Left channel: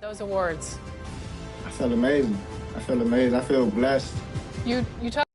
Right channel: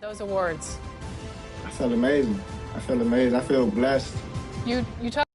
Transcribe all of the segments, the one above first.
Those awards. I felt amazing. I feel amazing. I feel blessed. You talk.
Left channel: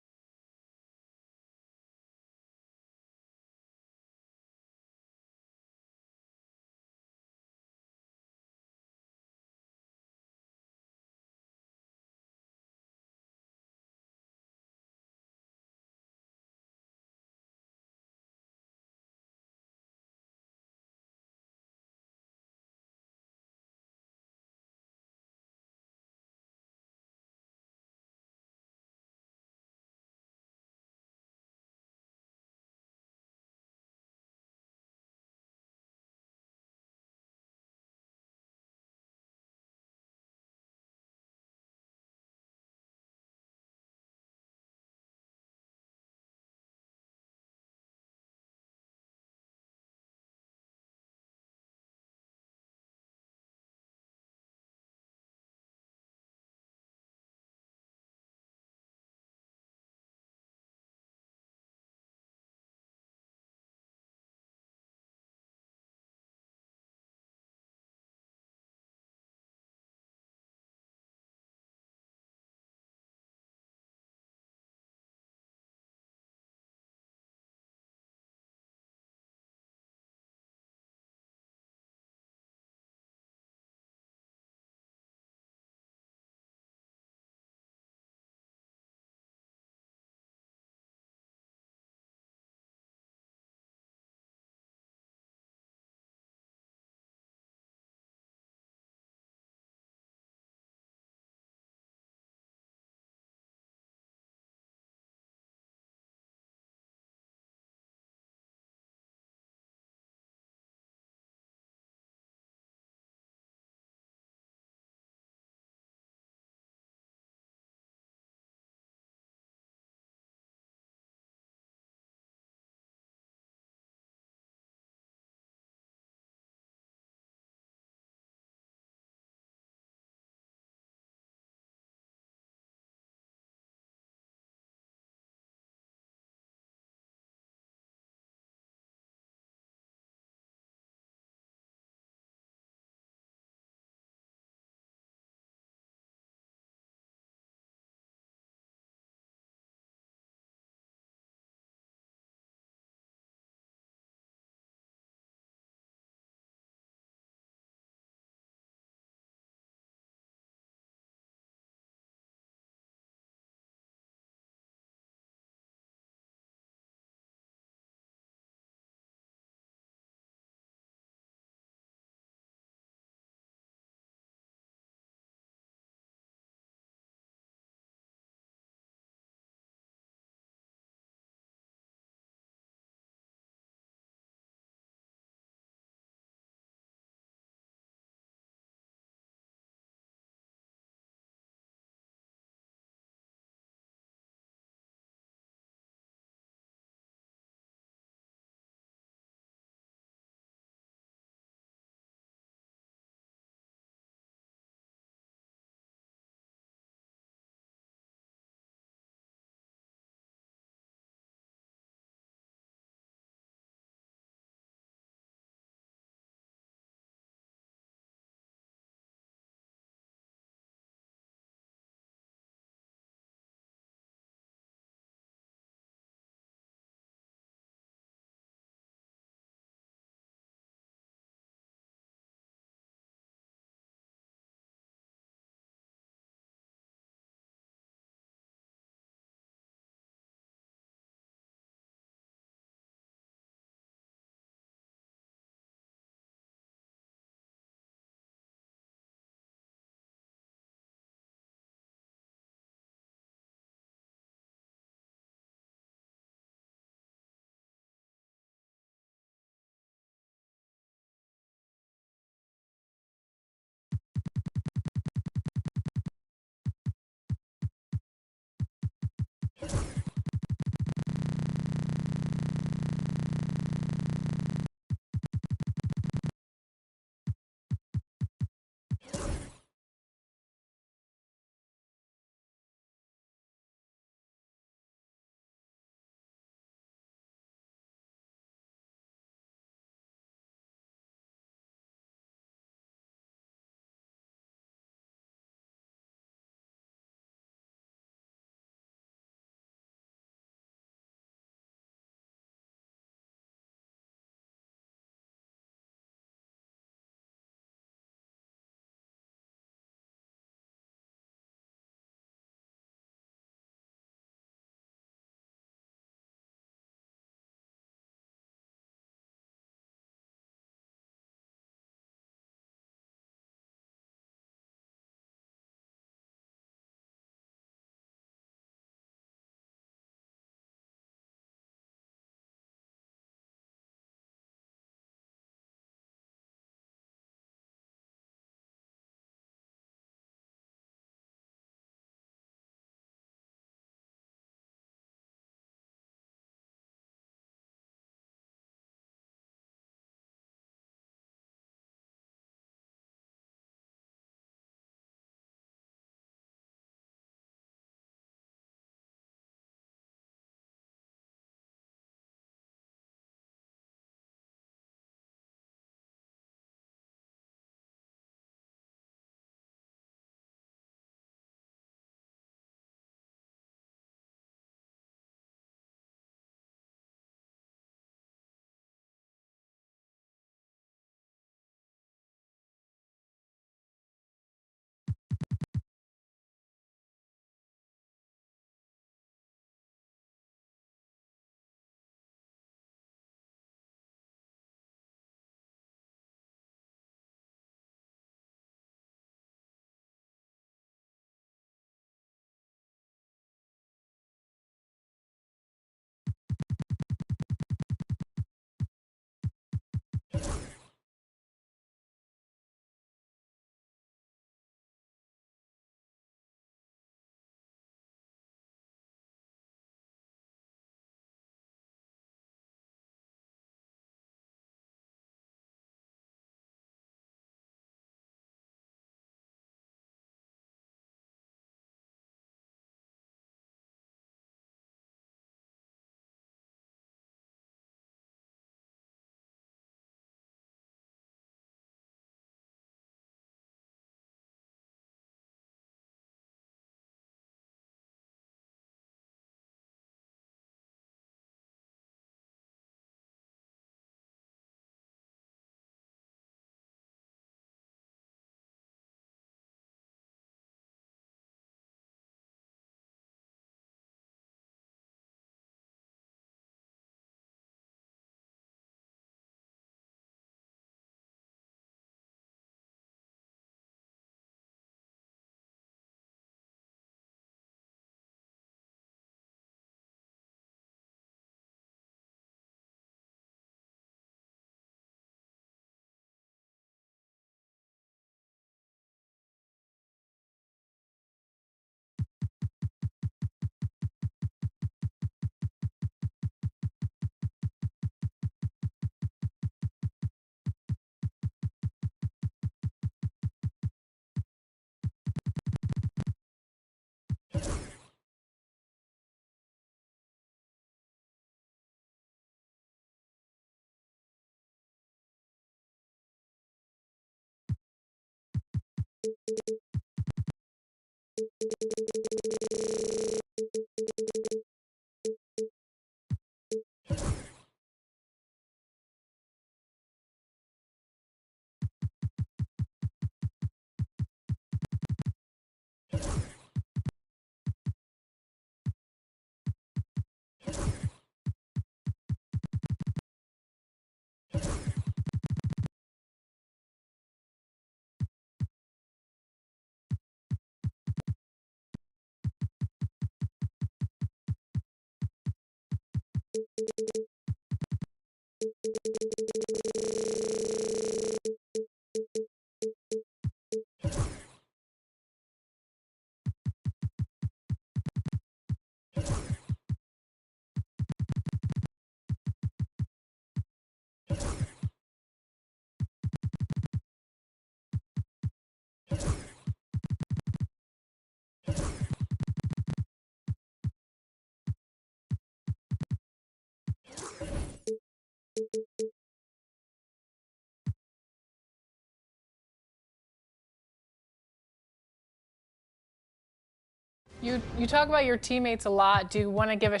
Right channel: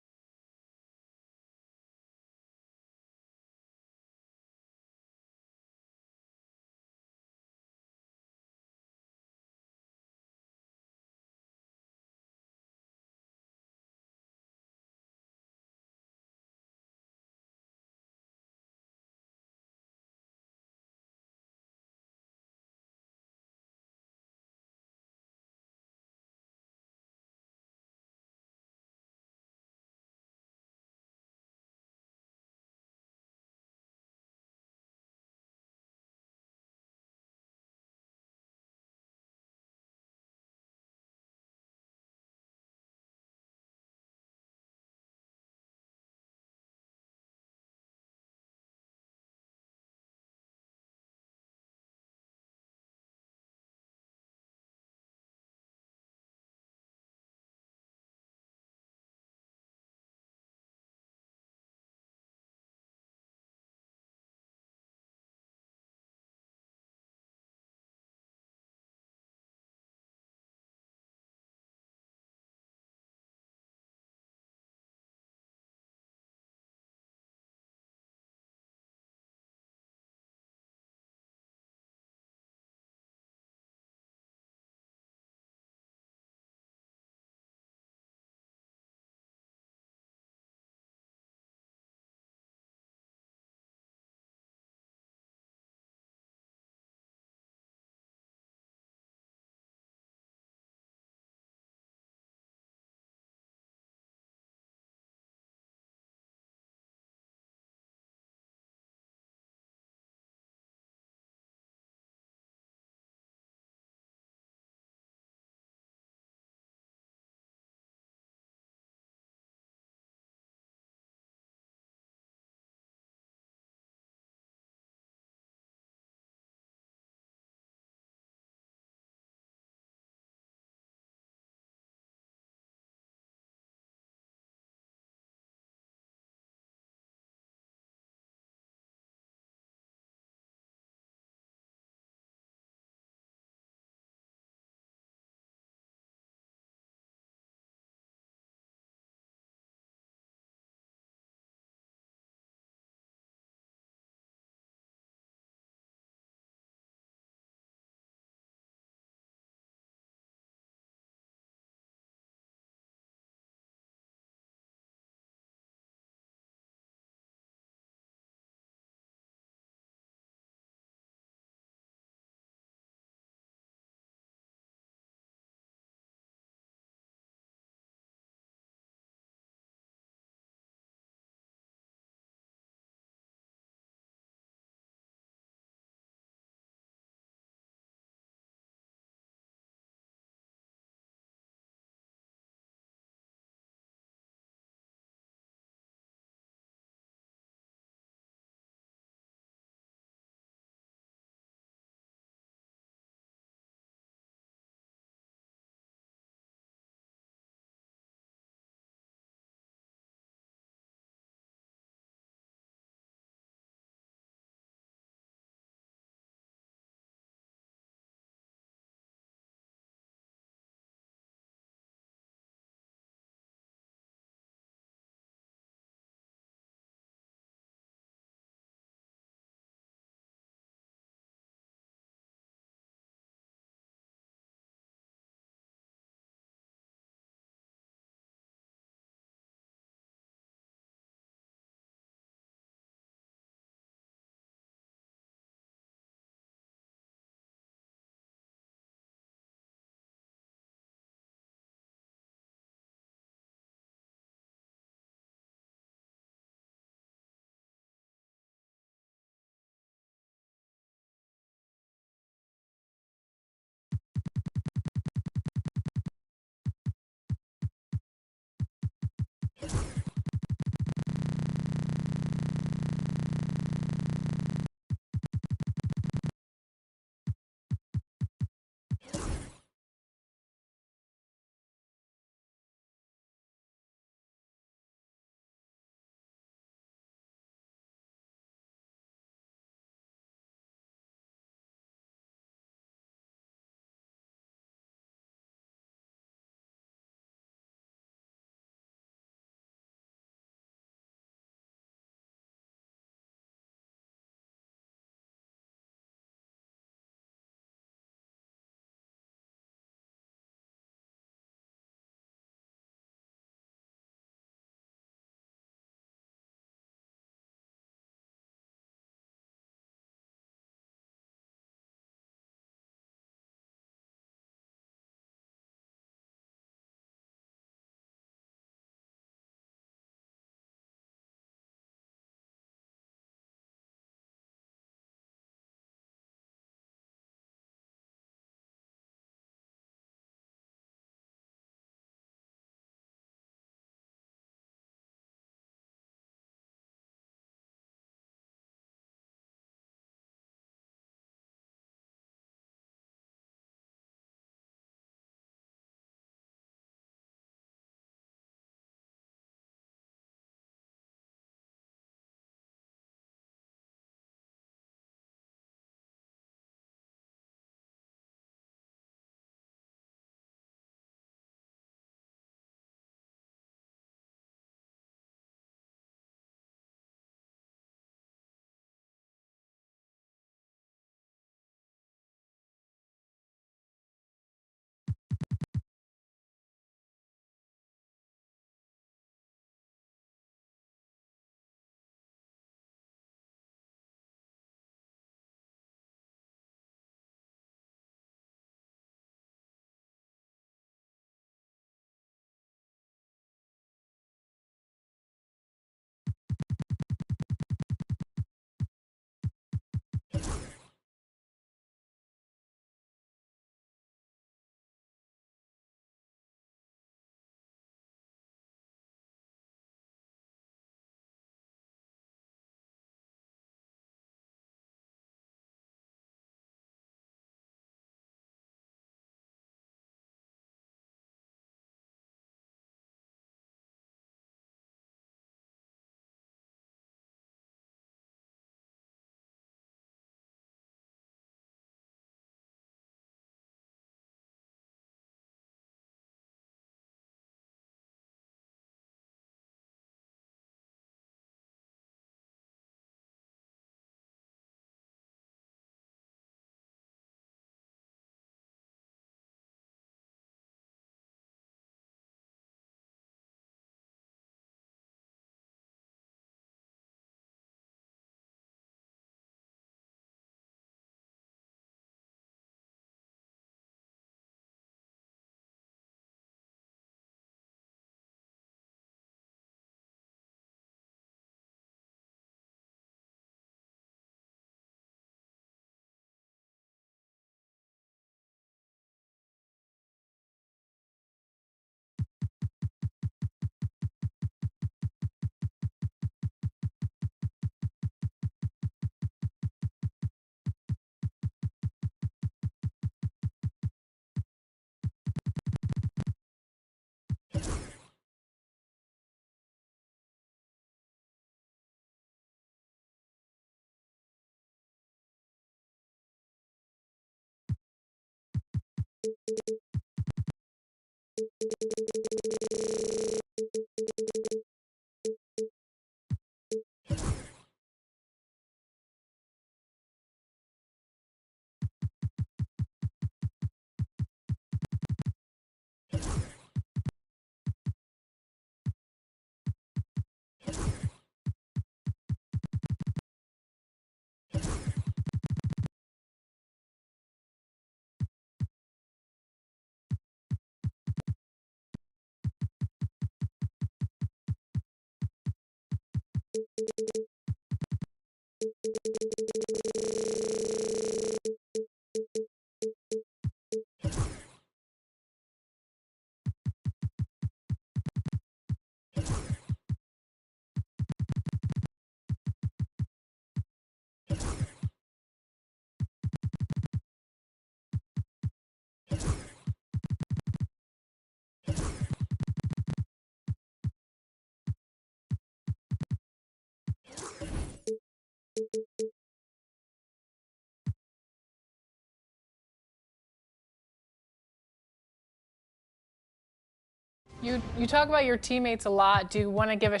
You talk about your teammates a lot. Do you want to give a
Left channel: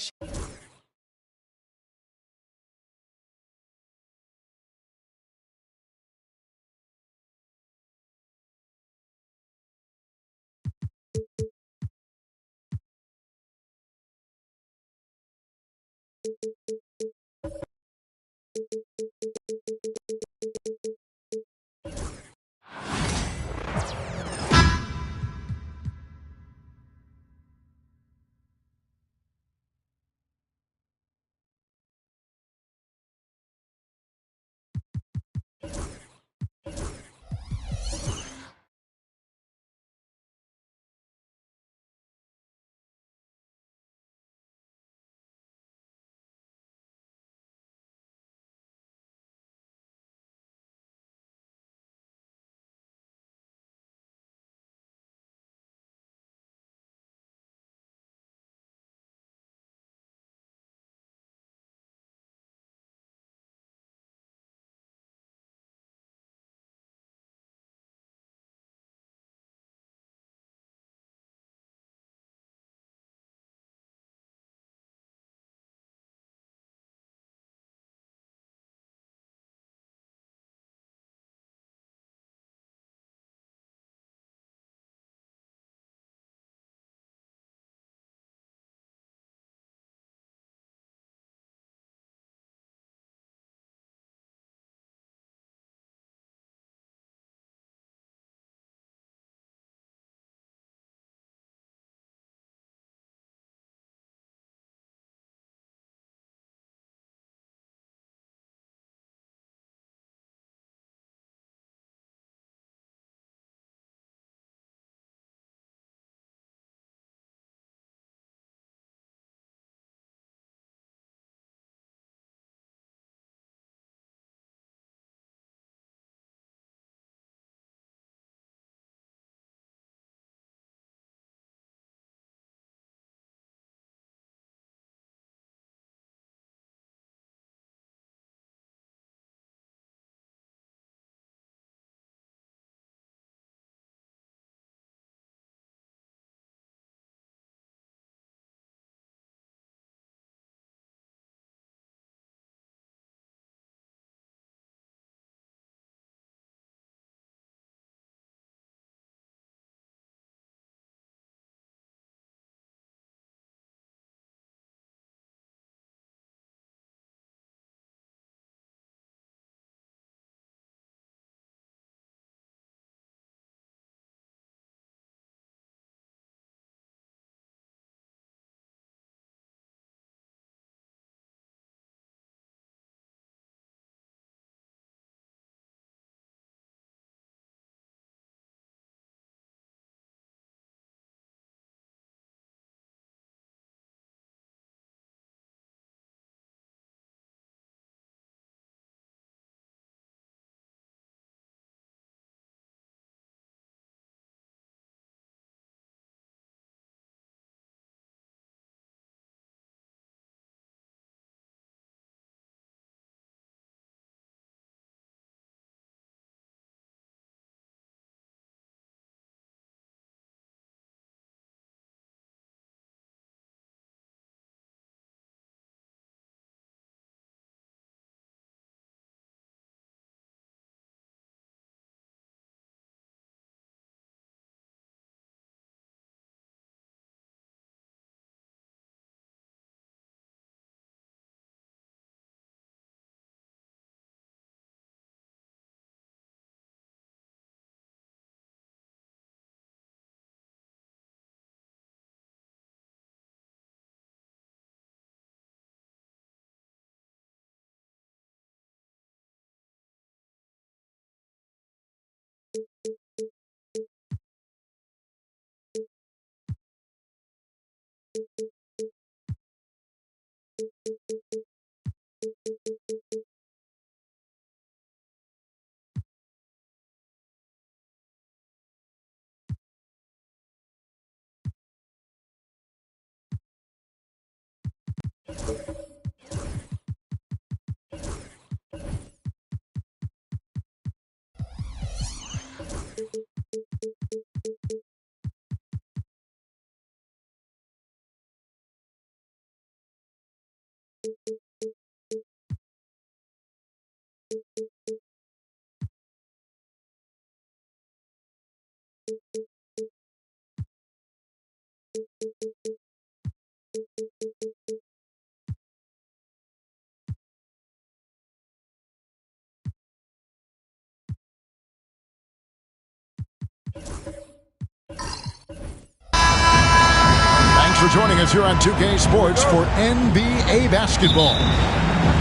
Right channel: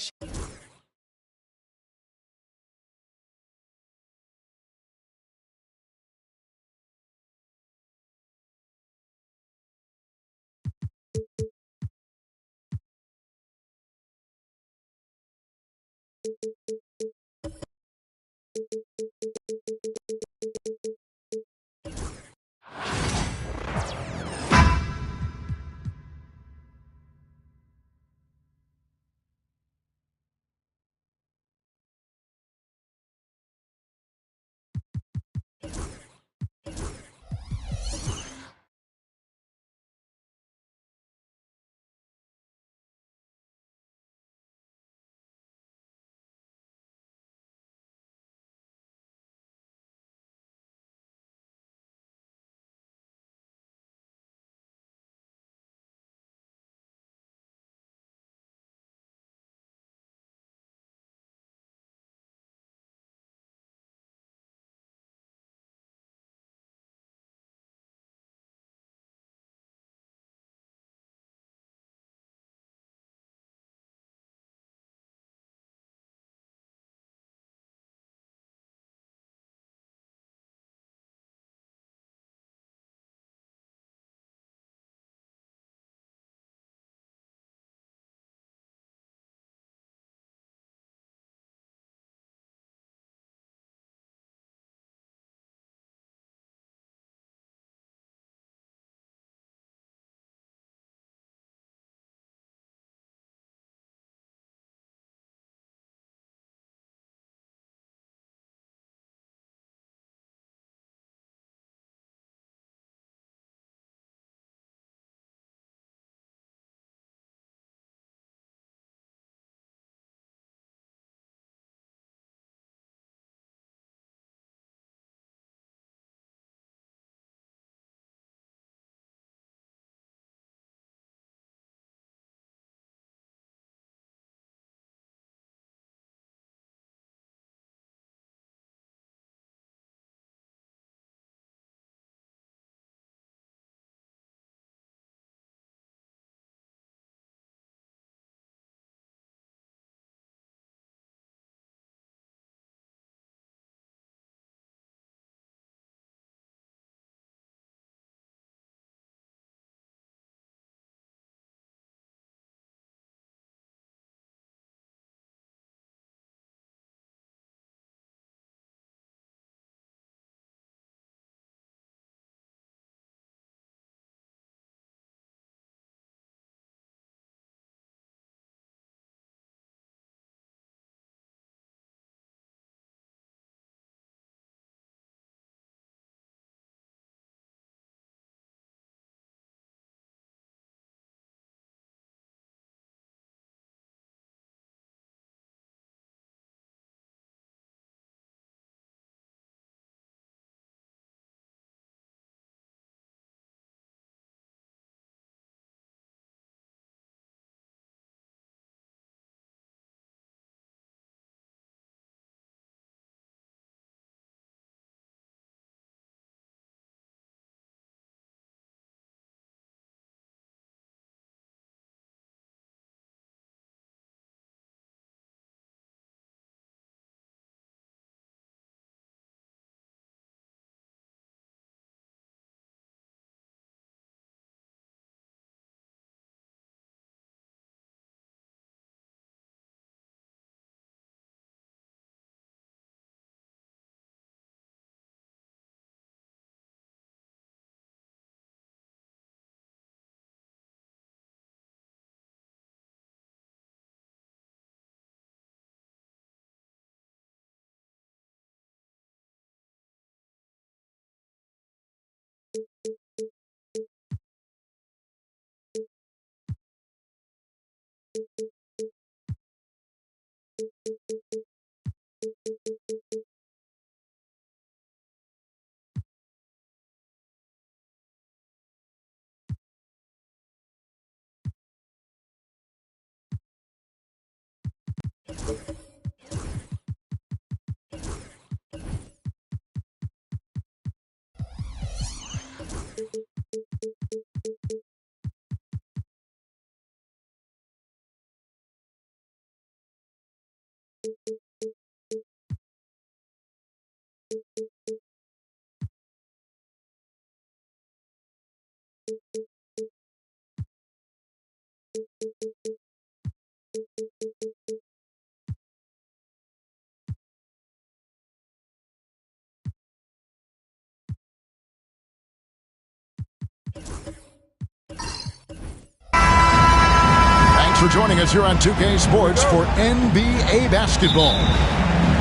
Thanks for joining us here on 2K Sports for NBA basketball.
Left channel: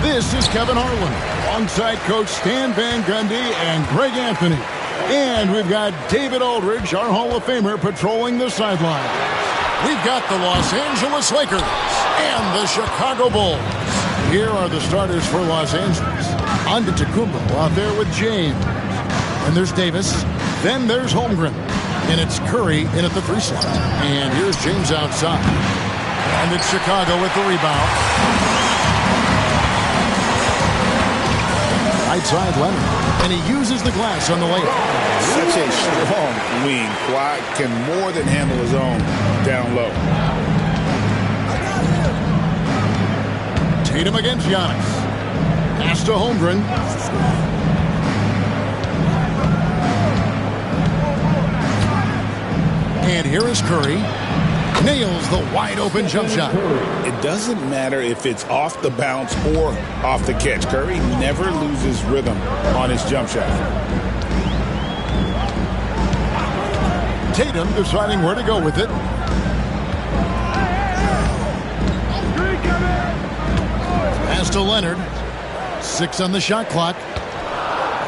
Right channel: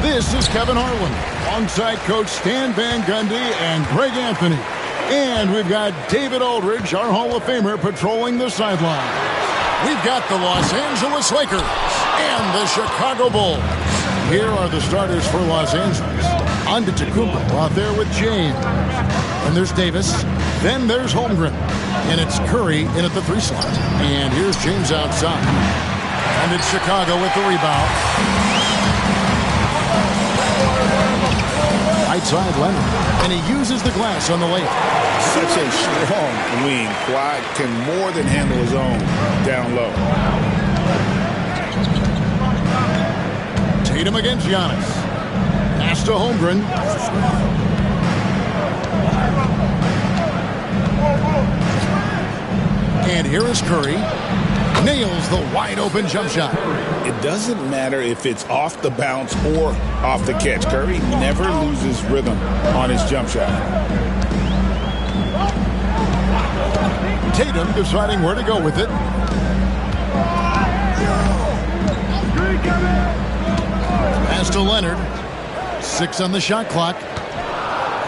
This is Kevin Harlan alongside Coach Stan Van Gundy and Greg Anthony. And we've got David Aldridge, our Hall of Famer, patrolling the sidelines. We've got the Los Angeles Lakers and the Chicago Bulls. Here are the starters for Los Angeles. Antetokounmpo out there with James. And there's Davis. Then there's Holmgren. And it's Curry in at the 3 slot. And here's James outside. And it's Chicago with the rebound. Right side Leonard. And he uses the glass on the layup. Such a strong wing. Kawhi can more than handle his own down low. Tatum against Giannis. Pass to Holmgren. And here is Curry. Nails the wide-open jump shot. It doesn't matter if it's off the bounce or off the catch. Curry never loses rhythm on his jump shot. Tatum deciding where to go with it. Pass to Leonard. 6 on the shot clock.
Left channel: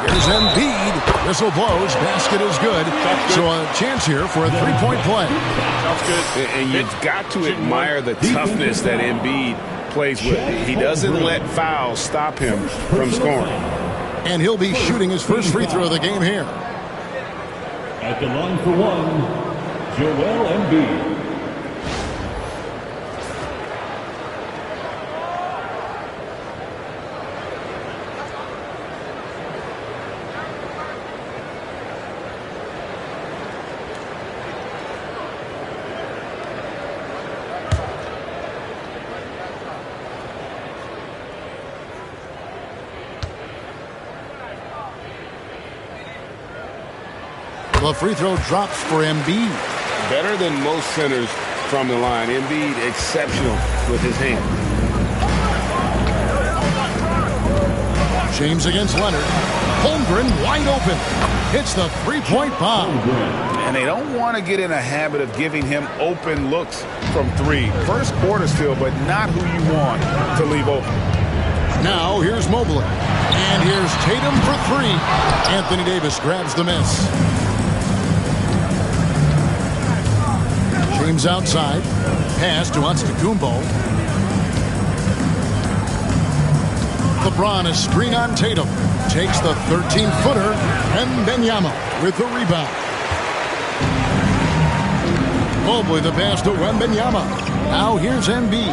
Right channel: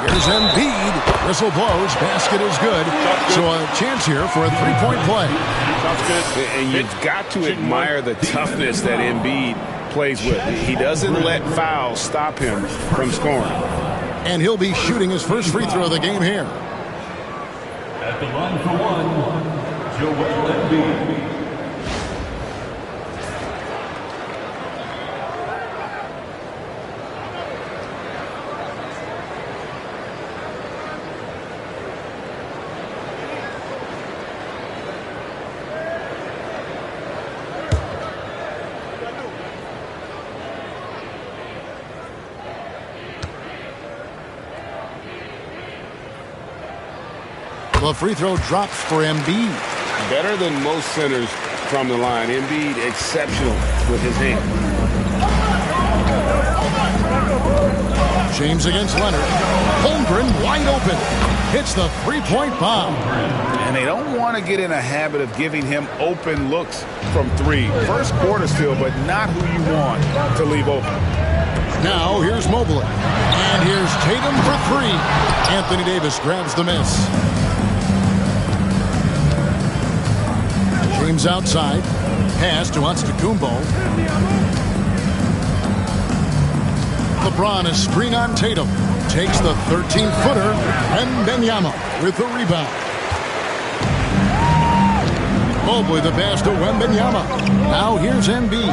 Here's Embiid. Whistle blows. Basket is good. So a chance here for a 3-point play. Sounds good. And you've got to admire the toughness that Embiid plays with. He doesn't let fouls stop him from scoring. And he'll be shooting his first free throw of the game here. At the line for one, Joel Embiid. The free throw drops for Embiid. Better than most centers from the line. Embiid exceptional with his hands. James against Leonard. Holmgren wide open. Hits the 3-point bomb. And they don't want to get in a habit of giving him open looks from 3. First quarter still, but not who you want to leave open. Now here's Mobley. And here's Tatum for 3. Anthony Davis grabs the miss. James outside. Pass to Antetokounmpo. LeBron is screen on Tatum. Takes the 13-footer. And Wembanyama with the rebound. Mobley the pass to Wembanyama. Now here's Embiid.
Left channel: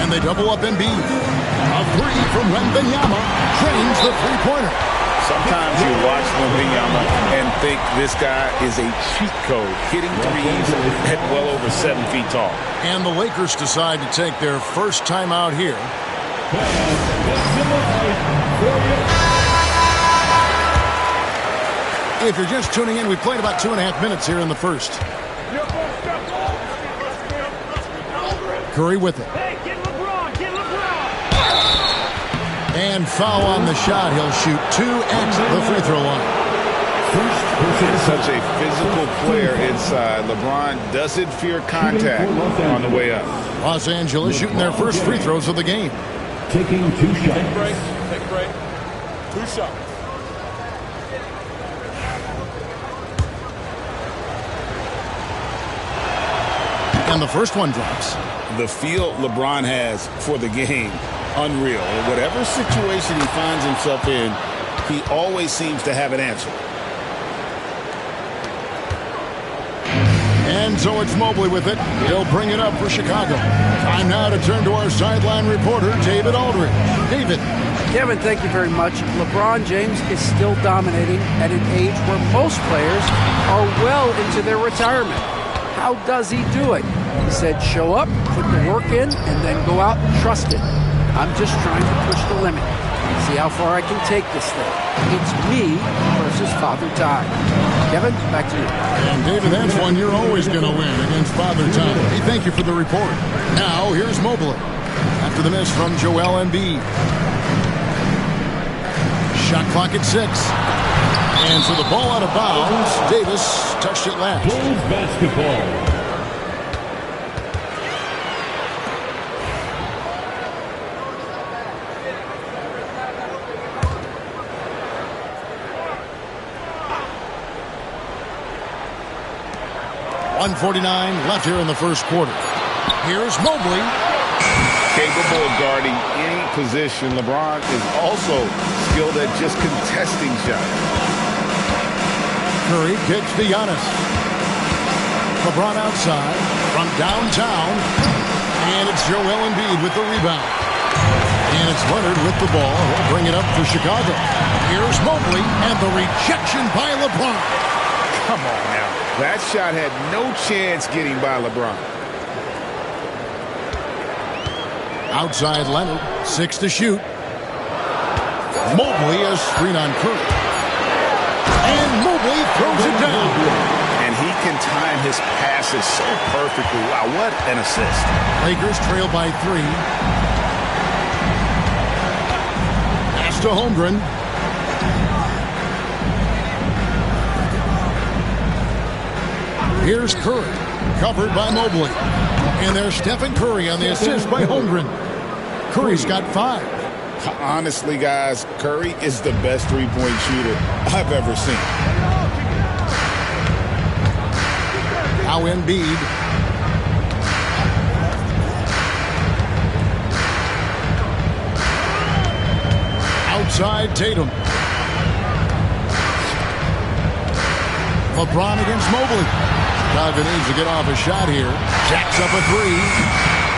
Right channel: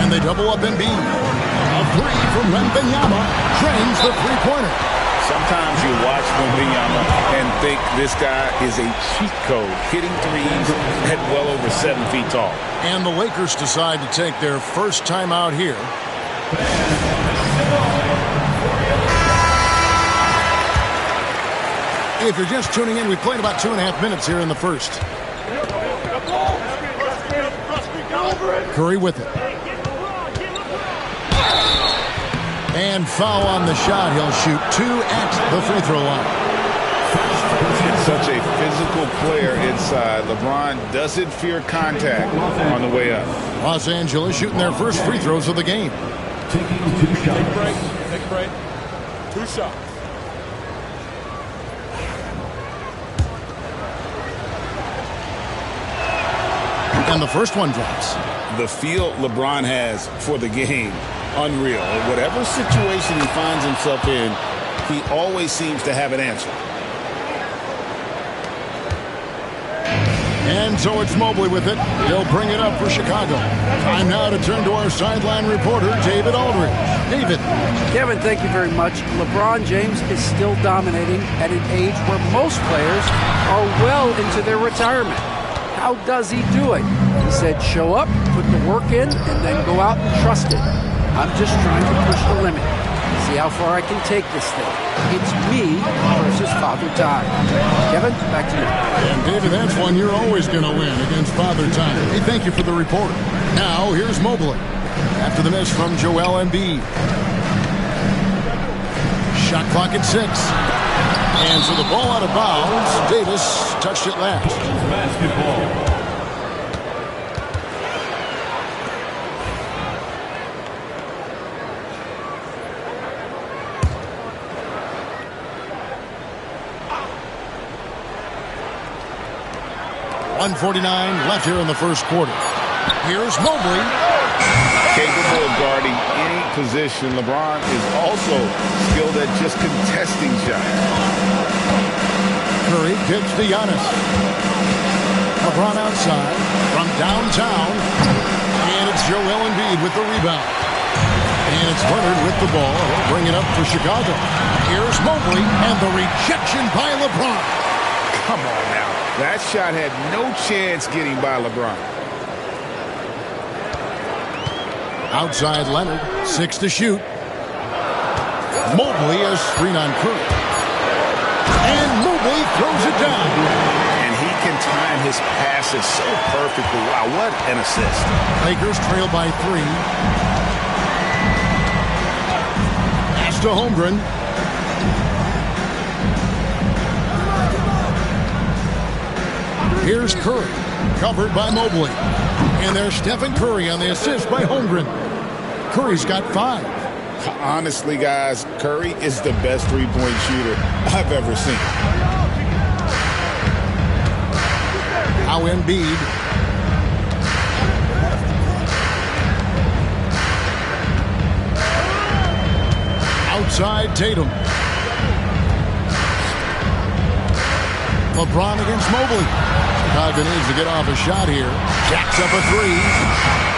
And they double up Embiid. A 3 from Wembanyama drains the 3-pointer. Sometimes you watch Wembanyama and think this guy is a cheat code, hitting threes at well over 7 feet tall. And the Lakers decide to take their first time out here. If you're just tuning in, we've played about 2.5 minutes here in the first. Curry with it. And foul on the shot. He'll shoot 2 at the free throw line. Such a physical player inside. LeBron doesn't fear contact on the way up. Los Angeles shooting their first free throws of the game. Taking 2 shots. Take a break. Take a break. 2 shots. And the first one drops. The feel LeBron has for the game, unreal. Whatever situation he finds himself in, he always seems to have an answer. And so it's Mobley with it. He'll bring it up for Chicago. Time now to turn to our sideline reporter, David Aldridge. David. Kevin, thank you very much. LeBron James is still dominating at an age where most players are well into their retirement. How does he do it? He said, show up, put the work in, and then go out and trust it. I'm just trying to push the limit. See how far I can take this thing. It's me versus Father Time. Kevin, back to you. And David, that's one you're always going to win against Father Time. Hey, thank you for the report. Now, here's Mobley. After the miss from Joel Embiid. Shot clock at 6. And so the ball out of bounds. Davis touched it last. Bulls basketball. .149 left here in the first quarter. Here's Mobley. Capable of guarding any position. LeBron is also skilled at just contesting shots. Curry kicks to Giannis. LeBron outside from downtown. And it's Joel Embiid with the rebound. And it's Leonard with the ball. He'll bring it up for Chicago. Here's Mobley and the rejection by LeBron. Come on now. That shot had no chance getting by LeBron. Outside Leonard. 6 to shoot. Mobley a screen on Curry. And Mobley throws it down. And he can time his passes so perfectly. Wow, what an assist. Lakers trail by 3. Pass to Holmgren. Here's Curry, covered by Mobley. And there's Stephen Curry on the assist by Holmgren. Curry's got 5. Honestly, guys, Curry is the best three-point shooter I've ever seen. Now Embiid. Outside Tatum. LeBron against Mobley. Chicago needs to get off a shot here. Jacks up a 3.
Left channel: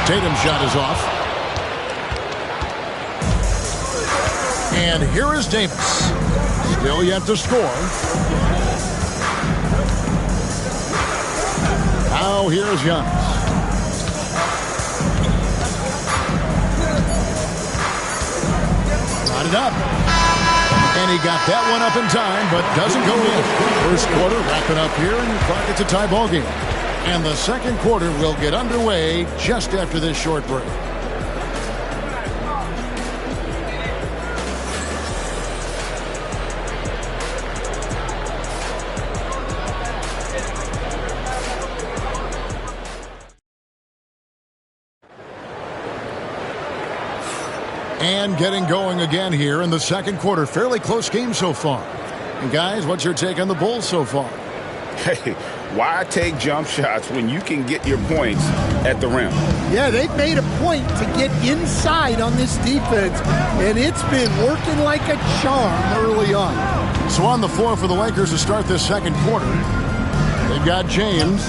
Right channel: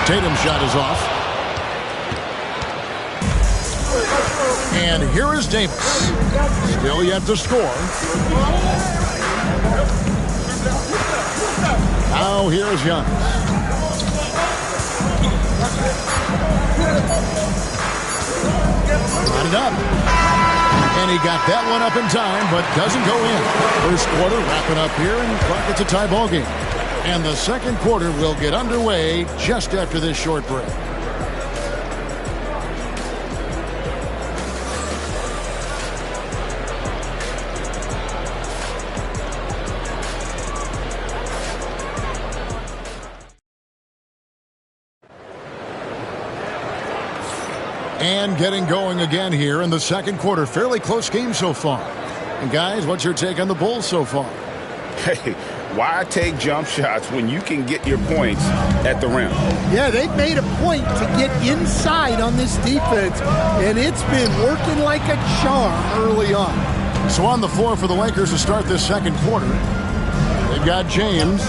Tatum's shot is off. And here is Davis. Still yet to score. Now here's Giannis. Brought it up. And he got that one up in time, but doesn't go in. First quarter wrapping up here, and clock it's a tie ball game. And the second quarter will get underway just after this short break. And getting going again here in the second quarter. Fairly close game so far. And guys, what's your take on the Bulls so far? Hey, why take jump shots when you can get your points at the rim? Yeah, they've made a point to get inside on this defense, and it's been working like a charm early on. So on the floor for the Lakers to start this second quarter, they've got James.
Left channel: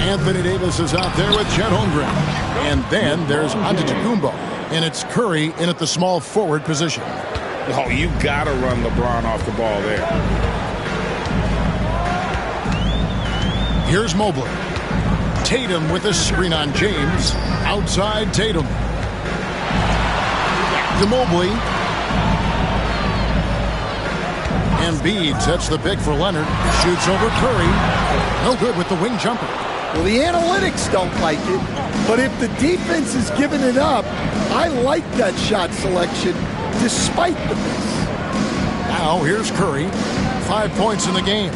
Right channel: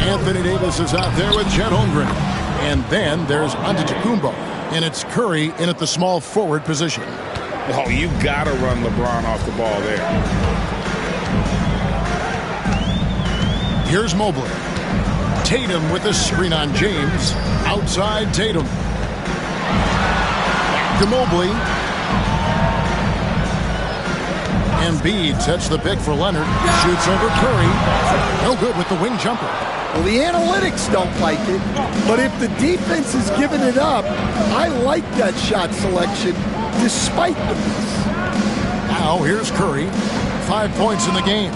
Anthony Davis is out there with Chet Holmgren. And then there's Antetokounmpo. And it's Curry in at the small forward position. Oh, you got to run LeBron off the ball there. Here's Mobley. Tatum with a screen on James. Outside Tatum. Back to Mobley. Embiid sets the pick for Leonard. Shoots over Curry. No good with the wing jumper. Well, the analytics don't like it, but if the defense is giving it up, I like that shot selection despite the miss. Now here's Curry. 5 points in the game.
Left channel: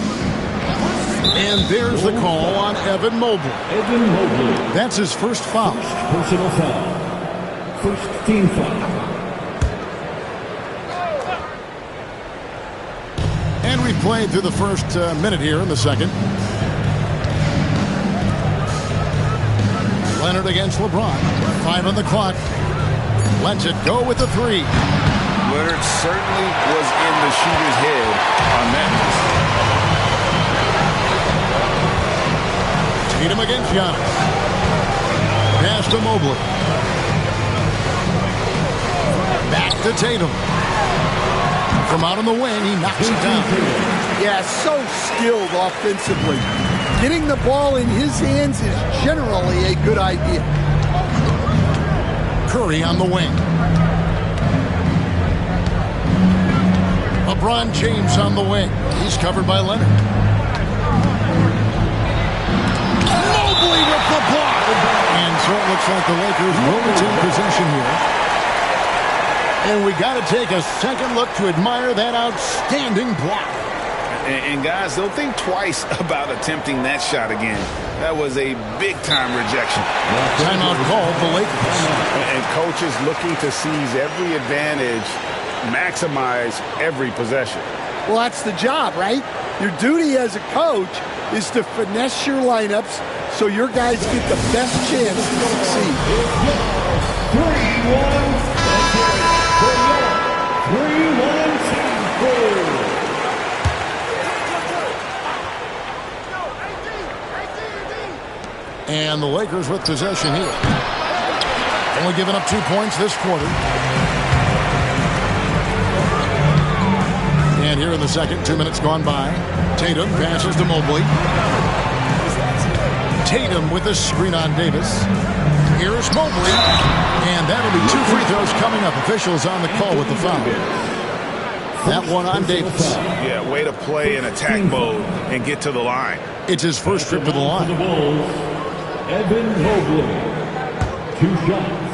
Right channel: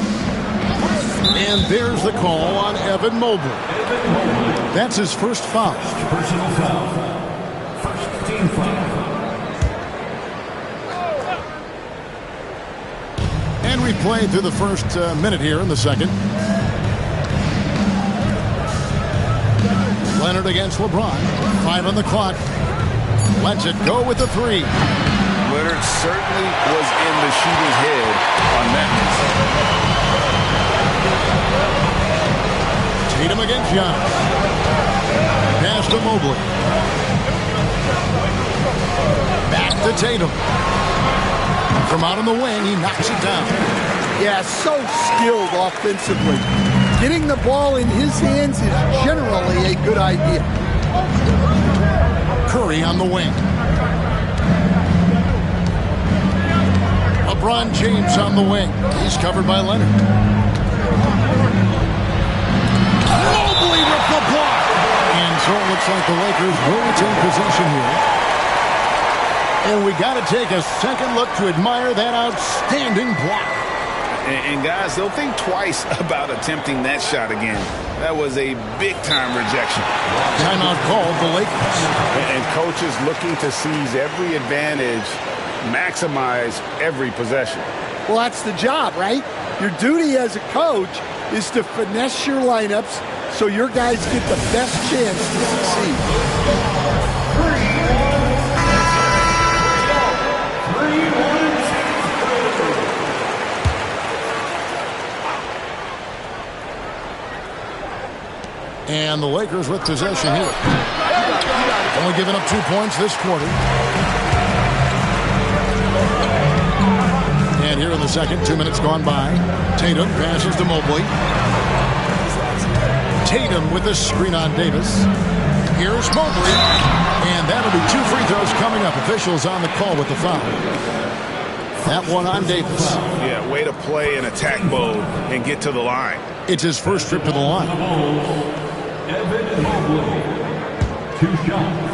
And there's the call on Evan Mobley. Evan Mobley. That's his first foul. Personal foul. First team foul. And we've played through the first minute here in the second. Leonard against LeBron. 5 on the clock. Lets it go with the 3. Leonard certainly was in the shooter's head on that miss. Tatum against Giannis. Pass to Mobley. Back to Tatum. From out on the wing, he knocks it down. Yeah, so skilled offensively. Getting the ball in his hands is generally a good idea. Curry on the wing. LeBron James on the wing. He's covered by Leonard. Mobley with the block. And so it looks like the Lakers will retain possession here. And we got to take a second look to admire that outstanding block. And guys, they'll think twice about attempting that shot again. That was a big-time rejection. Timeout called the Lakers. And coaches looking to seize every advantage, maximize every possession. Well, that's the job, right? Your duty as a coach is to finesse your lineups so your guys get the best chance to succeed. 3-1. And the Lakers with possession here. Only giving up 2 points this quarter. And here in the second, 2 minutes gone by. Tatum passes to Mobley. Tatum with the screen on Davis. Here's Mobley. And that'll be 2 free throws coming up. Officials on the call with the foul. That one on Davis. Yeah, way to play in attack mode and get to the line. It's his first trip to the line. Evan Mobley. 2 shots.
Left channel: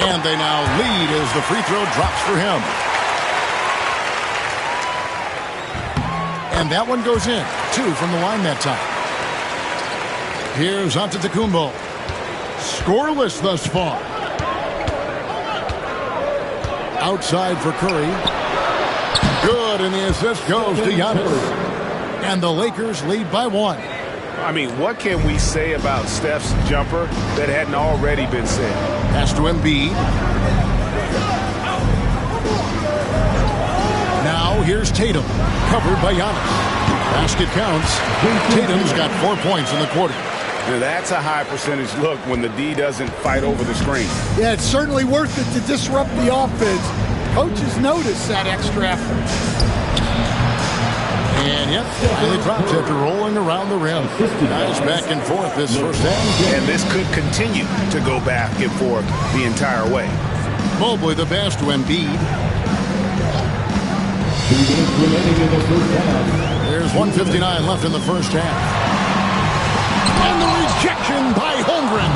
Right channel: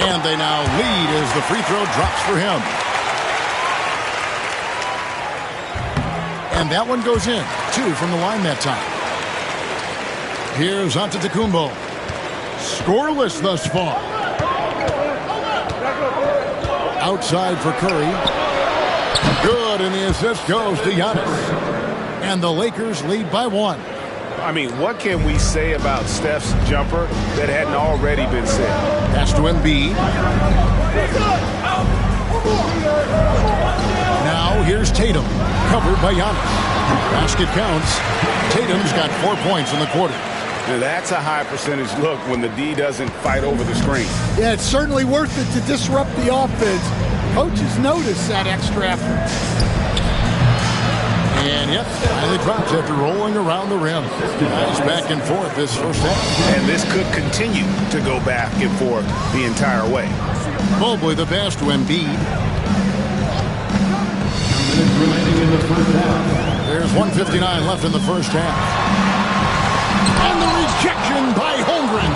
And they now lead as the free throw drops for him. And that one goes in. 2 from the line that time. Here's Antetokounmpo. Scoreless thus far. Outside for Curry. Good, and the assist goes to Giannis. And the Lakers lead by 1. I mean, what can we say about Steph's jumper that hadn't already been said? Pass to Embiid. Now here's Tatum, covered by Giannis. Basket counts. Tatum's got 4 points in the quarter. Now, that's a high percentage look when the D doesn't fight over the screen. Yeah, it's certainly worth it to disrupt the offense. Coaches notice that extra effort. And yep, finally drops after rolling around the rim. Nice back and forth this first half. And this could continue to go back and forth the entire way. Mobley the pass to Embiid. 2 minutes remaining in the first half. There's 1:59 left in the first half. And the rejection by Holmgren.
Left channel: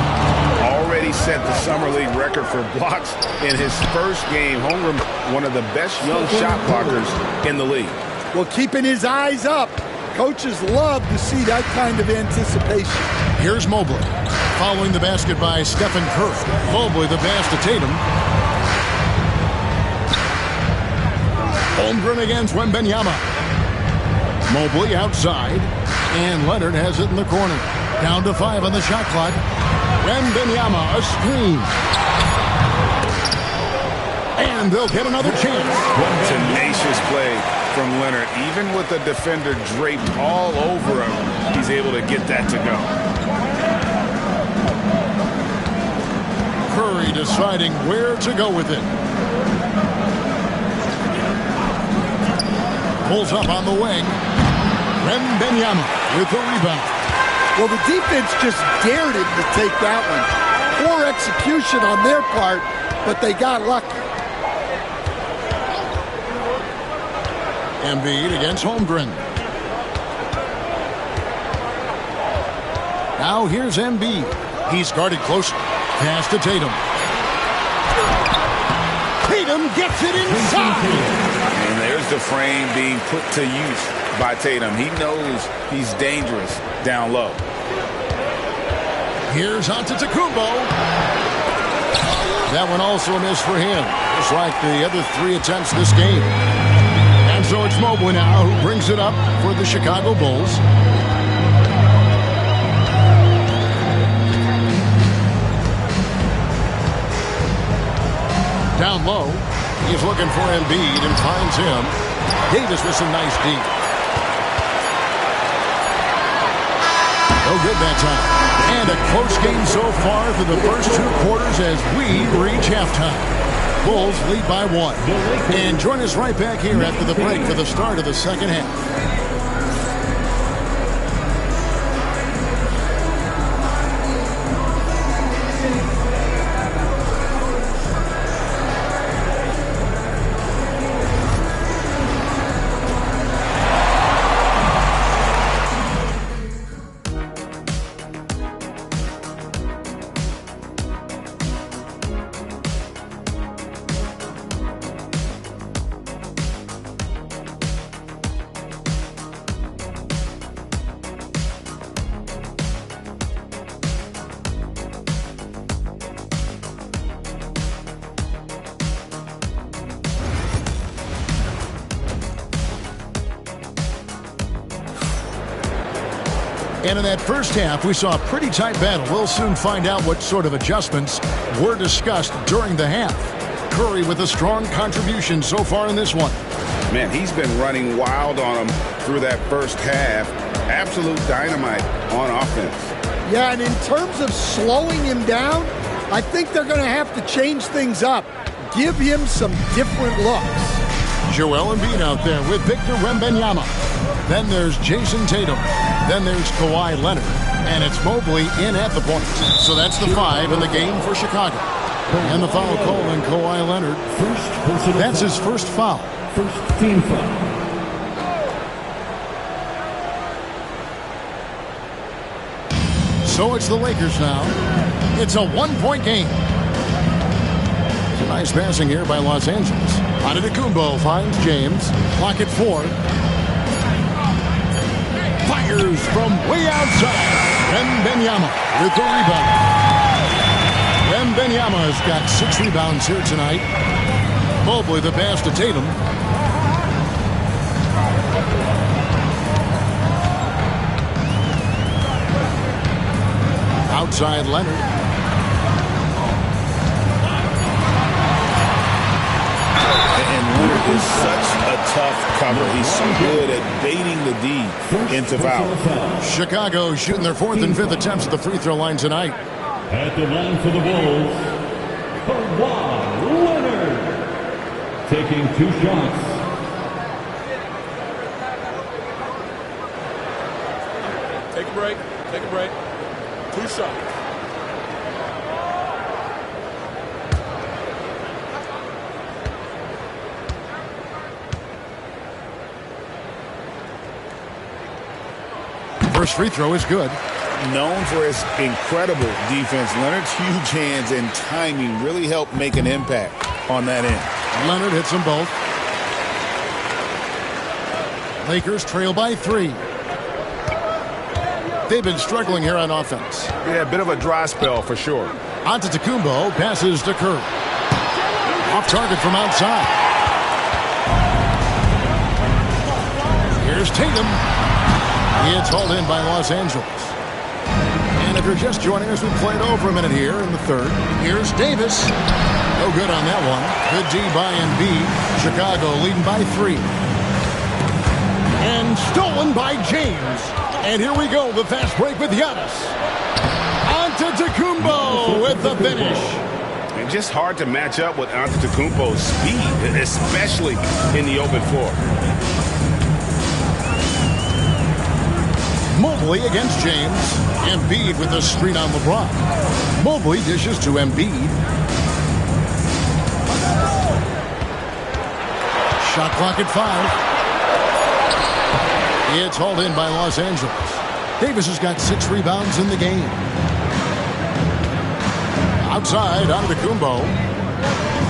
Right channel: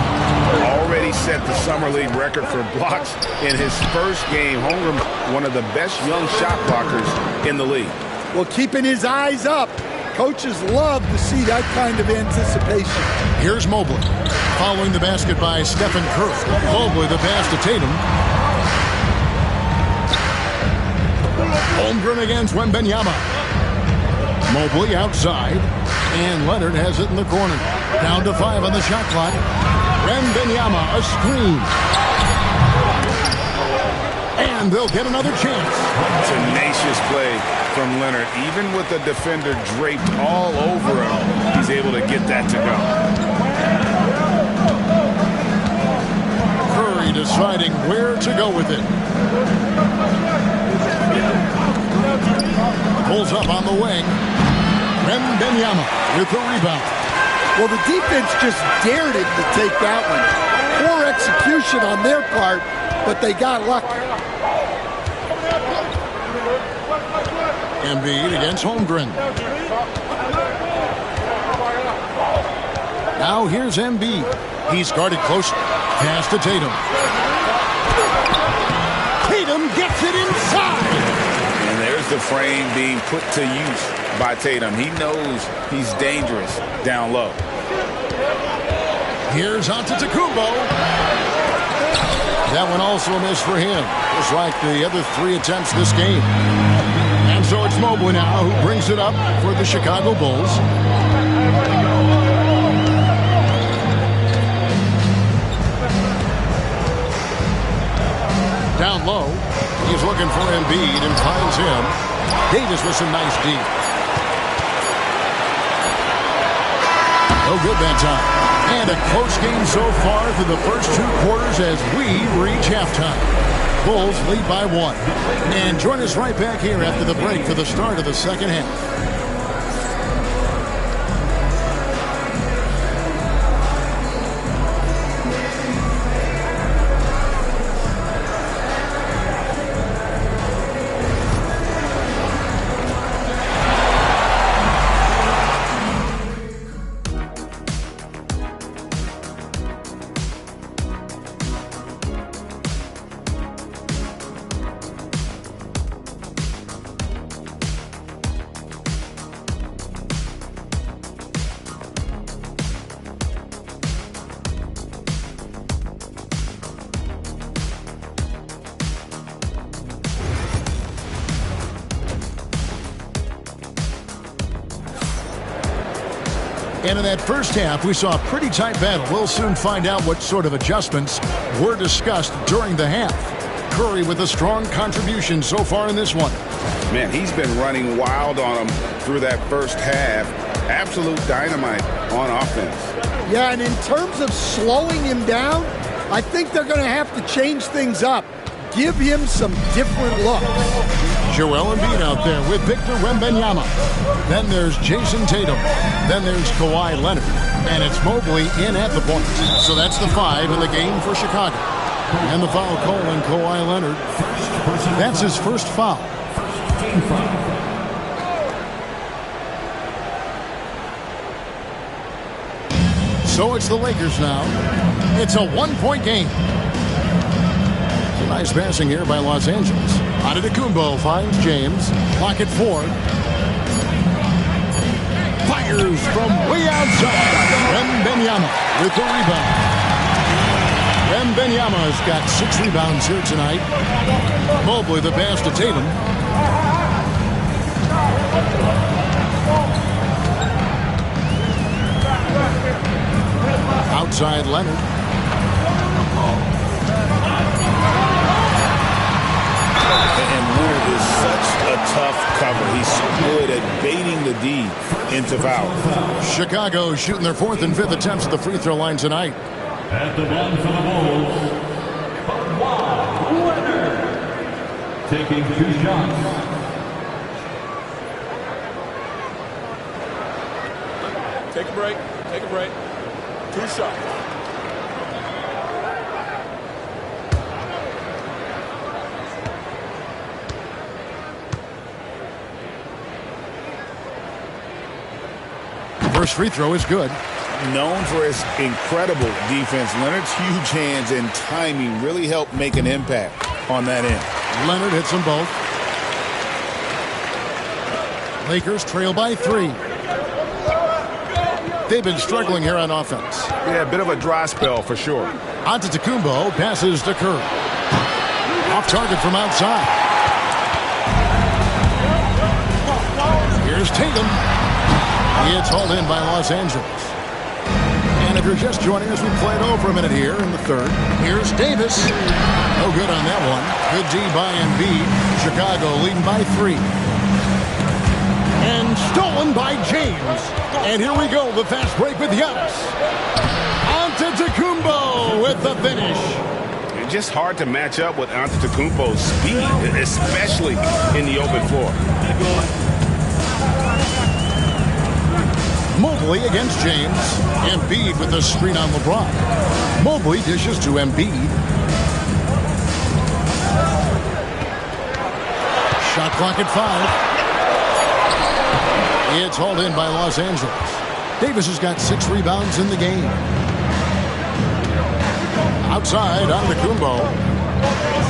Already set the Summer League record for blocks in his first game. Holmgren, one of the best young shot blockers in the league. Well, keeping his eyes up. Coaches love to see that kind of anticipation. Here's Mobley. Following the basket by Stephen Curry. Mobley the pass to Tatum. Holmgren against Wembanyama. Mobley outside. And Leonard has it in the corner. Down to 5 on the shot clock. Wembanyama, a screen. And they'll get another chance. Tenacious play from Leonard. Even with the defender draped all over him, he's able to get that to go. Curry deciding where to go with it. Pulls up on the wing. Wembanyama with the rebound. Well, the defense just dared him to take that one. Poor execution on their part, but they got lucky. Embiid against Holmgren. Now here's Embiid. He's guarded closely. Pass to Tatum. Tatum gets it inside. And there's the frame being put to use by Tatum. He knows he's dangerous down low. Here's Antetokounmpo. That one also a miss for him, just like the other 3 attempts this game. And so it's Mobley now who brings it up for the Chicago Bulls. Down low, he's looking for Embiid and finds him. Davis with some nice deep. good that time. And a close game so far through the first 2 quarters as we reach halftime. Bulls lead by 1. And join us right back here after the break for the start of the second half. And in that first half, we saw a pretty tight battle. We'll soon find out what sort of adjustments were discussed during the half. Curry with a strong contribution so far in this one. Man, he's been running wild on him through that first half. Absolute dynamite on offense. Yeah, and in terms of slowing him down, I think they're going to have to change things up. Give him some different looks. Joel Embiid out there with Victor Wembanyama. Then there's Jason Tatum. Then there's Kawhi Leonard. And it's Mobley in at the point. So that's the 5 in the game for Chicago. And the foul called on Kawhi Leonard. That's his first foul. First team foul. So it's the Lakers now. It's a 1-point game. It's a nice passing here by Los Angeles. Antetokounmpo finds James. Clock at 4. Fires from way outside. Wembanyama with the rebound. Wembanyama's got 6 rebounds here tonight. Mobley the pass to Tatum. Outside Leonard. And Leonard is such a tough cover. He's so good at baiting the D into foul. Chicago shooting their 4th and 5th attempts at the free throw line tonight. At the line for the Bulls, Kawhi Leonard taking 2 shots. Take a break. Take a break. 2 shots. First free throw is good. Known for his incredible defense, Leonard's huge hands and timing really helped make an impact on that end. Leonard hits them both. Lakers trail by 3. They've been struggling here on offense. Yeah, a bit of a dry spell for sure. Antetokounmpo passes to Curry. Off target from outside. Here's Tatum. It's hauled in by Los Angeles. And if you're just joining us, we played over a minute here in the 3rd. Here's Davis. No good on that one. Good D by Embiid. Chicago leading by 3. And stolen by James. And here we go, the fast break with Giannis. Antetokounmpo with the finish. It's just hard to match up with Antetokounmpo's speed, especially in the open floor. Mobley against James. Embiid with the screen on LeBron. Mobley dishes to Embiid. Shot clock at 5. It's hauled in by Los Angeles. Davis has got 6 rebounds in the game. Outside, Antetokounmpo.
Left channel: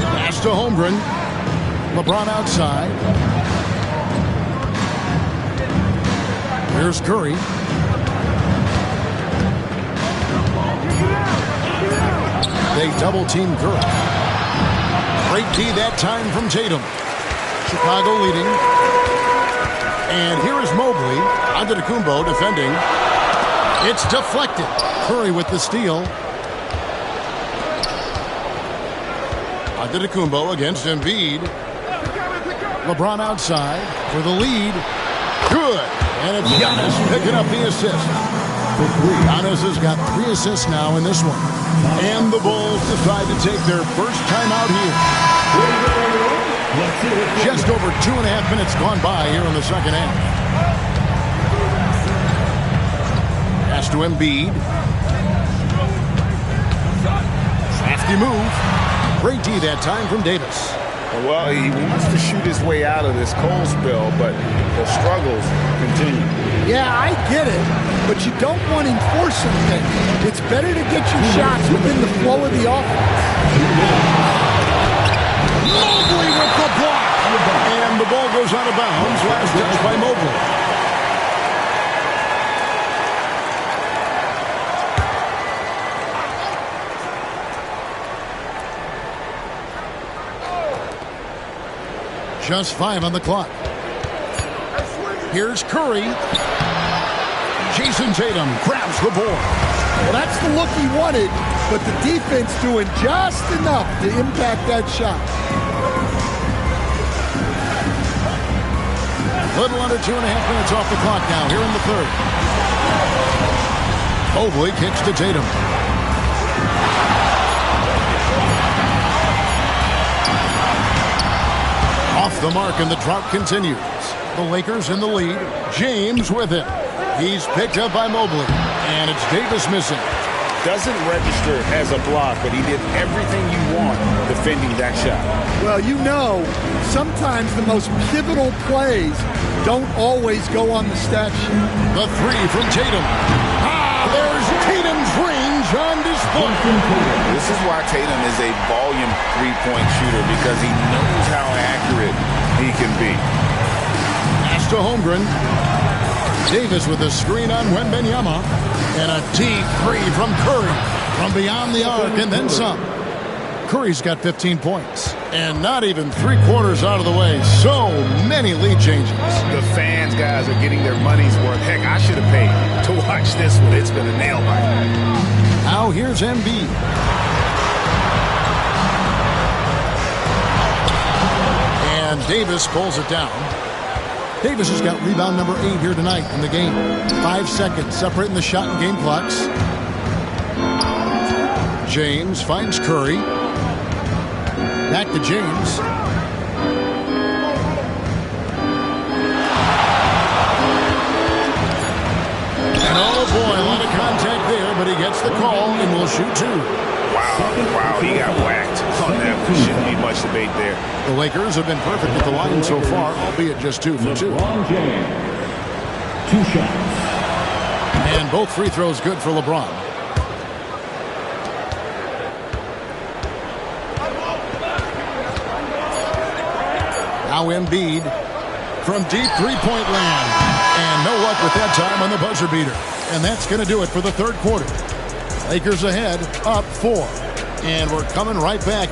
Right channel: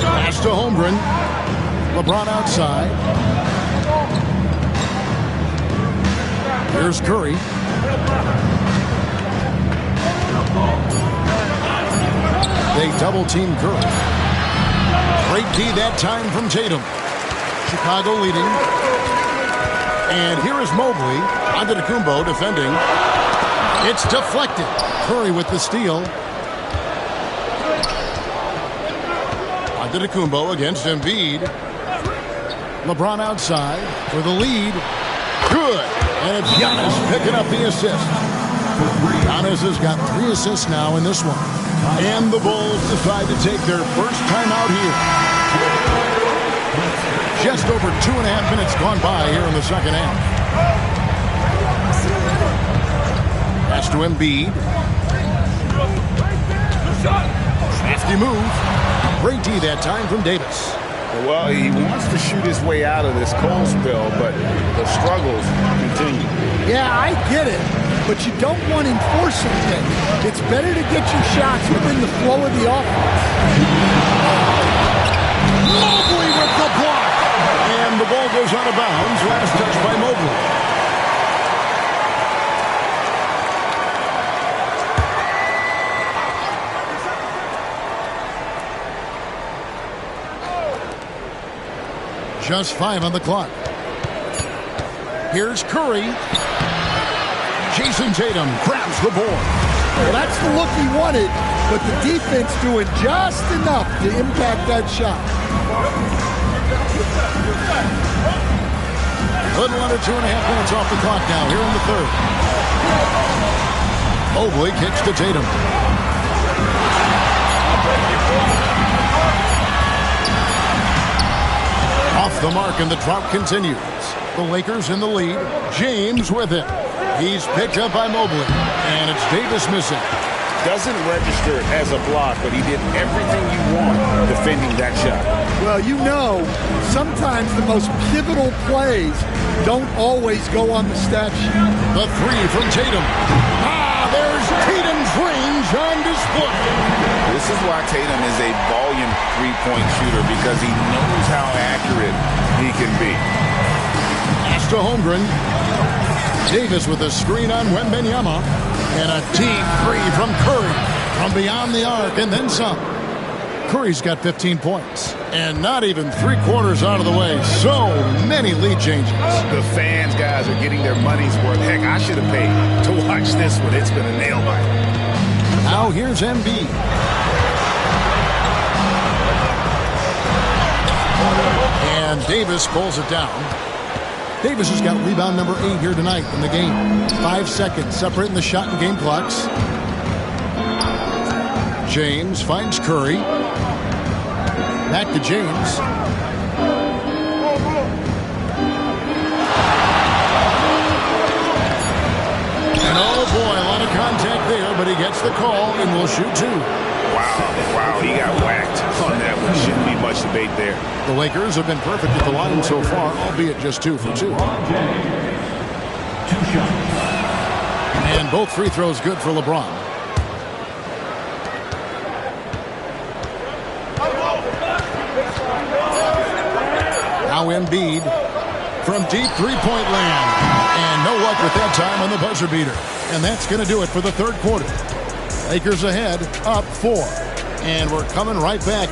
Pass to Holmgren. LeBron outside. Here's Curry. They double-team Curry. Great D that time from Tatum. Chicago leading. And here is Mobley. Antetokounmpo defending. It's deflected. Curry with the steal. Antetokounmpo against Embiid. LeBron outside for the lead. Good. And it's Giannis picking up the assist. Giannis has got 3 assists now in this one. And the Bulls decide to take their first timeout here. Just over 2.5 minutes gone by here in the second half. Pass to Embiid. Crafty move. Great D that time from Davis. Well, he wants to shoot his way out of this cold spell, but the struggles continue. Yeah, I get it, but you don't want enforcing things. It's better to get your shots within the flow of the offense. Mobley with the block. And the ball goes out of bounds. Last touch by Mobley. Just 5 on the clock. Here's Curry. Jason Tatum grabs the board. Well, that's the look he wanted, but the defense doing just enough to impact that shot. Little under 2.5 minutes off the clock now here in the third. Mobley kicks to Tatum. Off the mark, and the drought continues. The Lakers in the lead. James with it. He's picked up by Mobley, and it's Davis missing. Doesn't register as a block, but he did everything you want defending that shot. Well, you know, sometimes the most pivotal plays don't always go on the stat sheet. The 3 from Tatum. There's Tatum's range on display. This is why Tatum is a volume three-point shooter, because he knows how accurate he can be. Pass to Holmgren. Davis with a screen on Wembanyama. And a deep 3 from Curry. From beyond the arc and then some. Curry's got 15 points. And not even 3/4 out of the way. So many lead changes. The fans, guys, are getting their money's worth. Heck, I should have paid to watch this one. It's been a nail biter. Now here's Embiid. And Davis pulls it down. Davis has got rebound number 8 here tonight in the game. 5 seconds separating the shot and game clocks. James finds Curry. Back to James. And oh boy, a lot of contact there, but he gets the call and will shoot 2. Wow, he got whacked on that one. Shouldn't be much debate there. The Lakers have been perfect at the line so far, albeit just 2 for 2. 2 shots. And both free throws good for LeBron. Now Embiid from deep three-point land. And no luck with that time on the buzzer beater. And that's going to do it for the third quarter. Lakers ahead, up 4. And we're coming right back.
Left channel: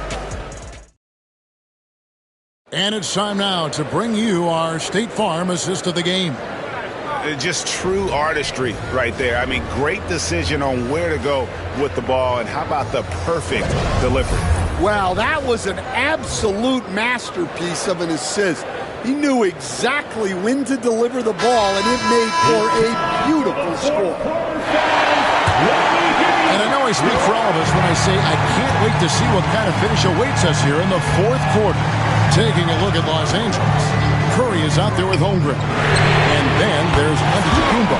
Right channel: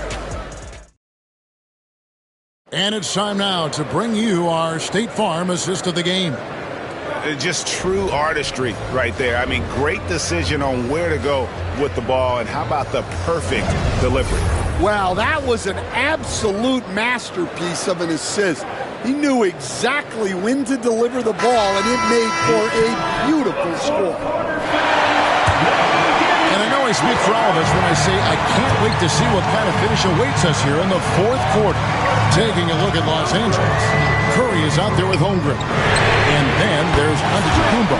And it's time now to bring you our State Farm assist of the game. Just true artistry right there. I mean, great decision on where to go with the ball. And how about the perfect delivery? Wow, that was an absolute masterpiece of an assist. He knew exactly when to deliver the ball, and it made for a beautiful score. And I know I speak for all of us when I say I can't wait to see what kind of finish awaits us here in the fourth quarter. Taking a look at Los Angeles. Curry is out there with Holmgren. And then there's Antetokounmpo.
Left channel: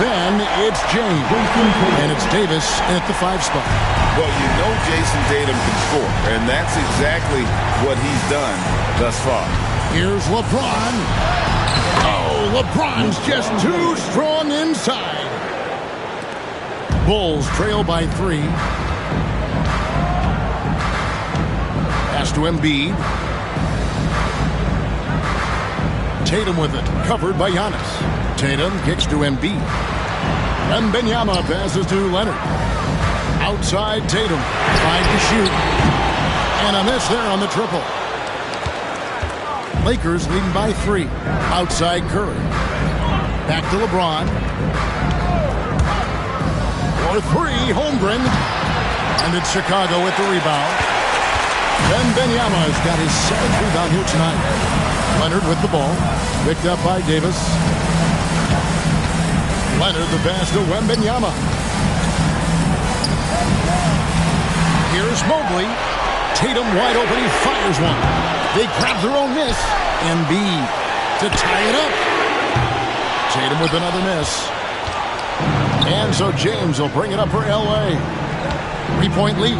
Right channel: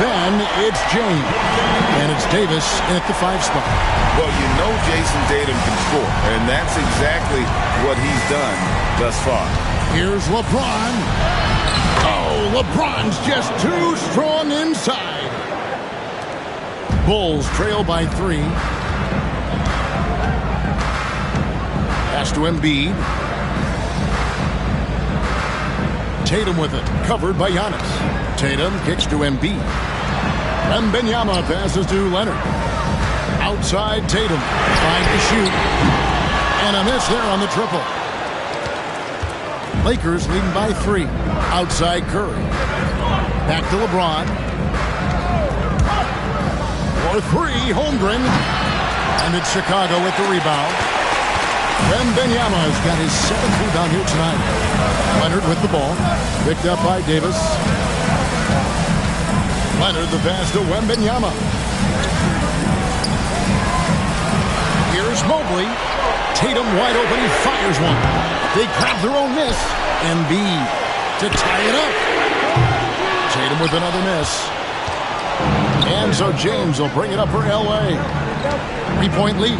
Then it's James. And it's Davis in at the 5 spot. Well, you know Jason Tatum can score, and that's exactly what he's done thus far. Here's LeBron. Oh, LeBron's just too strong inside. Bulls trail by 3. Pass to Embiid. Tatum with it, covered by Giannis. Tatum kicks to Embiid. Wembanyama passes to Leonard. Outside Tatum, 5 to shoot. And a miss there on the triple. Lakers leading by 3. Outside Curry. Back to LeBron. For 3, Holmgren. And it's Chicago with the rebound. Wembanyama has got his 7th rebound here tonight. Leonard with the ball. Picked up by Davis. Leonard the pass to Wembanyama. Here's Mobley. Tatum wide open. He fires one. They grab their own miss. Embiid to tie it up. Tatum with another miss. And so James will bring it up for L.A. 3-point lead.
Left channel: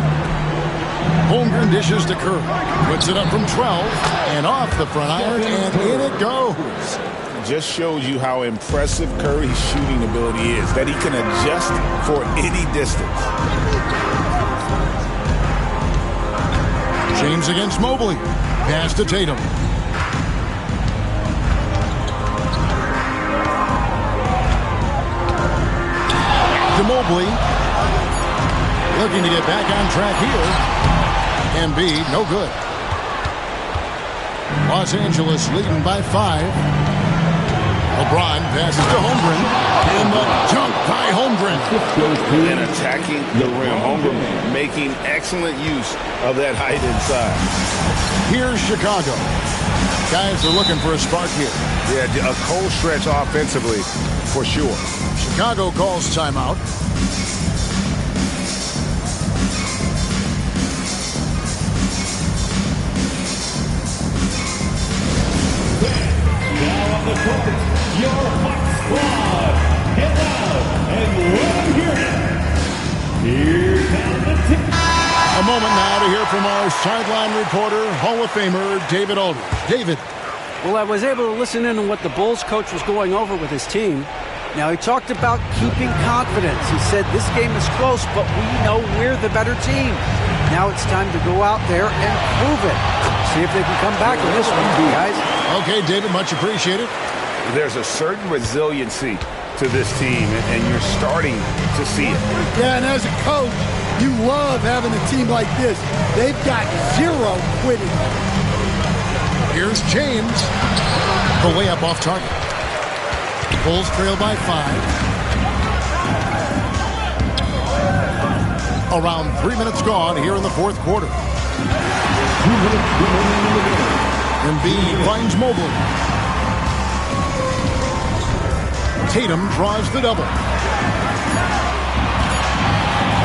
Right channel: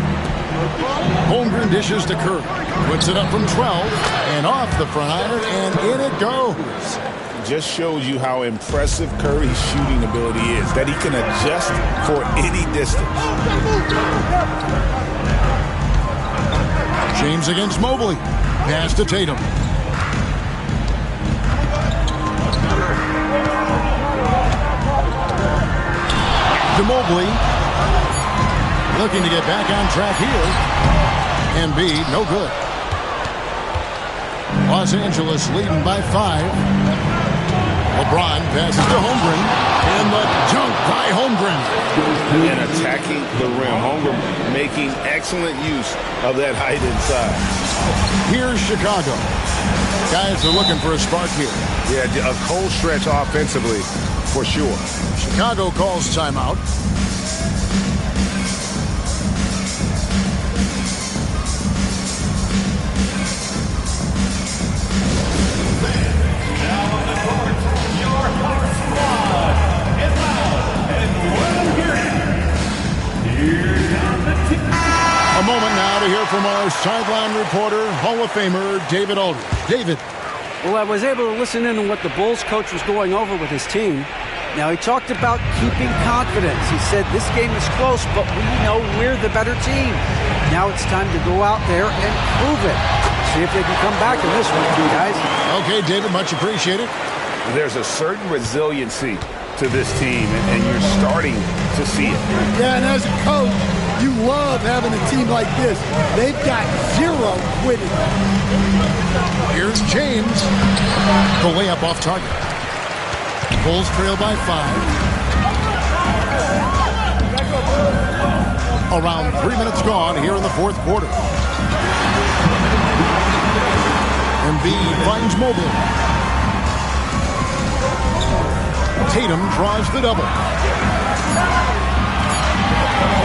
Holmgren dishes to Curry. Puts it up from 12 and off the front iron, and in it goes. Just shows you how impressive Curry's shooting ability is, that he can adjust for any distance. James against Mobley. Pass to Tatum. To Mobley. Looking to get back on track here. Embiid, no good. Los Angeles leading by 5. LeBron passes to Holmgren. And the dunk by Holmgren. And attacking the rim. Holmgren making excellent use of that height inside. Here's Chicago. Guys are looking for a spark here. Yeah, a cold stretch offensively for sure. Chicago calls timeout. A moment now to hear from our sideline reporter, Hall of Famer David Aldridge. David. Well, I was able to listen in on what the Bulls coach was going over with his team. Now, he talked about keeping confidence. He said this game is close, but we know we're the better team. Now it's time to go out there and prove it. See if they can come back in this one, guys. Okay, David, much appreciated. There's a certain resiliency to this team, and you're starting to see it. Yeah, and as a coach, you love having a team like this. They've got zero quitting. Here's James. The layup off target. Bulls trail by 5. Around 3 minutes gone here in the fourth quarter. Embiid finds Mobley. Tatum draws the double.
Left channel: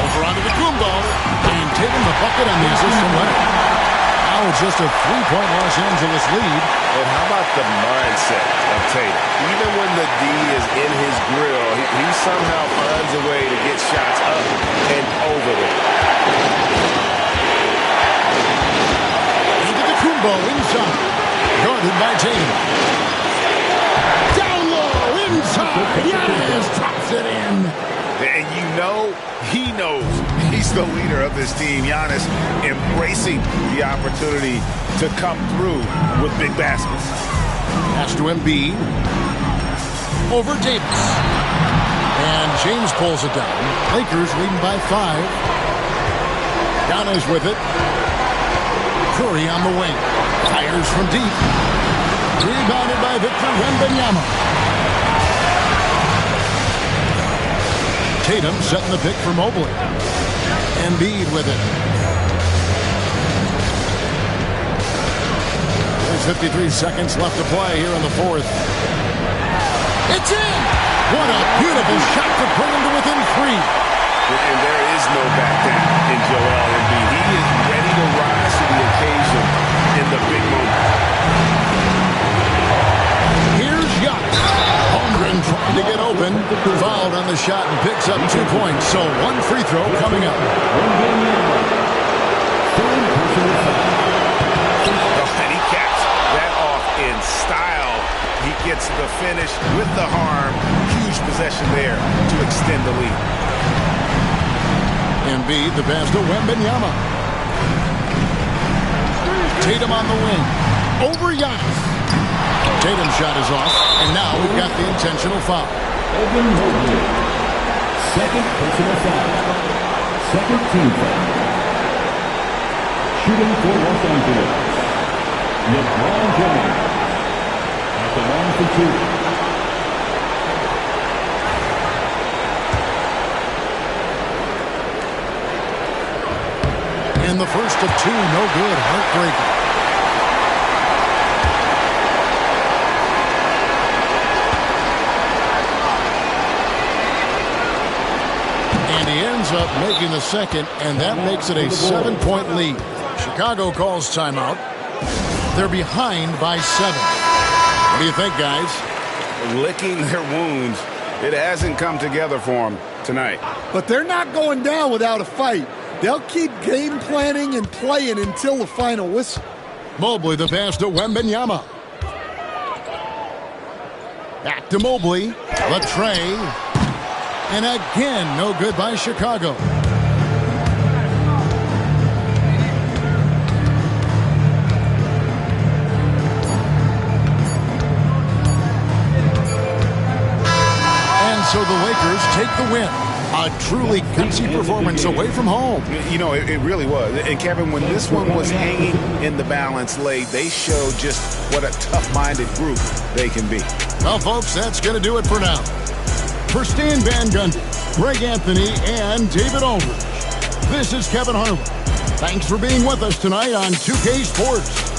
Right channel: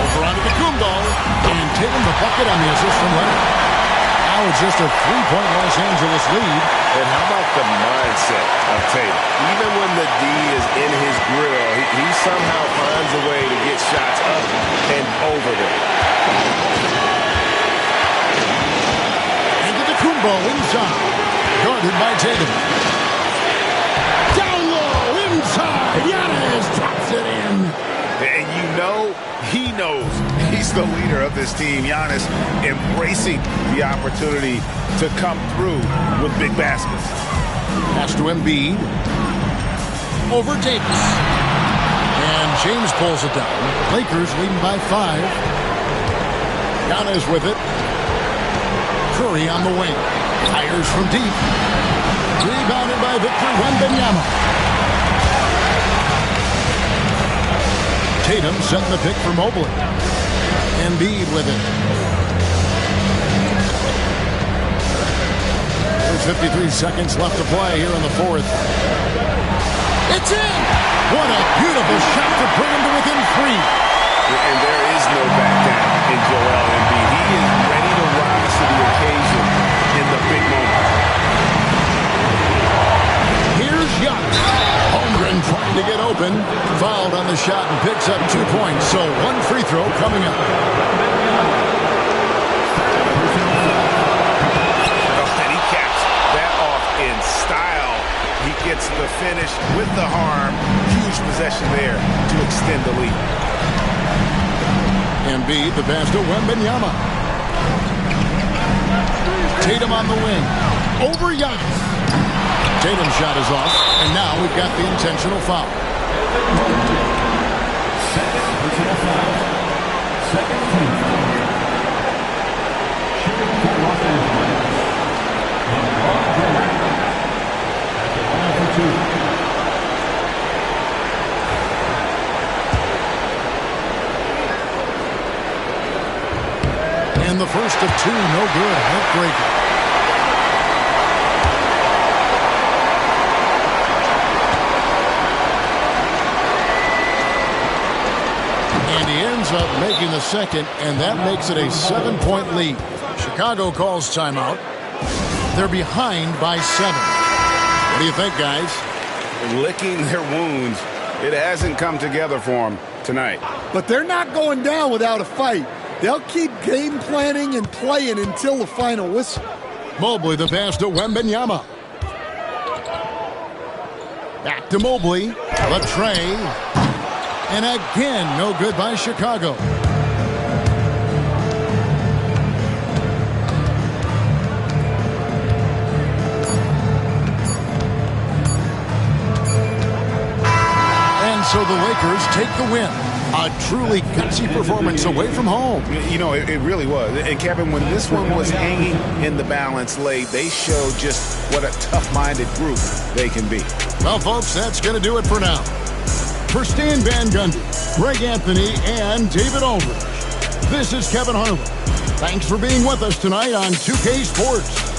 Over onto the Kumbo. And Tatum the bucket on the assist from Leonard. Now it's just a 3-point Los Angeles lead. And how about the mindset of Tatum? Even when the D is in his grill, he somehow finds a way to get shots up and over them. Into the Kumbo inside. Guarded by Tatum. Down low inside. Giannis drops it in. And you know, he knows he's the leader of this team. Giannis embracing the opportunity to come through with big baskets. Pass to Embiid. Over Davis. And James pulls it down. Lakers leading by 5. Giannis with it. Curry on the wing. Fires from deep. Rebounded by Victor Wembanyama. Tatum setting the pick for Mobley. Embiid with it. There's 53 seconds left to play here in the fourth. It's in! What a beautiful shot to bring him to within 3. And there is no back down in Joel Embiid. He is ready to rise to the occasion in the big moments. Here's Giannis. Holmgren trying to get open. Fouled on the shot and picks up 2 points. So 1 free throw coming up. And he caps that off in style. He gets the finish with the harm. Huge possession there to extend the lead. Embiid, the pass to Wembanyama. Tatum on the wing. Over Giannis. Tatum's shot is off, and now we've got the intentional foul. Evan Mobley, second personal foul. Second team foul. Shooting for Los Angeles, LeBron James at the line for 2. And the first of 2, no good. Heartbreaker. he ends up making the second, and that makes it a 7-point lead. Chicago calls timeout. They're behind by 7. What do you think, guys? Licking their wounds. It hasn't come together for them tonight. But they're not going down without a fight. They'll keep game planning and playing until the final whistle. Mobley the pass to Wembanyama. Back to Mobley. The tray. And again, no good by Chicago. And so the Lakers take the win. A truly gutsy performance away from home. You know, it really was. And Kevin, when this one was hanging in the balance late, they showed just what a tough-minded group they can be. Well, folks, that's going to do it for now. For Stan Van Gundy, Greg Anthony, and David Aldridge, this is Kevin Harlan. Thanks for being with us tonight on 2K Sports.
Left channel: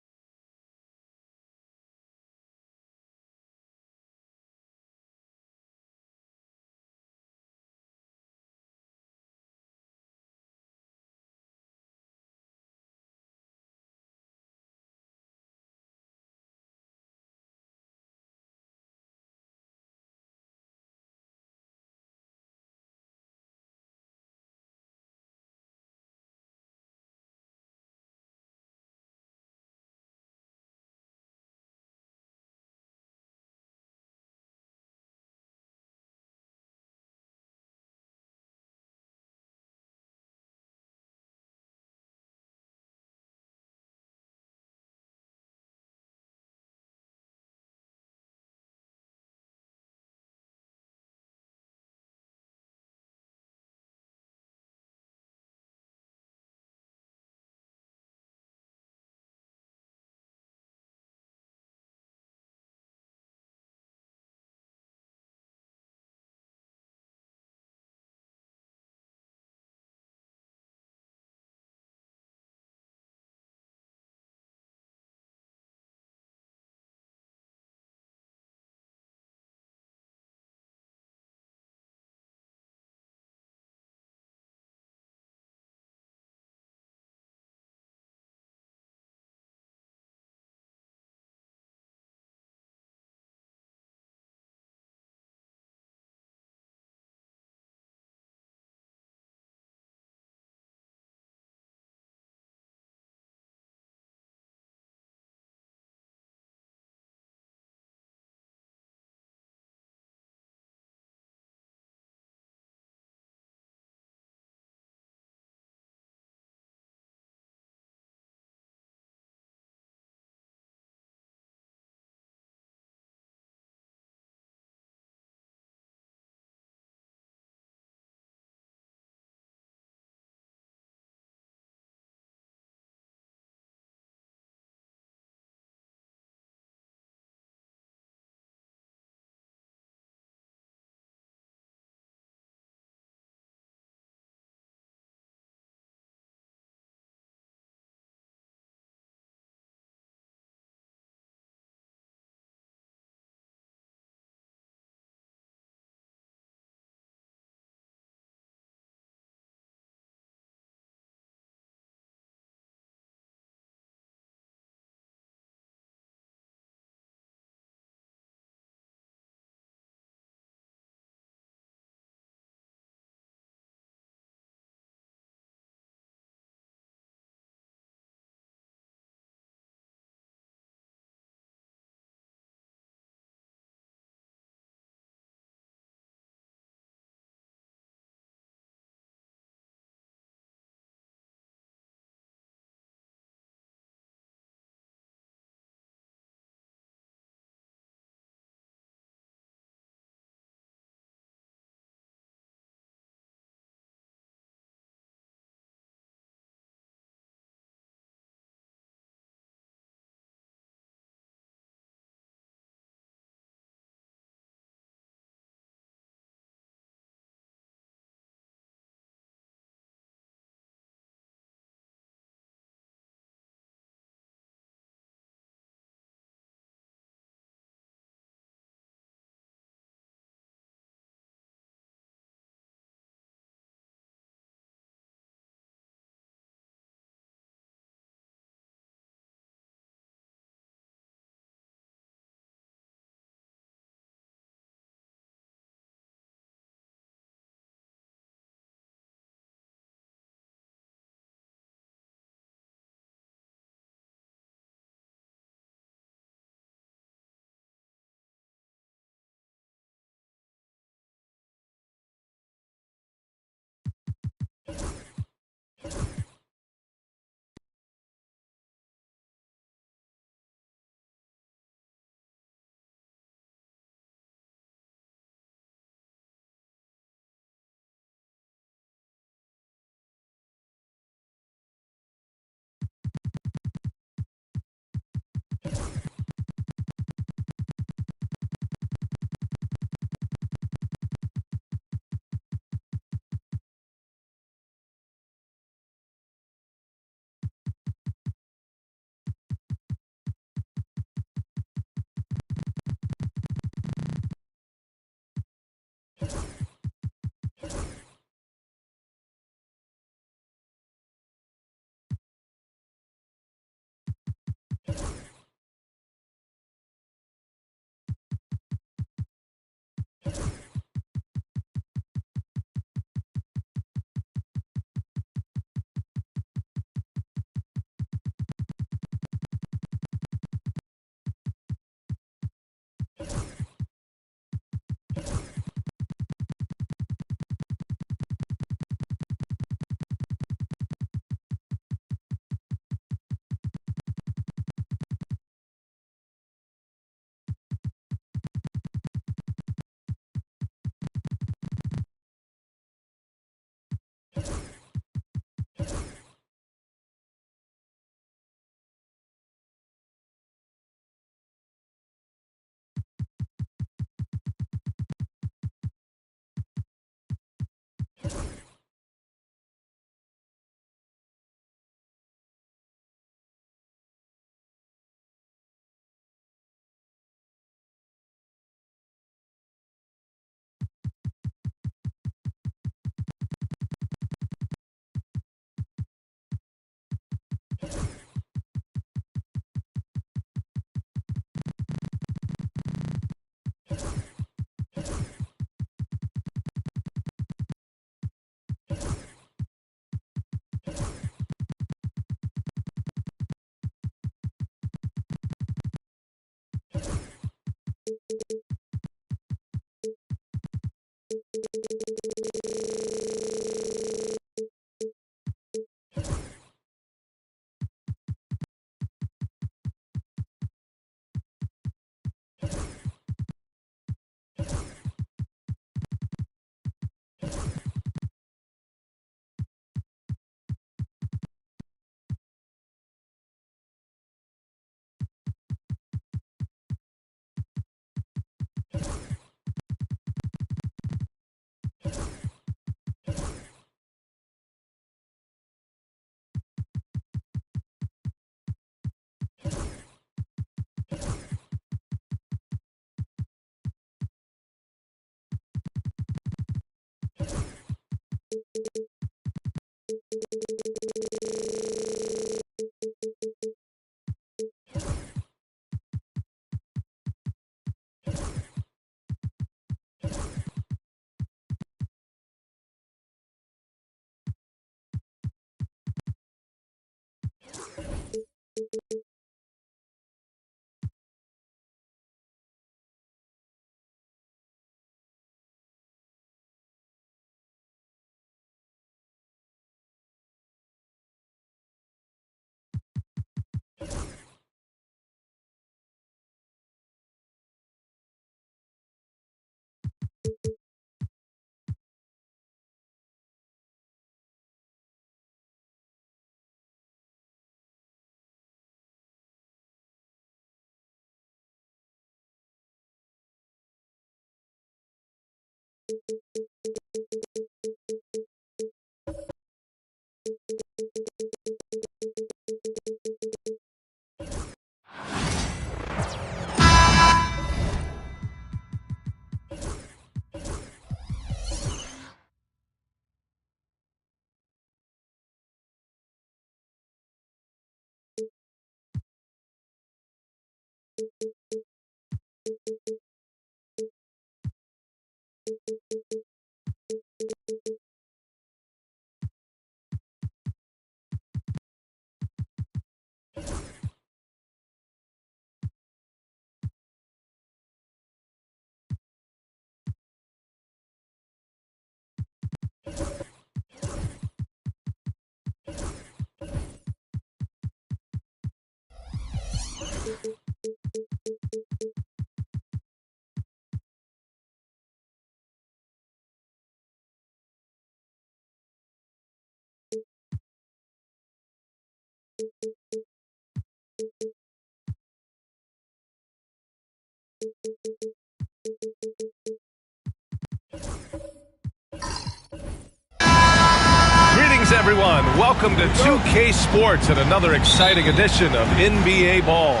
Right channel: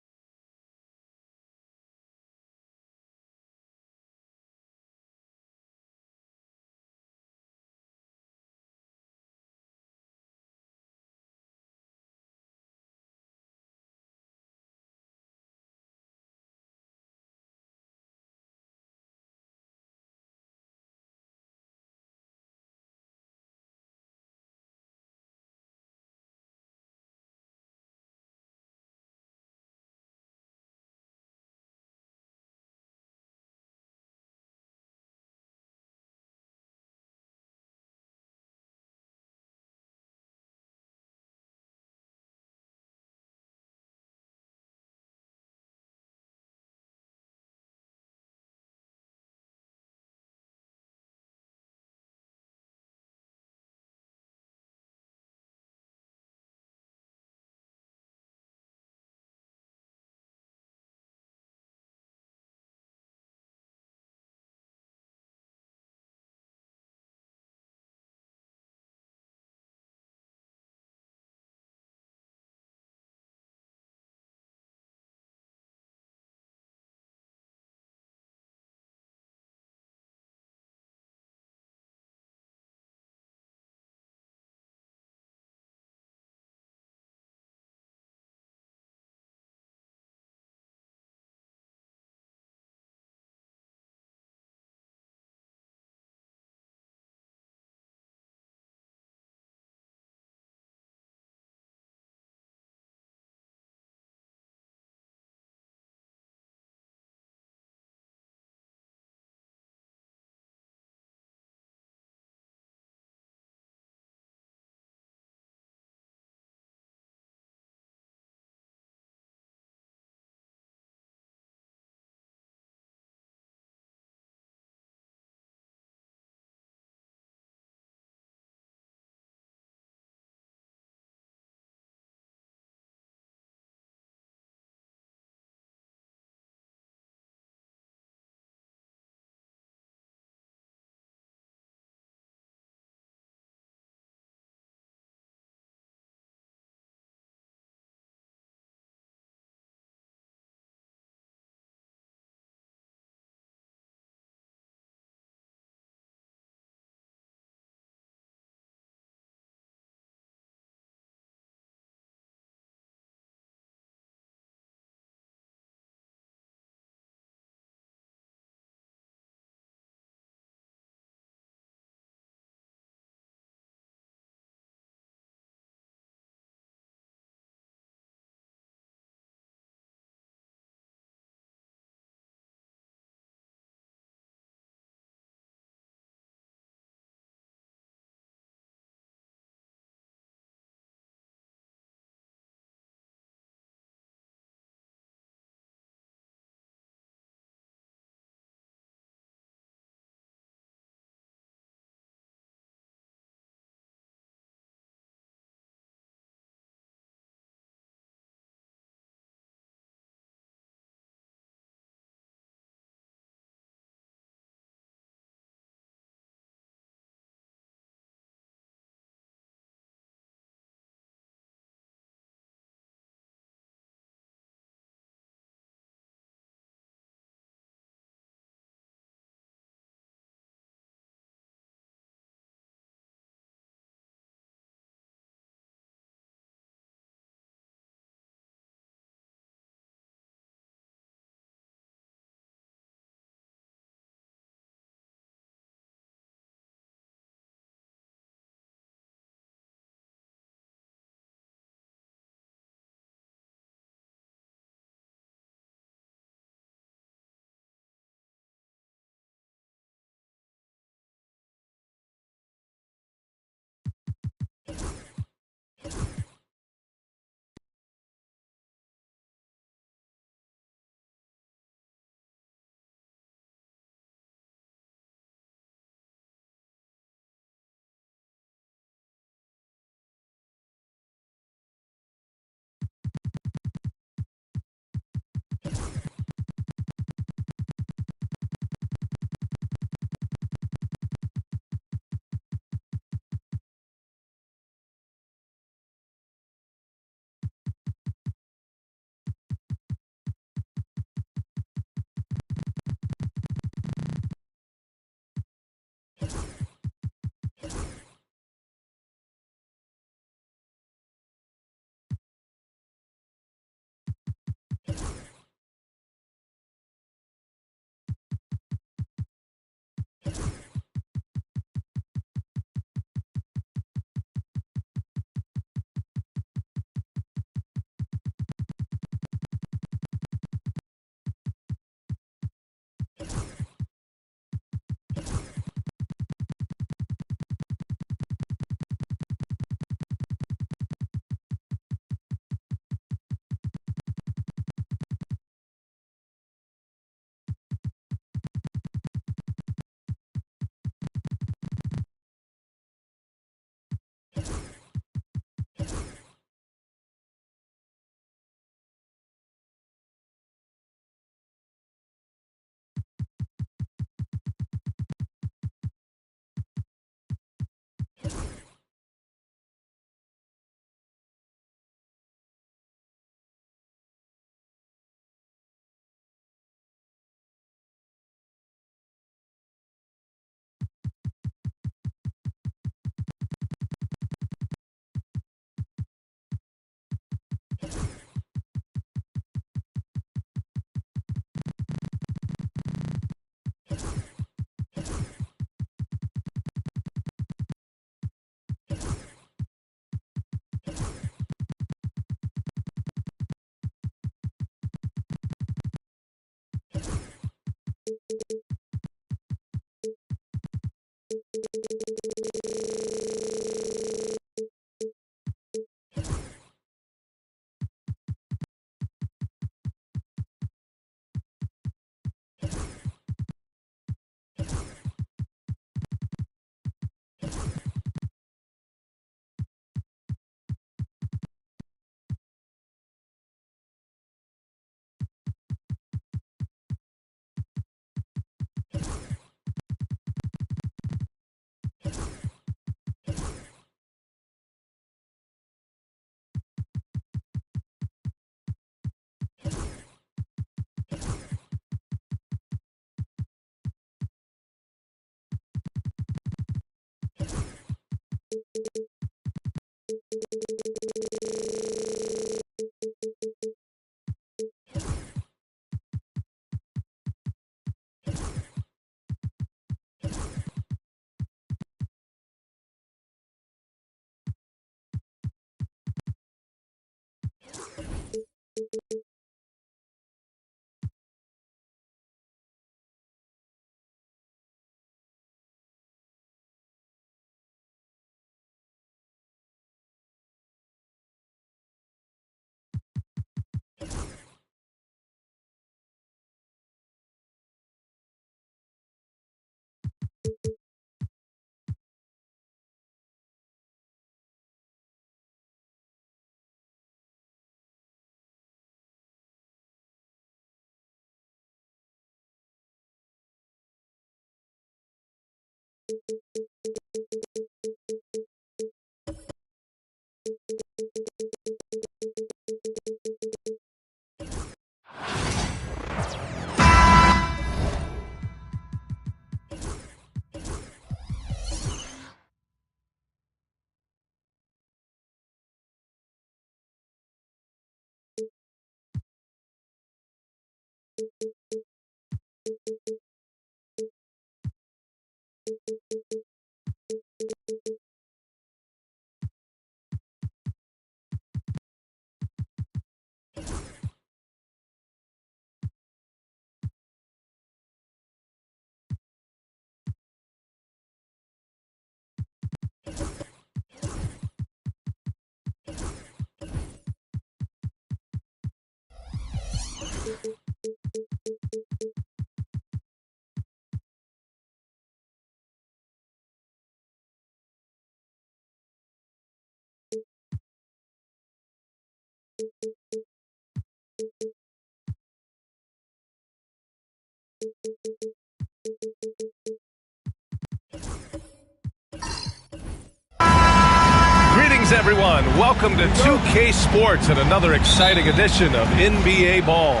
Greetings, everyone. Welcome to 2K Sports and another exciting edition of NBA Ball.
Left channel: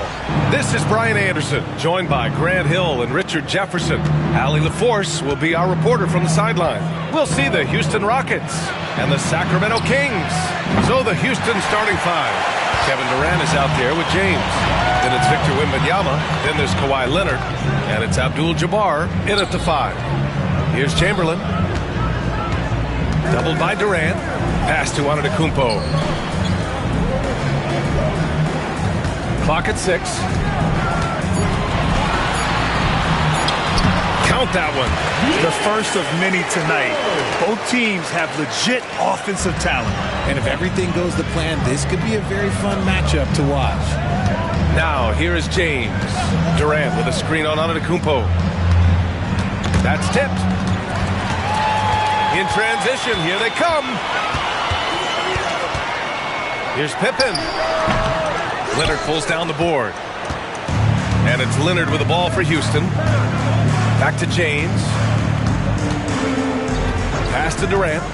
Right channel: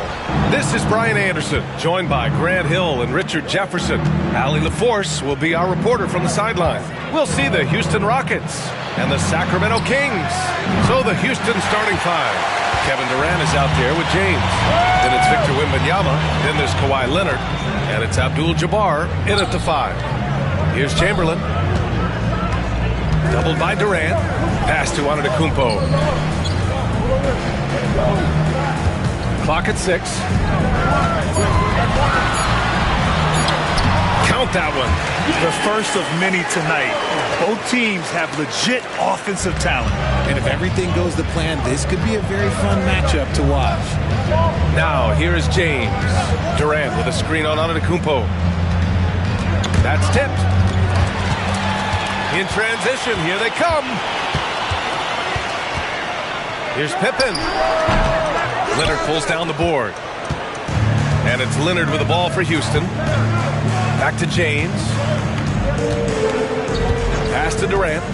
This is Brian Anderson, joined by Grant Hill and Richard Jefferson. Allie LaForce will be our reporter from the sideline. We'll see the Houston Rockets and the Sacramento Kings. So the Houston starting five. Kevin Durant is out there with James. Then it's Victor Wembanyama. Then there's Kawhi Leonard. And it's Abdul-Jabbar in at the five. Here's Chamberlain. Doubled by Durant. Pass to Antetokounmpo. Clock at 6. Count that one. The first of many tonight. Both teams have legit offensive talent. And if everything goes to plan, this could be a very fun matchup to watch. Now, here is James. Durant with a screen on Antetokounmpo. That's tipped. In transition, here they come. Here's Pippen. Leonard pulls down the board. And it's Leonard with the ball for Houston. Back to James. Pass to Durant.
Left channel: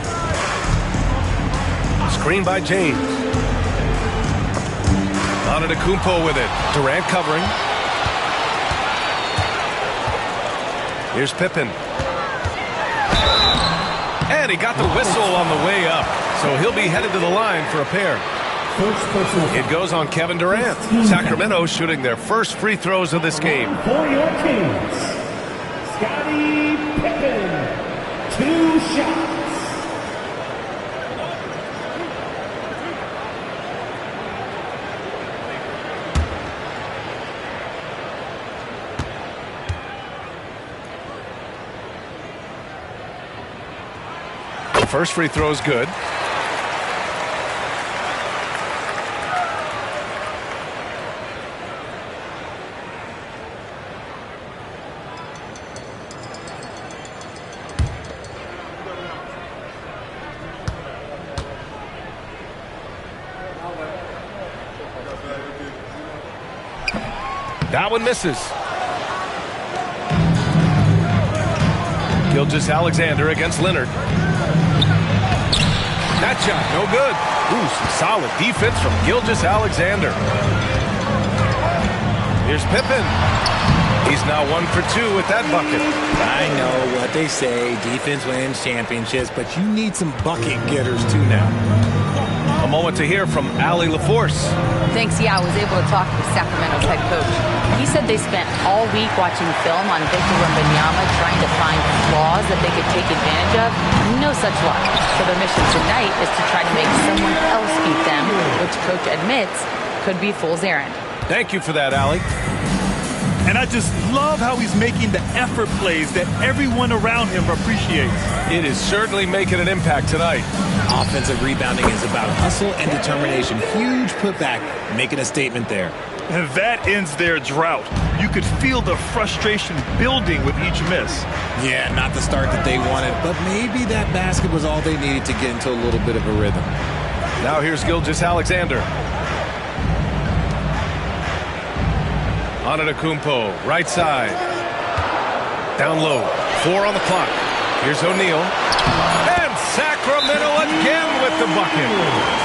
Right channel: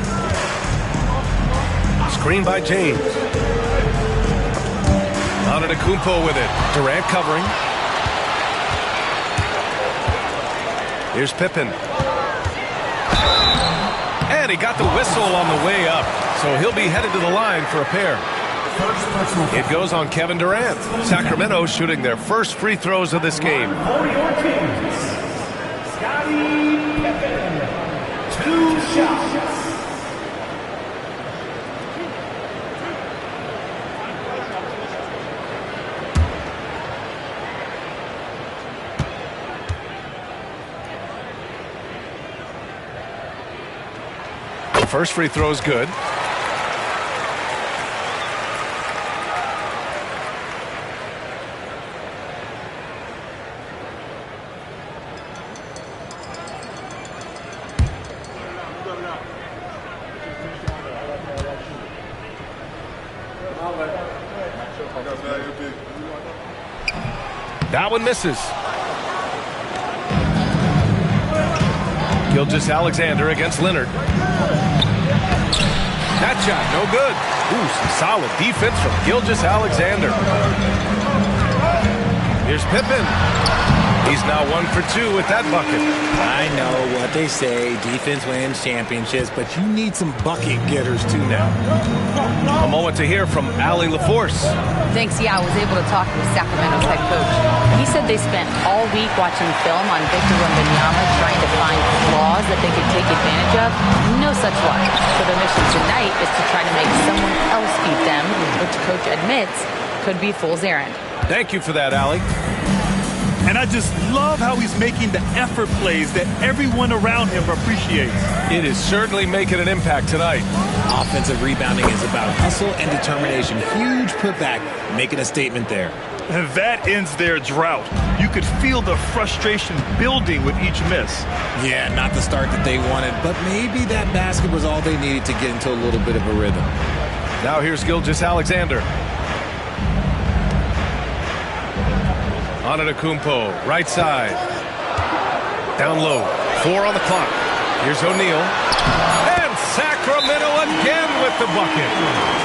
Screen by James. Antetokounmpo with it. Durant covering. Here's Pippen. And he got the whistle on the way up. So he'll be headed to the line for a pair. It goes on Kevin Durant. Sacramento shooting their first free throws of this game. For your teams, Scottie Pippen, 2 shots. First free throw is good. That one misses. Gilgeous-Alexander against Leonard. That shot, no good. Ooh, some solid defense from Gilgeous-Alexander. Here's Pippen. He's now 1 for 2 with that bucket. I know what they say, defense wins championships, but you need some bucket getters too now. A moment to hear from Allie LaForce. Thanks, yeah, I was able to talk with Sacramento's head coach. He said they spent all week watching film on Victor Wembanyama, trying to find flaws that they could take advantage of. No such luck. So their mission tonight is to try to make someone else beat them, which coach admits could be fool's errand. Thank you for that, Allie. And I just love how he's making the effort plays that everyone around him appreciates. It is certainly making an impact tonight. Offensive rebounding is about hustle and determination. Huge putback, making a statement there. And that ends their drought. You could feel the frustration building with each miss. Yeah, not the start that they wanted, but maybe that basket was all they needed to get into a little bit of a rhythm. Now here's Gilgeous-Alexander. Antetokounmpo, right side. Down low. 4 on the clock. Here's O'Neal. And Sacramento again with the bucket.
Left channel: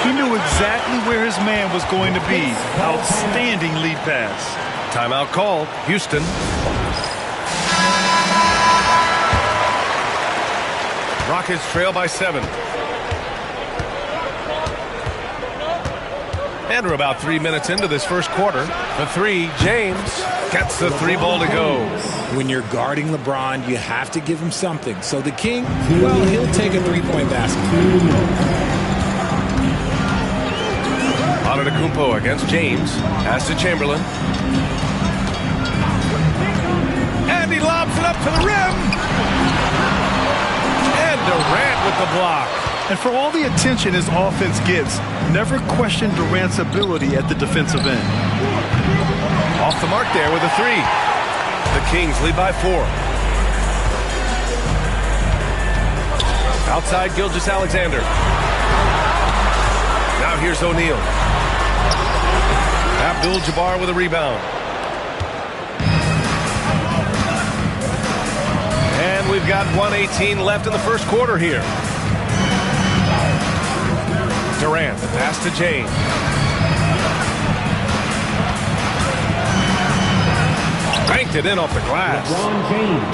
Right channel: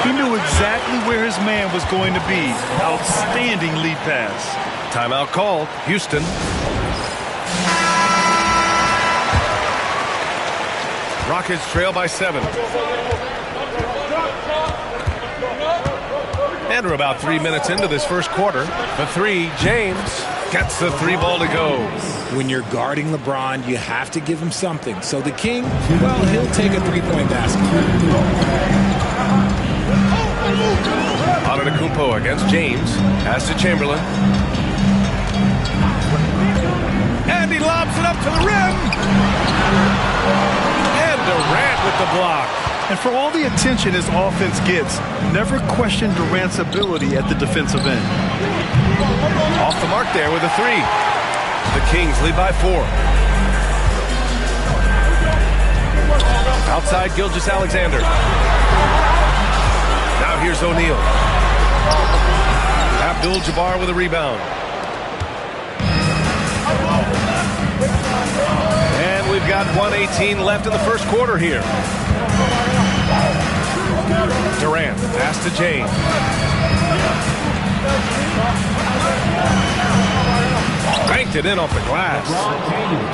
He knew exactly where his man was going to be. Outstanding lead pass. Timeout called. Houston. Rockets trail by 7. And we're about 3 minutes into this first quarter. For 3, James gets the 3 ball to go. When you're guarding LeBron, you have to give him something. So the King, well, he'll take a 3-point basket. Antetokounmpo against James. Pass to Chamberlain. And he lobs it up to the rim. And Durant with the block. And for all the attention his offense gets, never question Durant's ability at the defensive end. Off the mark there with a 3. The Kings lead by 4. Outside Gilgeous-Alexander. Now here's O'Neal. Abdul-Jabbar with a rebound. And we've got 1:18 left in the first quarter here. Durant, pass to James. Banked it in off the glass.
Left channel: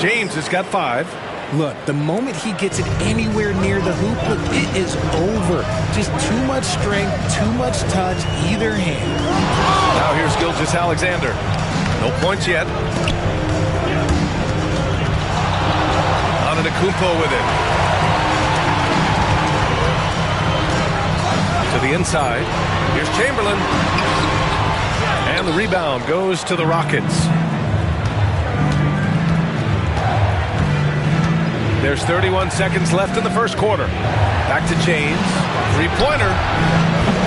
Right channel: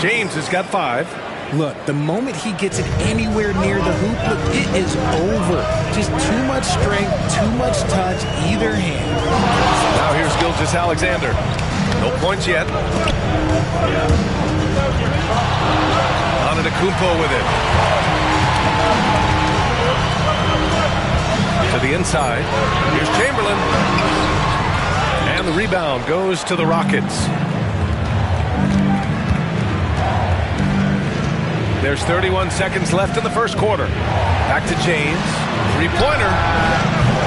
James has got 5. Look, the moment he gets it anywhere near the hoop, look, it is over. Just too much strength, too much touch, either hand. Now here's Gilgeous-Alexander. No points yet. Antetokounmpo with it. To the inside. Here's Chamberlain. And the rebound goes to the Rockets. There's 31 seconds left in the first quarter. Back to James. 3-pointer.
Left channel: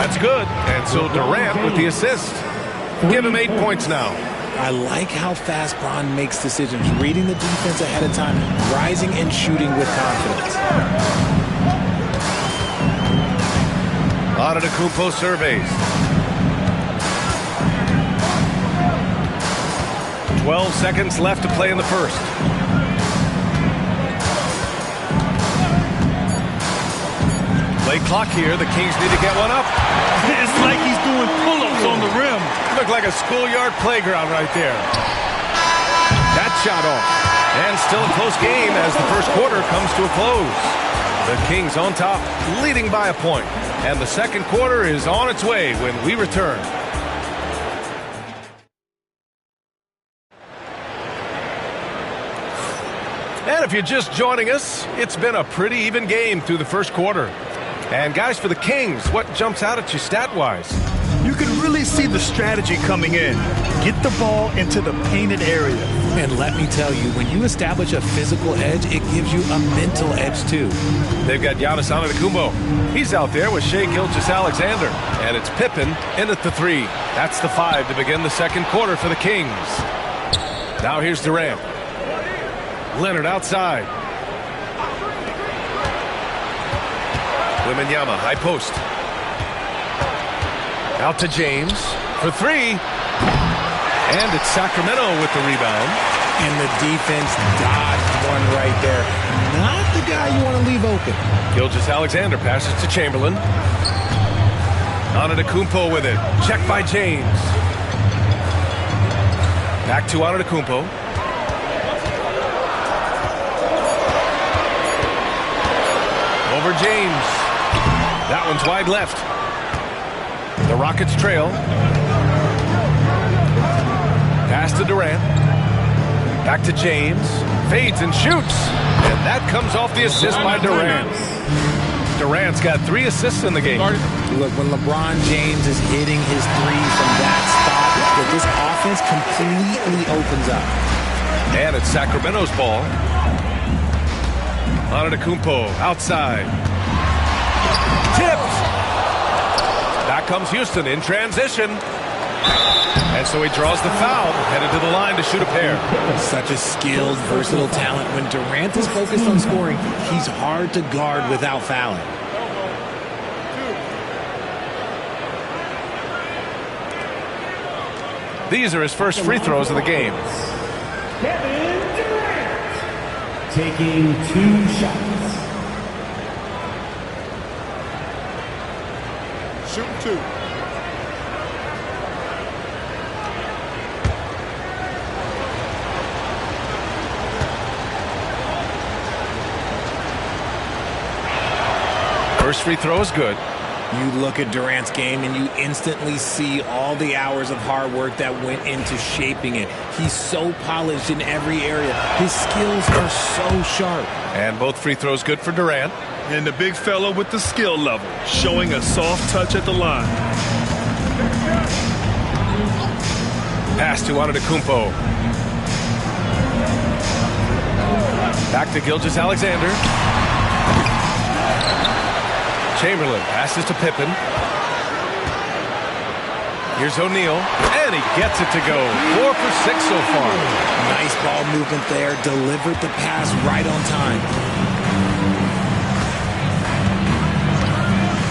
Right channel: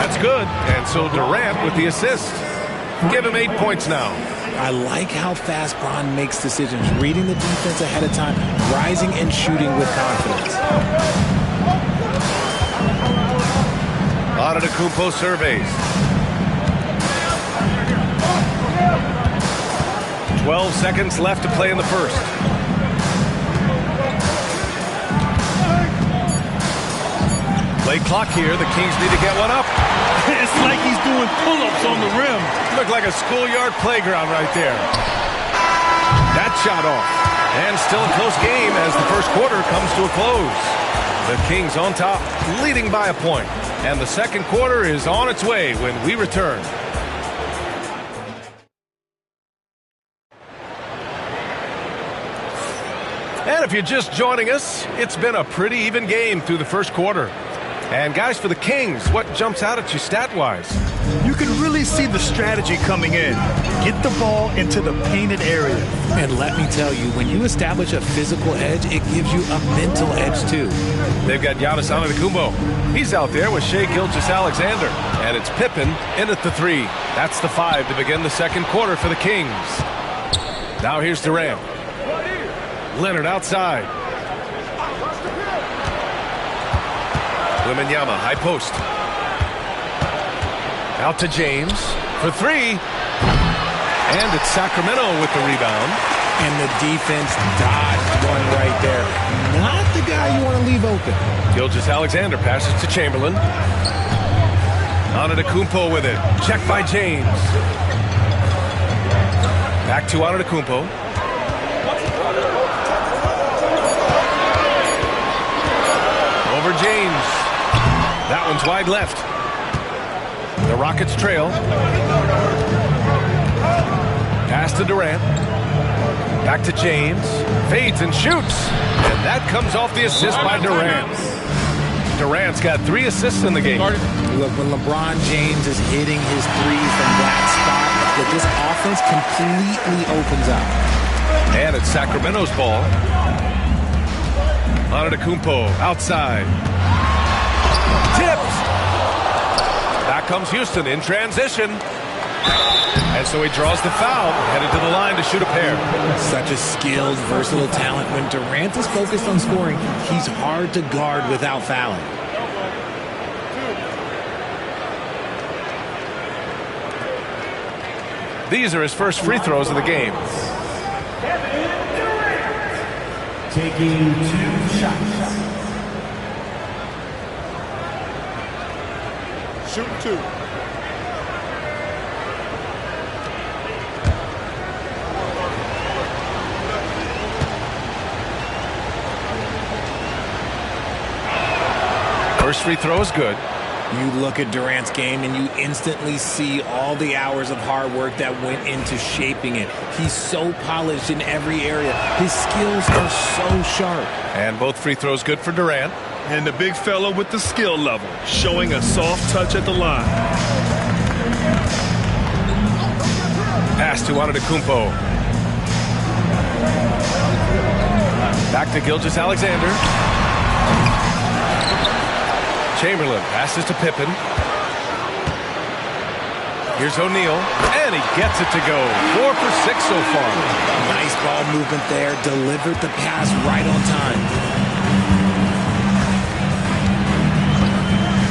That's good. And so Durant with the assist. Give him 8 points now. I like how fast Bron makes decisions, reading the defense ahead of time, rising and shooting with confidence. Antetokounmpo surveys. 12 seconds left to play in the first. Play clock here. The Kings need to get one up. It's like he's doing pull-ups on the rim. Looked like a schoolyard playground right there. That shot off. And still a close game as the first quarter comes to a close. The Kings on top, leading by a point. And the second quarter is on its way when we return. And if you're just joining us, it's been a pretty even game through the first quarter. And guys, for the Kings, what jumps out at you stat-wise? You can really see the strategy coming in. Get the ball into the painted area. And let me tell you, when you establish a physical edge, it gives you a mental edge too. They've got Giannis Antetokounmpo. He's out there with Shai Gilgeous-Alexander. And it's Pippen in at the 3. That's the 5 to begin the second quarter for the Kings. Now here's Durant. Leonard outside. Wembanyama, high post. Out to James for 3. And it's Sacramento with the rebound. And the defense dodged one right there. Not the guy you want to leave open. Gilgeous-Alexander passes to Chamberlain. Antetokounmpo with it. Check by James. Back to Antetokounmpo. Over James. That one's wide left. The Rockets trail. Pass to Durant. Back to James. Fades and shoots. And that comes off the assist by Durant. Durant's got 3 assists in the game. Look, when LeBron James is hitting his 3 from that spot, that this offense completely opens up. And it's Sacramento's ball. Antetokounmpo outside. Tipped. Back comes Houston in transition. And so he draws the foul, headed to the line to shoot a pair. Such a skilled, versatile talent. When Durant is focused on scoring, he's hard to guard without fouling. These are his first free throws of the game. taking 2 shots. Shoot 2. First free throw is good. You look at Durant's game and you instantly see all the hours of hard work that went into shaping it. He's so polished in every area. His skills are so sharp. And both free throws good for Durant. And the big fella with the skill level, showing a soft touch at the line. Pass to Antetokounmpo. Back to Gilgeous-Alexander. Chamberlain passes to Pippen. Here's O'Neal, and he gets it to go. 4 for 6 so far. Nice ball movement there. Delivered the pass right on time.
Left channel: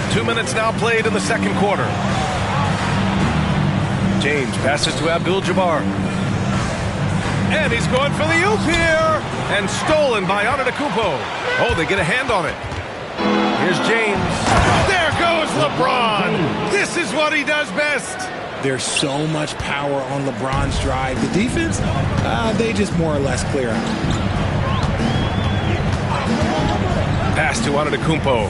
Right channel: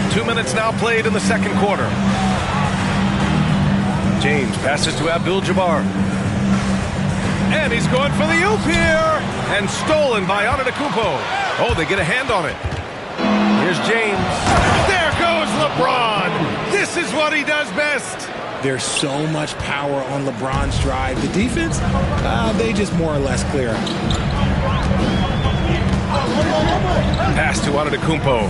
2 minutes now played in the second quarter. James passes to Abdul-Jabbar. And he's going for the oop here. And stolen by Antetokounmpo. Oh, they get a hand on it. Here's James. There goes LeBron. This is what he does best. There's so much power on LeBron's drive. The defense, they just more or less clear him. Pass to Antetokounmpo.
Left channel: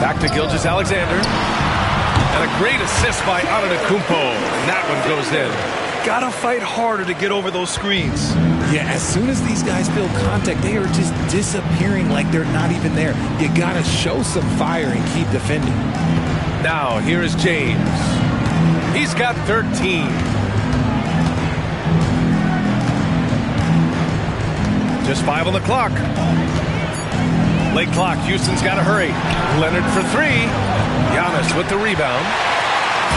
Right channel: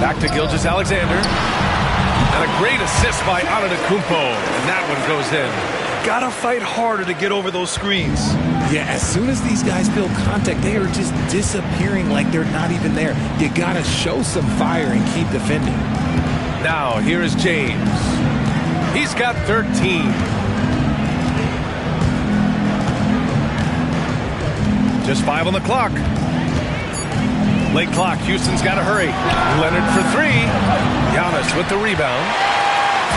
Back to Gilgeous-Alexander. And a great assist by Antetokounmpo. And that one goes in. Gotta fight harder to get over those screens. Yeah, as soon as these guys feel contact, they are just disappearing like they're not even there. You gotta show some fire and keep defending. Now, here is James. He's got 13. Just 5 on the clock. Late clock. Houston's got to hurry. Leonard for 3. Giannis with the rebound.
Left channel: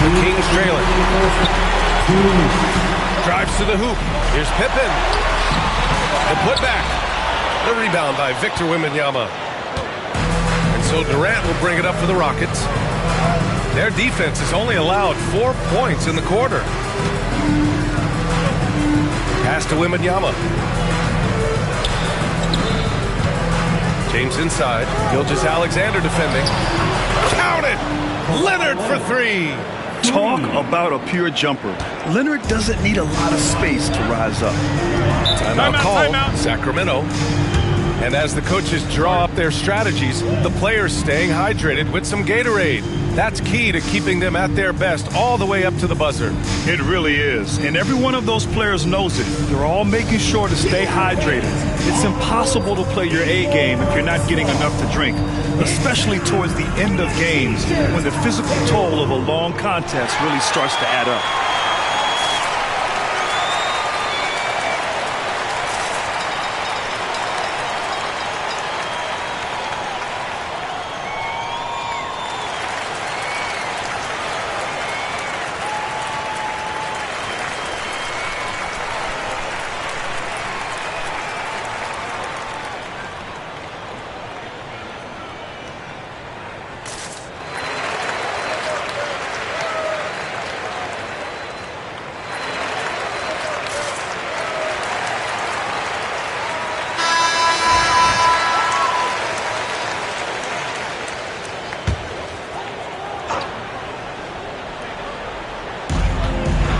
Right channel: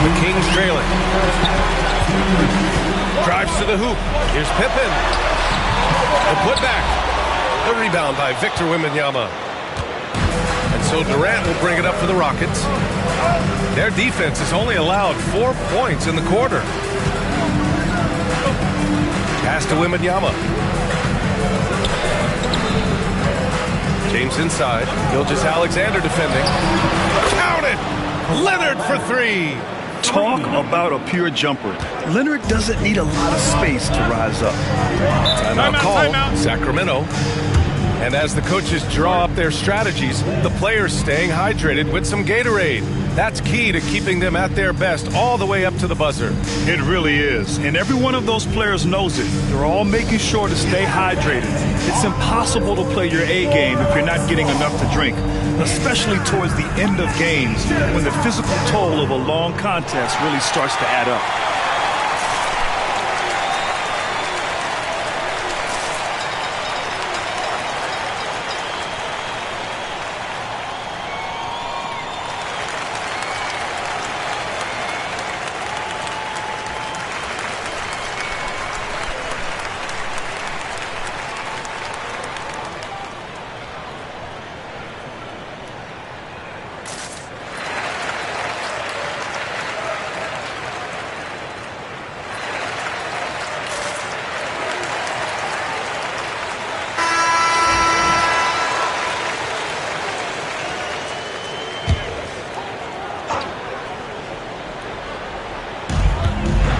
The Kings trailing. Drives to the hoop. Here's Pippen. The putback. The rebound by Victor Wembanyama. And so Durant will bring it up for the Rockets. Their defense has only allowed 4 points in the quarter. Pass to Wembanyama. James inside. Gilgeous-Alexander defending. Count it! Leonard for 3. Talk about a pure jumper. Leonard doesn't need a lot of space to rise up. Timeout called. Sacramento. And as the coaches draw up their strategies, the players staying hydrated with some Gatorade. That's key to keeping them at their best all the way up to the buzzer. It really is. And every one of those players knows it. They're all making sure to stay hydrated. It's impossible to play your A game if you're not getting enough to drink, especially towards the end of games when the physical toll of a long contest really starts to add up.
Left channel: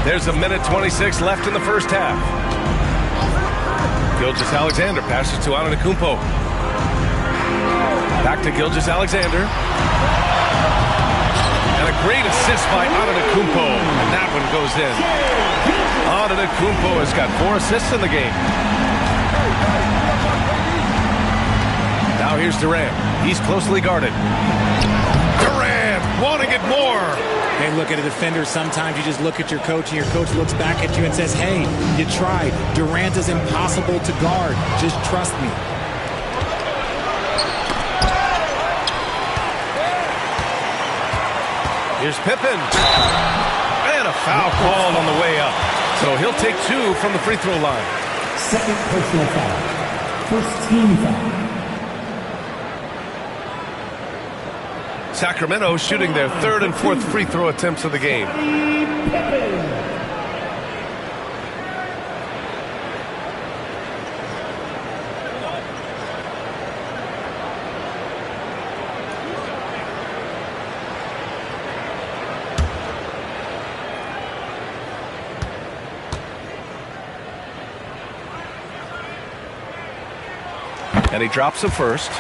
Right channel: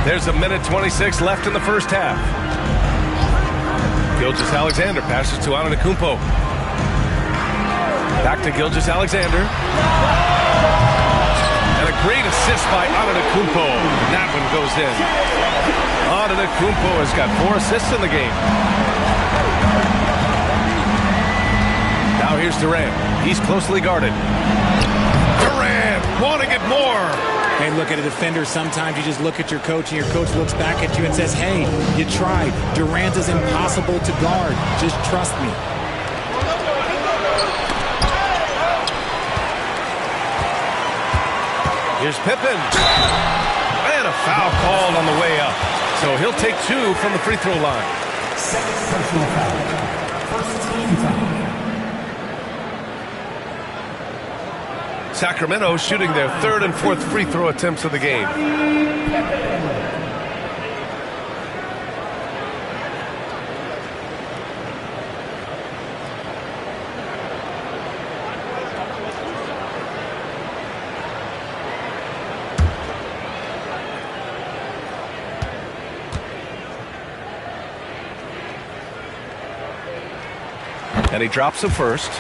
There's a minute 26 left in the first half. Gilgeous-Alexander passes to Antetokounmpo. Back to Gilgeous-Alexander. And a great assist by Antetokounmpo. And that one goes in. Antetokounmpo has got 4 assists in the game. Now here's Durant. He's closely guarded. Durant wanting it more. Hey, look at a defender. Sometimes you just look at your coach, and your coach looks back at you and says, hey, you tried. Durant is impossible to guard. Just trust me. Here's Pippen. And a foul called on the way up. So he'll take 2 from the free throw line. Second personal foul. First team foul. Sacramento shooting their 3rd and 4th free throw attempts of the game. And he drops the first.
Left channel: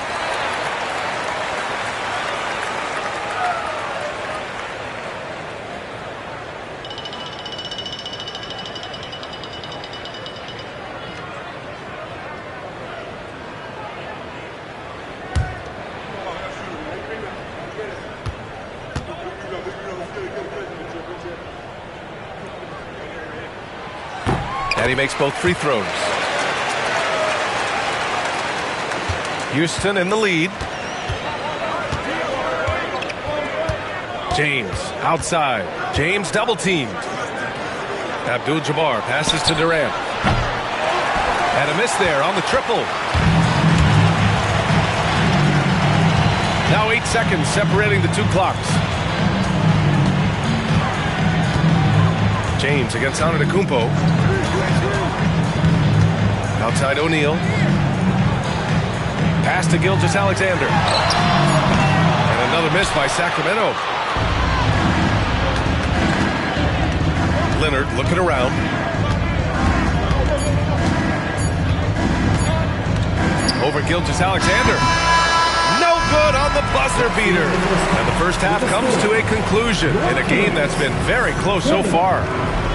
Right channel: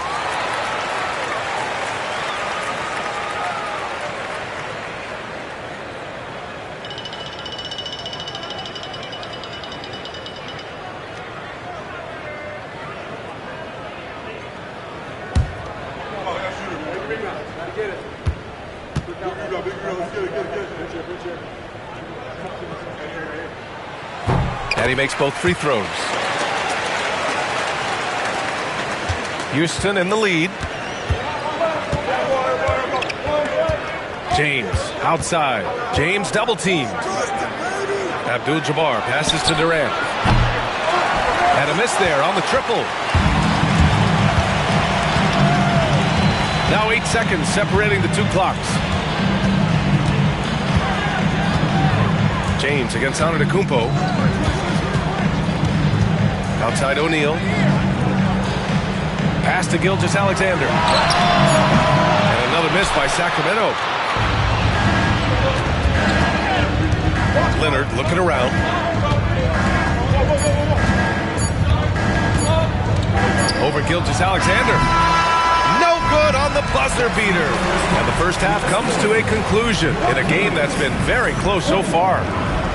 And he makes both free throws. Houston in the lead. James outside. James double teamed. Abdul-Jabbar passes to Durant. And a miss there on the triple. Now 8 seconds separating the two clocks. James against Antetokounmpo. Outside O'Neal. Pass to Gilgeous-Alexander. And another miss by Sacramento. Leonard looking around. Over Gilgeous-Alexander. No good on the buzzer beater. And the first half comes to a conclusion in a game that's been very close so far.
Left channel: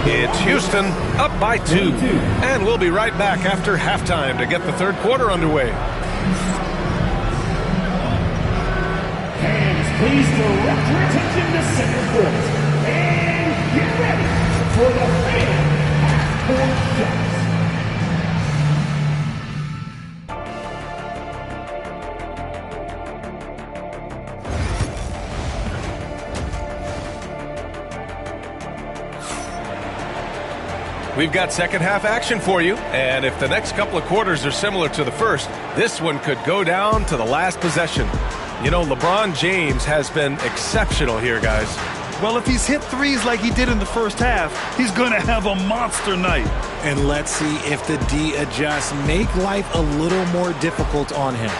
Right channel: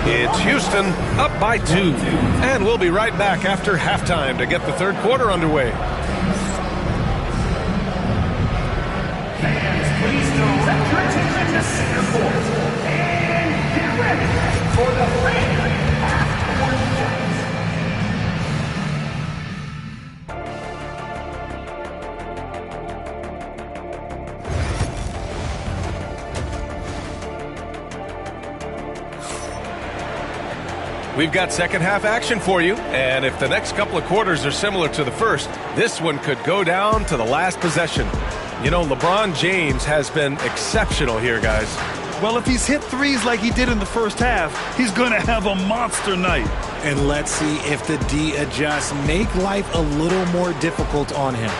It's Houston up by 2. And we'll be right back after halftime to get the third quarter underway. Fans, please direct your attention to center court. And get ready for the fan half-court shots. We've got second half action for you, and if the next couple of quarters are similar to the first, this one could go down to the last possession. You know, LeBron James has been exceptional here, guys. Well, if he's hit threes like he did in the first half, he's going to have a monster night. And let's see if the D adjusts, make life a little more difficult on him.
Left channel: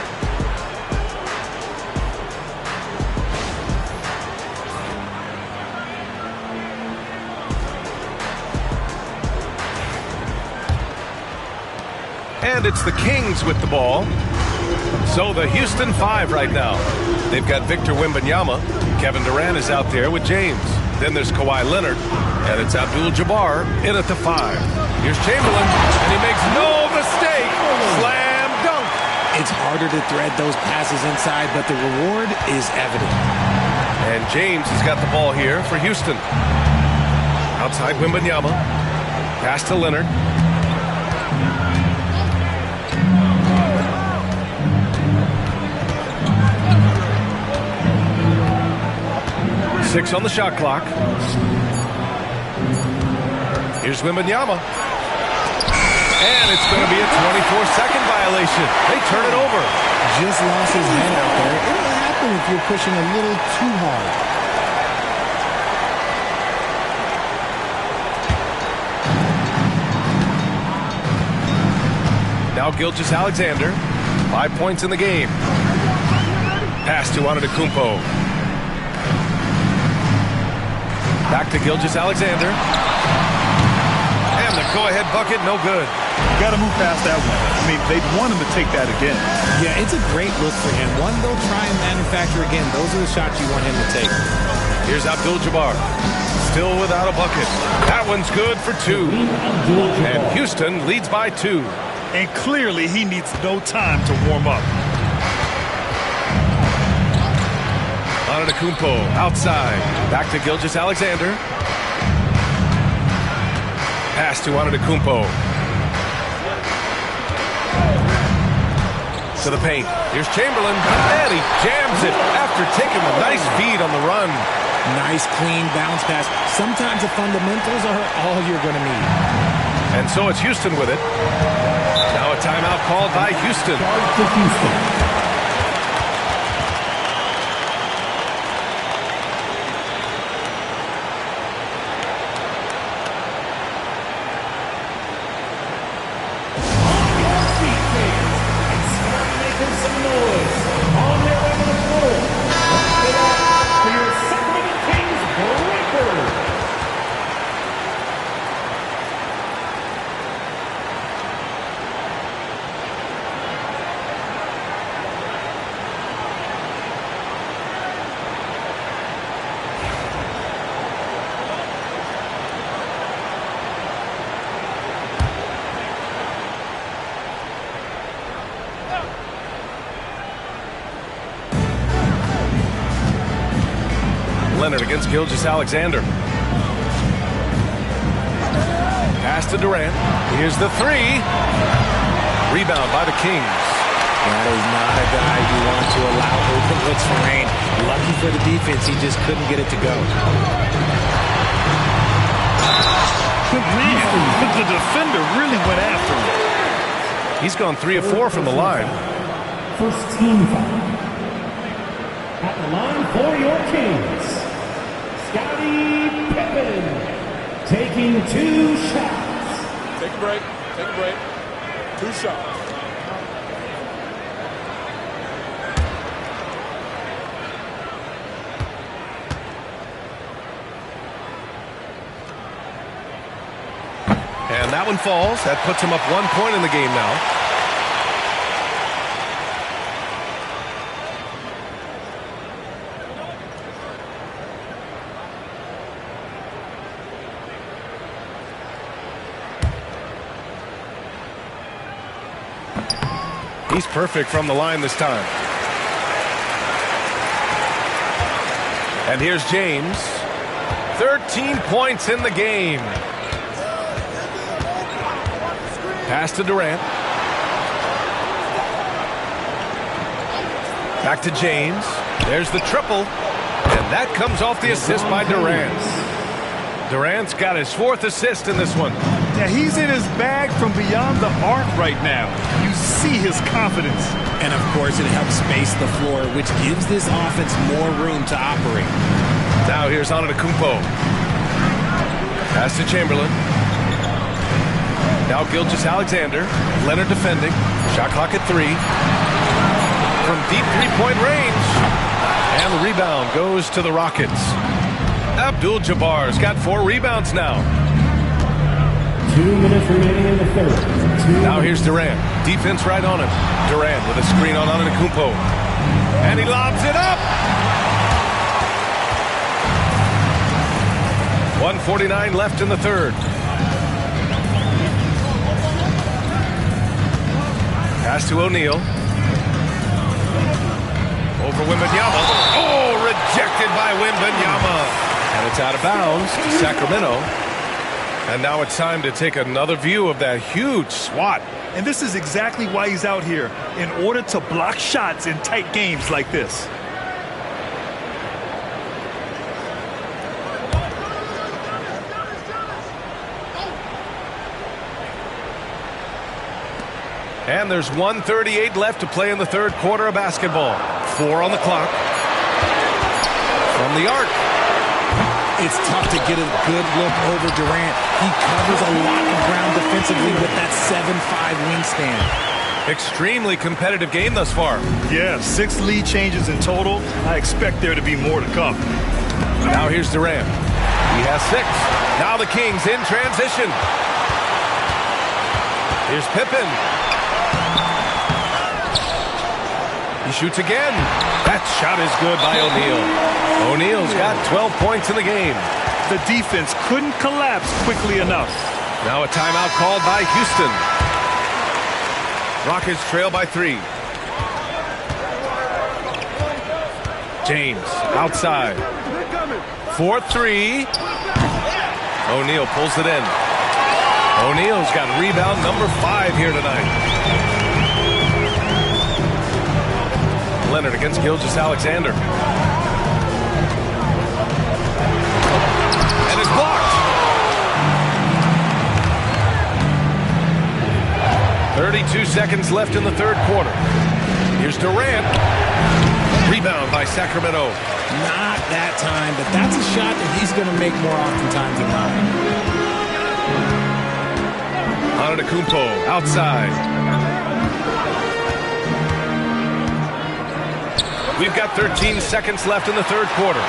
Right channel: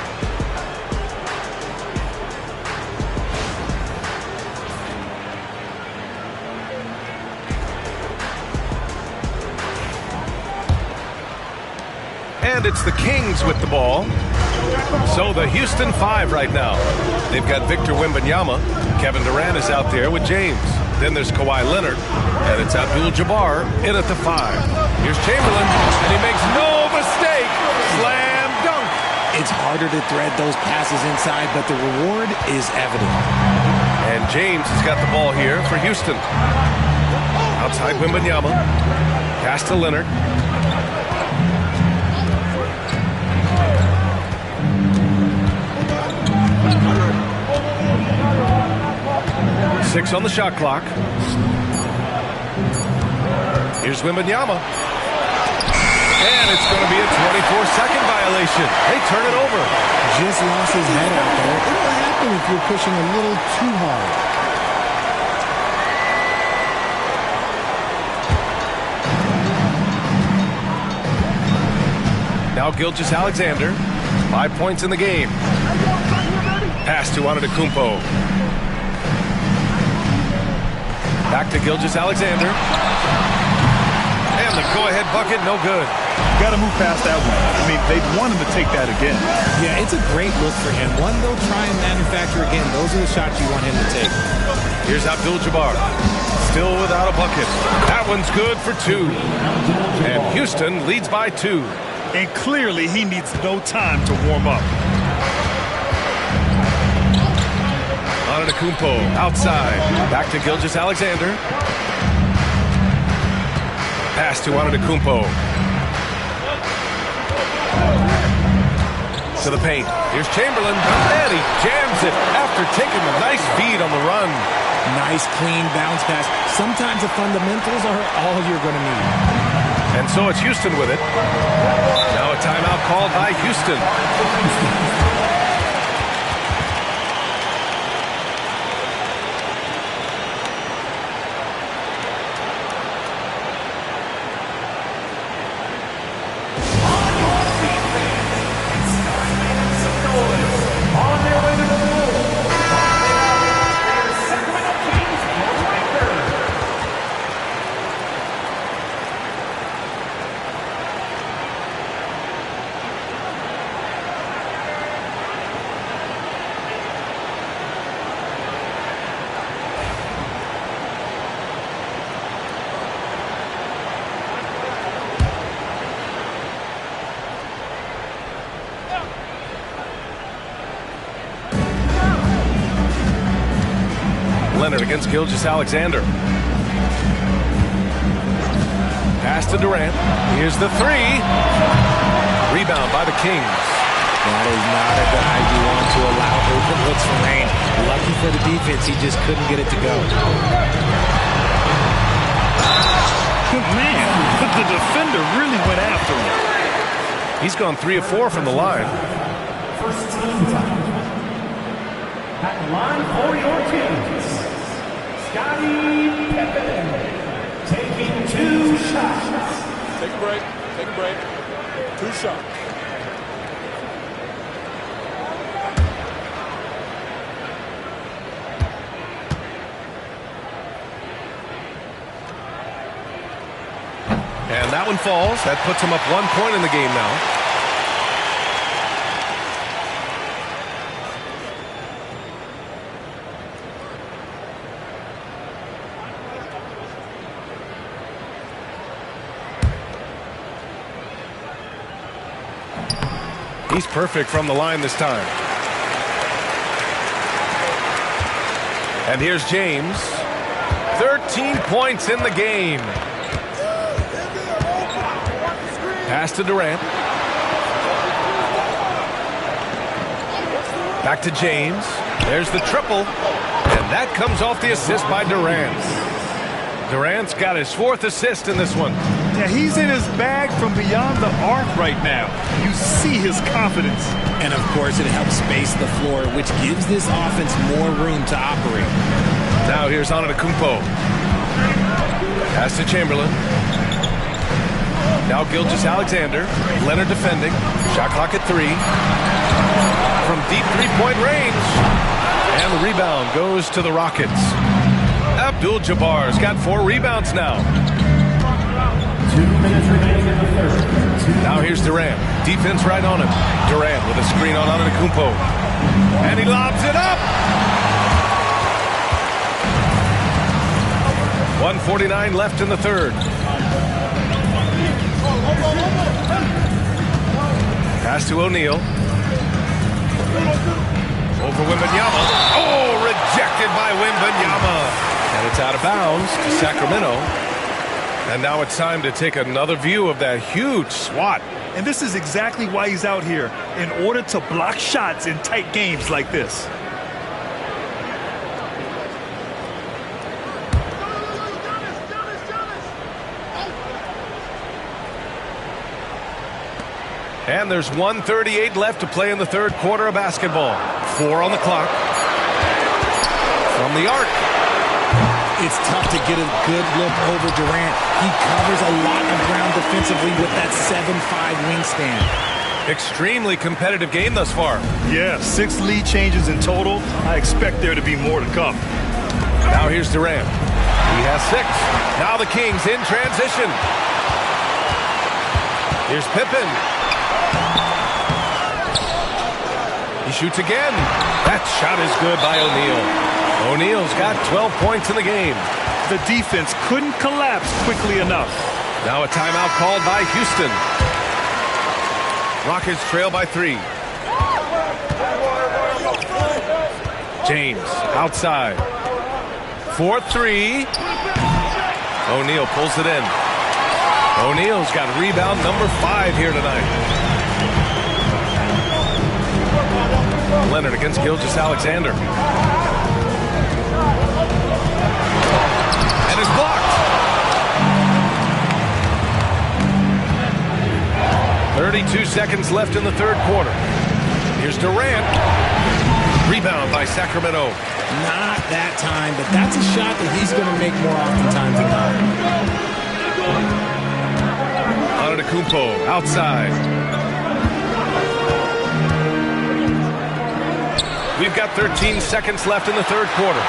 And it's the Kings with the ball. So the Houston 5 right now. They've got Victor Wembanyama. Kevin Durant is out there with James. Then there's Kawhi Leonard. And it's Abdul-Jabbar in at the 5. Here's Chamberlain, and he makes no mistake. Slam dunk. It's harder to thread those passes inside, but the reward is evident. And James has got the ball here for Houston. Outside Wembanyama. Pass to Leonard. Six on the shot clock. Here's Wembanyama. And it's going to be a 24-second violation. They turn it over. Just lost his head out there. It'll happen if you're pushing a little too hard. Now Gilgeous-Alexander. 5 points in the game. Pass to Antetokounmpo. Back to Gilgeous-Alexander. And the go-ahead bucket, no good. You got to move past that one. I mean, they'd want him to take that again. Yeah, it's a great look for him. One they'll try and manufacture again. Those are the shots you want him to take. Here's Abdul-Jabbar. Still without a bucket. That one's good for 2. And Houston leads by 2. And clearly he needs no time to warm up. Antetokounmpo outside. Back to Gilgeous-Alexander. Pass to Antetokounmpo. To the paint. Here's Chamberlain. And he jams it after taking the nice feed on the run. Nice, clean bounce pass. Sometimes the fundamentals are all you're going to need. And so it's Houston with it. Now a timeout called by Houston. Leonard against Gilgeous-Alexander. Pass to Durant. Here's the three. Rebound by the Kings. That is not a guy you want to allow open looks for Rain. Lucky for the defense, he just couldn't get it to go. Man, the defender really went after him. He's gone 3 of 4 from the line. First team foul. At the line for your Kings, Scottie Pippen taking 2 shots. Take a break. Take a break. 2 shots. And that one falls. That puts him up 1 point in the game now. He's perfect from the line this time. And here's James. 13 points in the game. Pass to Durant. Back to James. There's the triple. And that comes off the assist by Durant. Durant's got his 4th assist in this one. Yeah, he's in his bag from beyond the arc right now. You see his confidence. And of course, it helps space the floor, which gives this offense more room to operate. Now here's Antetokounmpo. Pass to Chamberlain. Now Gilgeous-Alexander. Leonard defending. Shot clock at 3. From deep three-point range. And the rebound goes to the Rockets. Abdul-Jabbar's got 4 rebounds now. 2 minutes remaining in the third. Now here's Durant. Defense right on him. Durant with a screen on Antetokounmpo. And he lobs it up. 1:49 left in the third. Pass to O'Neal. Over Wembanyama. Oh, rejected by Wembanyama. And it's out of bounds to Sacramento. And now it's time to take another view of that huge swat. And this is exactly why he's out here, in order to block shots in tight games like this. And there's 1:38 left to play in the third quarter of basketball. 4 on the clock. From the arc. It's tough to get a good look over Durant. He covers a lot of ground defensively with that 7'5" wingspan. Extremely competitive game thus far. Yeah, 6 lead changes in total. I expect there to be more to come. Now here's Durant. He has 6. Now the Kings in transition. Here's Pippen. He shoots again. That shot is good by O'Neal. O'Neal's got 12 points in the game. The defense couldn't collapse quickly enough. Now a timeout called by Houston. Rockets trail by 3. James outside. 4-3. O'Neal pulls it in. O'Neal's got rebound number 5 here tonight. Leonard against Gilgeous-Alexander. And is blocked. 32 seconds left in the third quarter. Here's Durant. Rebound by Sacramento. Not that time, but that's a shot that he's going to make more oftentimes than not. Antetokounmpo outside. We've got 13 seconds left in the third quarter.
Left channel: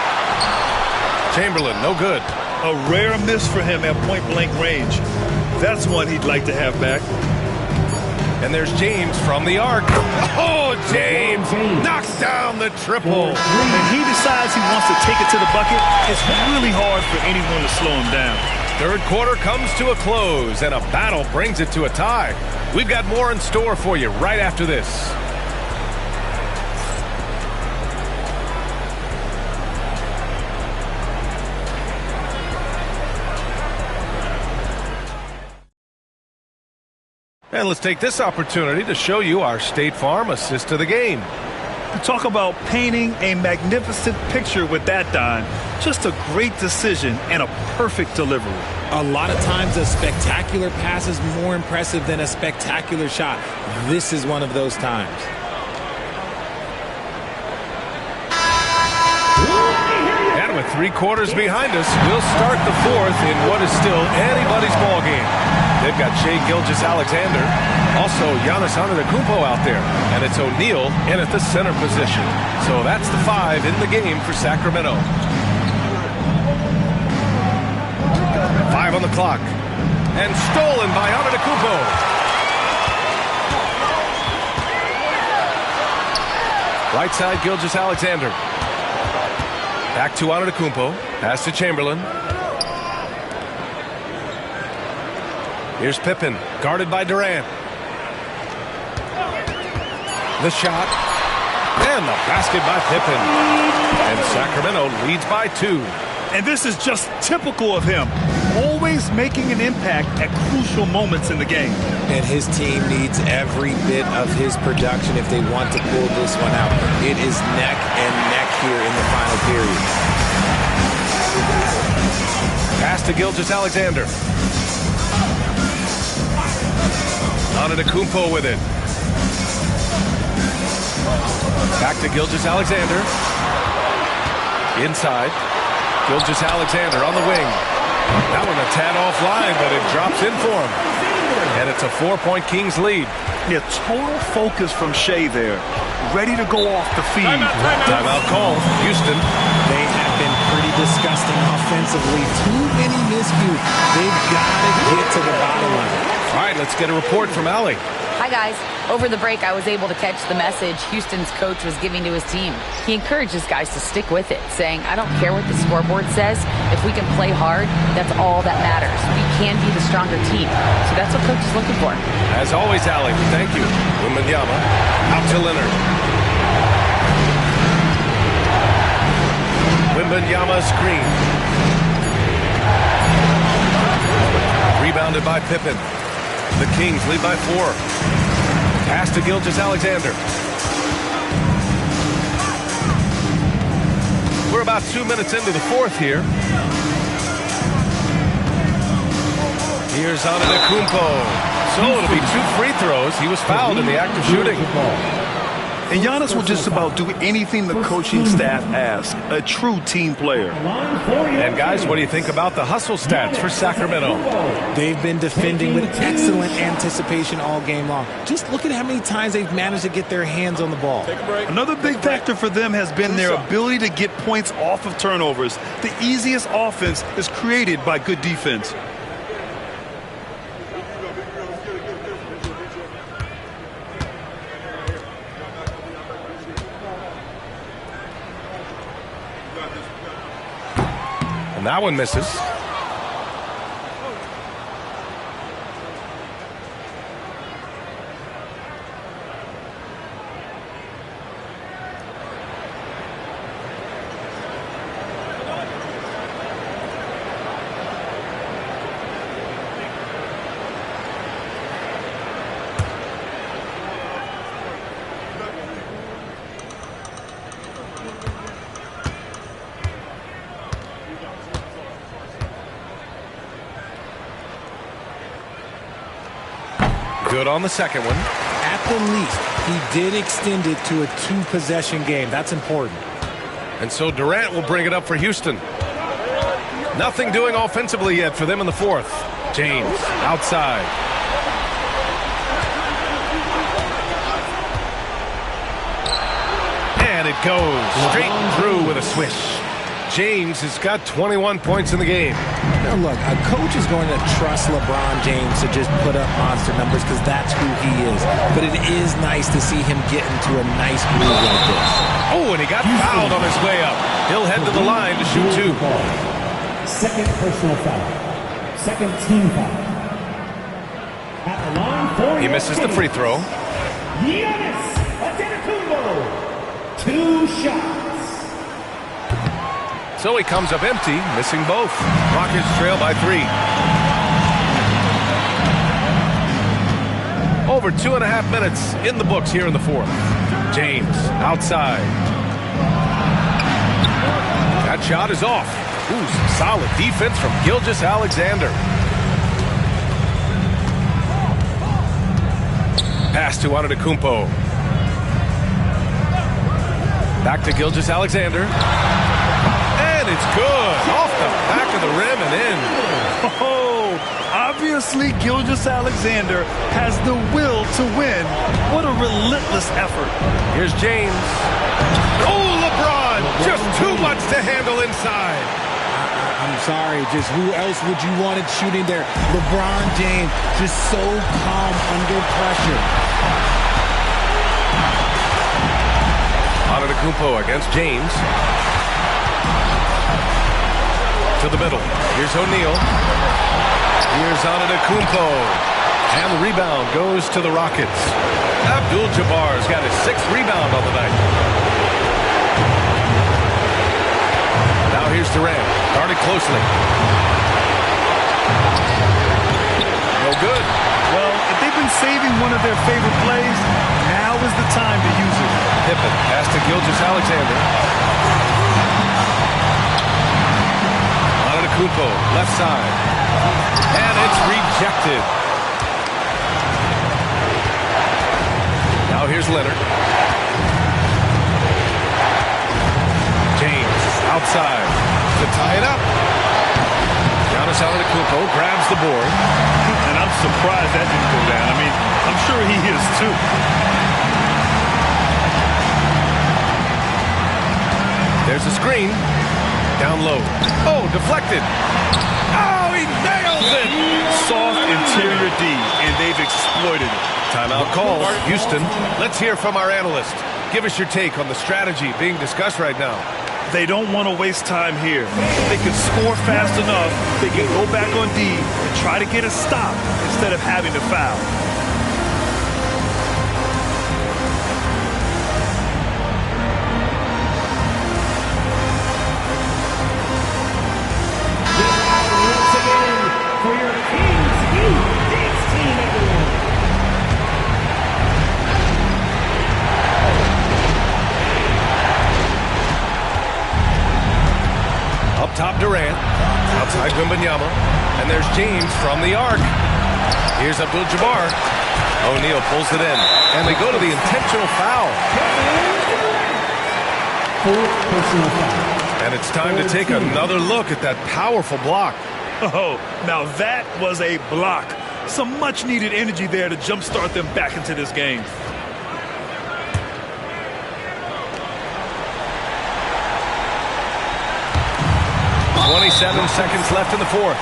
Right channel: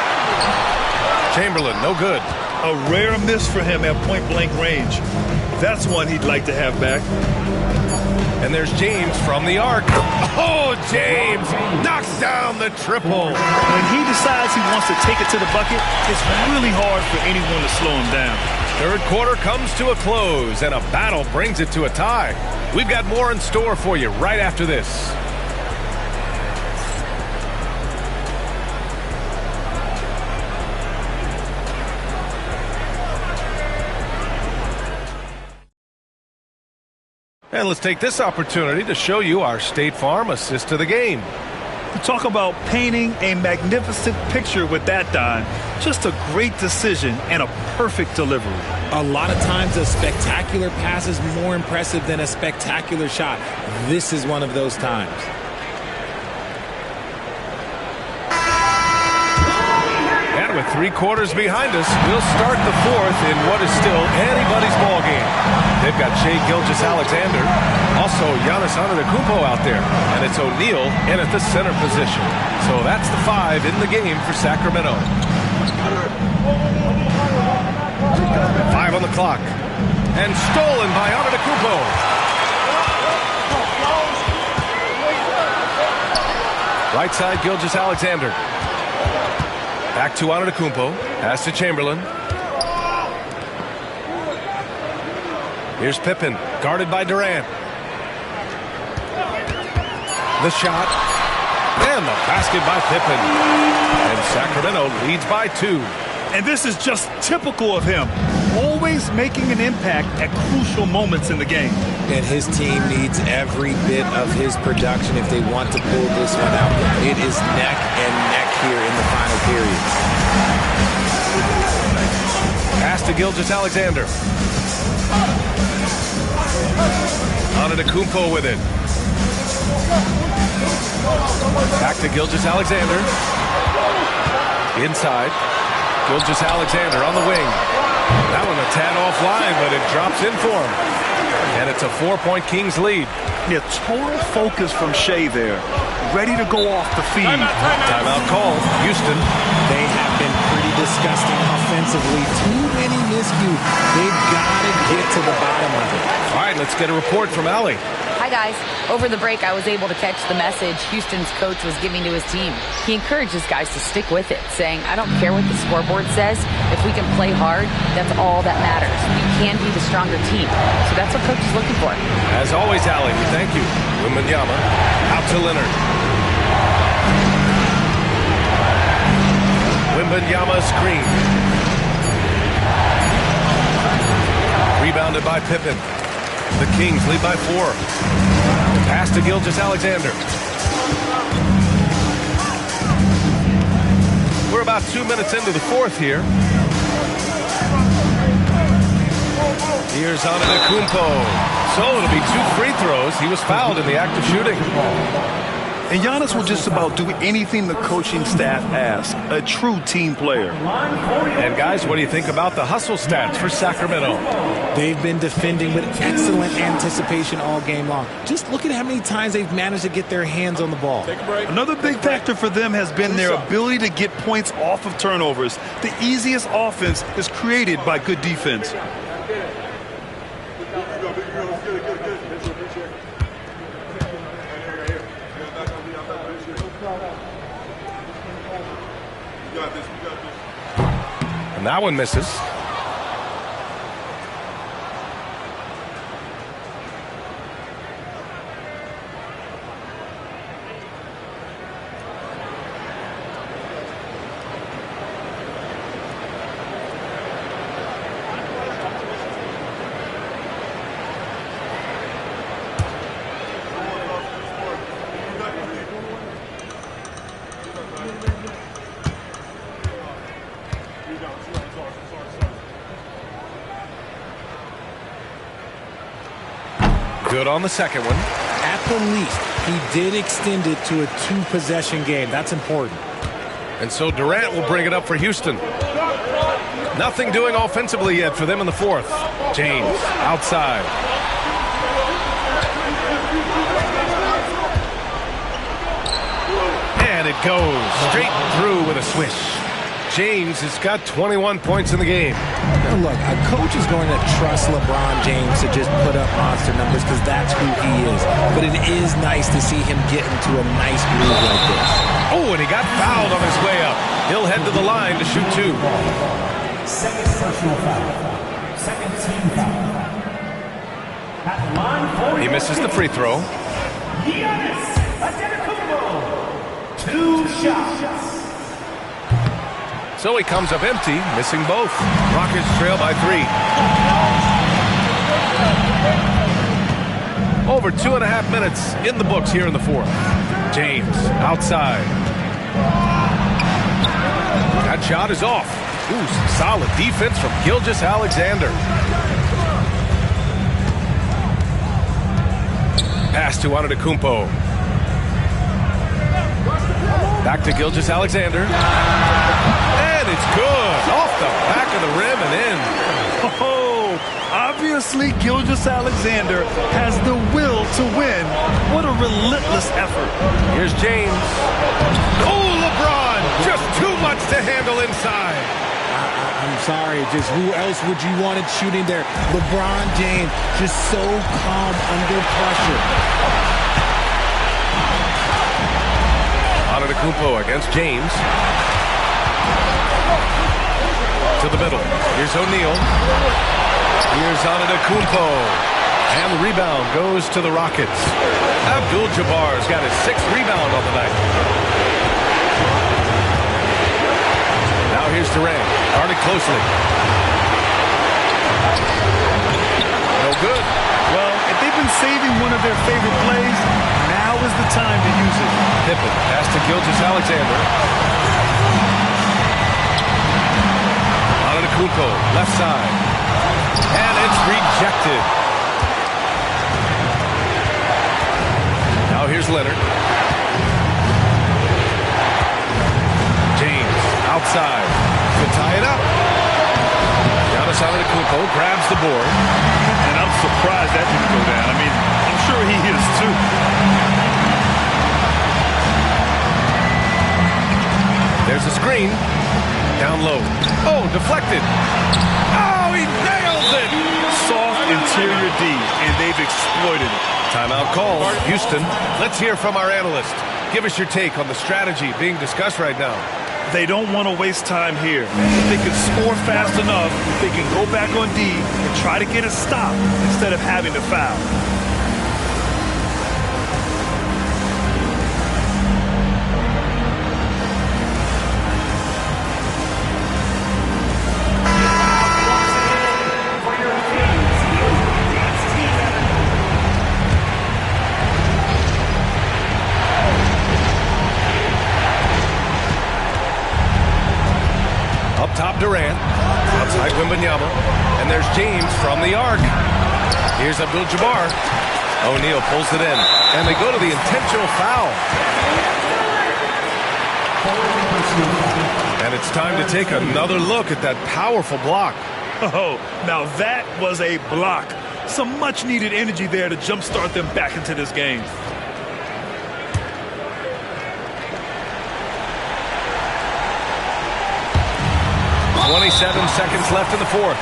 Chamberlain, no good. A rare miss for him at point-blank range. That's one he'd like to have back. And there's James from the arc. Oh, James knocks down the triple. When he decides he wants to take it to the bucket, it's really hard for anyone to slow him down. Third quarter comes to a close, and a battle brings it to a tie. We've got more in store for you right after this. And let's take this opportunity to show you our State Farm assist of the game. To talk about painting a magnificent picture with that, Don. Just a great decision and a perfect delivery. A lot of times a spectacular pass is more impressive than a spectacular shot. This is one of those times. And with 3 quarters behind us, we'll start the 4th in what is still anybody's ball game. They've got Shai Gilgeous-Alexander, also Giannis Antetokounmpo out there, and it's O'Neal in at the center position. So that's the 5 in the game for Sacramento. 5 on the clock, and stolen by Antetokounmpo. Right side, Gilgeous-Alexander. Back to Antetokounmpo. Pass to Chamberlain. Here's Pippen, guarded by Durant. The shot, and the basket by Pippen. And Sacramento leads by 2. And this is just typical of him, always making an impact at crucial moments in the game. And his team needs every bit of his production if they want to pull this one out. It is neck and neck here in the final period. Pass to Gilgeous-Alexander. Antetokounmpo with it. Back to Gilgeous-Alexander. Inside. Gilgeous-Alexander on the wing. That one a tad offline, but it drops in for him. And it's a 4-point Kings lead. Yeah, total focus from Shai there. Ready to go off the feed. Timeout call. Houston. They have been pretty disgusting offensively. Too many miscues. They've got to get to the bottom of it. All right, let's get a report from Allie. Hi, guys. Over the break, I was able to catch the message Houston's coach was giving to his team. He encourages guys to stick with it, saying, I don't care what the scoreboard says. If we can play hard, that's all that matters. We can be the stronger team. So that's what coach is looking for. As always, Allie, we thank you. Wembanyama out to Leonard. Wembanyama screen. Rebounded by Pippen. The Kings lead by 4. Pass to Gilgeous-Alexander. We're about 2 minutes into the 4th here. Here's Antetokounmpo. So it'll be 2 free throws. He was fouled in the act of shooting. And Giannis will just about do anything the coaching staff asks. A true team player. And guys, what do you think about the hustle stats for Sacramento? They've been defending with excellent anticipation all game long. Just look at how many times they've managed to get their hands on the ball. Another big factor for them has been their ability to get points off of turnovers. The easiest offense is created by good defense. And that one misses. Good on the second one. At the least, he did extend it to a 2-possession game. That's important. And so Durant will bring it up for Houston. Nothing doing offensively yet for them in the 4th. James outside. And it goes straight through with a swish. James has got 21 points in the game. Now look, a coach is going to trust LeBron James to just put up monster numbers because that's who he is. But it is nice to see him get into a nice groove like this. Oh, and he got fouled on his way up. He'll head to the line to shoot 2. Second personal foul. Second team foul. At the line for he misses the free throw. Giannis Antetokounmpo. 2 shots. So he comes up empty, missing both. Rockets trail by 3. Over 2.5 minutes in the books here in the fourth. James outside. That shot is off. Ooh, some solid defense from Gilgeous-Alexander. Pass to Antetokounmpo. Back to Gilgeous-Alexander. And it's good. Off the back of the rim and in. Oh, obviously Gilgeous-Alexander has the will to win. What a relentless effort. Here's James. Oh, LeBron! Just too much to handle inside. I'm sorry, just who else would you want it shooting there? LeBron James, just so calm under pressure. Antetokounmpo against James. To the middle. Here's O'Neal. Here's Antetokounmpo. And the rebound goes to the Rockets. Abdul-Jabbar's got his 6th rebound on the night. Now here's Durant. Guarded closely. No good. Well, if they've been saving one of their favorite plays, now is the time to use it. Pippen pass to Gilgeous-Alexander. Antetokounmpo, left side. And it's rejected. Now here's Leonard. James outside to tie it up. Giannis Antetokounmpo grabs the board. And I'm surprised that didn't go down. I mean, I'm sure he is too. There's a screen. Down low. Oh, deflected. Oh, he nails it. Soft interior D, and they've exploited it. Timeout call. Houston, let's hear from our analyst. Give us your take on the strategy being discussed right now. They don't want to waste time here. If they can score fast enough, they can go back on D and try to get a stop instead of having to foul. Up top, Durant. Outside, Wembanyama. And there's James from the arc. Here's Abdul-Jabbar. O'Neal pulls it in. And they go to the intentional foul. And it's time to take another look at that powerful block. Oh, now that was a block. Some much-needed energy there to jumpstart them back into this game. .27 seconds left in the fourth.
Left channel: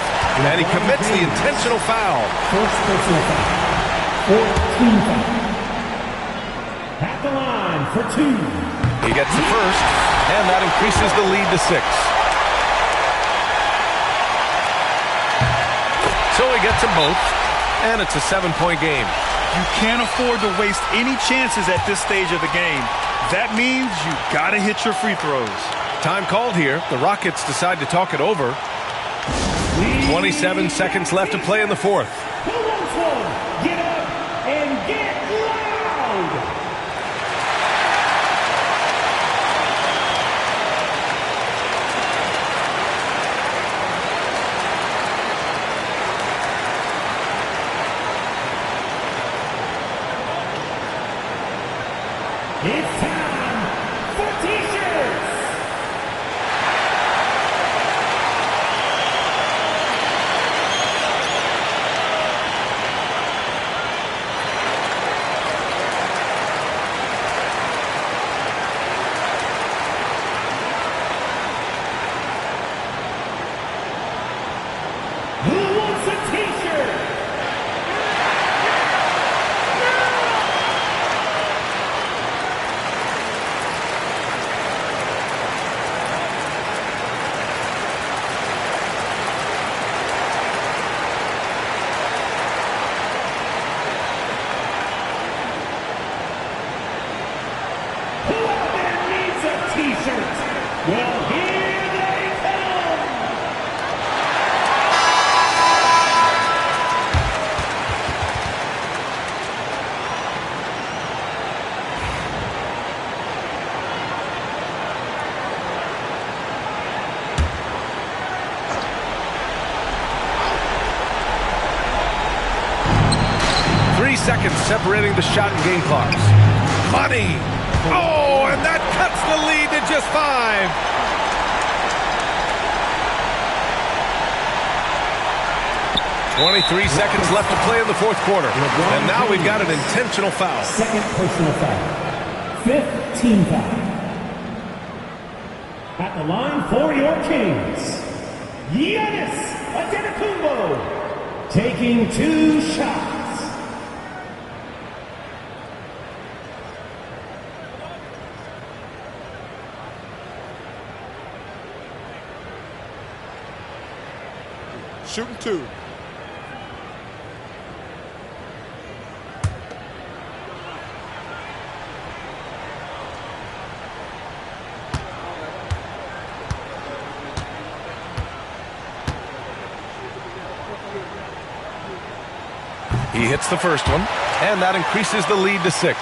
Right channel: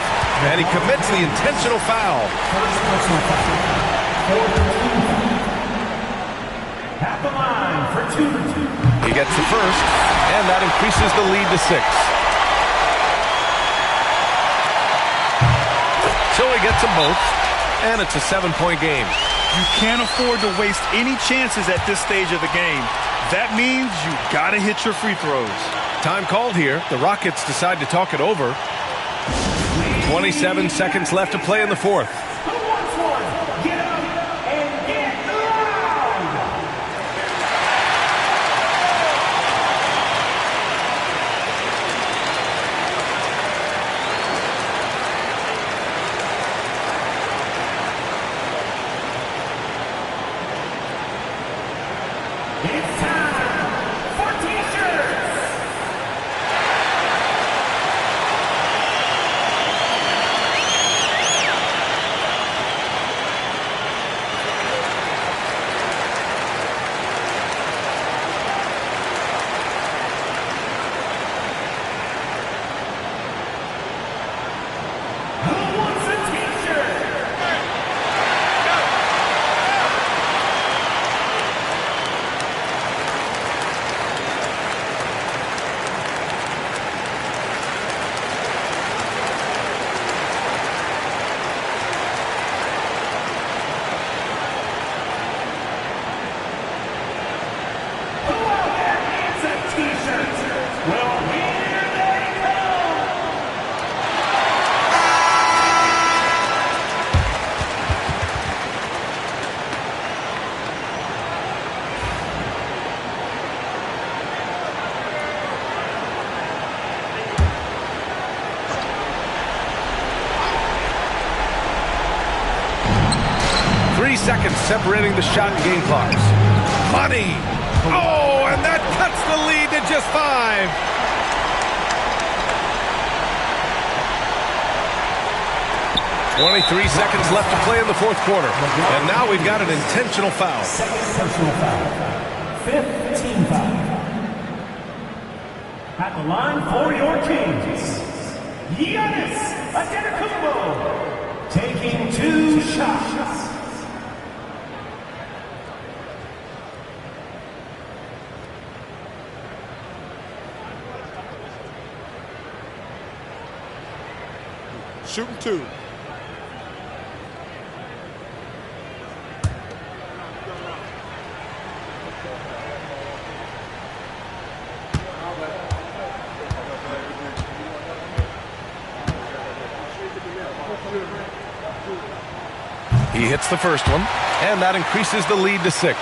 And he commits the intentional foul. First personal foul. 14 foul. At the line for 2. He gets the first, and that increases the lead to 6. So he gets them both, and it's a 7-point game. You can't afford to waste any chances at this stage of the game. That means you gotta hit your free throws. Time called here. The Rockets decide to talk it over. 27 seconds left to play in the fourth. Who wants one? Get up and get loud! It's time for T-shirts! 3 seconds separating the shot and game clocks. Money! Oh, and that cuts the lead to just 5. "23 seconds left to play in the fourth quarter. And now we've got an intentional foul. Second personal foul. 5th team foul. At the line for your Kings, Giannis Antetokounmpo, taking 2 shots. Shooting 2. He hits the first one, and that increases the lead to 6.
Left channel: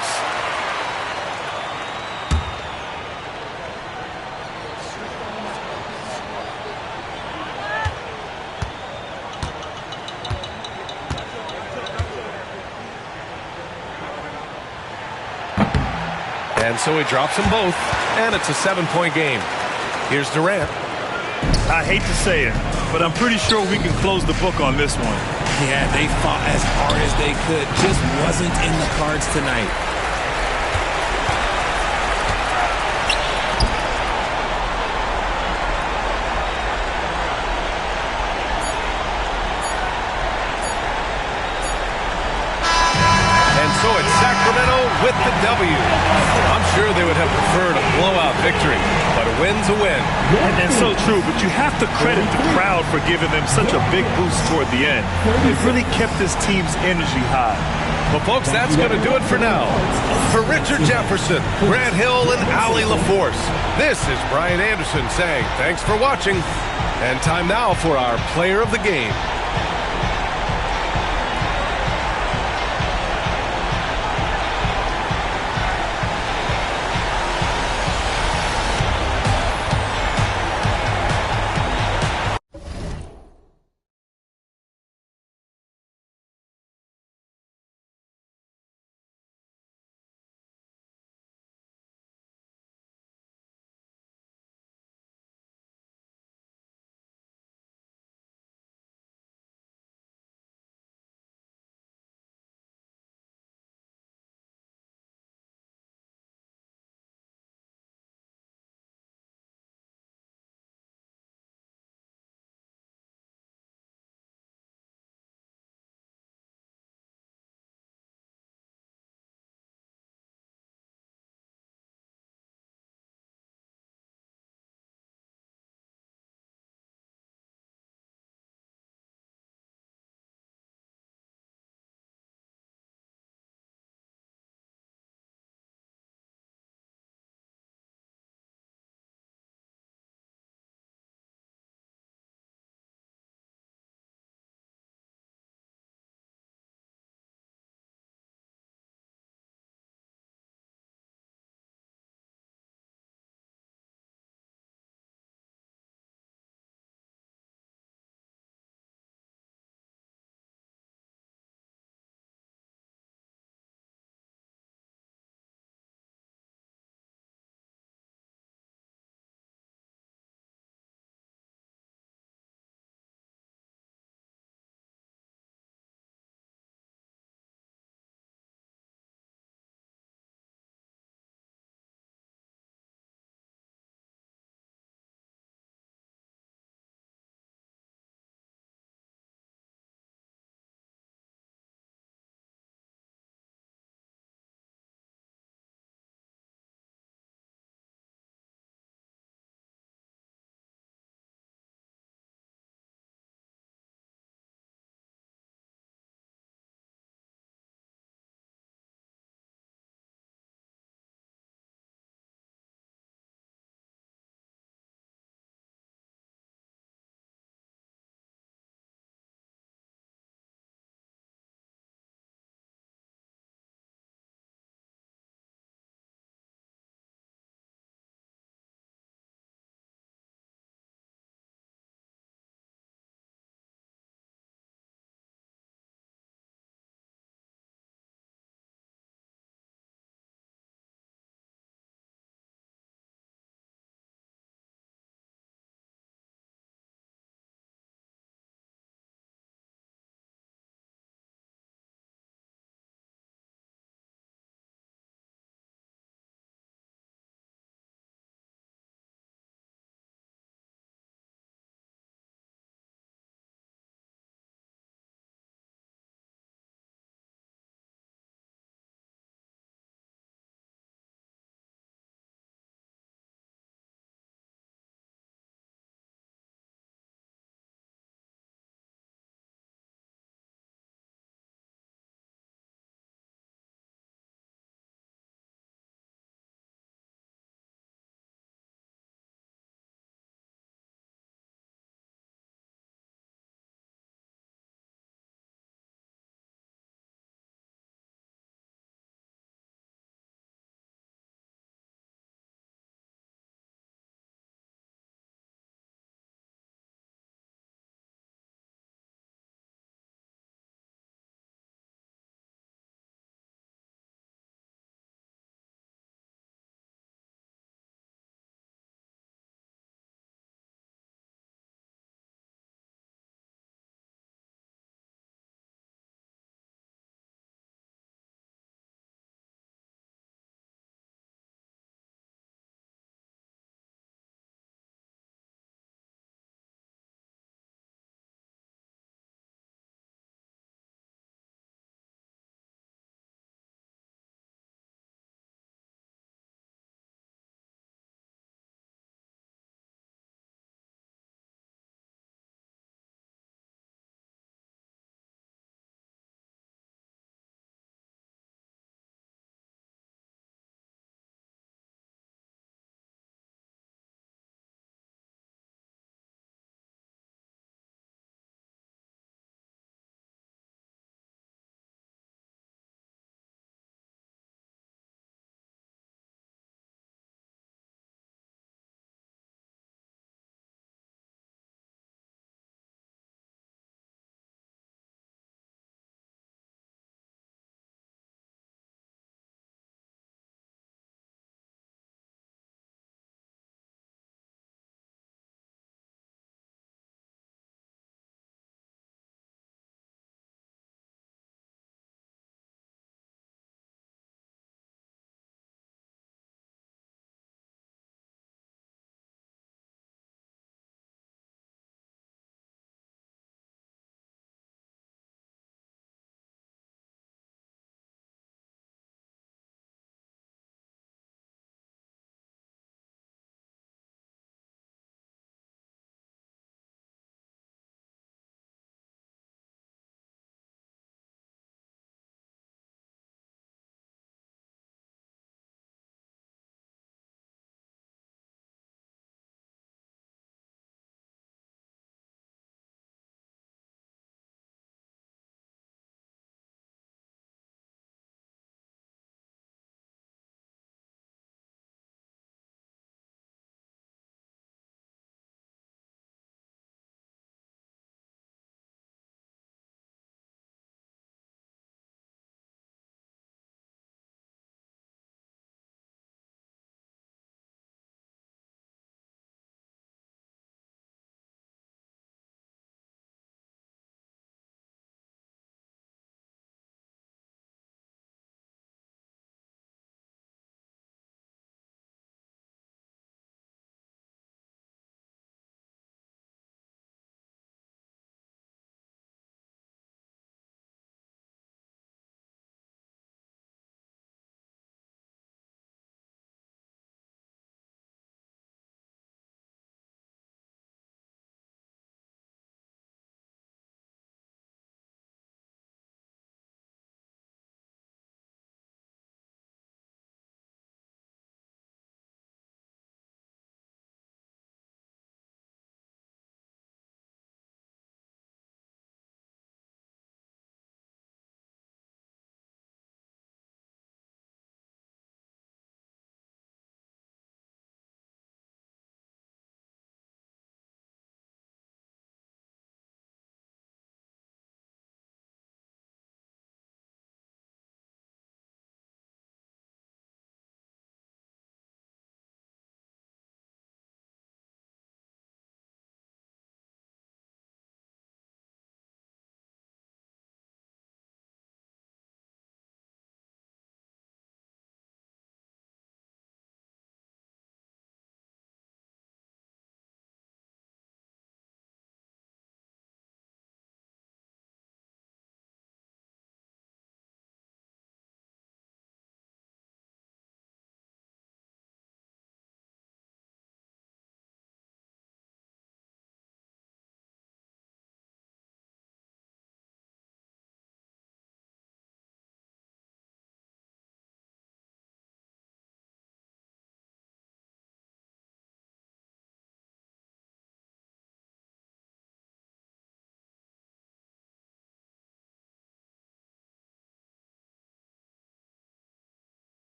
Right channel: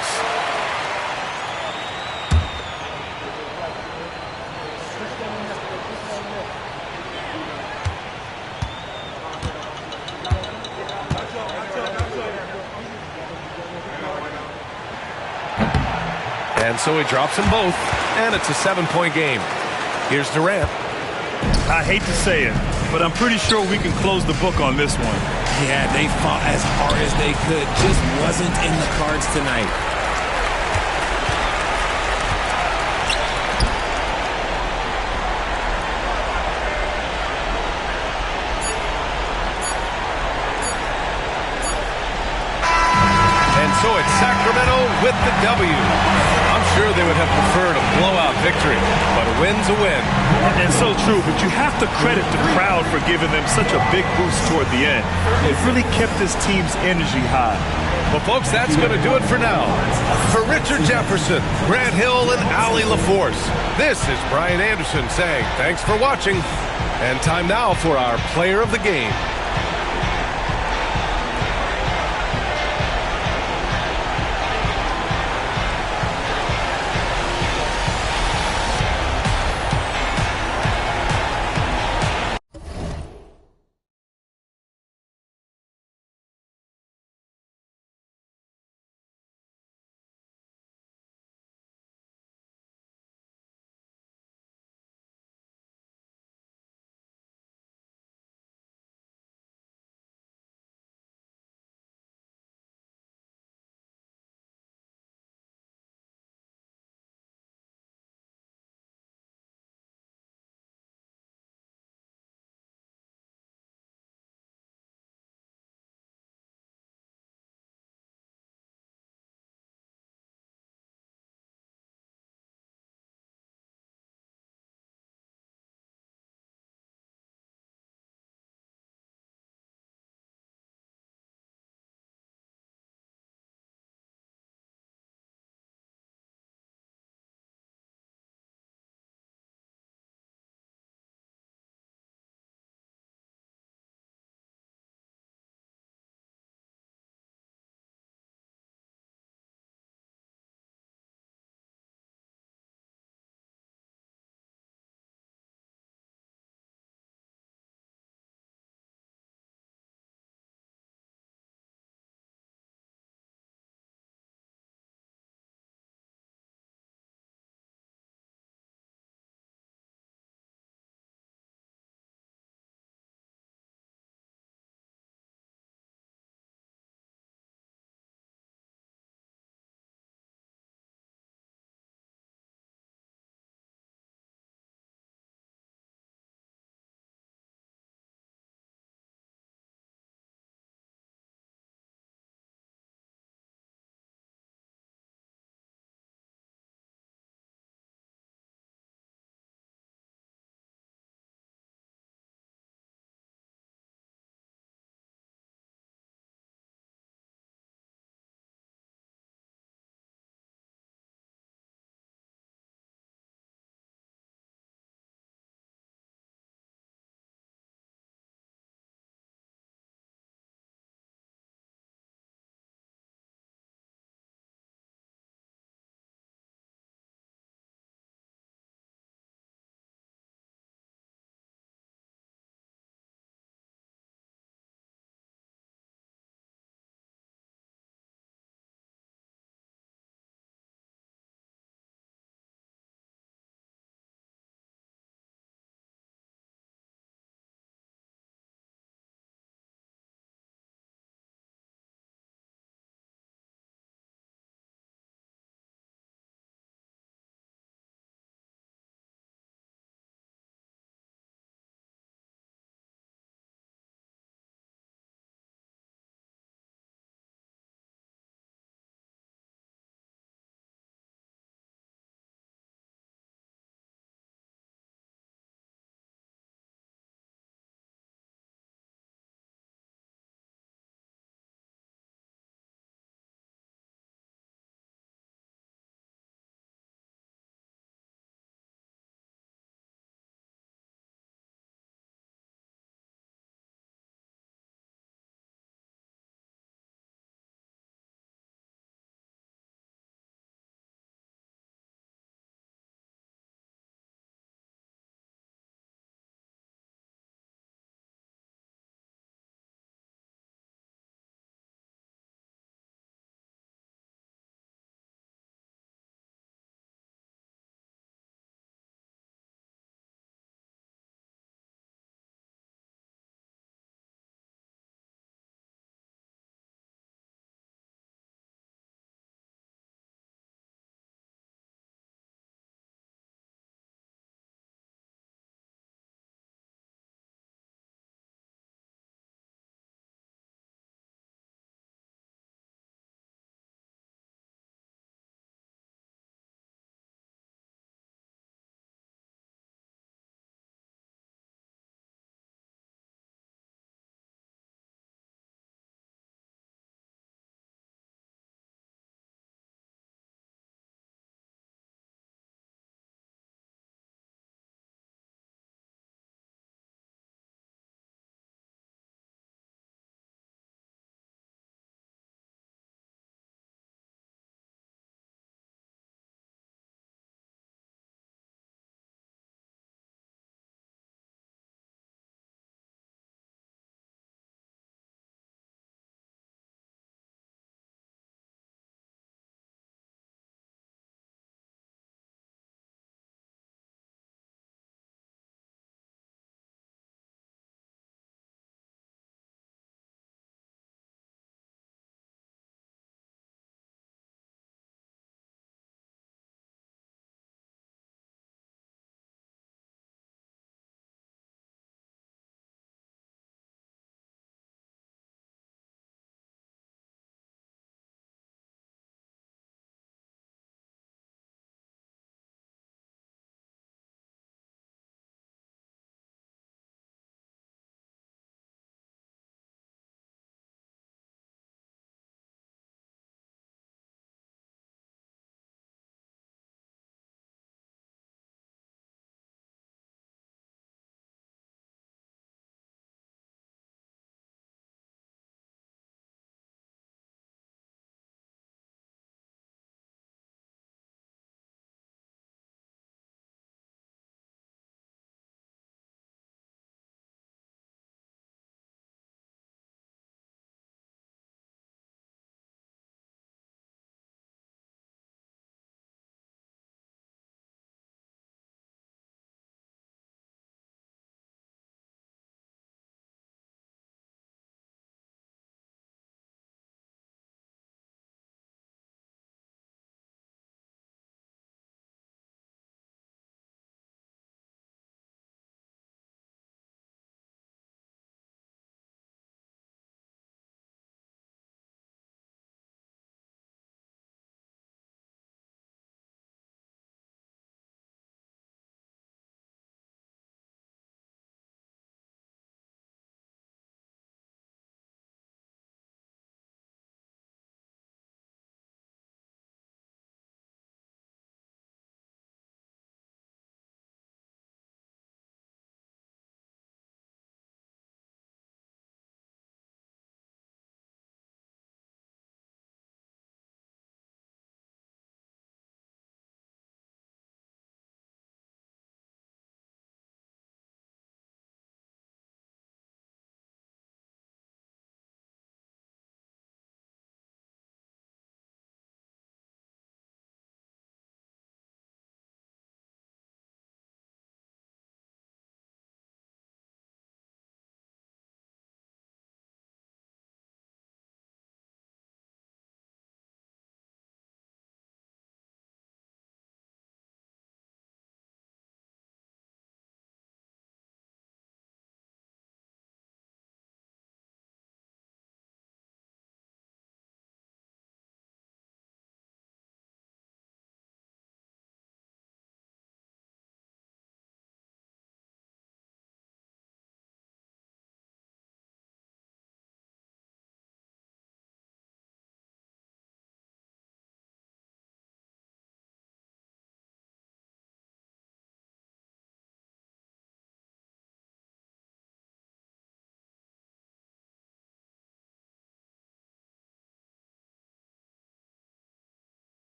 And so he drops them both, and it's a 7-point game. Here's Durant. I hate to say it, but I'm pretty sure we can close the book on this one. Yeah, they fought as hard as they could. Just wasn't in the cards tonight. And so it's Sacramento with the W. I'm sure they would have preferred a blowout victory, but a win's a win. And so true, but you have to credit the crowd for giving them such a big boost toward the end. It really kept this team's energy high. Well, folks, that's going to do it for now. For Richard Jefferson, Grant Hill, and Allie LaForce, this is Brian Anderson saying thanks for watching. And time now for our player of the game.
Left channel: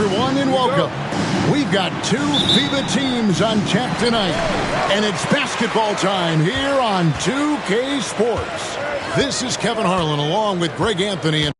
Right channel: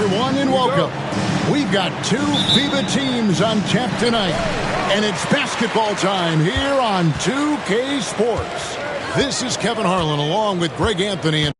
everyone, and welcome. We've got two FIBA teams on tap tonight, and it's basketball time here on 2K Sports. This is Kevin Harlan along with Greg Anthony.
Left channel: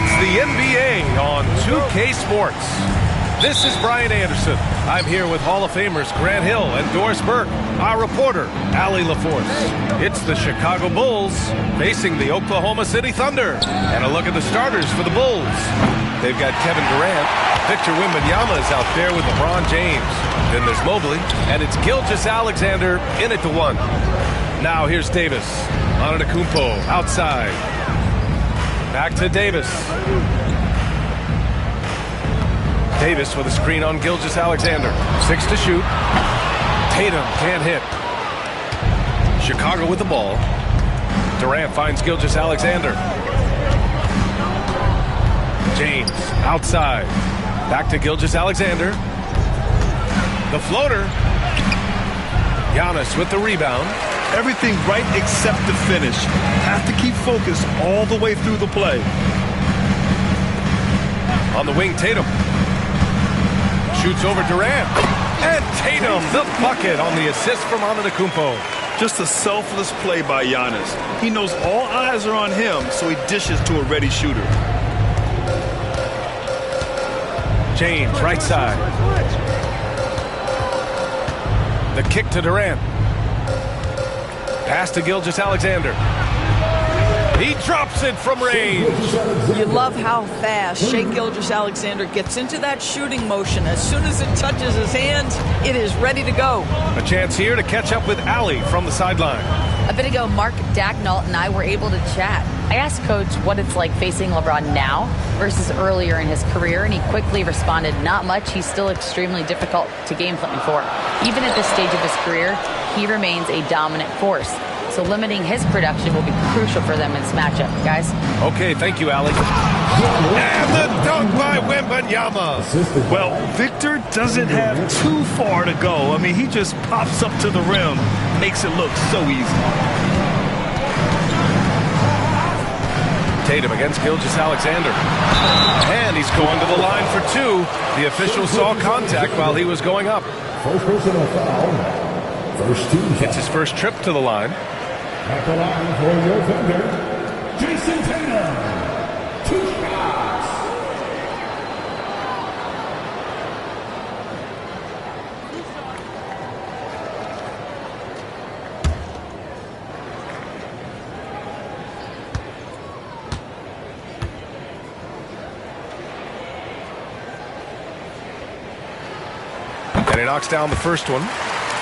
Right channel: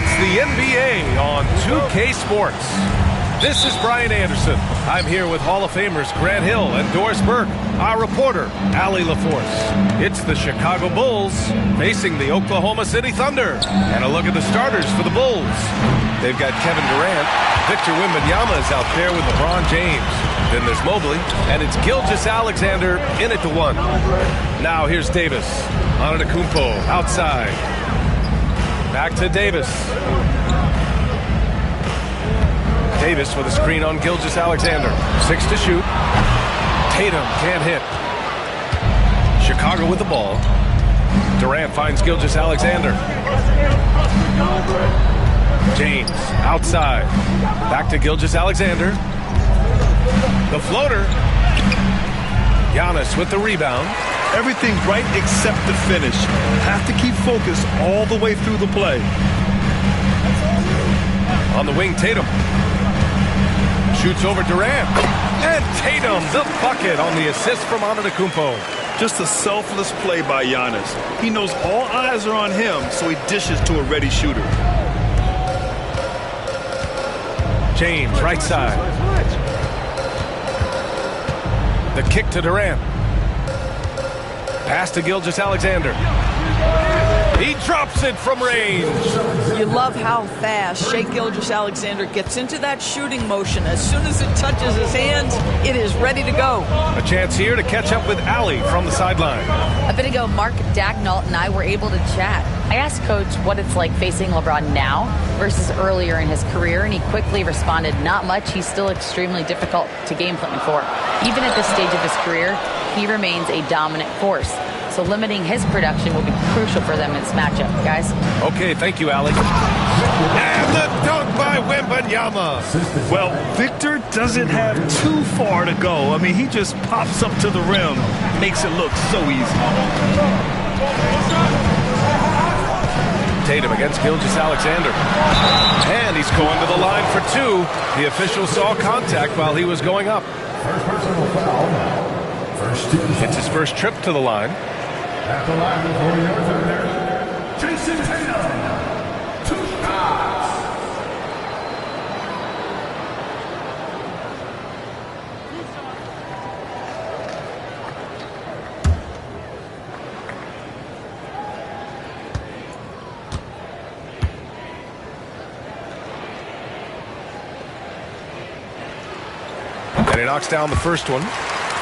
It's the NBA on 2K Sports. This is Brian Anderson. I'm here with Hall of Famers Grant Hill and Doris Burke, our reporter, Allie LaForce. It's the Chicago Bulls facing the Oklahoma City Thunder. And a look at the starters for the Bulls. They've got Kevin Durant. Victor Wembanyama is out there with LeBron James. Then there's Mobley, and it's Gilgeous-Alexander in at the 1. Now here's Davis. Antetokounmpo outside. Back to Davis. Davis with a screen on Gilgeous-Alexander. 6 to shoot. Tatum can't hit. Chicago with the ball. Durant finds Gilgeous-Alexander. James outside. Back to Gilgeous-Alexander. The floater. Giannis with the rebound. Everything right except the finish. Have to keep focused all the way through the play. On the wing, Tatum. Shoots over Durant. And Tatum, the bucket on the assist from Antetokounmpo. Just a selfless play by Giannis. He knows all eyes are on him, so he dishes to a ready shooter. James, right side. The kick to Durant. Pass to Gilgeous-Alexander. He drops it from range. You love how fast Shai Gilgeous-Alexander gets into that shooting motion. As soon as it touches his hands, it is ready to go. A chance here to catch up with Allie from the sideline. A bit ago, Mark Dagnall and I were able to chat. I asked Coach what it's like facing LeBron now versus earlier in his career, and he quickly responded, not much. He's still extremely difficult to game plan for. Even at this stage of his career, he remains a dominant force. So limiting his production will be crucial for them in this matchup, guys. Okay, thank you, Allie. And the dunk by Wembanyama. Well, Victor doesn't have too far to go. I mean, he just pops up to the rim, makes it look so easy. Tatum against Gilgeous-Alexander. And he's going to the line for 2. The official saw contact while he was going up. First personal foul. First team. It's his first trip to the line. At the line for your Thunder, Jason Tatum. 2 shots. And he knocks down the first one.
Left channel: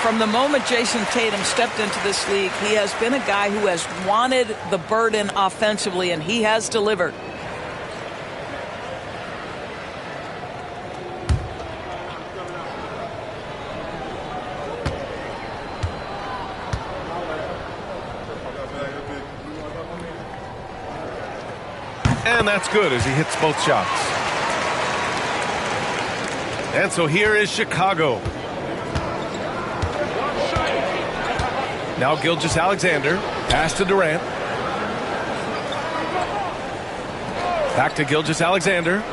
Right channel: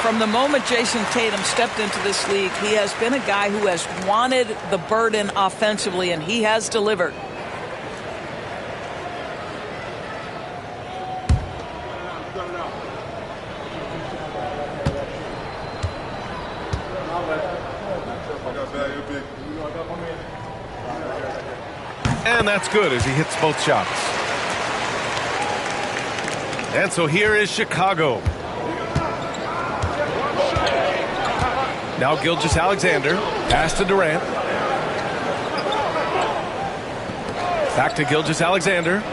From the moment Jason Tatum stepped into this league, he has been a guy who has wanted the burden offensively, and he has delivered. And that's good as he hits both shots. And so here is Chicago. Now Gilgeous-Alexander. Pass to Durant. Back to Gilgeous-Alexander.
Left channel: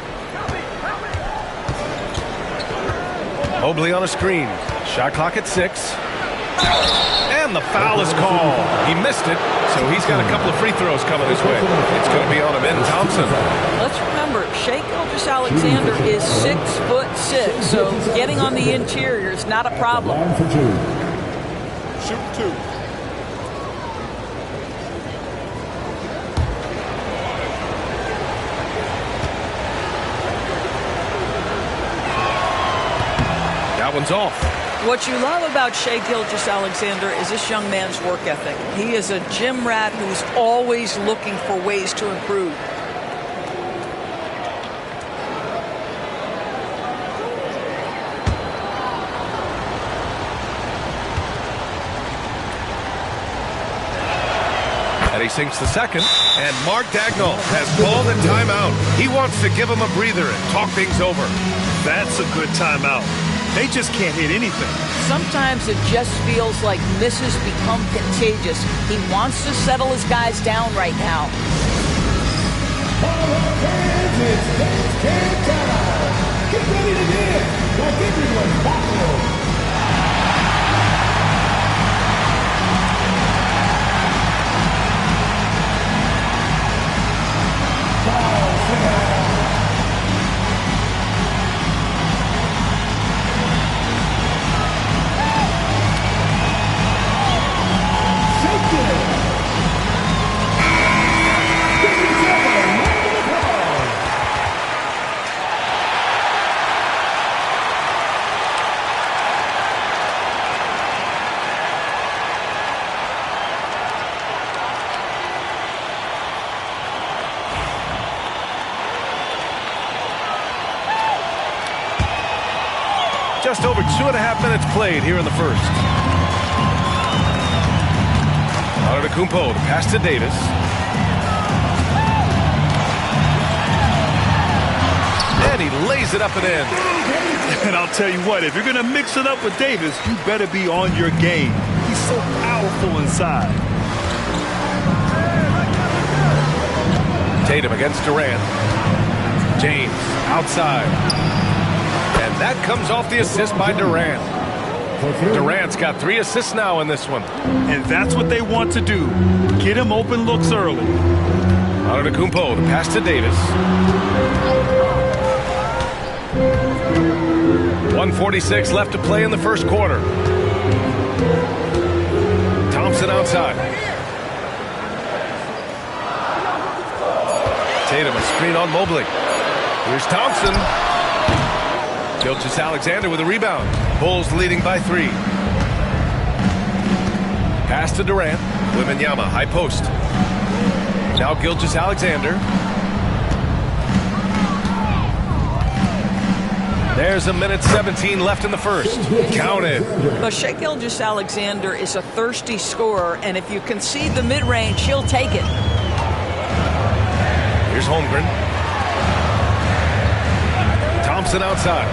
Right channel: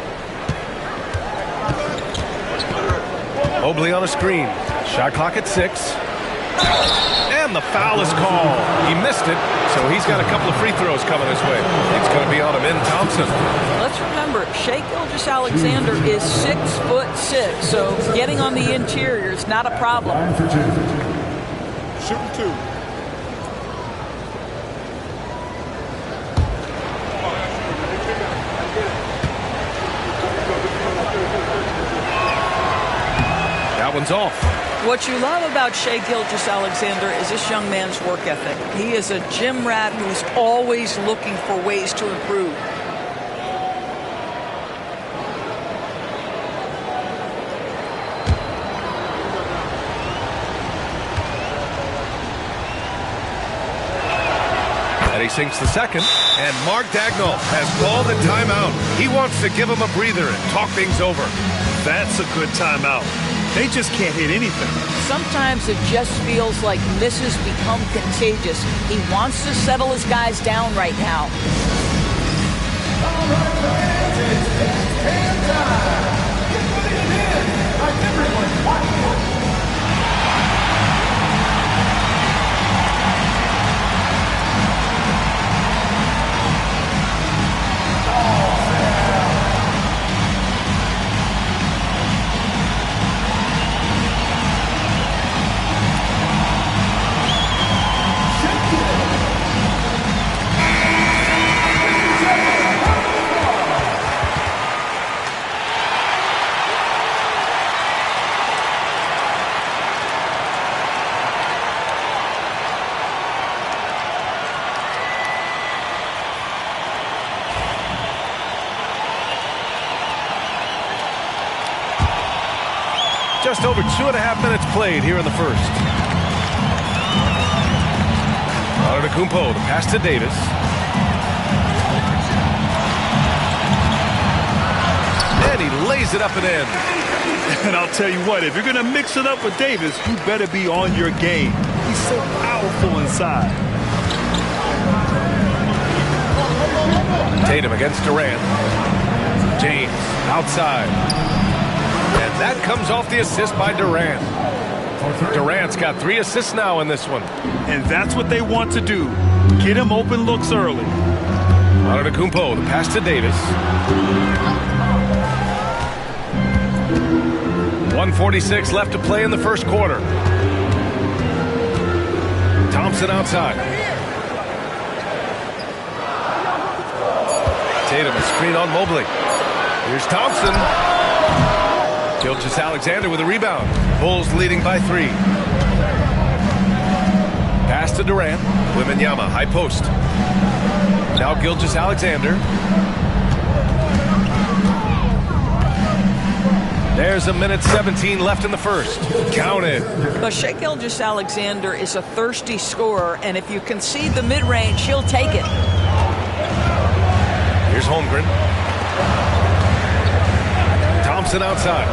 Mobley on a screen. Shot clock at 6. And the foul is called. He missed it, so he's got a couple of free throws coming his way. It's going to be on Amin Thompson. Let's remember, Shai Gilgeous-Alexander is 6'6", so getting on the interior is not a problem. Shooting 2. That one's off. What you love about Shai Gilgeous-Alexander is this young man's work ethic. He is a gym rat who's always looking for ways to improve. And he sinks the second. And Mark Dagnall has called a timeout. He wants to give him a breather and talk things over. That's a good timeout. They just can't hit anything. Sometimes it just feels like misses become contagious. He wants to settle his guys down right now. All right, fans, it's dance time. Get ready to dance like everyone's watching. Ball Just over 2.5 minutes played here in the first. Antetokounmpo, the pass to Davis. And he lays it up and in. And I'll tell you what, if you're going to mix it up with Davis, you better be on your game. He's so powerful inside. Tatum against Durant. James outside. And that comes off the assist by Durant. Durant's got 3 assists now in this one. And that's what they want to do. Get him open looks early. Antetokounmpo, the pass to Davis. 1:46 left to play in the first quarter. Thompson outside. Tatum, a screen on Mobley. Here's Thompson. Gilgeous-Alexander with a rebound. Bulls leading by 3. Pass to Durant. Wembanyama, high post. Now Gilgeous-Alexander. There's 1:17 left in the first. Count it. But Shai Gilgeous-Alexander is a thirsty scorer, and if you concede the mid-range, he'll take it. Here's Holmgren. Thompson outside.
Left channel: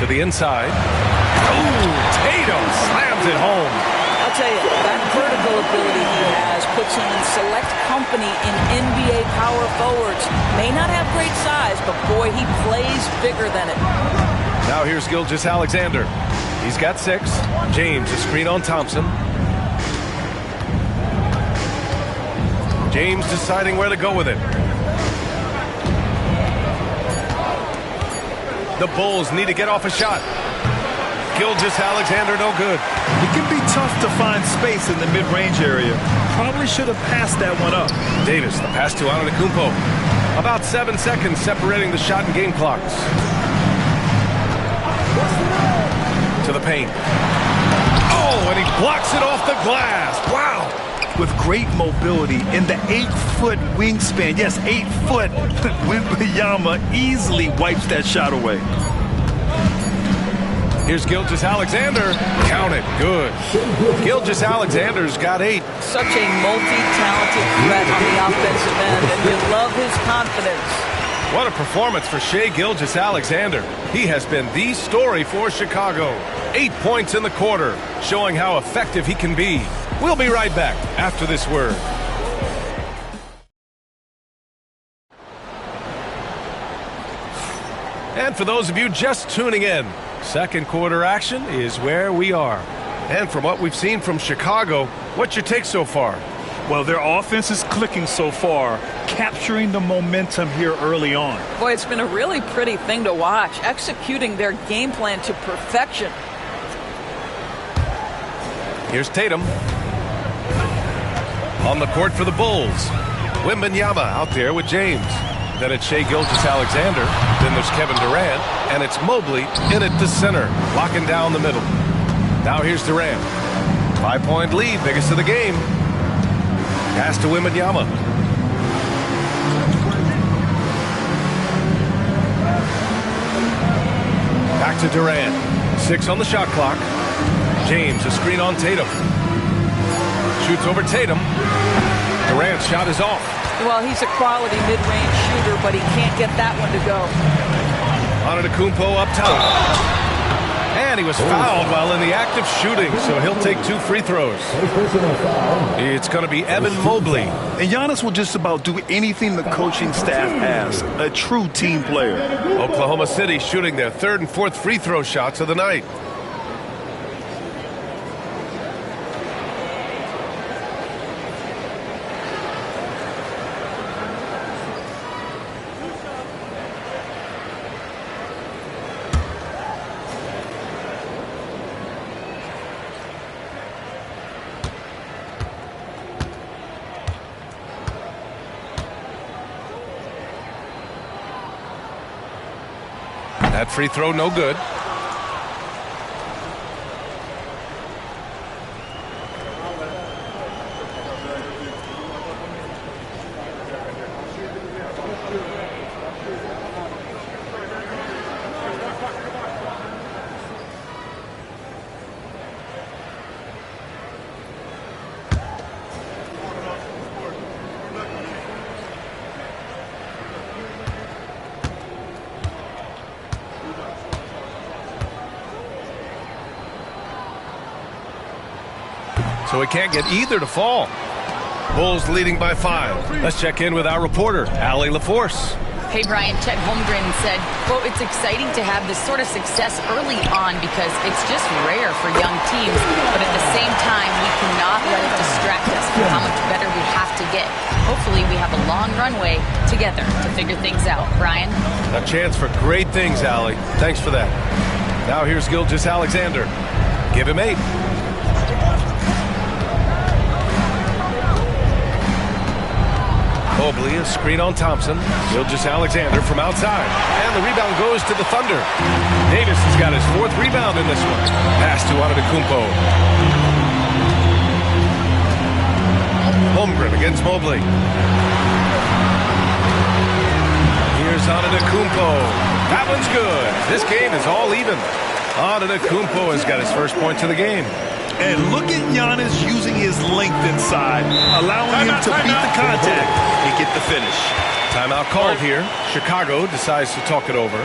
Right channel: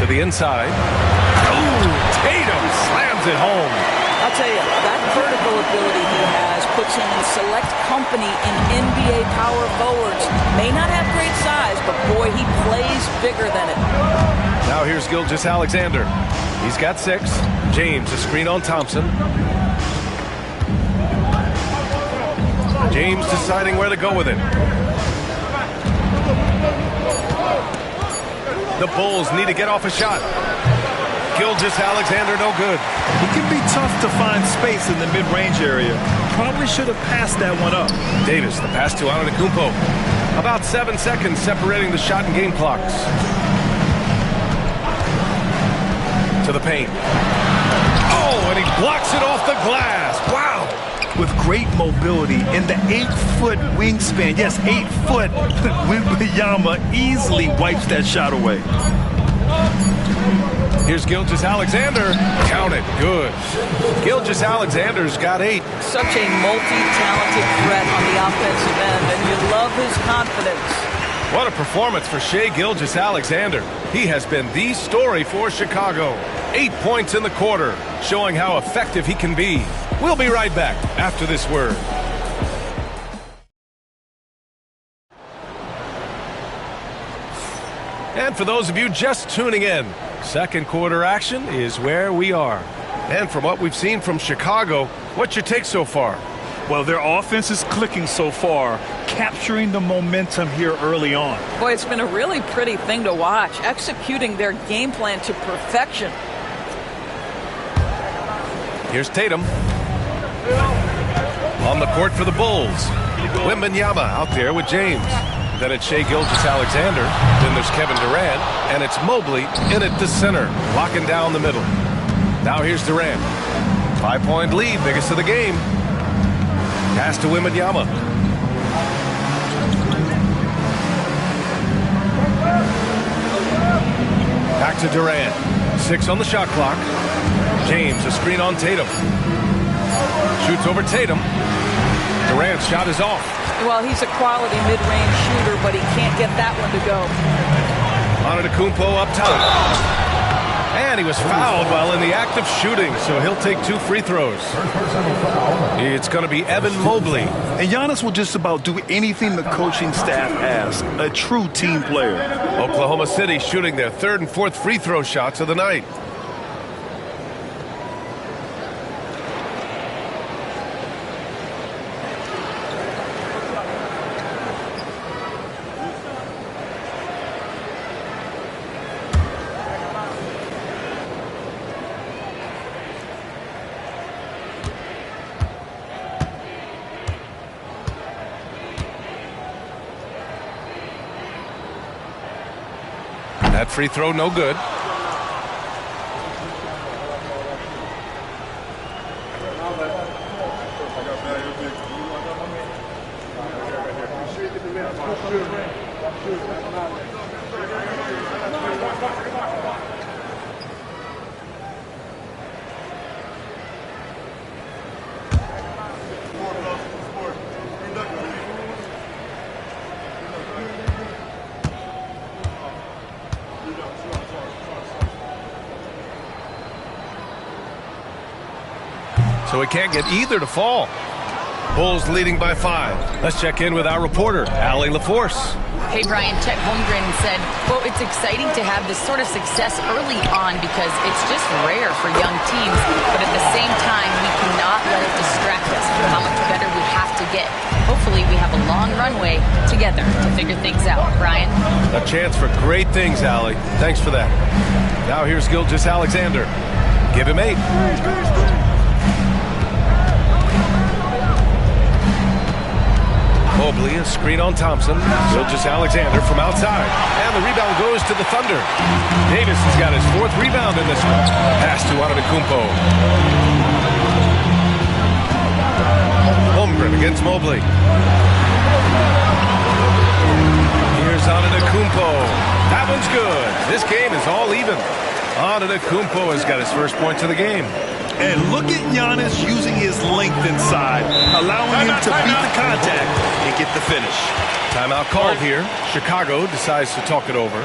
To the inside. Oh, Tatum slams it home. I'll tell you, that vertical ability he has puts him in select company in NBA power forwards. May not have great size, but boy, he plays bigger than it. Now here's Gilgeous-Alexander. He's got 6. James, a screen on Thompson. James deciding where to go with it. The Bulls need to get off a shot. Gilgeous-Alexander no good. It can be tough to find space in the mid-range area. Probably should have passed that one up. Davis, the pass to Antetokounmpo. About 7 seconds separating the shot and game clocks. To the paint. Oh, and he blocks it off the glass. Wow. With great mobility in the 8-foot wingspan. Yes, 8 foot. Wembanyama easily wipes that shot away. Here's Gilgeous-Alexander. Count it. Good. Gilgeous-Alexander's got 8. Such a multi-talented threat on the offensive end, and you love his confidence. What a performance for Shai Gilgeous-Alexander. He has been the story for Chicago. 8 points in the quarter, showing how effective he can be. We'll be right back after this word. And for those of you just tuning in, second quarter action is where we are. And from what we've seen from Chicago, what's your take so far? Well, their offense is clicking so far, capturing the momentum here early on. Boy, it's been a really pretty thing to watch, executing their game plan to perfection. Here's Tatum. On the court for the Bulls. Wembanyama out there with James. Then it's Shai Gilgeous-Alexander. Then there's Kevin Durant. And it's Mobley in at the center, locking down the middle. Now here's Durant. 5-point lead, biggest of the game. Pass to Wembanyama. Back to Durant. 6 on the shot clock. James, a screen on Tatum. Shoots over Tatum. Durant's shot is off. Well, he's a quality mid-range shooter, but he can't get that one to go. Antetokounmpo up top. And he was fouled while in the act of shooting, so he'll take 2 free throws. It's going to be Evan Mobley. And Giannis will just about do anything the coaching staff asks. A true team player. Oklahoma City shooting their 3rd and 4th free throw shots of the night. That free throw no good. So we can't get either to fall. Bulls leading by 5. Let's check in with our reporter, Allie LaForce. Hey, Brian, Chet Holmgren said, quote, it's exciting to have this sort of success early on because it's just rare for young teams. But at the same time, we cannot let it distract us from how much better we have to get. Hopefully, we have a long runway together to figure things out. Brian? A chance for great things, Allie. Thanks for that. Now here's Gilgeous-Alexander. Give him 8. Mobley, a screen on Thompson. Gilgeous-Alexander from outside. And the rebound goes to the Thunder. Davis has got his 4th rebound in this one. Pass to Antetokounmpo. Holmgren against Mobley. Here's Antetokounmpo. That one's good. This game is all even. Antetokounmpo has got his first points of the game. And look at Giannis using his length inside, allowing him to beat the contact and get the finish. Timeout called here. Chicago decides to talk it over.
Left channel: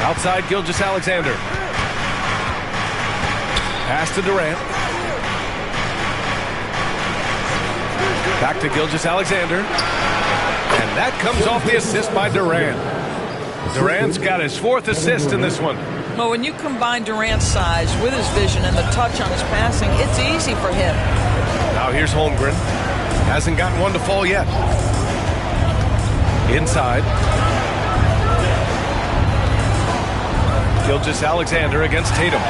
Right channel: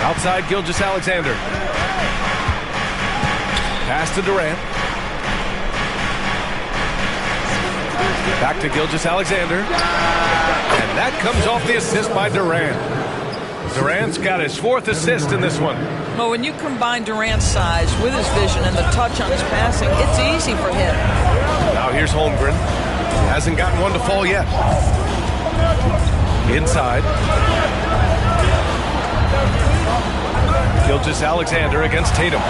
Outside Gilgeous-Alexander. Pass to Durant. Back to Gilgeous-Alexander. And that comes off the assist by Durant. Durant's got his 4th assist in this one. Well, when you combine Durant's size with his vision and the touch on his passing, it's easy for him. Now here's Holmgren. Hasn't gotten one to fall yet. Inside. Gilgeous-Alexander against Tatum.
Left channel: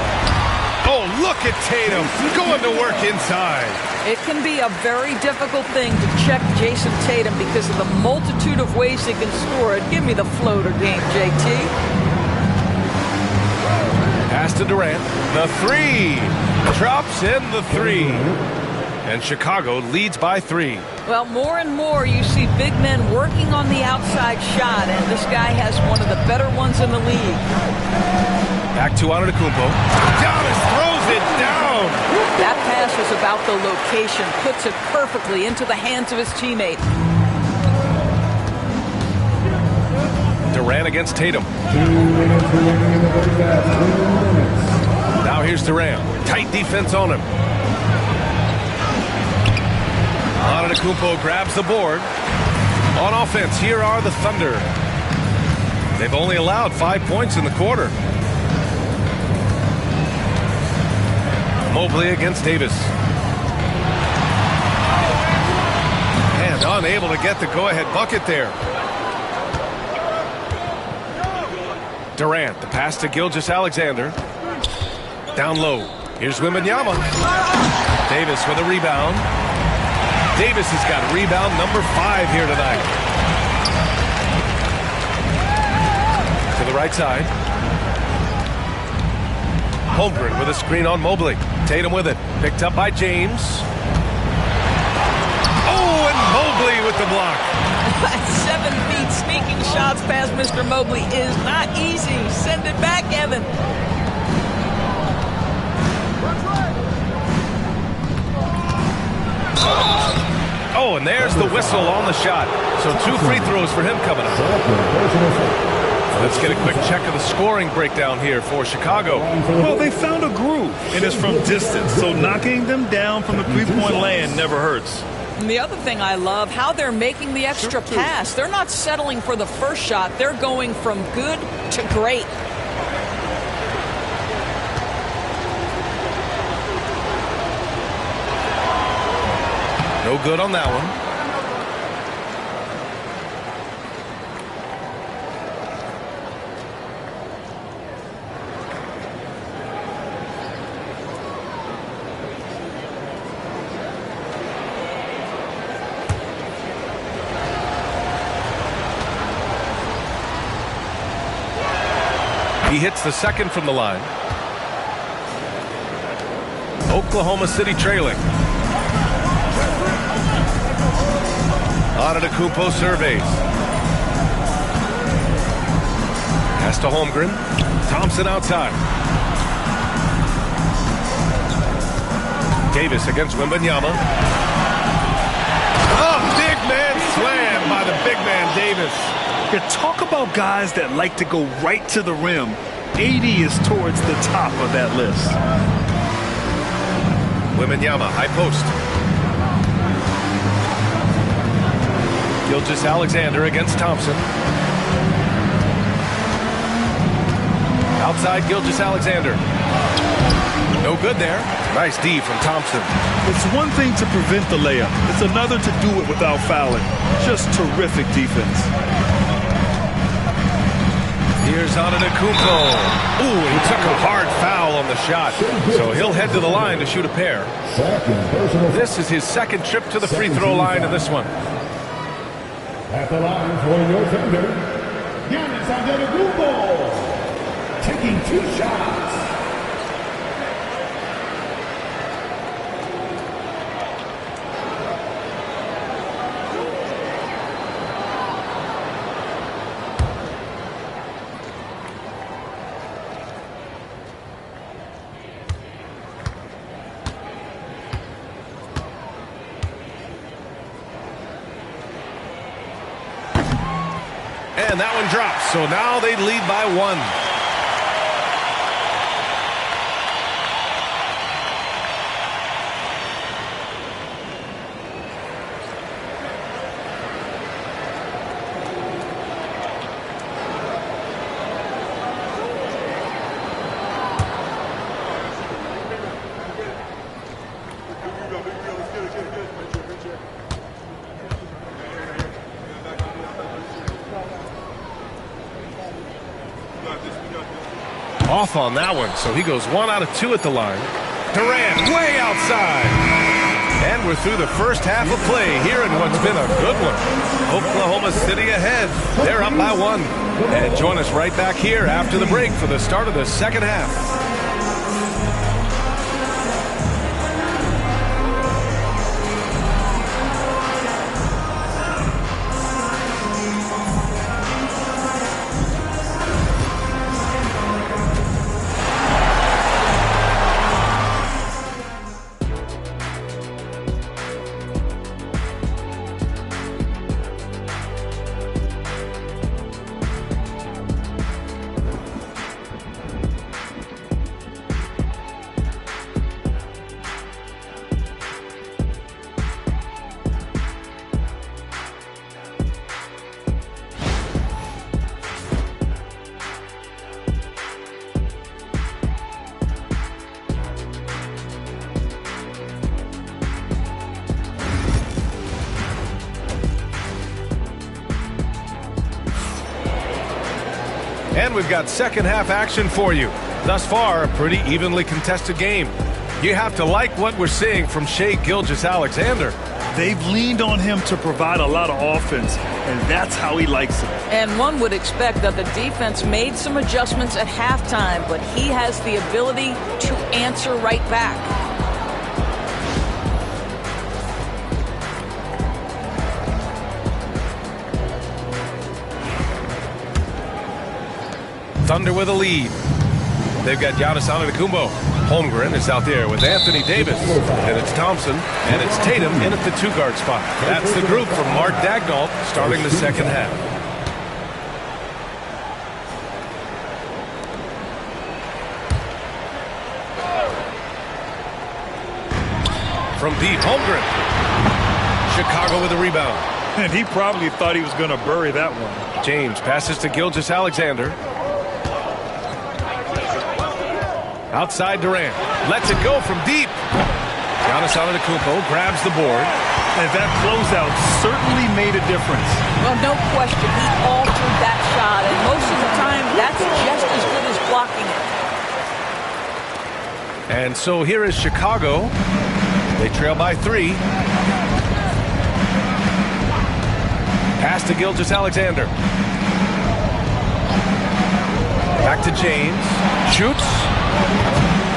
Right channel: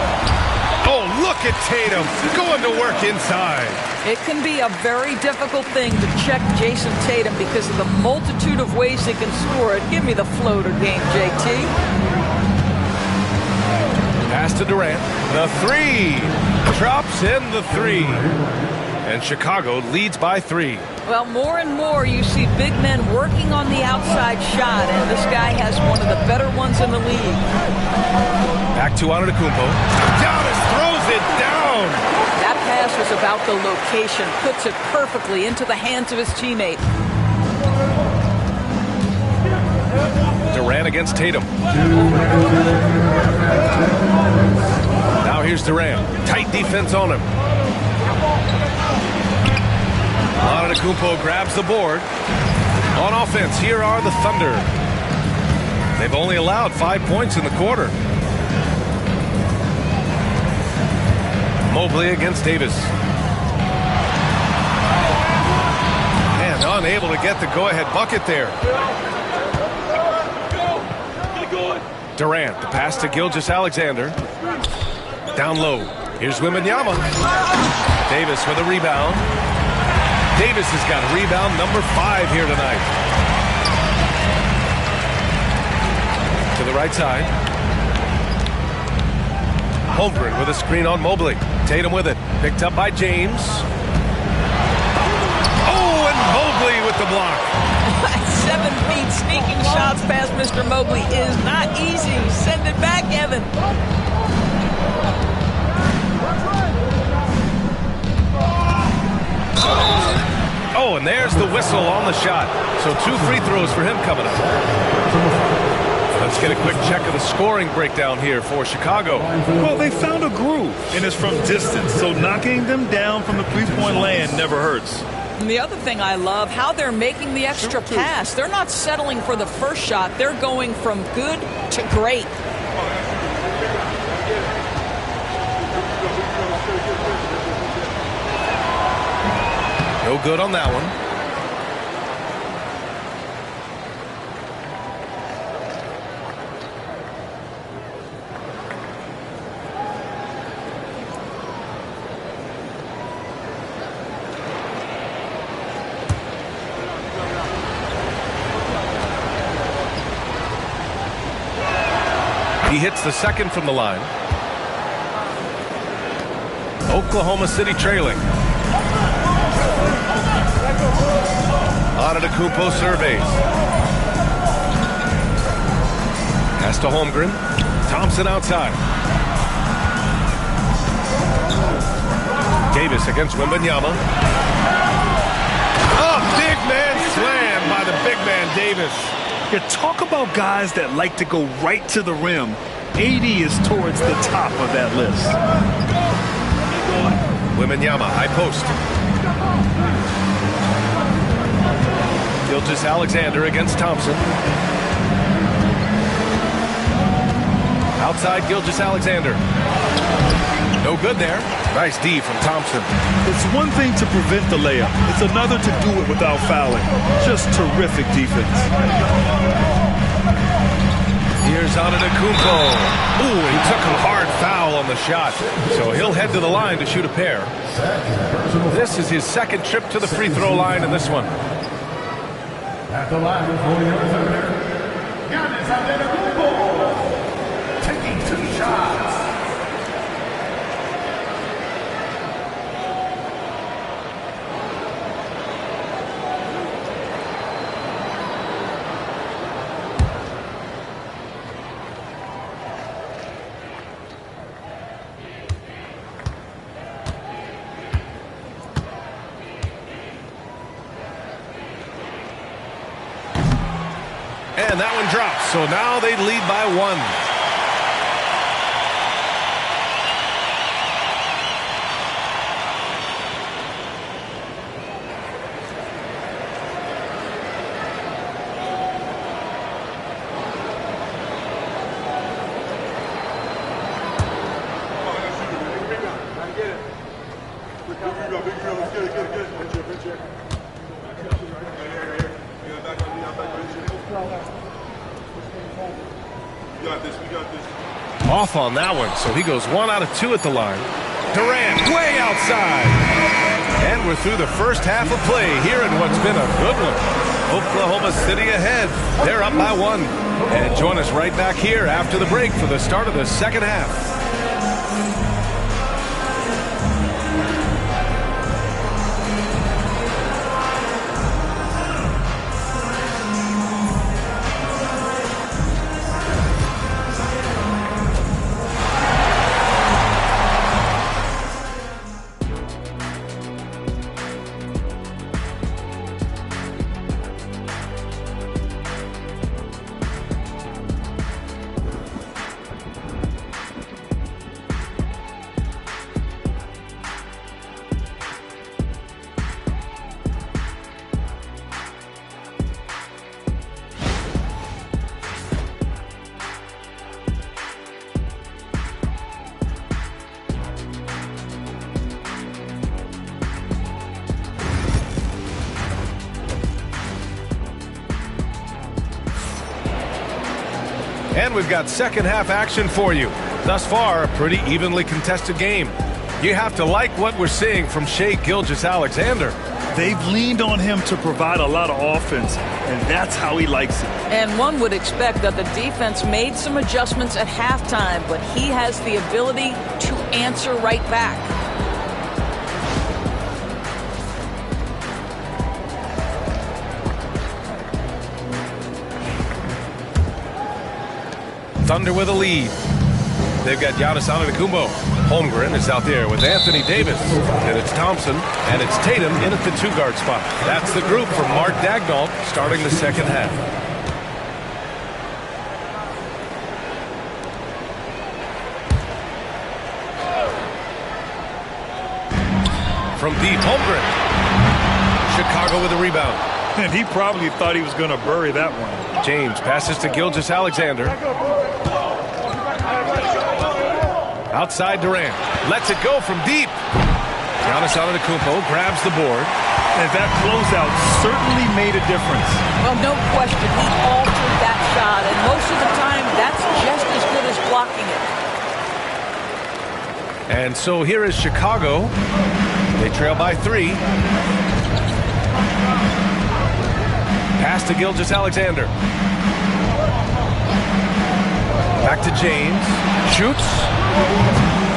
Oh, look at Tatum going to work inside. It can be a very difficult thing to check Jason Tatum because of the multitude of ways he can score it. Give me the floater game, JT. Pass to Durant. The 3. Drops in the 3. And Chicago leads by 3. Well, more and more you see big men working on the outside shot, and this guy has one of the better ones in the league. Back to Antetokounmpo. Giannis throws it down. That pass was about the location, puts it perfectly into the hands of his teammate. Durant against Tatum. Now here's Durant. Tight defense on him. Antetokounmpo grabs the board. On offense, here are the Thunder. They've only allowed 5 points in the quarter. Mobley against Davis. And unable to get the go-ahead bucket there. Durant, the pass to Gilgeous-Alexander. Down low. Here's Wembanyama. Davis with a rebound. Davis has got rebound number 5 here tonight. To the right side. Holmgren with a screen on Mobley. Tatum with it. Picked up by James. Oh, and Mobley with the block. 7 feet sneaking shots past Mr. Mobley is not easy. Send it back, Evan. Oh, and there's the whistle on the shot. So 2 free throws for him coming up. Let's get a quick check of the scoring breakdown here for Chicago. Well, they found a groove, and it's from distance, so knocking them down from the three-point land never hurts. And the other thing I love, how they're making the extra pass. They're not settling for the first shot. They're going from good to great. No good on that one. He hits the second from the line. Oklahoma City trailing. Antetokounmpo surveys. Pass to Holmgren. Thompson outside. Davis against Wembanyama. Oh, big man slam by the big man Davis. Yeah, talk about guys that like to go right to the rim. AD is towards the top of that list. Wembanyama, high post. Gilgeous-Alexander against Thompson. Outside Gilgeous-Alexander. No good there. Nice D from Thompson. It's one thing to prevent the layup. It's another to do it without fouling. Just terrific defense. Here's Antetokounmpo. Ooh, he took a hard foul on the shot. So he'll head to the line to shoot a pair. This is his second trip to the free throw line in this one. At the line for your defender, Giannis Antetokounmpo, taking 2 shots. And that one drops. So now they lead by 1. Off on that one, so he goes 1 out of 2 at the line. Durant way outside. And we're through the first half of play here in what's been a good one. Oklahoma City ahead. They're up by 1. And join us right back here after the break for the start of the second half. And we've got second half action for you. Thus far, a pretty evenly contested game. You have to like what we're seeing from Shai Gilgeous-Alexander. They've leaned on him to provide a lot of offense, and that's how he likes it. And one would expect that the defense made some adjustments at halftime, but he has the ability to answer right back. Thunder with a lead. They've got Giannis Antetokounmpo. Holmgren is out there with Anthony Davis. And it's Thompson, and it's Tatum in at the two-guard spot. That's the group for Mark Daigneault starting the second half. From deep, Holmgren. Chicago with a rebound. And he probably thought he was going to bury that one. James passes to Gilgeous-Alexander. Outside Durant. Lets it go from deep. Giannis Antetokounmpo grabs the board. And that closeout certainly made a difference. Well, no question. He altered that shot, and most of the time, that's just as good as blocking it. And so here is Chicago. They trail by 3. Pass to Gilgeous-Alexander. Back to James. Shoots.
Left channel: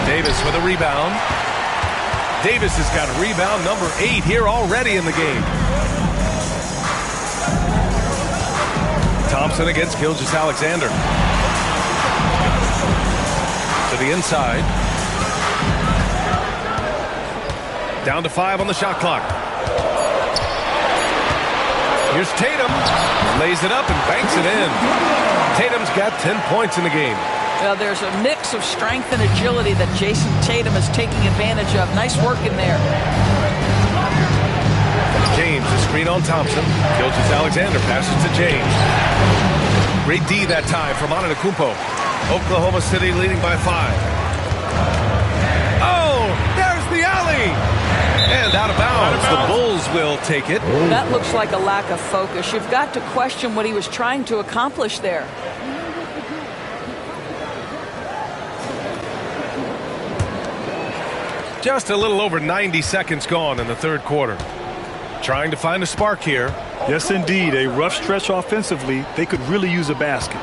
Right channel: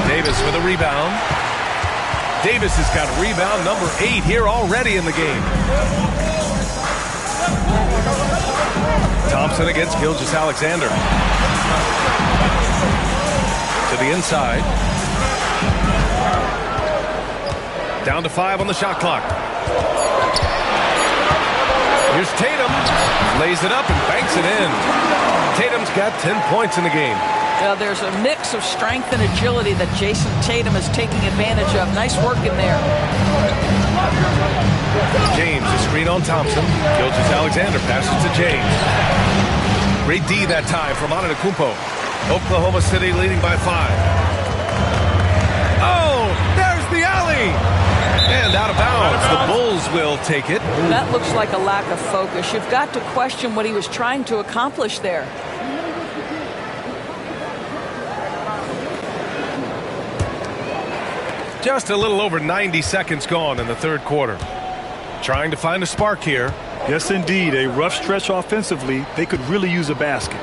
Davis with a rebound. Davis has got rebound number 8 here already in the game. Thompson against Gilgeous-Alexander. To the inside. Down to 5 on the shot clock. Here's Tatum. Lays it up and banks it in. Tatum's got 10 points in the game. Well, there's a mix of strength and agility that Jason Tatum is taking advantage of. Nice work in there. James, a screen on Thompson. Gilgeous-Alexander passes to James. Great D that time from Antetokounmpo. Oklahoma City leading by 5. Oh, there's the alley. And out of bounds. The Bulls will take it. That looks like a lack of focus. You've got to question what he was trying to accomplish there. Just a little over 90 seconds gone in the third quarter. Trying to find a spark here. Yes, indeed. A rough stretch offensively. They could really use a basket.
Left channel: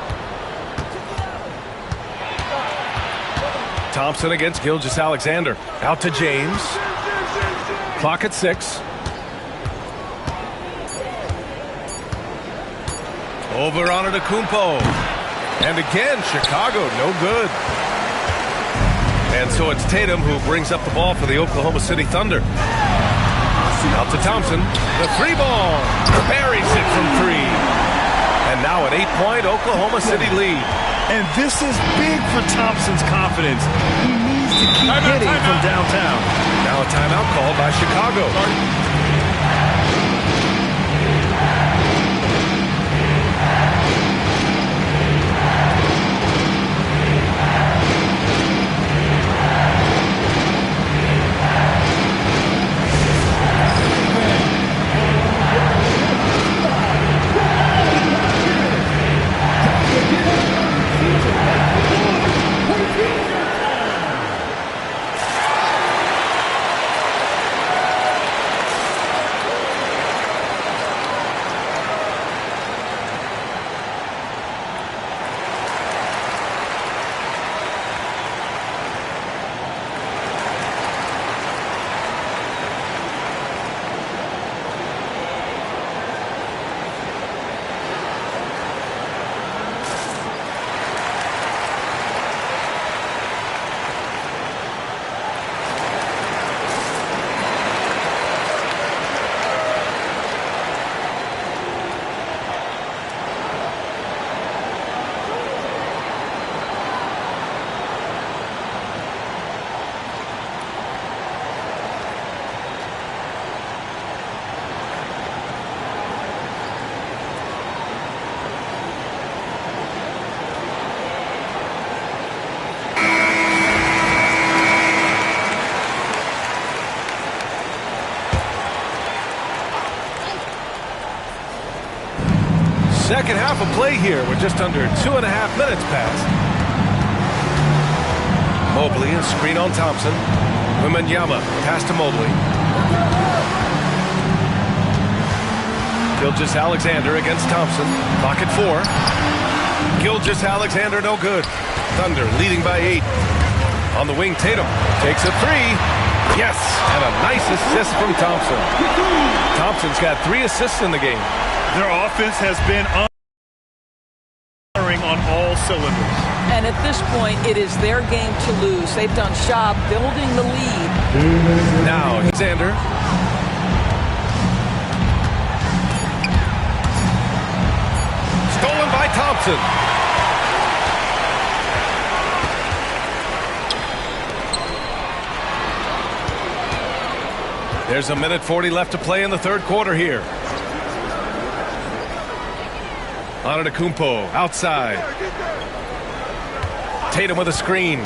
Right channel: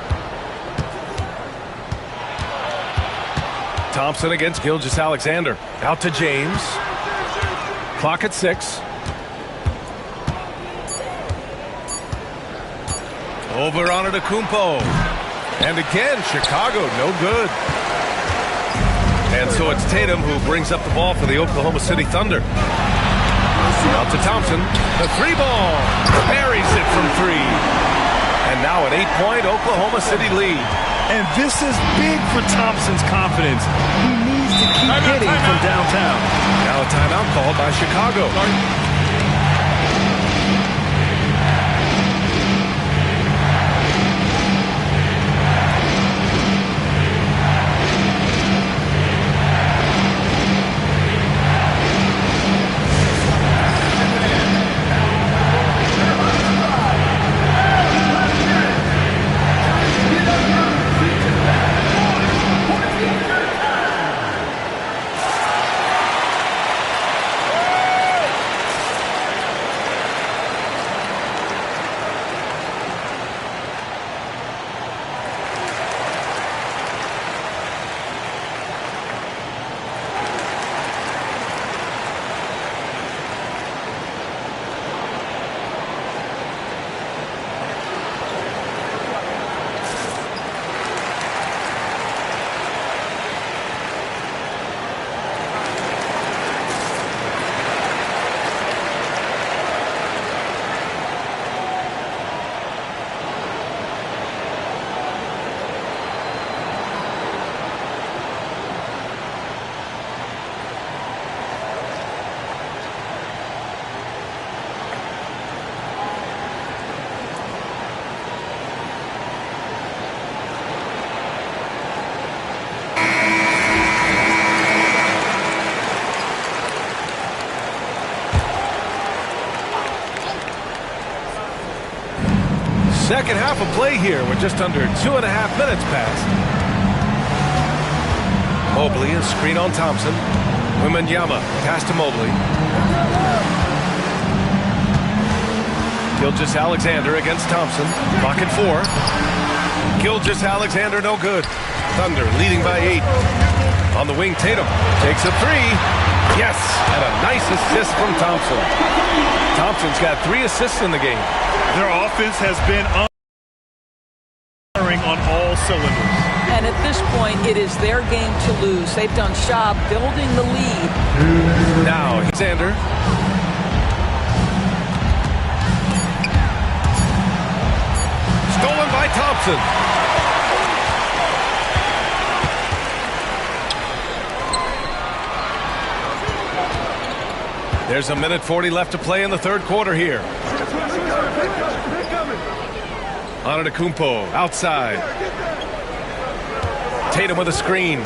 Thompson against Gilgeous-Alexander. Out to James. Clock at 6. Over on Antetokounmpo. And again, Chicago, no good. And so it's Tatum who brings up the ball for the Oklahoma City Thunder. Out to Thompson. The 3-ball. Buries it from 3. And now an 8-point Oklahoma City lead. And this is big for Thompson's confidence. He needs to keep hitting from downtown. Now a timeout called by Chicago. second half of play here. We're just under 2.5 minutes past. Mobley, a screen on Thompson. Wembanyama, pass to Mobley. Gilgeous-Alexander against Thompson. Clock at 4. Gilgeous-Alexander, no good. Thunder leading by 8. On the wing, Tatum takes a 3. Yes, and a nice assist from Thompson. Thompson's got 3 assists in the game. Their offense has been firing on all cylinders. And at this point, it is their game to lose. They've done job building the lead. Now, Alexander. Stolen by Thompson. There's 1:40 left to play in the third quarter here. Antetokounmpo outside. Tatum with a screen.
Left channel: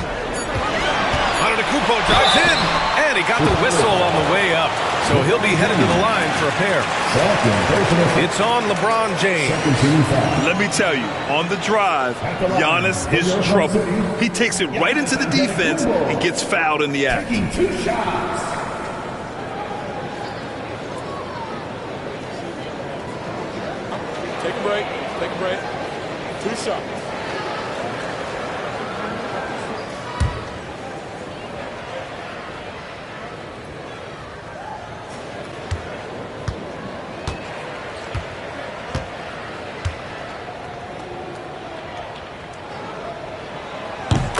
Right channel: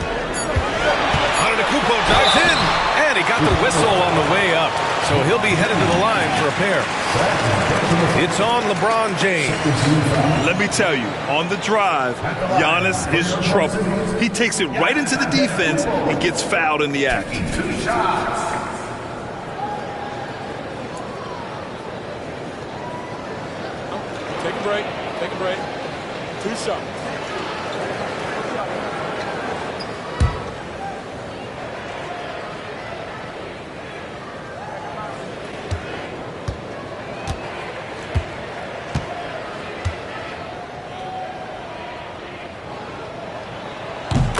Antetokounmpo drives in, and he got the whistle on the way up. So he'll be headed to the line for a pair. It's on LeBron James. Let me tell you, on the drive, Giannis is trouble. He takes it right into the defense and gets fouled in the act. Take a break. Take a break. 2 shots.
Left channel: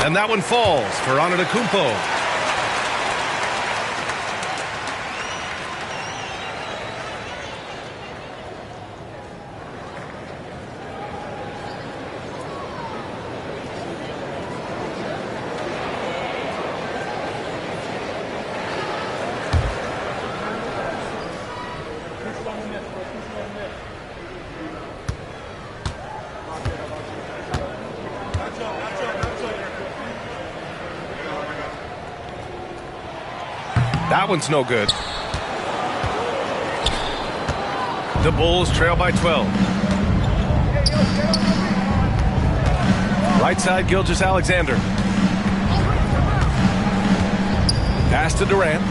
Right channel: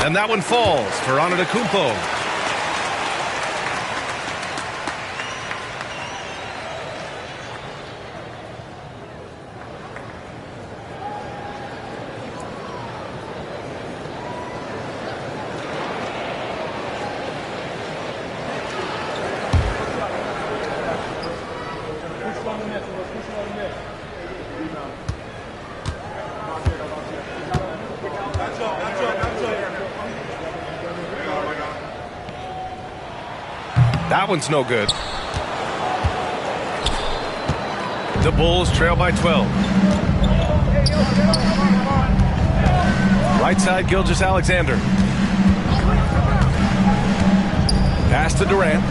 And that one falls for Antetokounmpo. That one's no good. The Bulls trail by 12. Right side, Gilgeous-Alexander. Pass to Durant.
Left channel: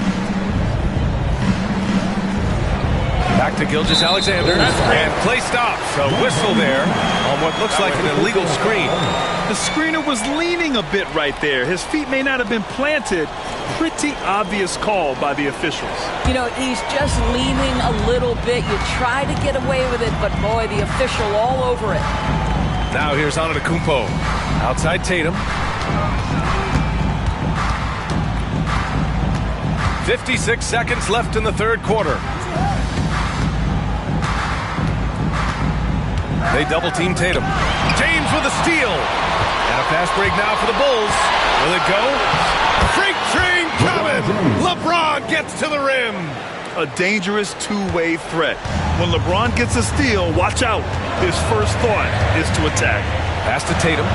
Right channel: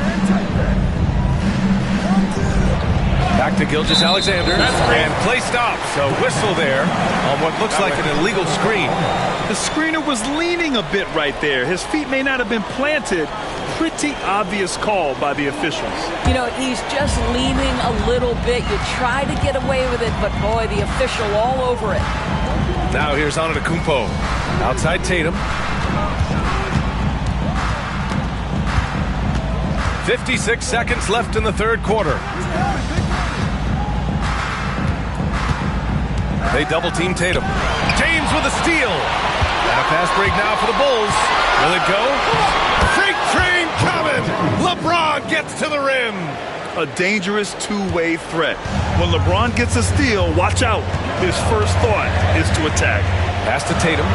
Back to Gilgeous-Alexander. And play stops. A whistle there on what looks like an illegal screen. The screener was leaning a bit right there. His feet may not have been planted. Pretty obvious call by the officials. You know, he's just leaning a little bit. You try to get away with it, but boy, the official all over it. Now here's Antetokounmpo. Outside Tatum. 56 seconds left in the third quarter. They double team Tatum. James with a steal. And a fast break now for the Bulls. Will it go? Freight train coming! LeBron gets to the rim. A dangerous two-way threat. When LeBron gets a steal, watch out. His first thought is to attack. Pass to Tatum.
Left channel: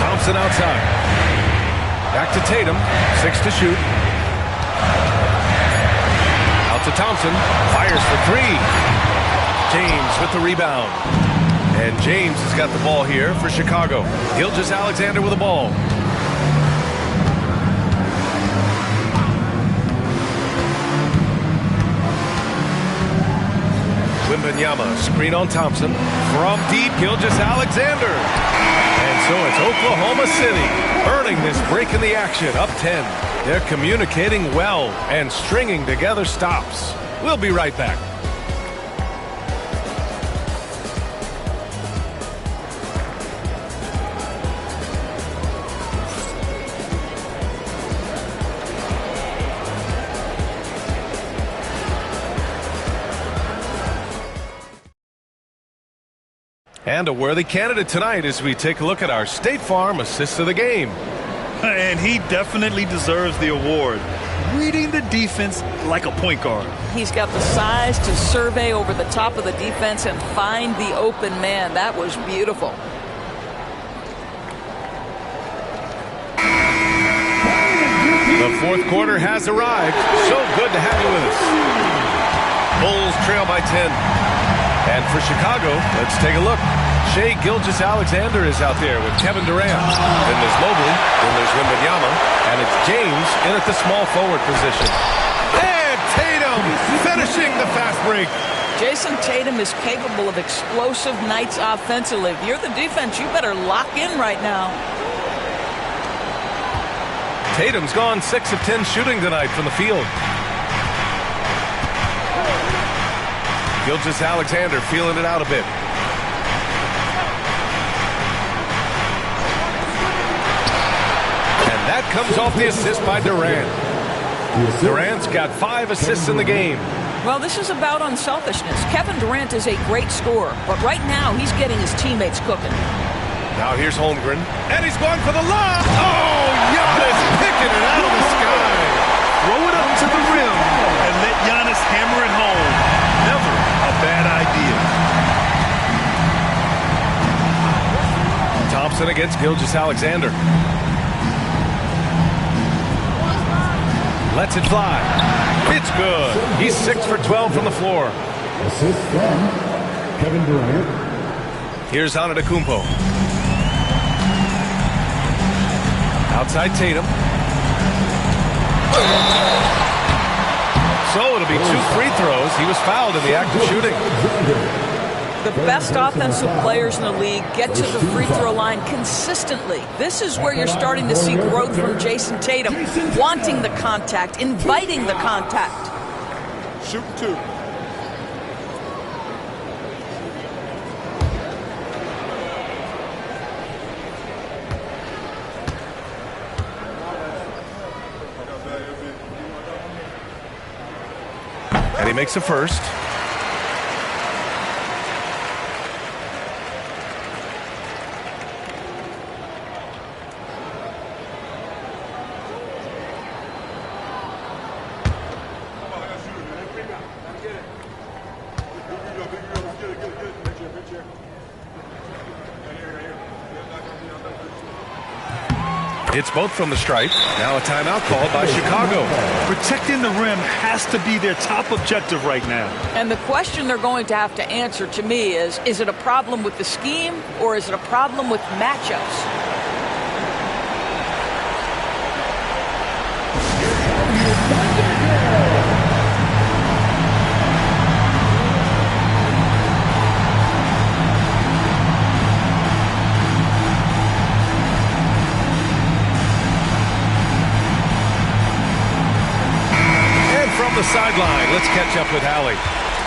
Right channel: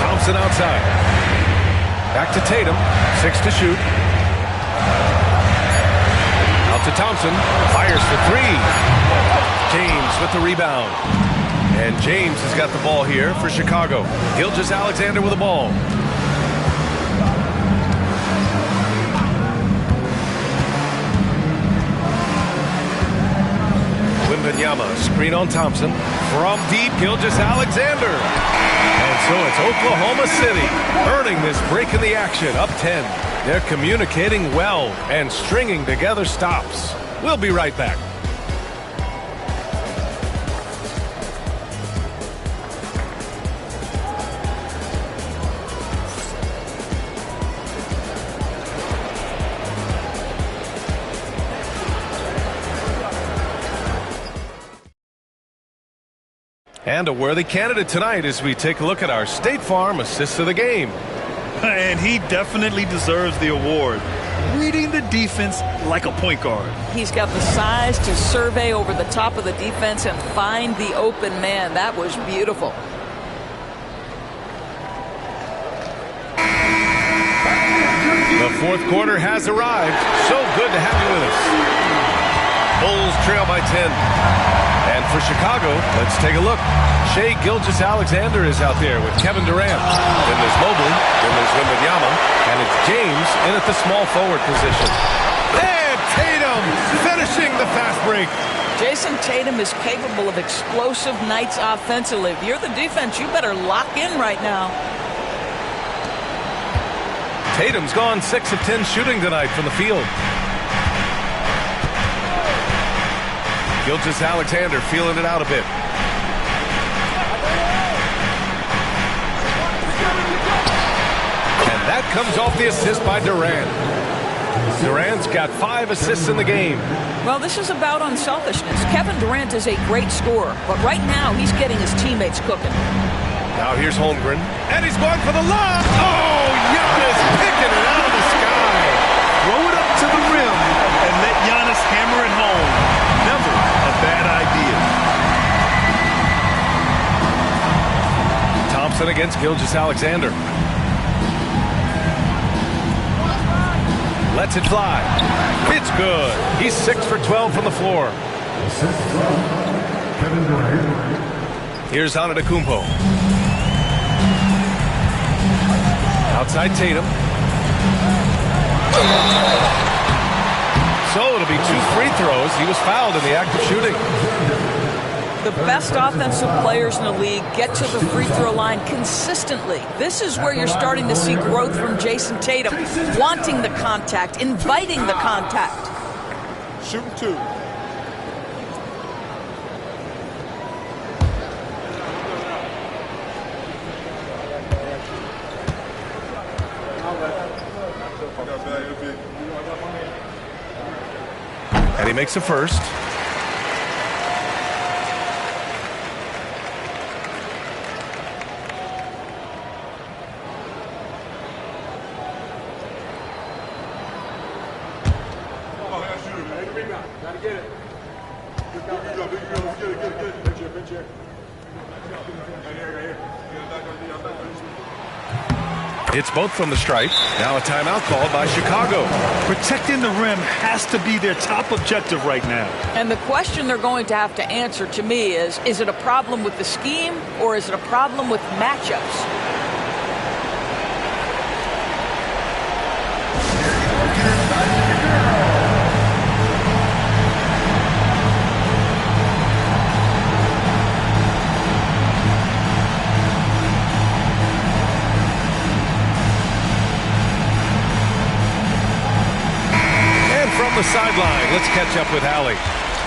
Thompson outside. Back to Tatum. 6 to shoot. Out to Thompson. Fires for 3. James with the rebound. And James has got the ball here for Chicago. Gilgeous-Alexander with the ball. Wembanyama, screen on Thompson. From deep, Gilgeous-Alexander. And so it's Oklahoma City earning this break in the action, up 10. They're communicating well and stringing together stops. We'll be right back. And a worthy candidate tonight as we take a look at our State Farm Assist of the Game. And he definitely deserves the award. Reading the defense like a point guard. He's got the size to survey over the top of the defense and find the open man. That was beautiful. The fourth quarter has arrived. So good to have you with us. Bulls trail by 10. And for Chicago, let's take a look. Shai Gilgeous-Alexander is out there with Kevin Durant. Then there's Mobley. Then there's Wembanyama. And it's James in at the small forward position. And Tatum finishing the fast break. Jason Tatum is capable of explosive nights offensively. If you're the defense, you better lock in right now. Tatum's gone 6 of 10 shooting tonight from the field. Gilgeous-Alexander feeling it out a bit. And that comes off the assist by Durant. Durant's got 5 assists in the game. Well, this is about unselfishness. Kevin Durant is a great scorer, but right now he's getting his teammates cooking. Now here's Holmgren, and he's going for the lob. Oh, Giannis picking it out of the sky. Throw it up to the rim and let Giannis hammer it home. Never a bad idea. Thompson against Gilgeous-Alexander. Lets it fly. It's good. He's 6 for 12 from the floor. Assist from Kevin Durant. Here's Antetokounmpo. Outside Tatum. So it'll be 2 free throws. He was fouled in the act of shooting. The best offensive players in the league get to the free throw line consistently. This is where you're starting to see growth from Jason Tatum, wanting the contact, inviting the contact. Shooting 2. And he makes a first. It's both from the stripe. Now a timeout called by Chicago. Protecting the rim has to be their top objective right now. And the question they're going to have to answer to me is it a problem with the scheme or is it a problem with matchups? From the sideline, let's catch up with Allie.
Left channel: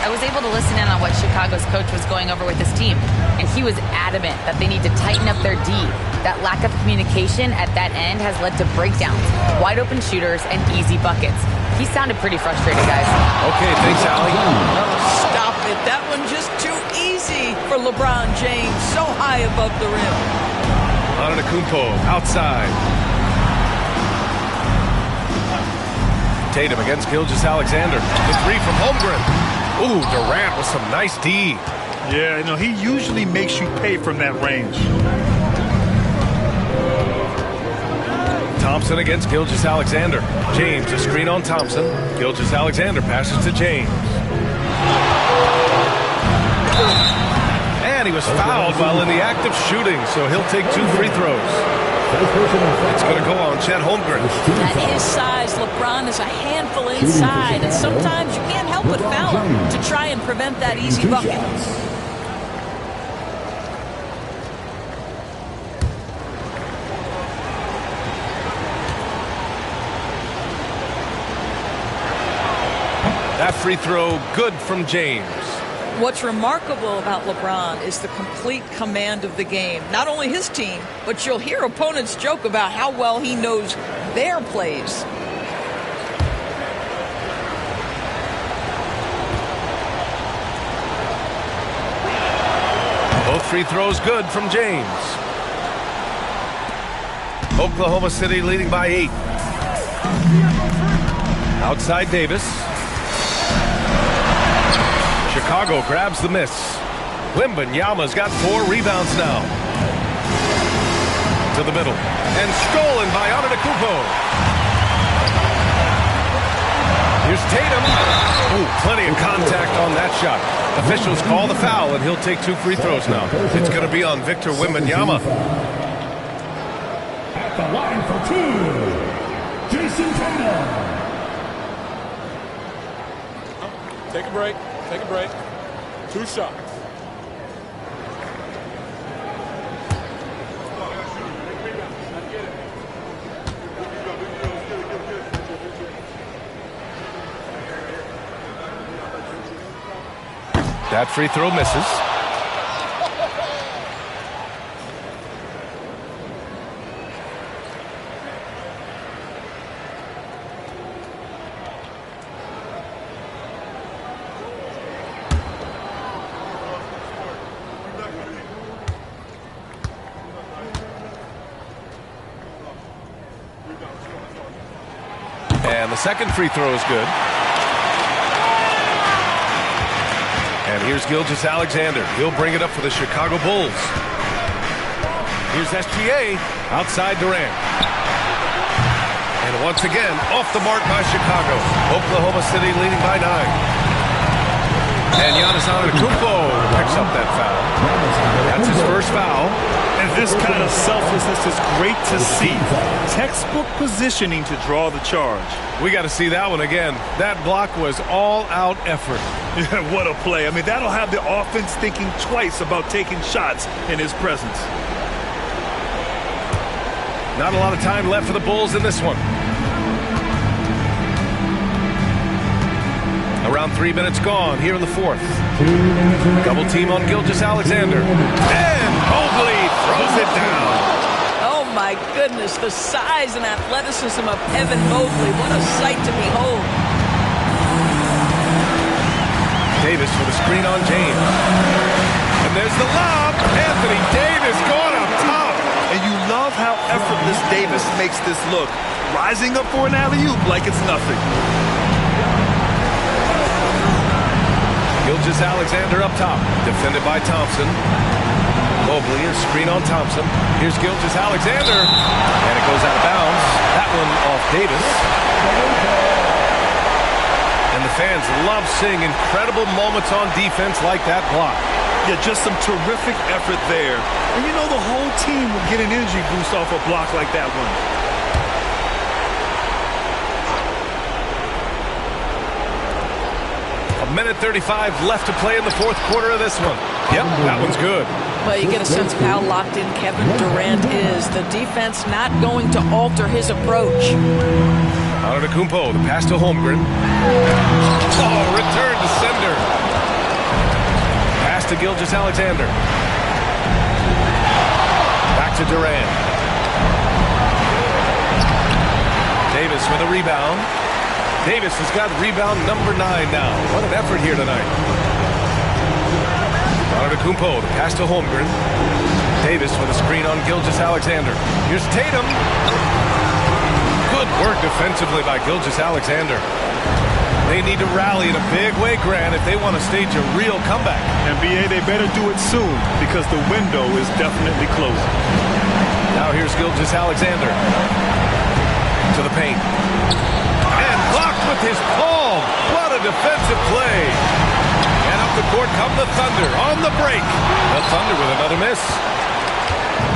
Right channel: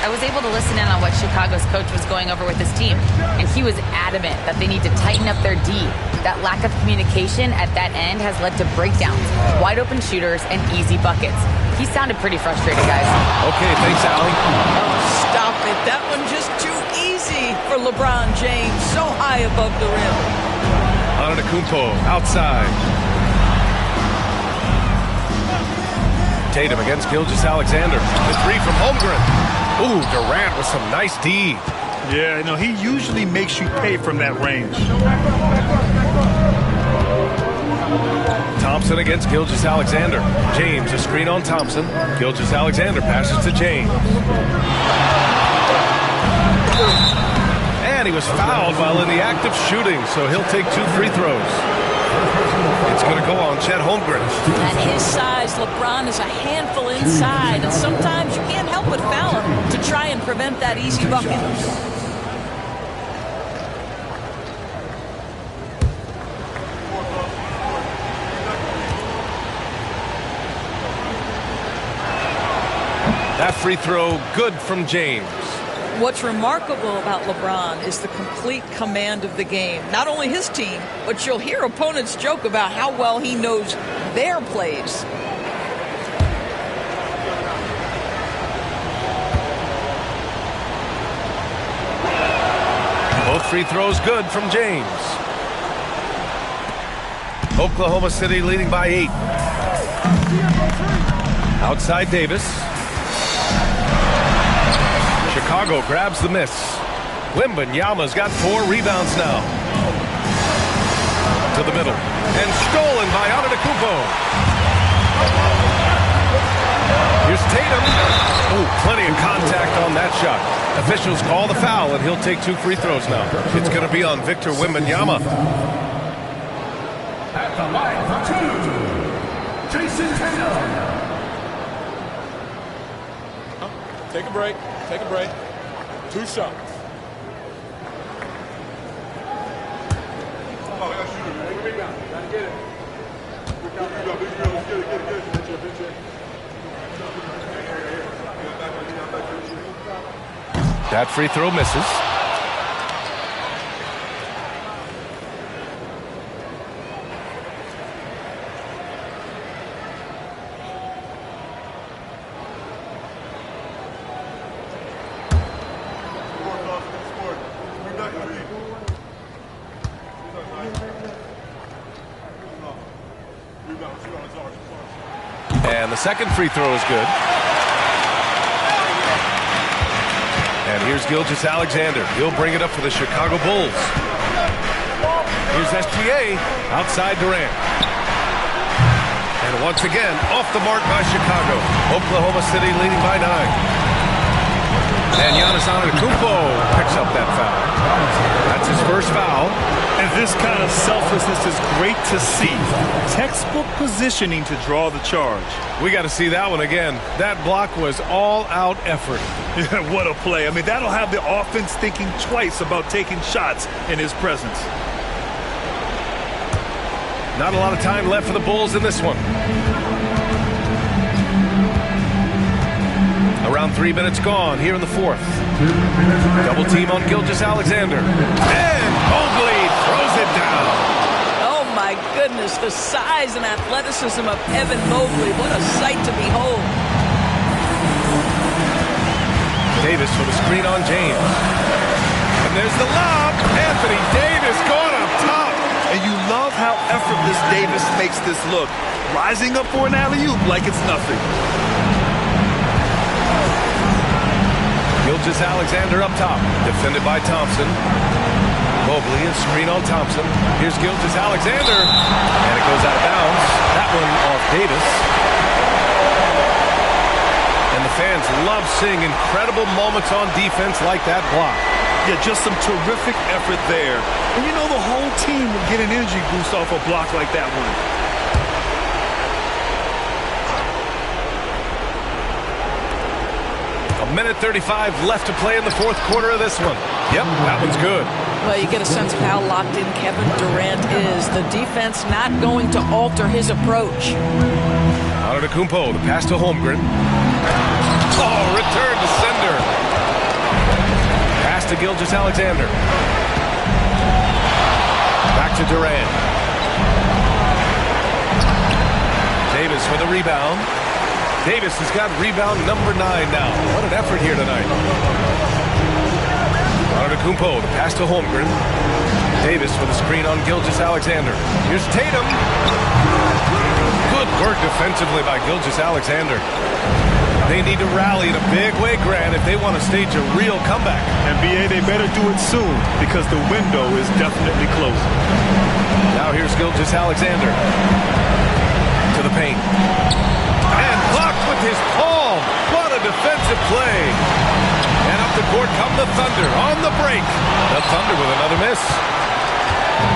I was able to listen in on what Chicago's coach was going over with his team, and he was adamant that they need to tighten up their D. That lack of communication at that end has led to breakdowns, wide open shooters, and easy buckets. He sounded pretty frustrated, guys. Okay, thanks, Allie. Oh, stop it. That one just too easy for LeBron James, so high above the rim. Antetokounmpo outside. Tatum against Gilgeous-Alexander. The 3 from Holmgren. Ooh, Durant with some nice D. Yeah, he usually makes you pay from that range. Thompson against Gilgeous-Alexander. James, a screen on Thompson. Gilgeous-Alexander passes to James. And he was fouled while in the act of shooting, so he'll take 2 free throws. It's going to go on Chet Holmgren. At his size, LeBron is a handful inside, and sometimes you can't help but foul him to try and prevent that easy bucket. That free throw good from James. What's remarkable about LeBron is the complete command of the game. Not only his team, but you'll hear opponents joke about how well he knows their plays. Both free throws good from James. Oklahoma City leading by 8. Outside Davis. Chicago grabs the miss. Wembanyama's got 4 rebounds now. To the middle. And stolen by Antetokounmpo. Here's Tatum. Oh, plenty of contact on that shot. Officials call the foul, and he'll take 2 free throws now. It's going to be on Victor Wembanyama. At the line for 2, Jason Tatum. Take a break. Take a break. 2 shots. That free throw misses. And the second free throw is good. And here's Gilgeous-Alexander. He'll bring it up for the Chicago Bulls. Here's SGA outside Durant. And once again, off the mark by Chicago. Oklahoma City leading by 9. And Giannis Antetokounmpo picks up that foul. That's his first foul. And this kind of selflessness is great to see. Textbook positioning to draw the charge. We got to see that one again. That block was all-out effort. Yeah, what a play. I mean, that'll have the offense thinking twice about taking shots in his presence. Not a lot of time left for the Bulls in this one. Around 3 minutes gone here in the fourth. Double team on Gilgeous-Alexander. And Mobley throws it down. Oh, my goodness. The size and athleticism of Evan Mobley. What a sight to behold. Davis for the screen on James. And there's the lob. Anthony Davis going up top. And you love how effortless Davis makes this look. Rising up for an alley-oop like it's nothing. Gilgeous-Alexander up top, defended by Thompson. Mobley, a screen on Thompson. Here's Gilgeous-Alexander, and it goes out of bounds. That one off Davis. And the fans love seeing incredible moments on defense like that block. Yeah, just some terrific effort there. And you know the whole team will get an energy boost off a block like that one. A minute 35 left to play in the fourth quarter of this one. Yep, that one's good. Well, you get a sense of how locked in Kevin Durant is. The defense not going to alter his approach. Antetokounmpo, the pass to Holmgren. Oh, return to sender. Pass to Gilgeous-Alexander. Back to Durant. Davis with a rebound. Davis has got rebound number 9 now. What an effort here tonight. Antetokounmpo, the pass to Holmgren. Davis with a screen on Gilgeous-Alexander. Here's Tatum. Good work defensively by Gilgeous-Alexander. They need to rally in a big way, Grant, if they want to stage a real comeback. NBA, they better do it soon because the window is definitely closing. Now here's Gilgeous-Alexander to the paint. And blocked with his palm. What a defensive play. And up the court come the Thunder on the break. The Thunder with another miss.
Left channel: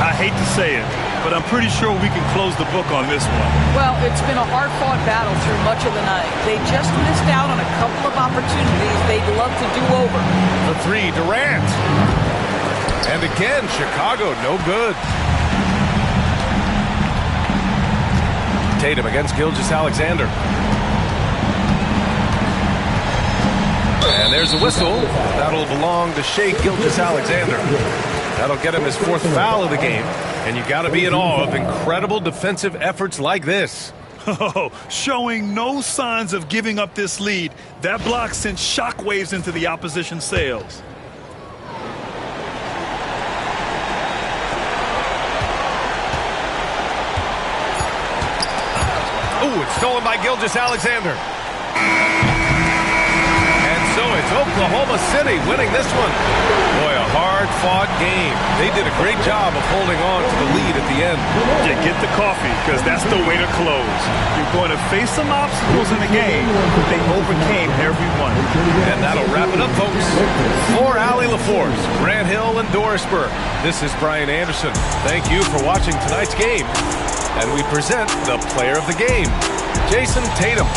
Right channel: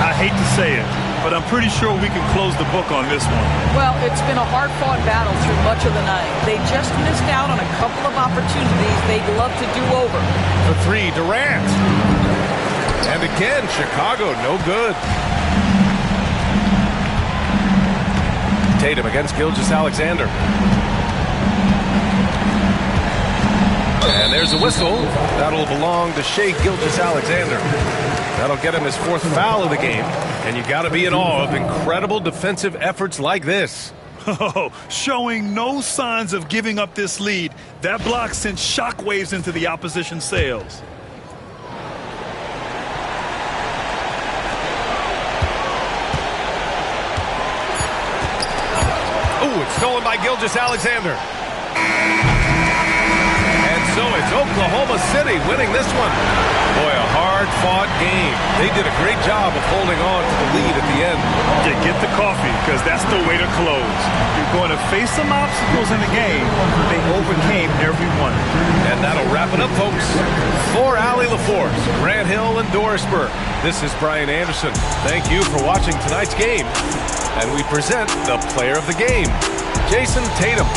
I hate to say it, but I'm pretty sure we can close the book on this one. Well, it's been a hard-fought battle through much of the night. They just missed out on a couple of opportunities they'd love to do over. The 3, Durant. And again, Chicago, no good. Tatum against Gilgeous-Alexander. And there's a whistle. That'll belong to Shai Gilgeous-Alexander. That'll get him his 4th foul of the game. And you got to be in awe of incredible defensive efforts like this. Oh, showing no signs of giving up this lead. That block sent shockwaves into the opposition sails. Ooh, it's stolen by Gilgeous-Alexander. And so it's Oklahoma City winning this one. Boy, a hard-fought game. They did a great job of holding on to the lead at the end. Yeah, get the coffee, because that's the way to close. You're going to face some obstacles in the game, but they overcame every one. And that'll wrap it up, folks. For Allie LaForce, Grant Hill, and Dorisburg, this is Brian Anderson. Thank you for watching tonight's game. And we present the player of the game, Jason Tatum.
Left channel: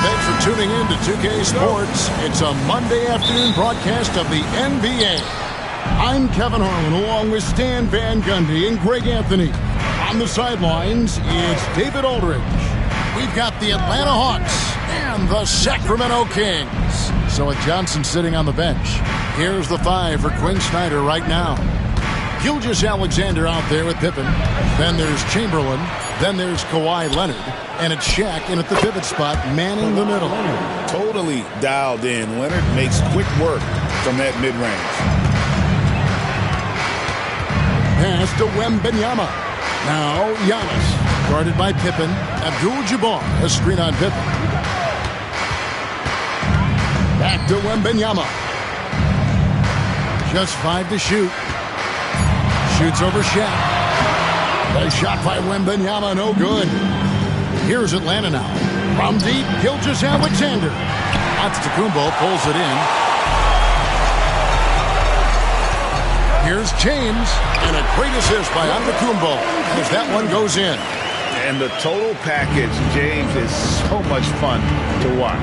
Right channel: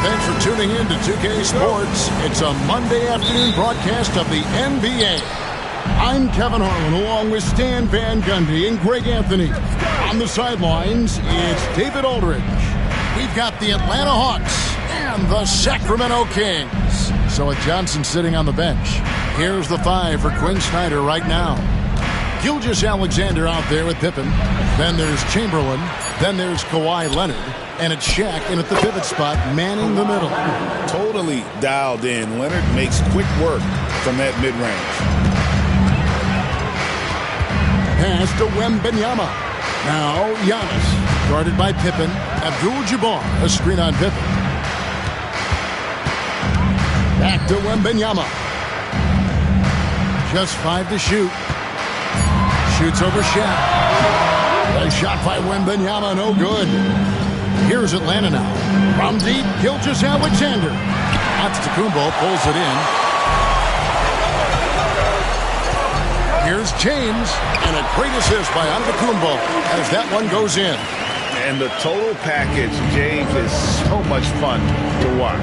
Hi, thanks for tuning in to 2K Sports. It's a Monday afternoon broadcast of the NBA. I'm Kevin Harlan along with Stan Van Gundy and Greg Anthony. On the sidelines, it's David Aldridge. We've got the Atlanta Hawks and the Sacramento Kings. So with Johnson sitting on the bench, here's the 5 for Quinn Snyder right now. Gilgeous-Alexander out there with Pippen. Then there's Chamberlain. Then there's Kawhi Leonard. And it's Shaq in at the pivot spot, manning the middle. Totally dialed in. Leonard makes quick work from that mid-range. Pass to Wembanyama. Now Giannis, guarded by Pippen. Abdul-Jabbar, a screen on Pippen. Back to Wembanyama. Just 5 to shoot. Shoots over Shaq. A shot by Wembanyama, no good. Here's Atlanta now. From deep, Gilgeous-Alexander. Antetokounmpo pulls it in. Here's James, and a great assist by Antetokounmpo as that one goes in. And the total package, James, is so much fun to watch.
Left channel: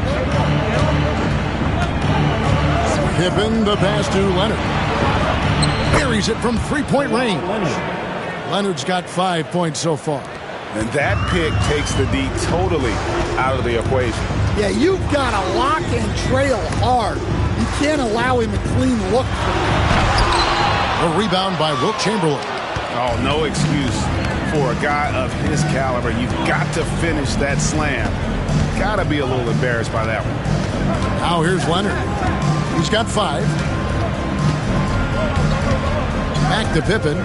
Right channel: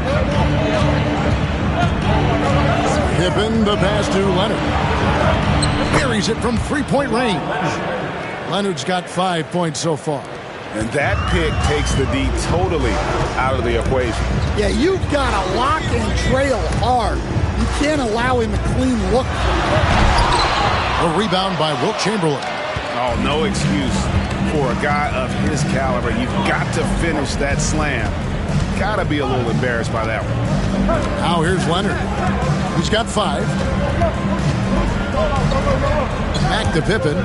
Pippen, the pass to Leonard. Buries it from three-point range. Leonard's got 5 points so far. And that pick takes the D totally out of the equation. Yeah, you've got to lock and trail hard. You can't allow him a clean look from there. A rebound by Wilt Chamberlain. Oh, no excuse for a guy of his caliber. You've got to finish that slam. Got to be a little embarrassed by that one. Now here's Leonard. He's got 5. Back to Pippen.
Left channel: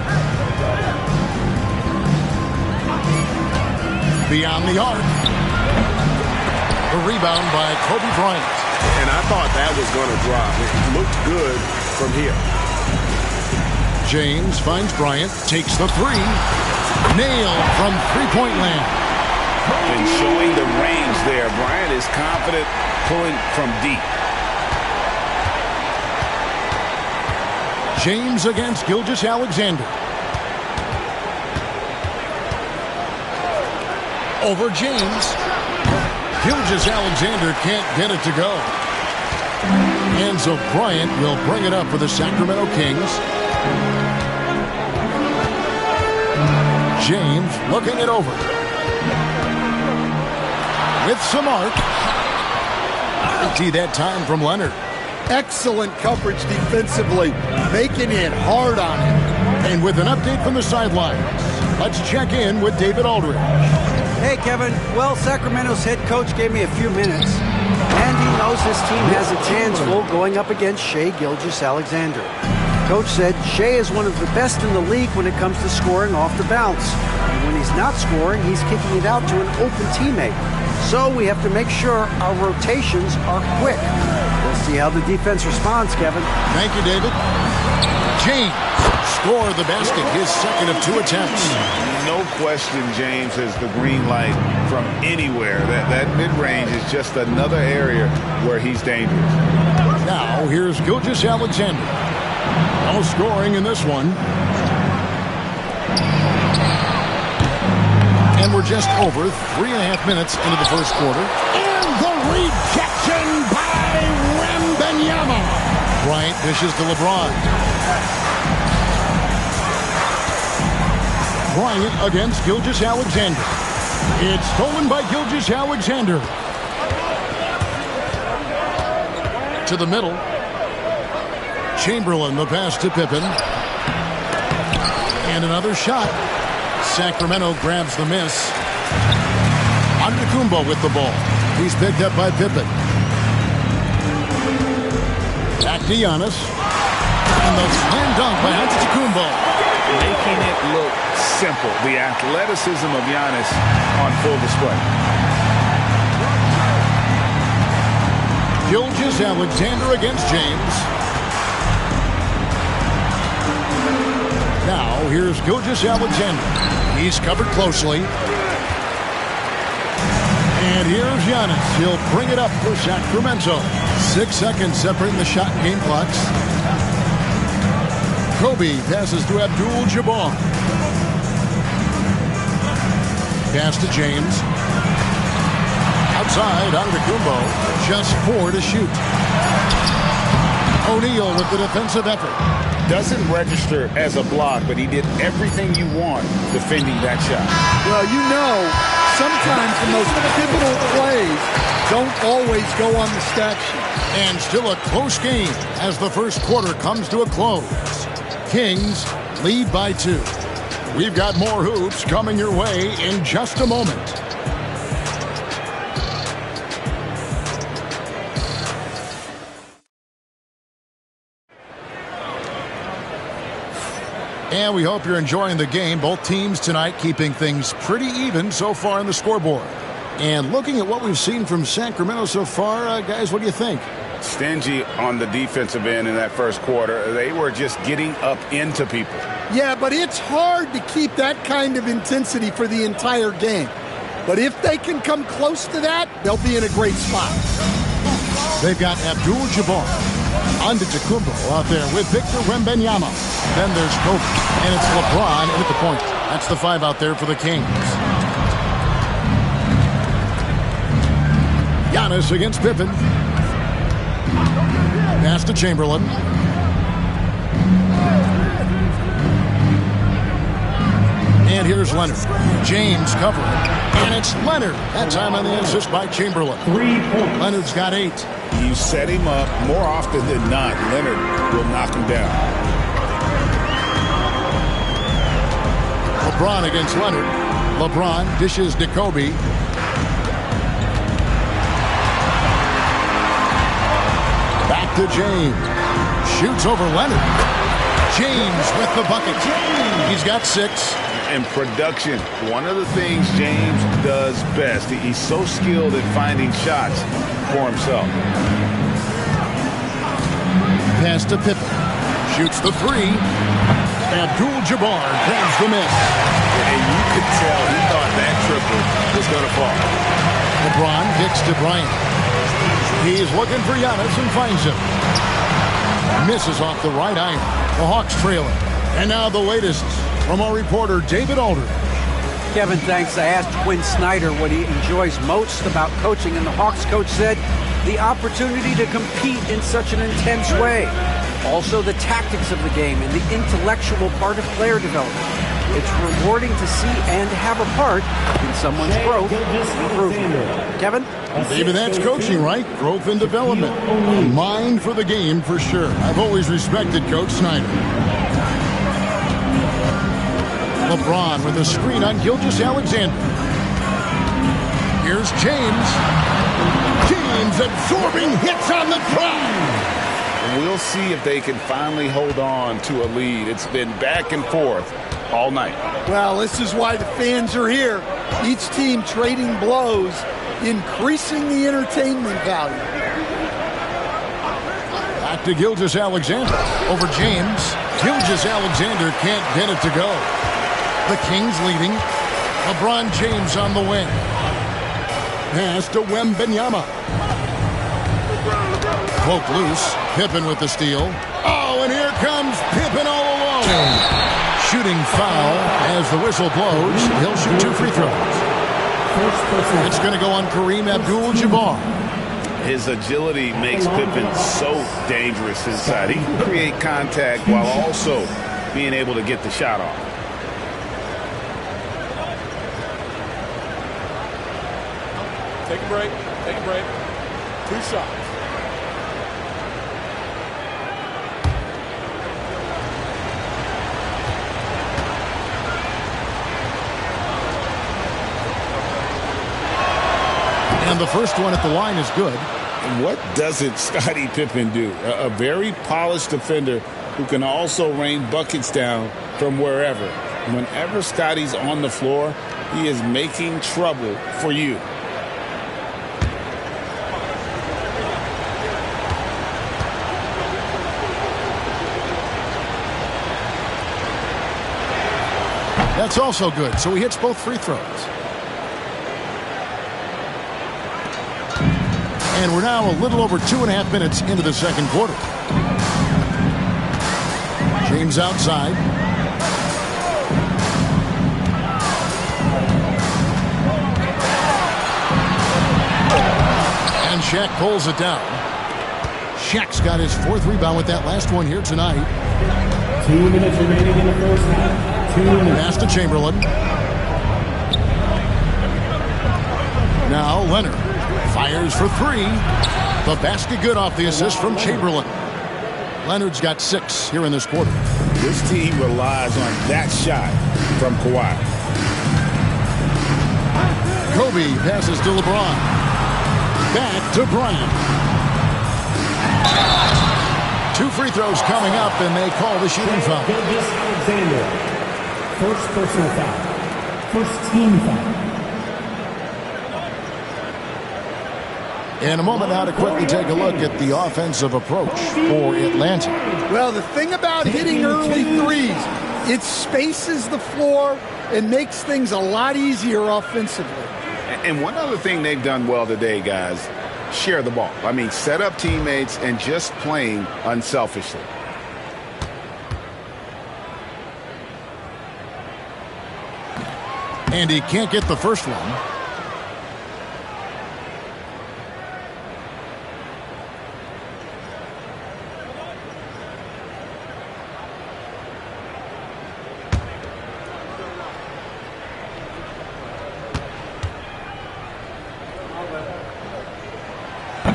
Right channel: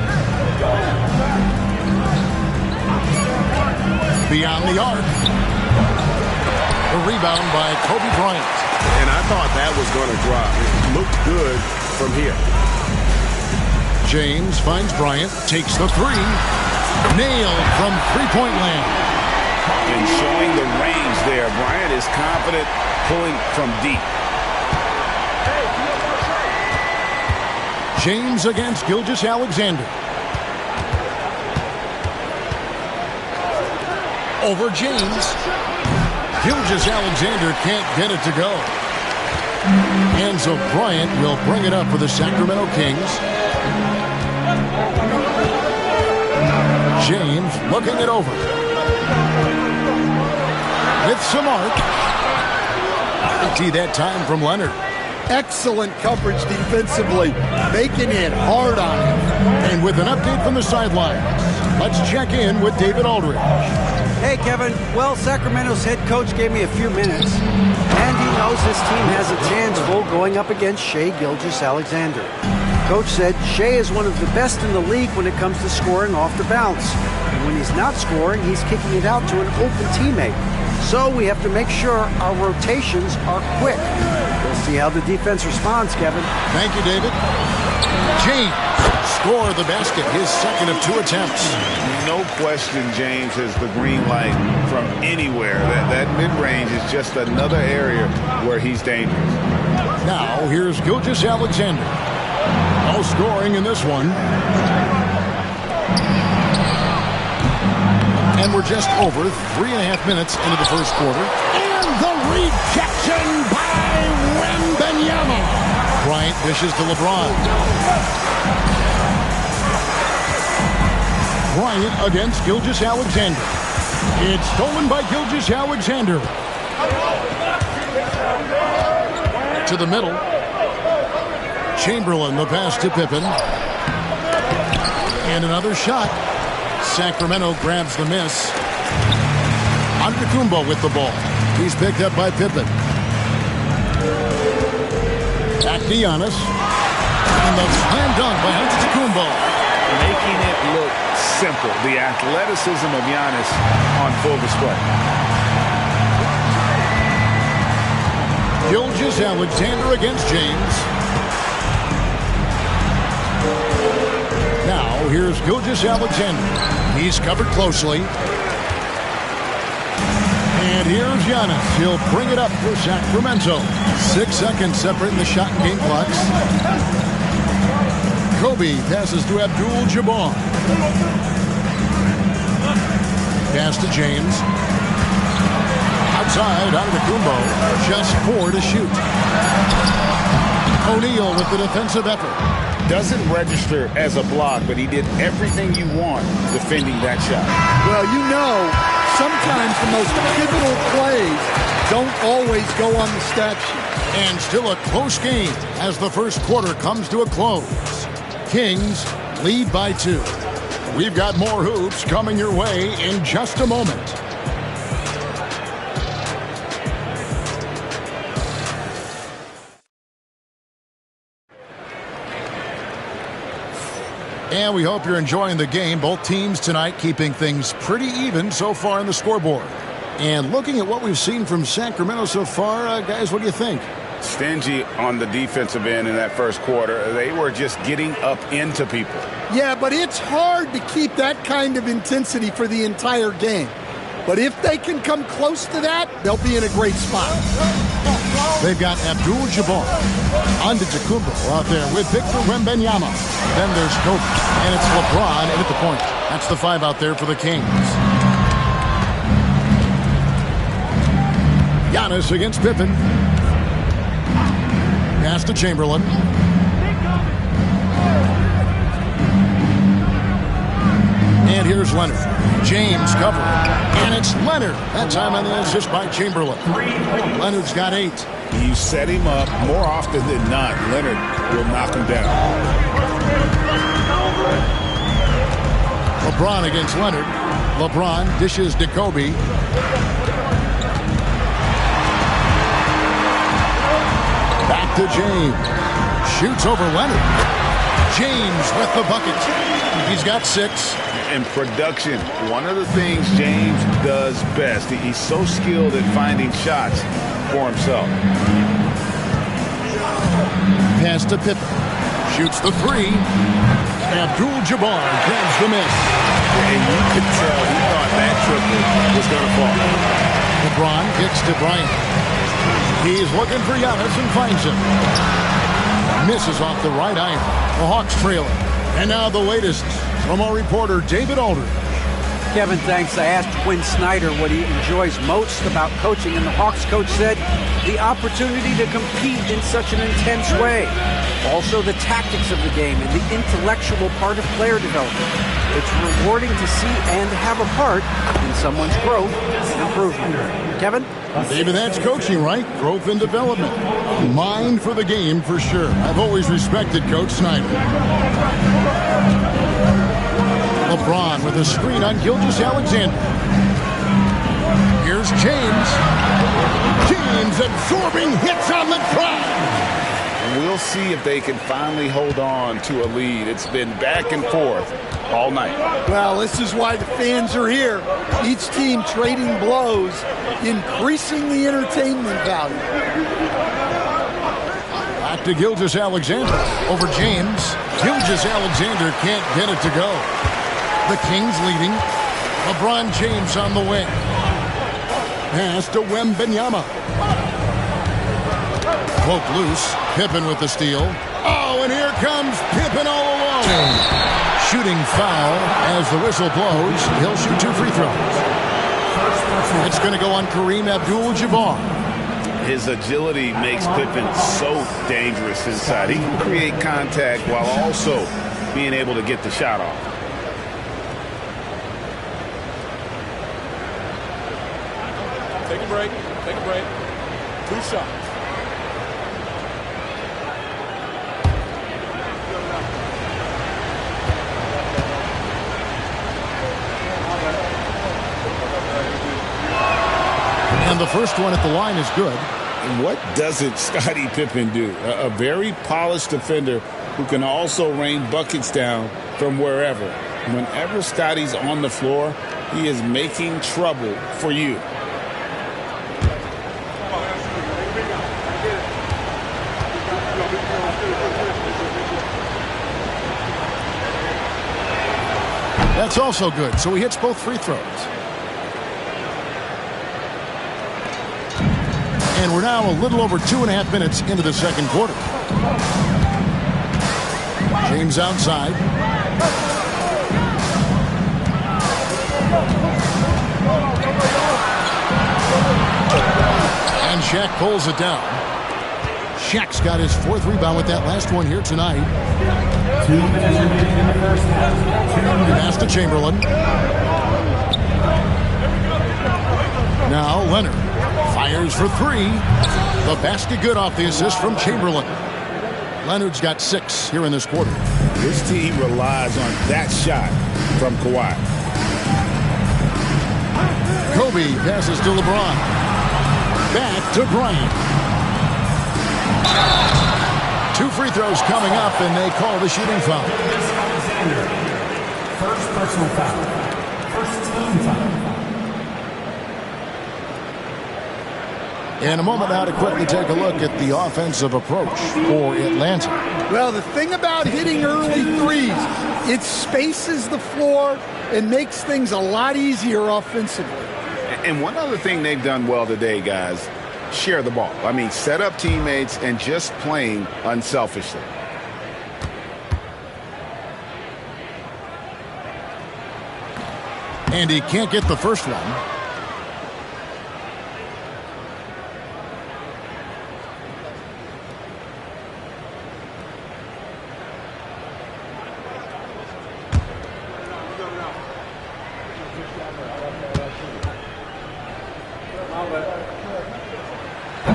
Beyond the arc. The rebound by Kobe Bryant. And I thought that was going to drop. It looked good from here. James finds Bryant, takes the 3. Nailed from three-point land. And showing the range there. Bryant is confident pulling from deep. James against Gilgeous-Alexander. Over James. Gilgeous-Alexander can't get it to go. And so Bryant will bring it up for the Sacramento Kings. James looking it over. With some arc. See that time from Leonard. Excellent coverage defensively, making it hard on him. And with an update from the sidelines, let's check in with David Aldridge. Hey, Kevin. Well, Sacramento's head coach gave me a few minutes, and he knows his team has a chance full going up against Shai Gilgeous-Alexander. Coach said Shai is one of the best in the league when it comes to scoring off the bounce. And when he's not scoring, he's kicking it out to an open teammate. So we have to make sure our rotations are quick. We'll see how the defense responds, Kevin. Thank you, David. James scored the basket, his second of 2 attempts. No question James has the green light from anywhere. That mid-range is just another area where he's dangerous. Now here's Gilgeous-Alexander. No scoring in this one. And we're just over 3.5 minutes into the first quarter. And the rejection by Wembanyama. Bryant dishes to LeBron. Bryant against Gilgeous-Alexander. It's stolen by Gilgeous-Alexander. To the middle. Chamberlain, the pass to Pippen. And another shot. Sacramento grabs the miss. Antetokounmpo with the ball. He's picked up by Pippen. Back to Giannis. And the slam dunk by Antetokounmpo. Making it look simple. The athleticism of Giannis on full display. Gilgeous-Alexander against James. Now, here's Gilgeous-Alexander. He's covered closely. And here's Giannis. He'll bring it up for Sacramento. 6 seconds separating the shot and game clocks. Kobe passes to Abdul-Jabbar. Pass to James. Outside, Antetokounmpo, just 4 to shoot. O'Neal with the defensive effort. Doesn't register as a block, but he did everything you want defending that shot. Well, you know, sometimes the most pivotal plays don't always go on the stat sheet. And still a close game as the first quarter comes to a close. Kings lead by 2. We've got more hoops coming your way in just a moment. And we hope you're enjoying the game. Both teams tonight keeping things pretty even so far on the scoreboard. And looking at what we've seen from Sacramento so far, guys, what do you think? Stingy on the defensive end in that first quarter. They were just getting up into people. Yeah, but it's hard to keep that kind of intensity for the entire game. But if they can come close to that, they'll be in a great spot. They've got Abdul-Jabbar, Antetokounmpo out there with Victor Wembanyama. Then there's Kobe, and it's LeBron in at the point. That's the 5 out there for the Kings. Giannis against Pippen. Pass to Chamberlain. And here's Leonard. James covering. And it's Leonard. That time on the assist by Chamberlain. Leonard's got 8. You set him up more often than not. Leonard will knock him down. LeBron against Leonard. LeBron dishes to Kobe. Back to James. Shoots over Leonard. James with the bucket. He's got 6. And production, one of the things James does best. He's so skilled at finding shots for himself. Pass to Pippen. Shoots the 3. Abdul-Jabbar grabs the miss. And you could tell he thought that triple was going to fall. LeBron kicks to Bryant. He's looking for Giannis and finds him. Misses off the right iron. The Hawks trailing. And now the latest from our reporter, David Aldridge. Kevin, thanks. I asked Quinn Snyder what he enjoys most about coaching, and the Hawks coach said the opportunity to compete in such an intense way. Also, the tactics of the game and the intellectual part of player development. It's rewarding to see and have a part in someone's growth and improvement. Kevin? David, that's coaching, right? Growth and development. A mind for the game for sure. I've always respected Coach Snyder. LeBron with a screen on Gilgeous-Alexander. Here's James. James absorbing hits on the drive. We'll see if they can finally hold on to a lead. It's been back and forth all night. Well, this is why the fans are here. Each team trading blows, increasing the entertainment value. Back to Gilgeous-Alexander. Over James. Gilgeous-Alexander can't get it to go. The Kings leading. LeBron James on the wing. Pass to Wembanyama. Poke loose. Pippen with the steal. Oh, and here comes Pippen all alone. Shooting foul as the whistle blows. He'll shoot 2 free throws. It's going to go on Kareem Abdul-Jabbar. His agility makes Pippen so dangerous inside. He can create contact while also being able to get the shot off. Take a break. Take a break. 2 shots. And the first one at the line is good. And what doesn't Scottie Pippen do? A very polished defender who can also rain buckets down from wherever. Whenever Scottie's on the floor, he is making trouble for you. That's also good. So he hits both free throws. And we're now a little over 2.5 minutes into the second quarter. James outside. Shaq pulls it down. Shaq's got his 4th rebound with that last one here tonight. 2 minutes remaining in the first half. 2 minutes. Pass to Chamberlain. Now Leonard fires for 3. The basket good off the assist from Chamberlain. Leonard's got 6 here in this quarter. This team relies on that shot from Kawhi. Kobe passes to LeBron. Back to Bryant. 2 free throws coming up, and they call the shooting foul. Alexander. First personal foul. First team foul. In a moment now to quickly take a look at the offensive approach for Atlanta. Well, the thing about hitting early threes, it spaces the floor and makes things a lot easier offensively. And one other thing they've done well today, guys, share the ball. I mean, set up teammates and just playing unselfishly. And he can't get the first one.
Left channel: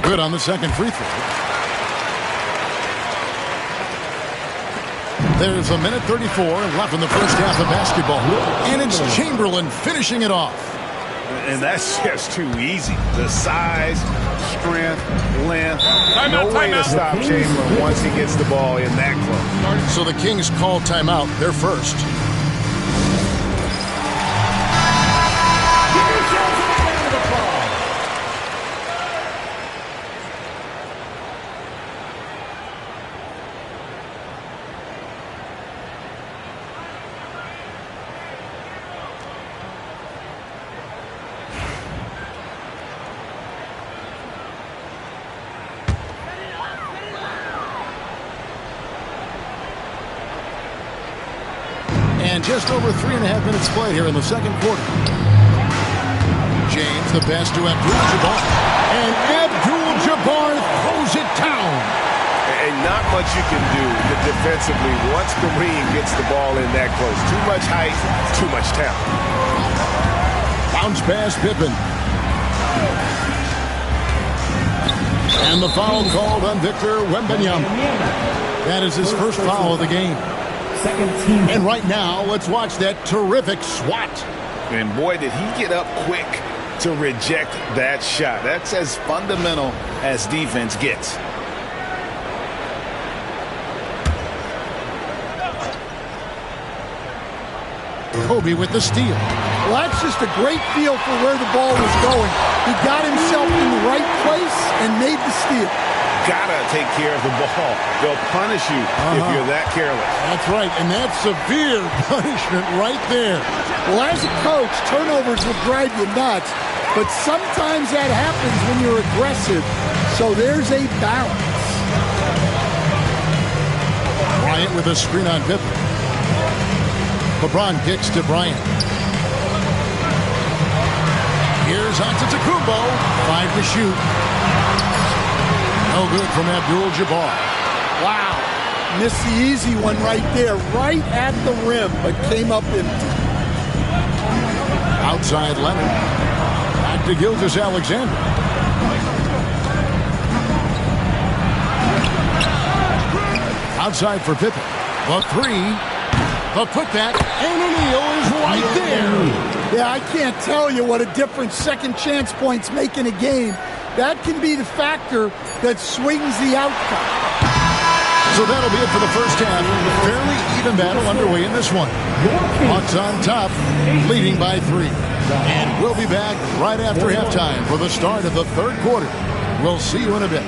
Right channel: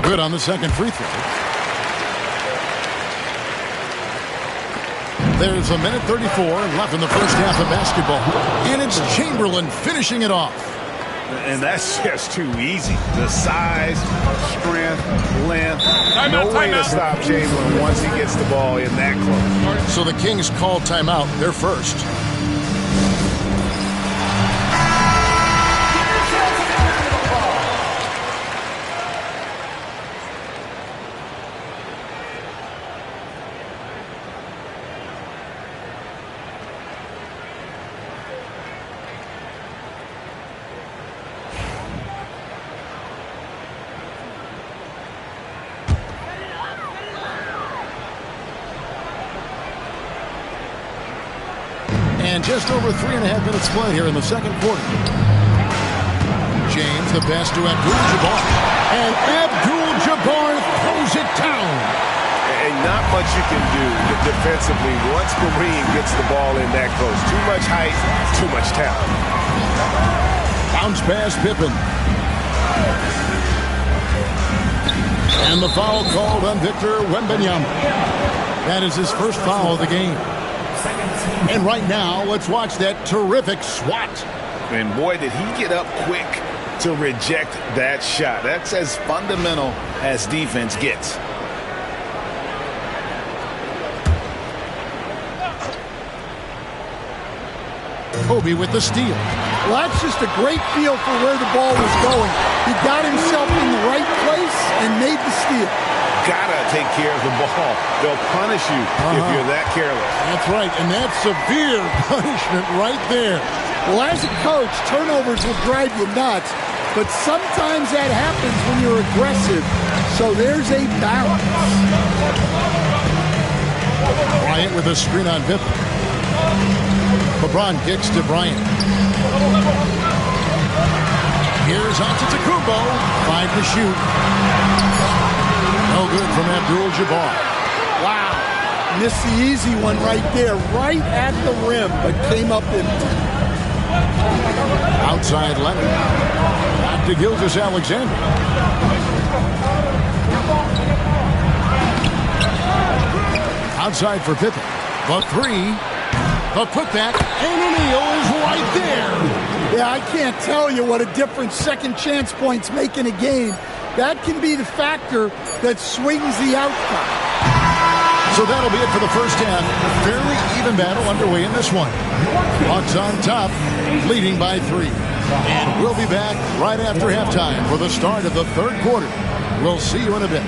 Good on the second free throw. There's 1:34 left in the first half of basketball. And it's Chamberlain finishing it off. And that's just too easy. The size, strength, length. No way to stop Chamberlain once he gets the ball in that close. So the Kings call timeout. They're first. And just over 3.5 minutes played here in the second quarter. James, the pass to Abdul-Jabbar. And Abdul-Jabbar throws it down. And not much you can do defensively once Kareem gets the ball in that close. Too much height, too much talent. Bounce pass, Pippen. And the foul called on Victor Wembanyama. That is his first foul of the game. And right now, let's watch that terrific swat. And boy, did he get up quick to reject that shot. That's as fundamental as defense gets. Kobe with the steal. Well, that's just a great feel for where the ball was going. He got himself in the right place and made the steal. Gotta take care of the ball. They'll punish you if you're that careless. That's right, and that's severe punishment right there. Well, as a coach, turnovers will drive you nuts, but sometimes that happens when you're aggressive. So there's a balance. Bryant with a screen on Pippen. LeBron kicks to Bryant. Here's Antetokounmpo. 5 to shoot. No good from Abdul-Jabbar. Wow. Missed the easy one right there, right at the rim, but came up empty. Outside Leonard. Back to Gilgeous-Alexander. Outside for Pippen. The 3. The putback. And O'Neal is right there. Yeah, I can't tell you what a difference second chance points make in a game. That can be the factor that swings the outcome. So that'll be it for the first half. Fairly even battle underway in this one. Bucks on top, leading by 3. And we'll be back right after halftime for the start of the third quarter. We'll see you in a bit.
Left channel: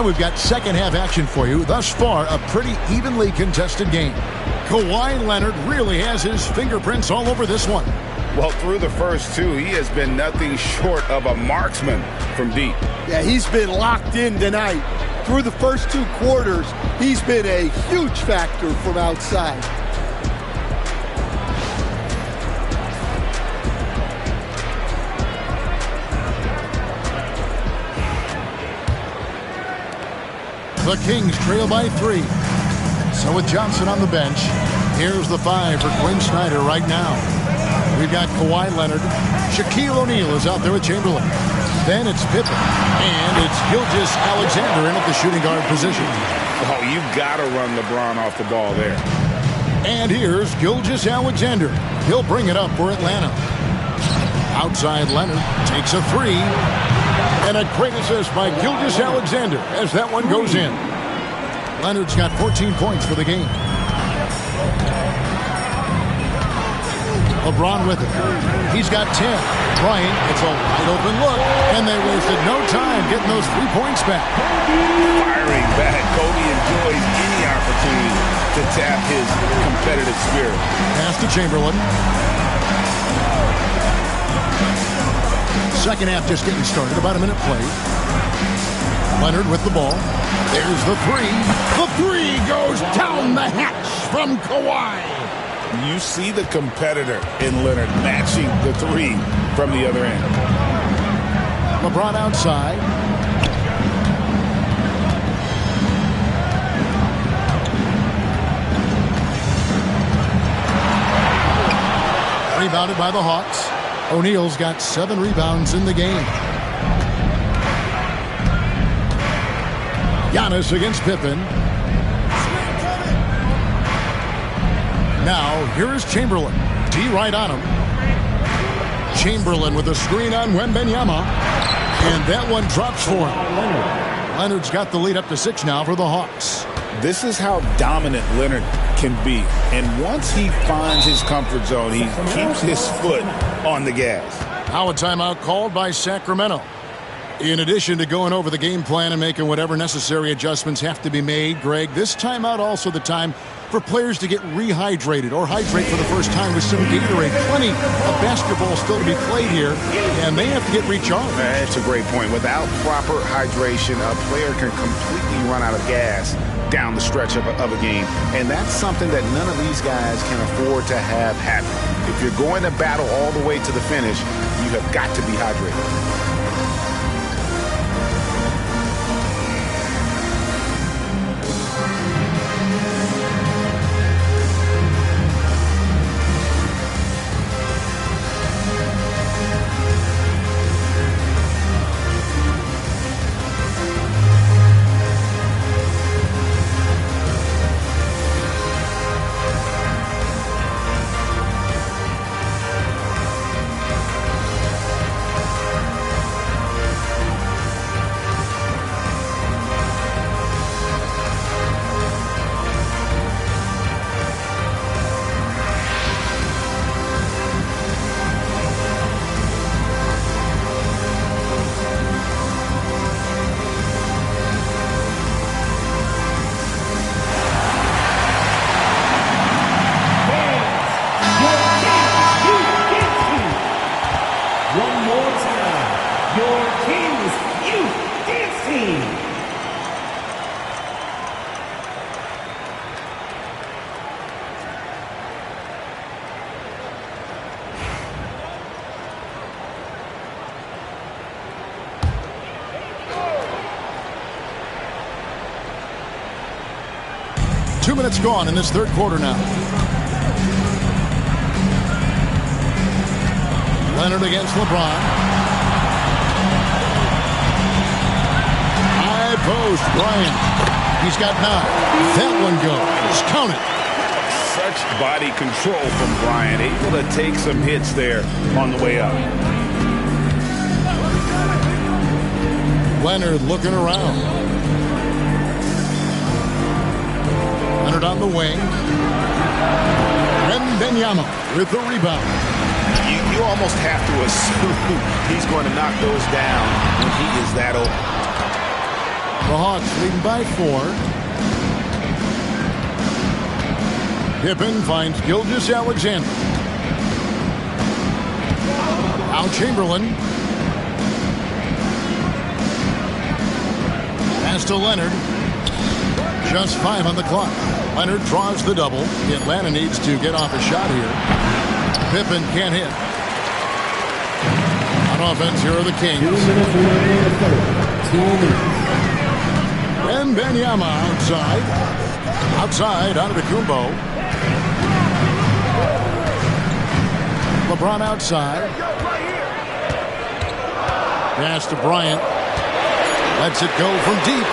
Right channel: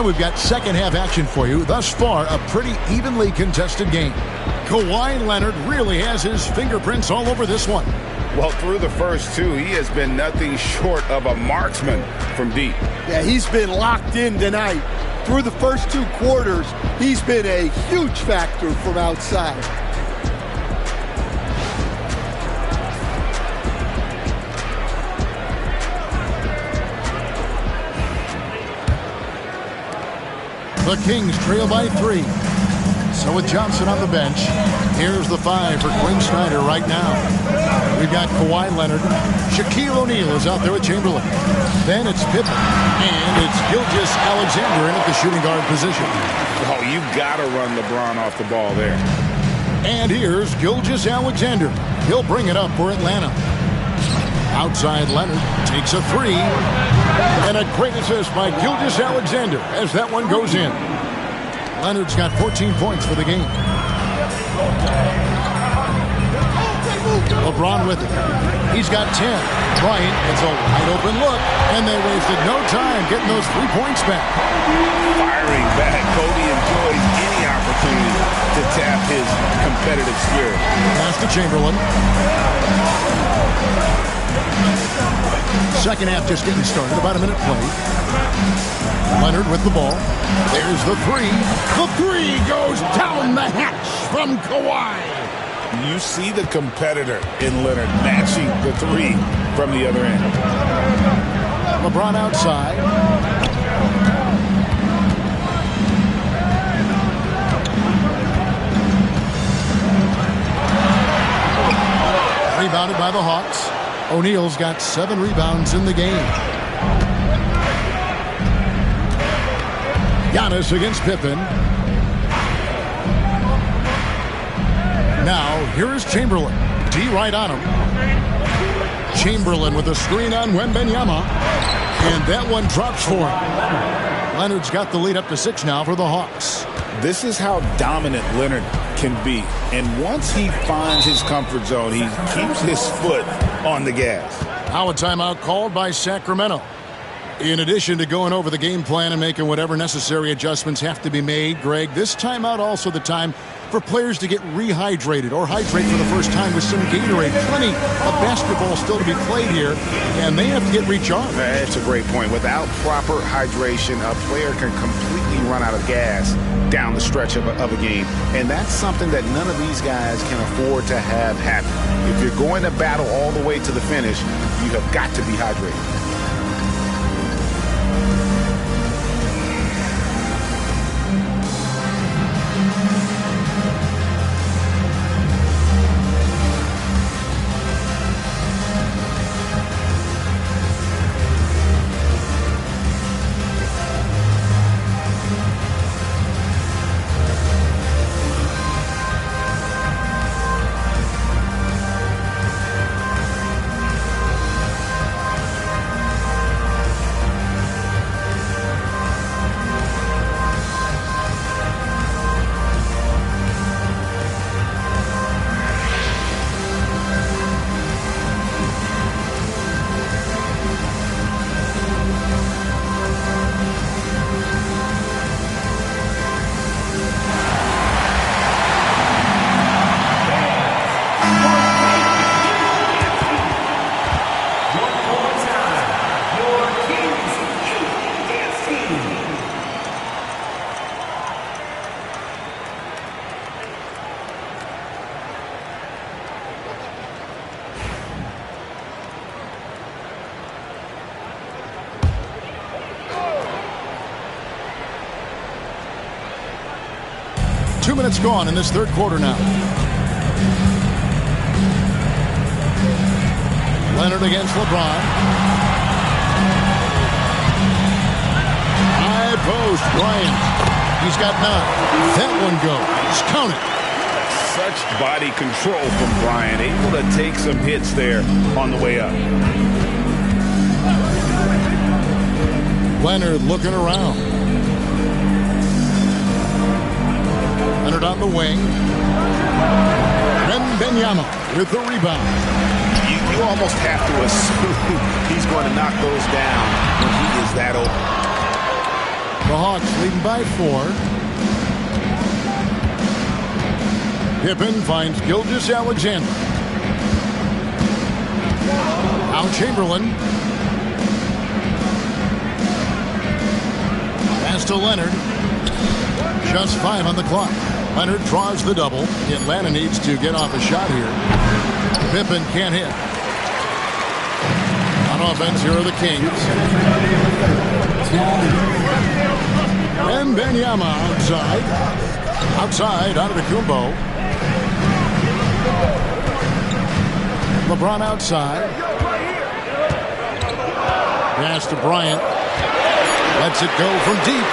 And we've got second half action for you. Thus far, a pretty evenly contested game. Kawhi Leonard really has his fingerprints all over this one. Well, through the first two, he has been nothing short of a marksman from deep. Yeah, he's been locked in tonight. Through the first 2 quarters, he's been a huge factor from outside. The Kings trail by 3. So with Johnson on the bench, here's the 5 for Quinn Snyder right now. We've got Kawhi Leonard. Shaquille O'Neal is out there with Chamberlain. Then it's Pippen. And it's Gilgeous-Alexander in at the shooting guard position. Oh, you got to run LeBron off the ball there. And here's Gilgeous-Alexander. He'll bring it up for Atlanta. Outside Leonard takes a 3. And a great assist by Gilgeous-Alexander as that one goes in. Leonard's got 14 points for the game. LeBron with it. He's got 10. Bryant gets a wide open look, and they wasted no time getting those 3 points back. Firing back. Kobe enjoys any opportunity to tap his competitive spirit. Pass to Chamberlain. Second half just getting started. About a minute played. Leonard with the ball. There's the 3. The 3 goes down the hatch from Kawhi. You see the competitor in Leonard matching the 3 from the other end. LeBron outside. Rebounded by the Hawks. O'Neal's got 7 rebounds in the game. Giannis against Pippen. Now, here is Chamberlain. D right on him. Chamberlain with a screen on Wembanyama. And that one drops for him. Leonard's got the lead up to 6 now for the Hawks. This is how dominant Leonard can be. And once he finds his comfort zone, he keeps his foot on the gas. Now a timeout called by Sacramento. In addition to going over the game plan and making whatever necessary adjustments have to be made, Greg, this timeout also the time for players to get rehydrated or hydrate for the first time with some Gatorade. Plenty of basketball still to be played here, and they have to get recharged. That's a great point. Without proper hydration, a player can completely run out of gas down the stretch of a game. And that's something that none of these guys can afford to have happen. If you're going to battle all the way to the finish, you have got to be hydrated. Two minutes gone in this third quarter now. Leonard against LeBron. High post, Bryant. He's got 9. That one goes. Count it. Such body control from Bryant. Able to take some hits there on the way up. Leonard looking around. Leonard on the wing. Wembanyama with the rebound. You almost have to assume he's going to knock those down when he is that open. The Hawks leading by 4. Pippen finds Gilgeous-Alexander. Now Chamberlain. Pass to Leonard. Just 5 on the clock. Leonard draws the double. Atlanta needs to get off a shot here. Pippen can't hit. On offense, here are the Kings. Wembanyama outside. Outside, Antetokounmpo. LeBron outside. Pass to Bryant. Lets it go from deep.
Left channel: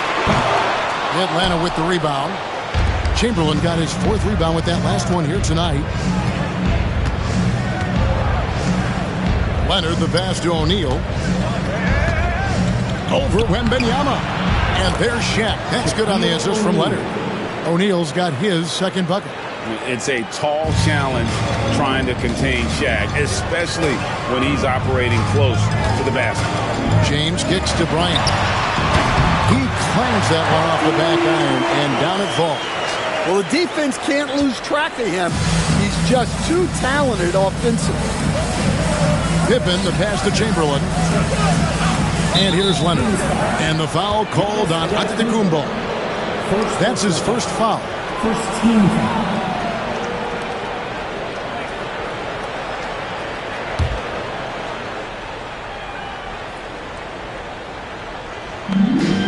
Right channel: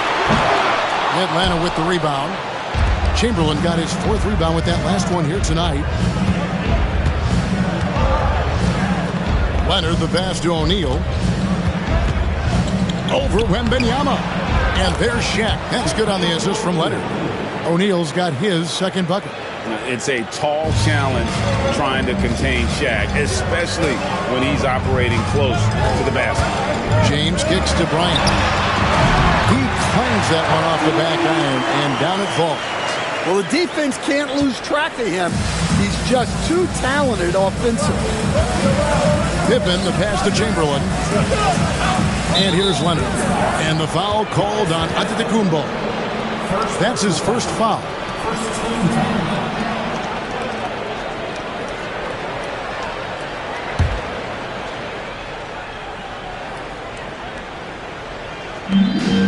Atlanta with the rebound. Chamberlain got his 4th rebound with that last one here tonight. Leonard, the pass to O'Neal. Over Wembanyama. And there's Shaq. That's good on the assist from Leonard. O'Neal's got his 2nd bucket. It's a tall challenge trying to contain Shaq, especially when he's operating close to the basket. James kicks to Bryant. He clangs that one off the back iron, and down it falls. Well, the defense can't lose track of him. He's just too talented offensively. Pippen, the pass to Chamberlain. And here's Leonard. And the foul called on Antetokounmpo. That's his first foul. First team foul.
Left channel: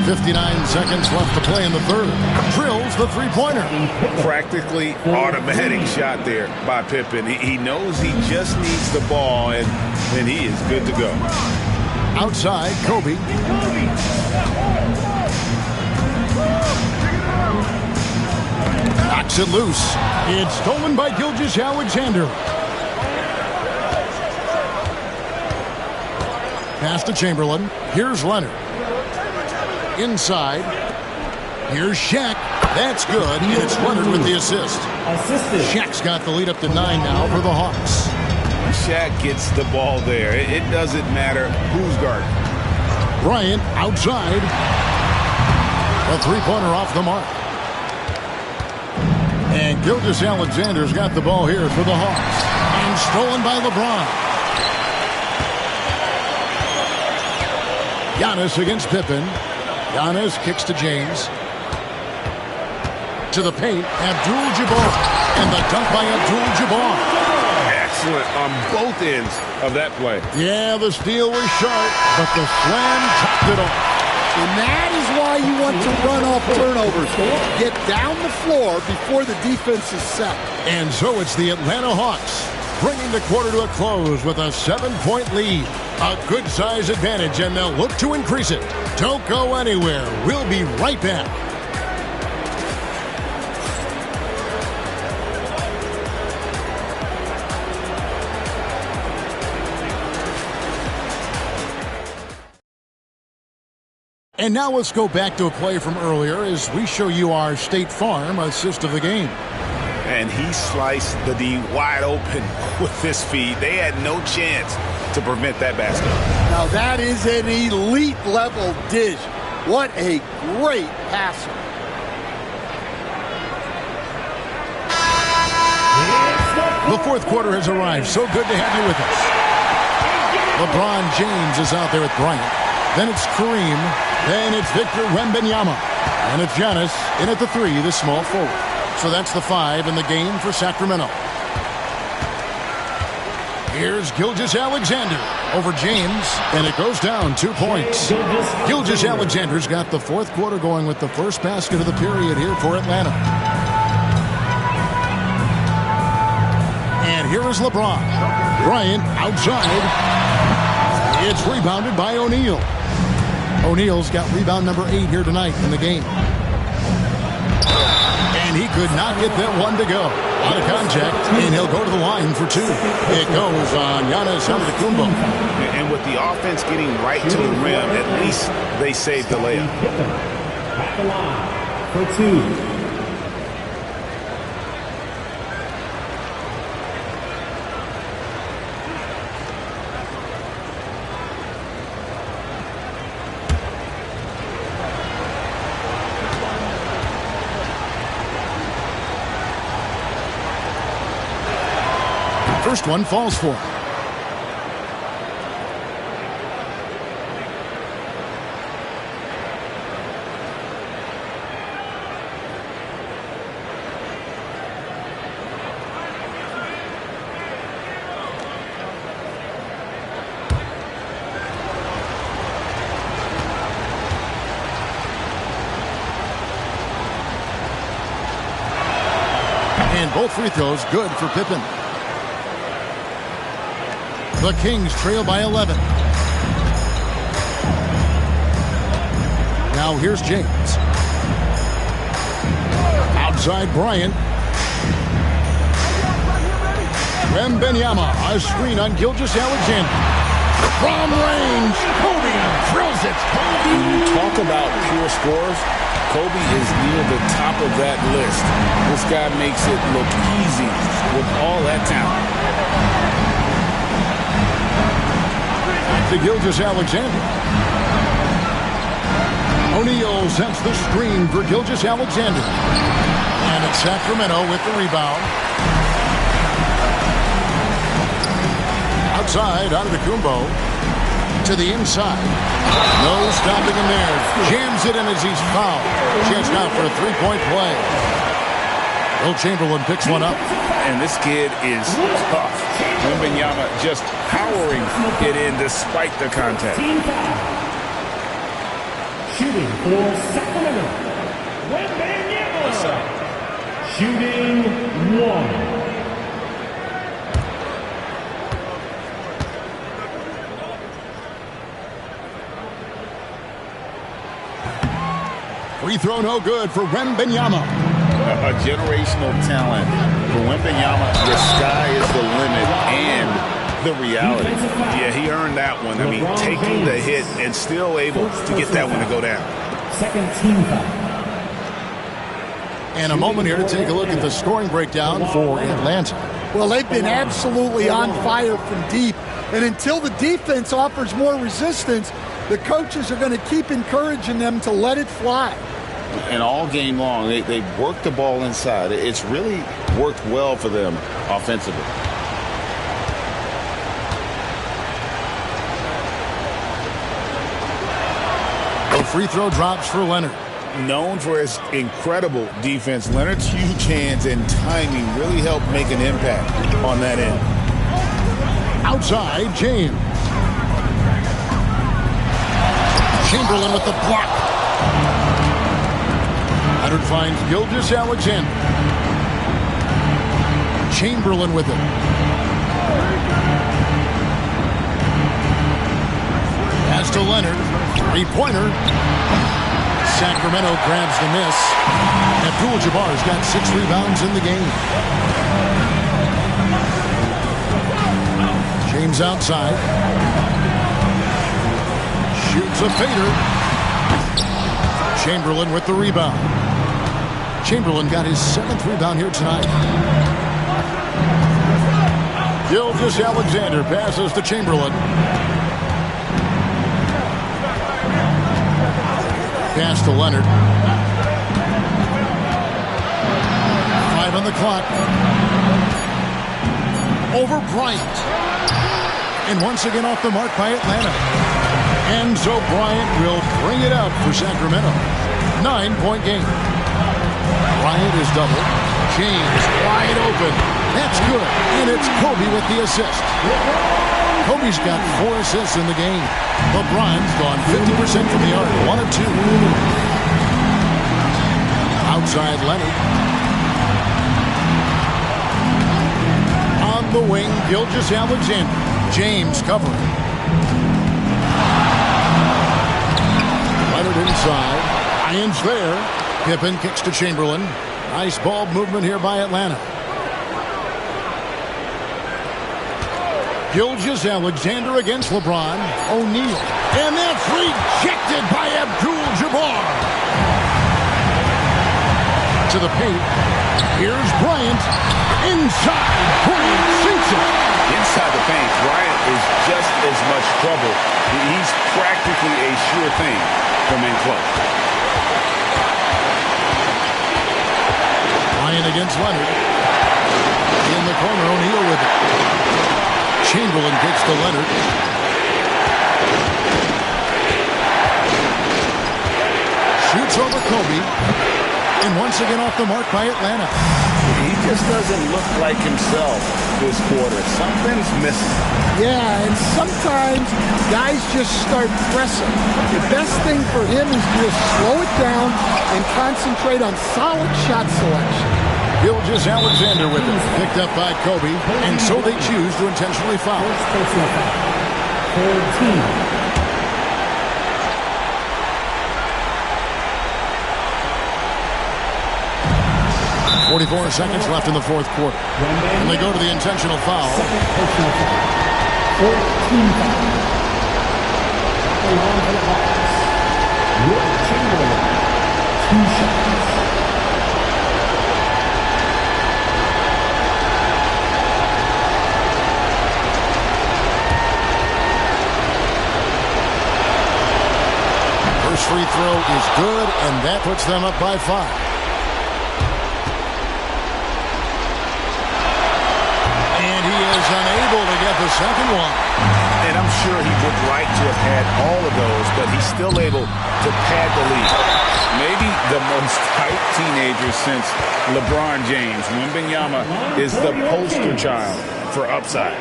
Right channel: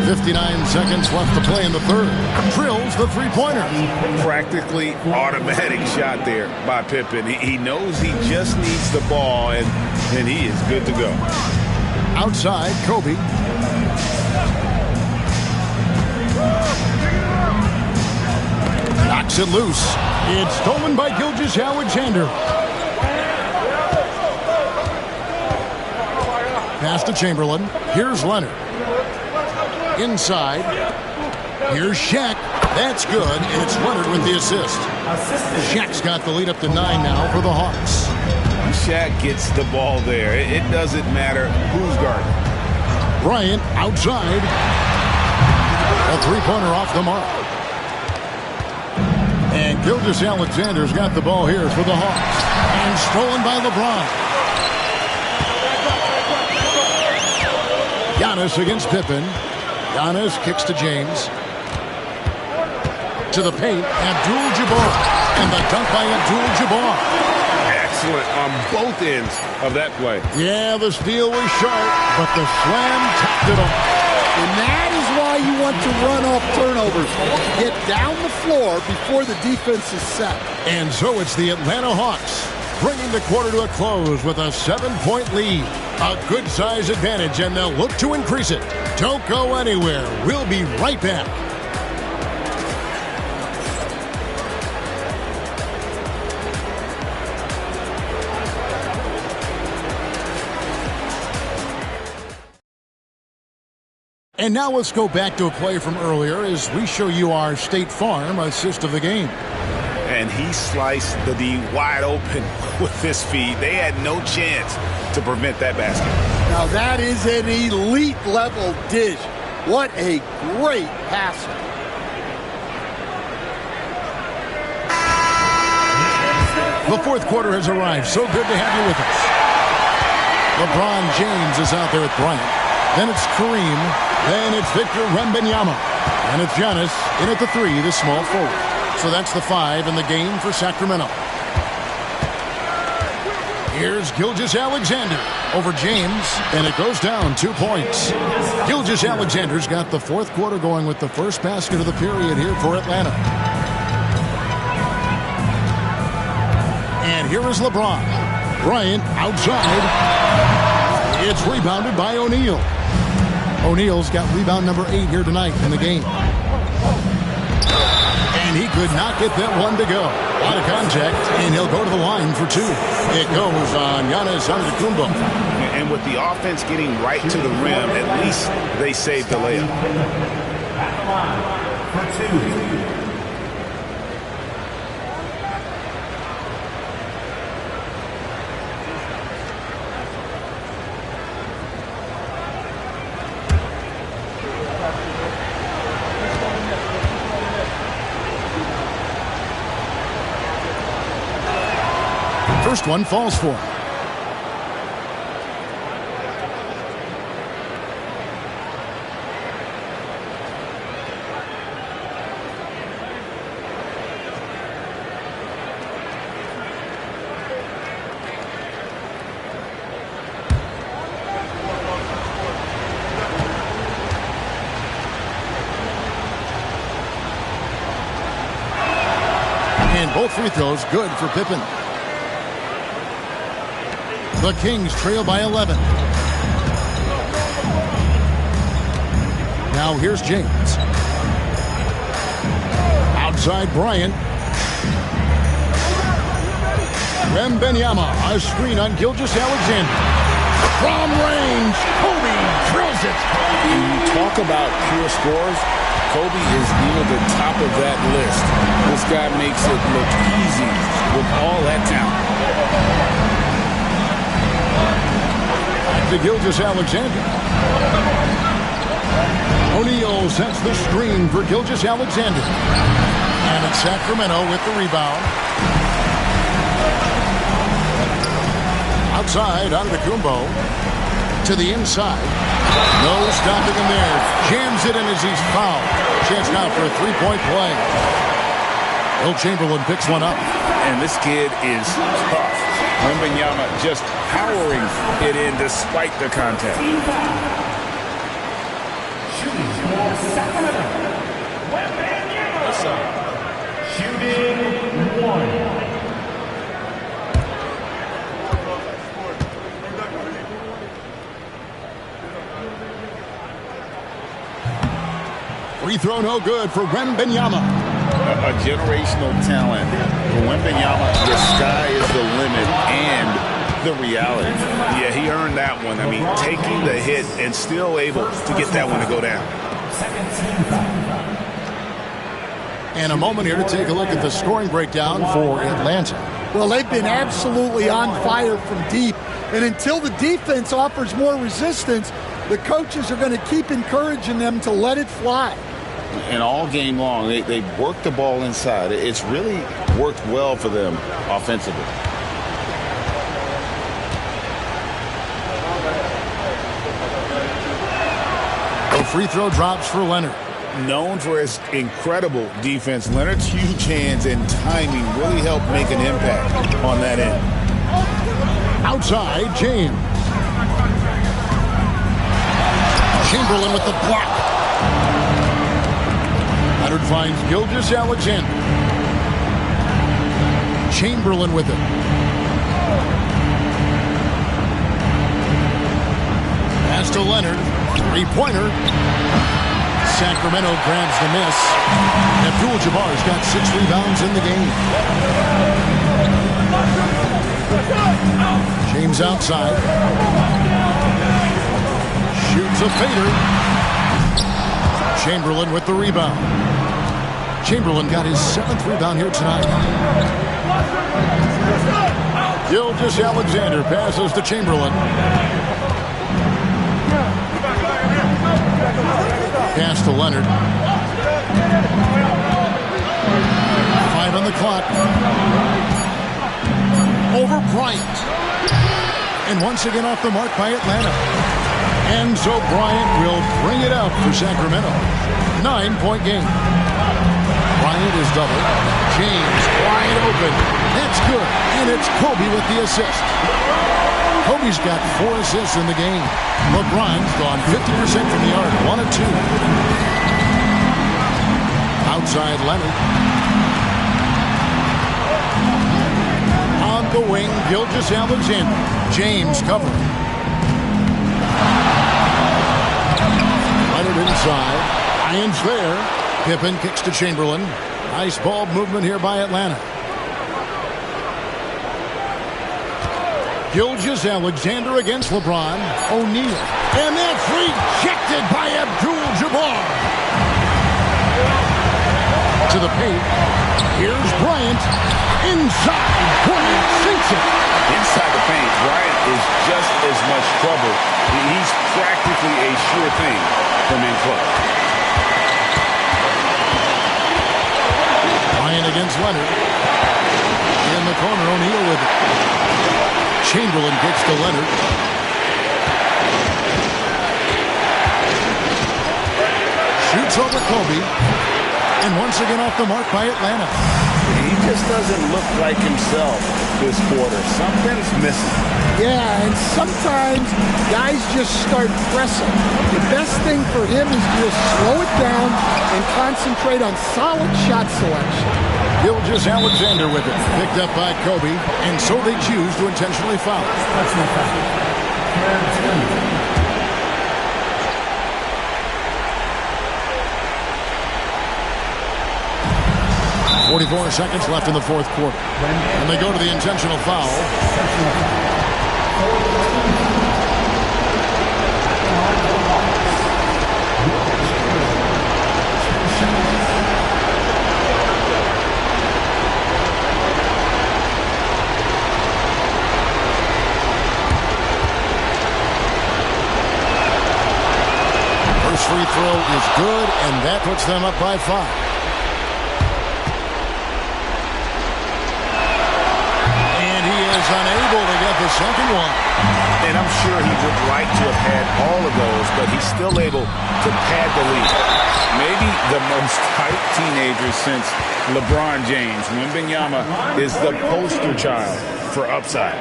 59 seconds left to play in the 3rd. Drills the three-pointer. Practically automatic shot there by Pippen. He knows he just needs the ball, and then he is good to go. Outside, Kobe. Knocks it loose. It's stolen by Gilgeous-Alexander. Pass to Chamberlain. Here's Leonard. Inside. Here's Shaq. That's good, and it's Leonard with the assist. Shaq's got the lead up to 9 now for the Hawks. When Shaq gets the ball there, it doesn't matter who's guarding. Bryant outside. A 3-pointer off the mark. And Gilgeous-Alexander's got the ball here for the Hawks. And stolen by LeBron. Giannis against Pippen. Giannis kicks to James. To the paint, Abdul-Jabbar. And the dunk by Abdul-Jabbar. Excellent on both ends of that play. Yeah, the steal was sharp, but the slam topped it off. And that is why you want to run off turnovers. Get down the floor before the defense is set. And so it's the Atlanta Hawks bringing the quarter to a close with a 7-point lead. A good size advantage, and they'll look to increase it. Don't go anywhere. We'll be right back. And now let's go back to a play from earlier as we show you our State Farm assist of the game. And he sliced the D wide open with this feed. They had no chance to prevent that basket. Now that is an elite level dish. What a great passer. The 4th quarter has arrived. So good to have you with us. LeBron James is out there with Bryant. Then it's Kareem. Then it's Victor Wembanyama. And it's Giannis in at the 3, the small forward. So that's the 5 in the game for Sacramento. Here's Gilgeous-Alexander over James, and it goes down 2 points. Gilgeous-Alexander's got the 4th quarter going with the first basket of the period here for Atlanta. And here is LeBron. Bryant outside. It's rebounded by O'Neal. O'Neal's got rebound number 8 here tonight in the game. And he could not get that one to go. Out of contact, and he'll go to the line for 2. It goes on Giannis Antetokounmpo. And with the offense getting right to the rim, at least they saved the layup. At the line for 2. First one falls for him. And both free throws good for Pippen. The Kings trail by 11. Now here's James. Outside Bryant. Wembanyama, a screen on Gilgeous-Alexander. From range, Kobe drills it. When you talk about pure scores, Kobe is near the top of that list. This guy makes it look easy with all that talent. Back to Gilgeous-Alexander. O'Neal sets the screen for Gilgeous-Alexander. And it's Sacramento with the rebound. Outside, Antetokounmpo. To the inside. No stopping him there. Jams it in as he's fouled. Chance now for a three-point play. Will Chamberlain picks one up. And this kid is tough. Wembanyama just powering it in despite the contact. Shooting for Sacramento. Wembanyama. Shooting one. Free throw no good for Wembanyama. A generational talent. For Wembanyama, the sky is the limit and the reality. Yeah, he earned that one. I mean, taking the hit and still able to get that one to go down. Second team foul. And a moment here to take a look at the scoring breakdown for Atlanta. Well, they've been absolutely on fire from deep. And until the defense offers more resistance, the coaches are going to keep encouraging them to let it fly. And all game long, they work the ball inside. It's really worked well for them offensively. The free throw drops for Leonard. Known for his incredible defense, Leonard's huge hands and timing really helped make an impact on that end. Outside, James. Chamberlain with the block. Leonard finds Gilgeous-Alexander. Chamberlain with it. Pass to Leonard. Three-pointer. Sacramento grabs the miss. Abdul-Jabbar's got 6 rebounds in the game. James outside. Shoots a fader. Chamberlain with the rebound. Chamberlain got his 7th rebound here tonight. Gilgeous-Alexander passes to Chamberlain. Pass to Leonard. 5 on the clock. Over Bryant. And once again off the mark by Atlanta. And so Bryant will bring it out for Sacramento. 9-point game. Bryant is doubled. James wide open. That's good. And it's Kobe with the assist. Kobe's got 4 assists in the game. LeBron's gone 50% from the arc. 1 of 2. Outside Leonard. On the wing, Gilgeous-Alexander. James covering. Leonard inside. Ryan's there. Pippen kicks to Chamberlain. Nice ball movement here by Atlanta. Gilgeous-Alexander against LeBron. O'Neal. And that's rejected by Abdul-Jabbar. To the paint. Here's Bryant. Inside. Bryant sinks it. Inside the paint, Bryant is just as much trouble. He's practically a sure thing from in close. Bryant against Leonard. In the corner, O'Neal with it. Chamberlain kicks to Leonard. Shoots over Kobe. And once again off the mark by Atlanta. He just doesn't look like himself this quarter. Something's missing. Yeah, and sometimes guys just start pressing. The best thing for him is to just slow it down and concentrate on solid shot selection. Gilgeous-Alexander with it. Picked up by Kobe. And so they choose to intentionally foul. 44 seconds left in the fourth quarter. And they go to the intentional foul. First free throw is good, and that puts them up by 5. And he is unable to get the second one. And I'm sure he would like to have had all of those, but he's still able to pad the lead. Maybe the most hyped teenager since LeBron James. Wembanyama is the poster child for upside.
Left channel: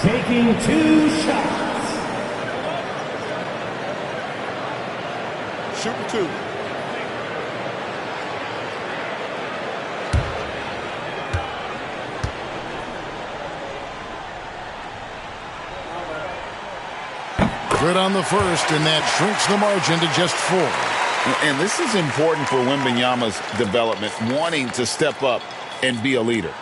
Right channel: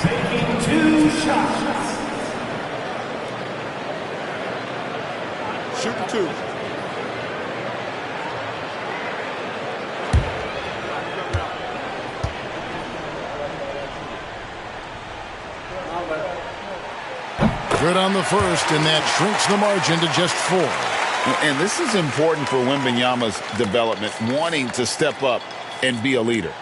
Taking 2 shots. Shooting 2. Good on the first, and that shrinks the margin to just 4. And this is important for Wembanyama's development, wanting to step up and be a leader.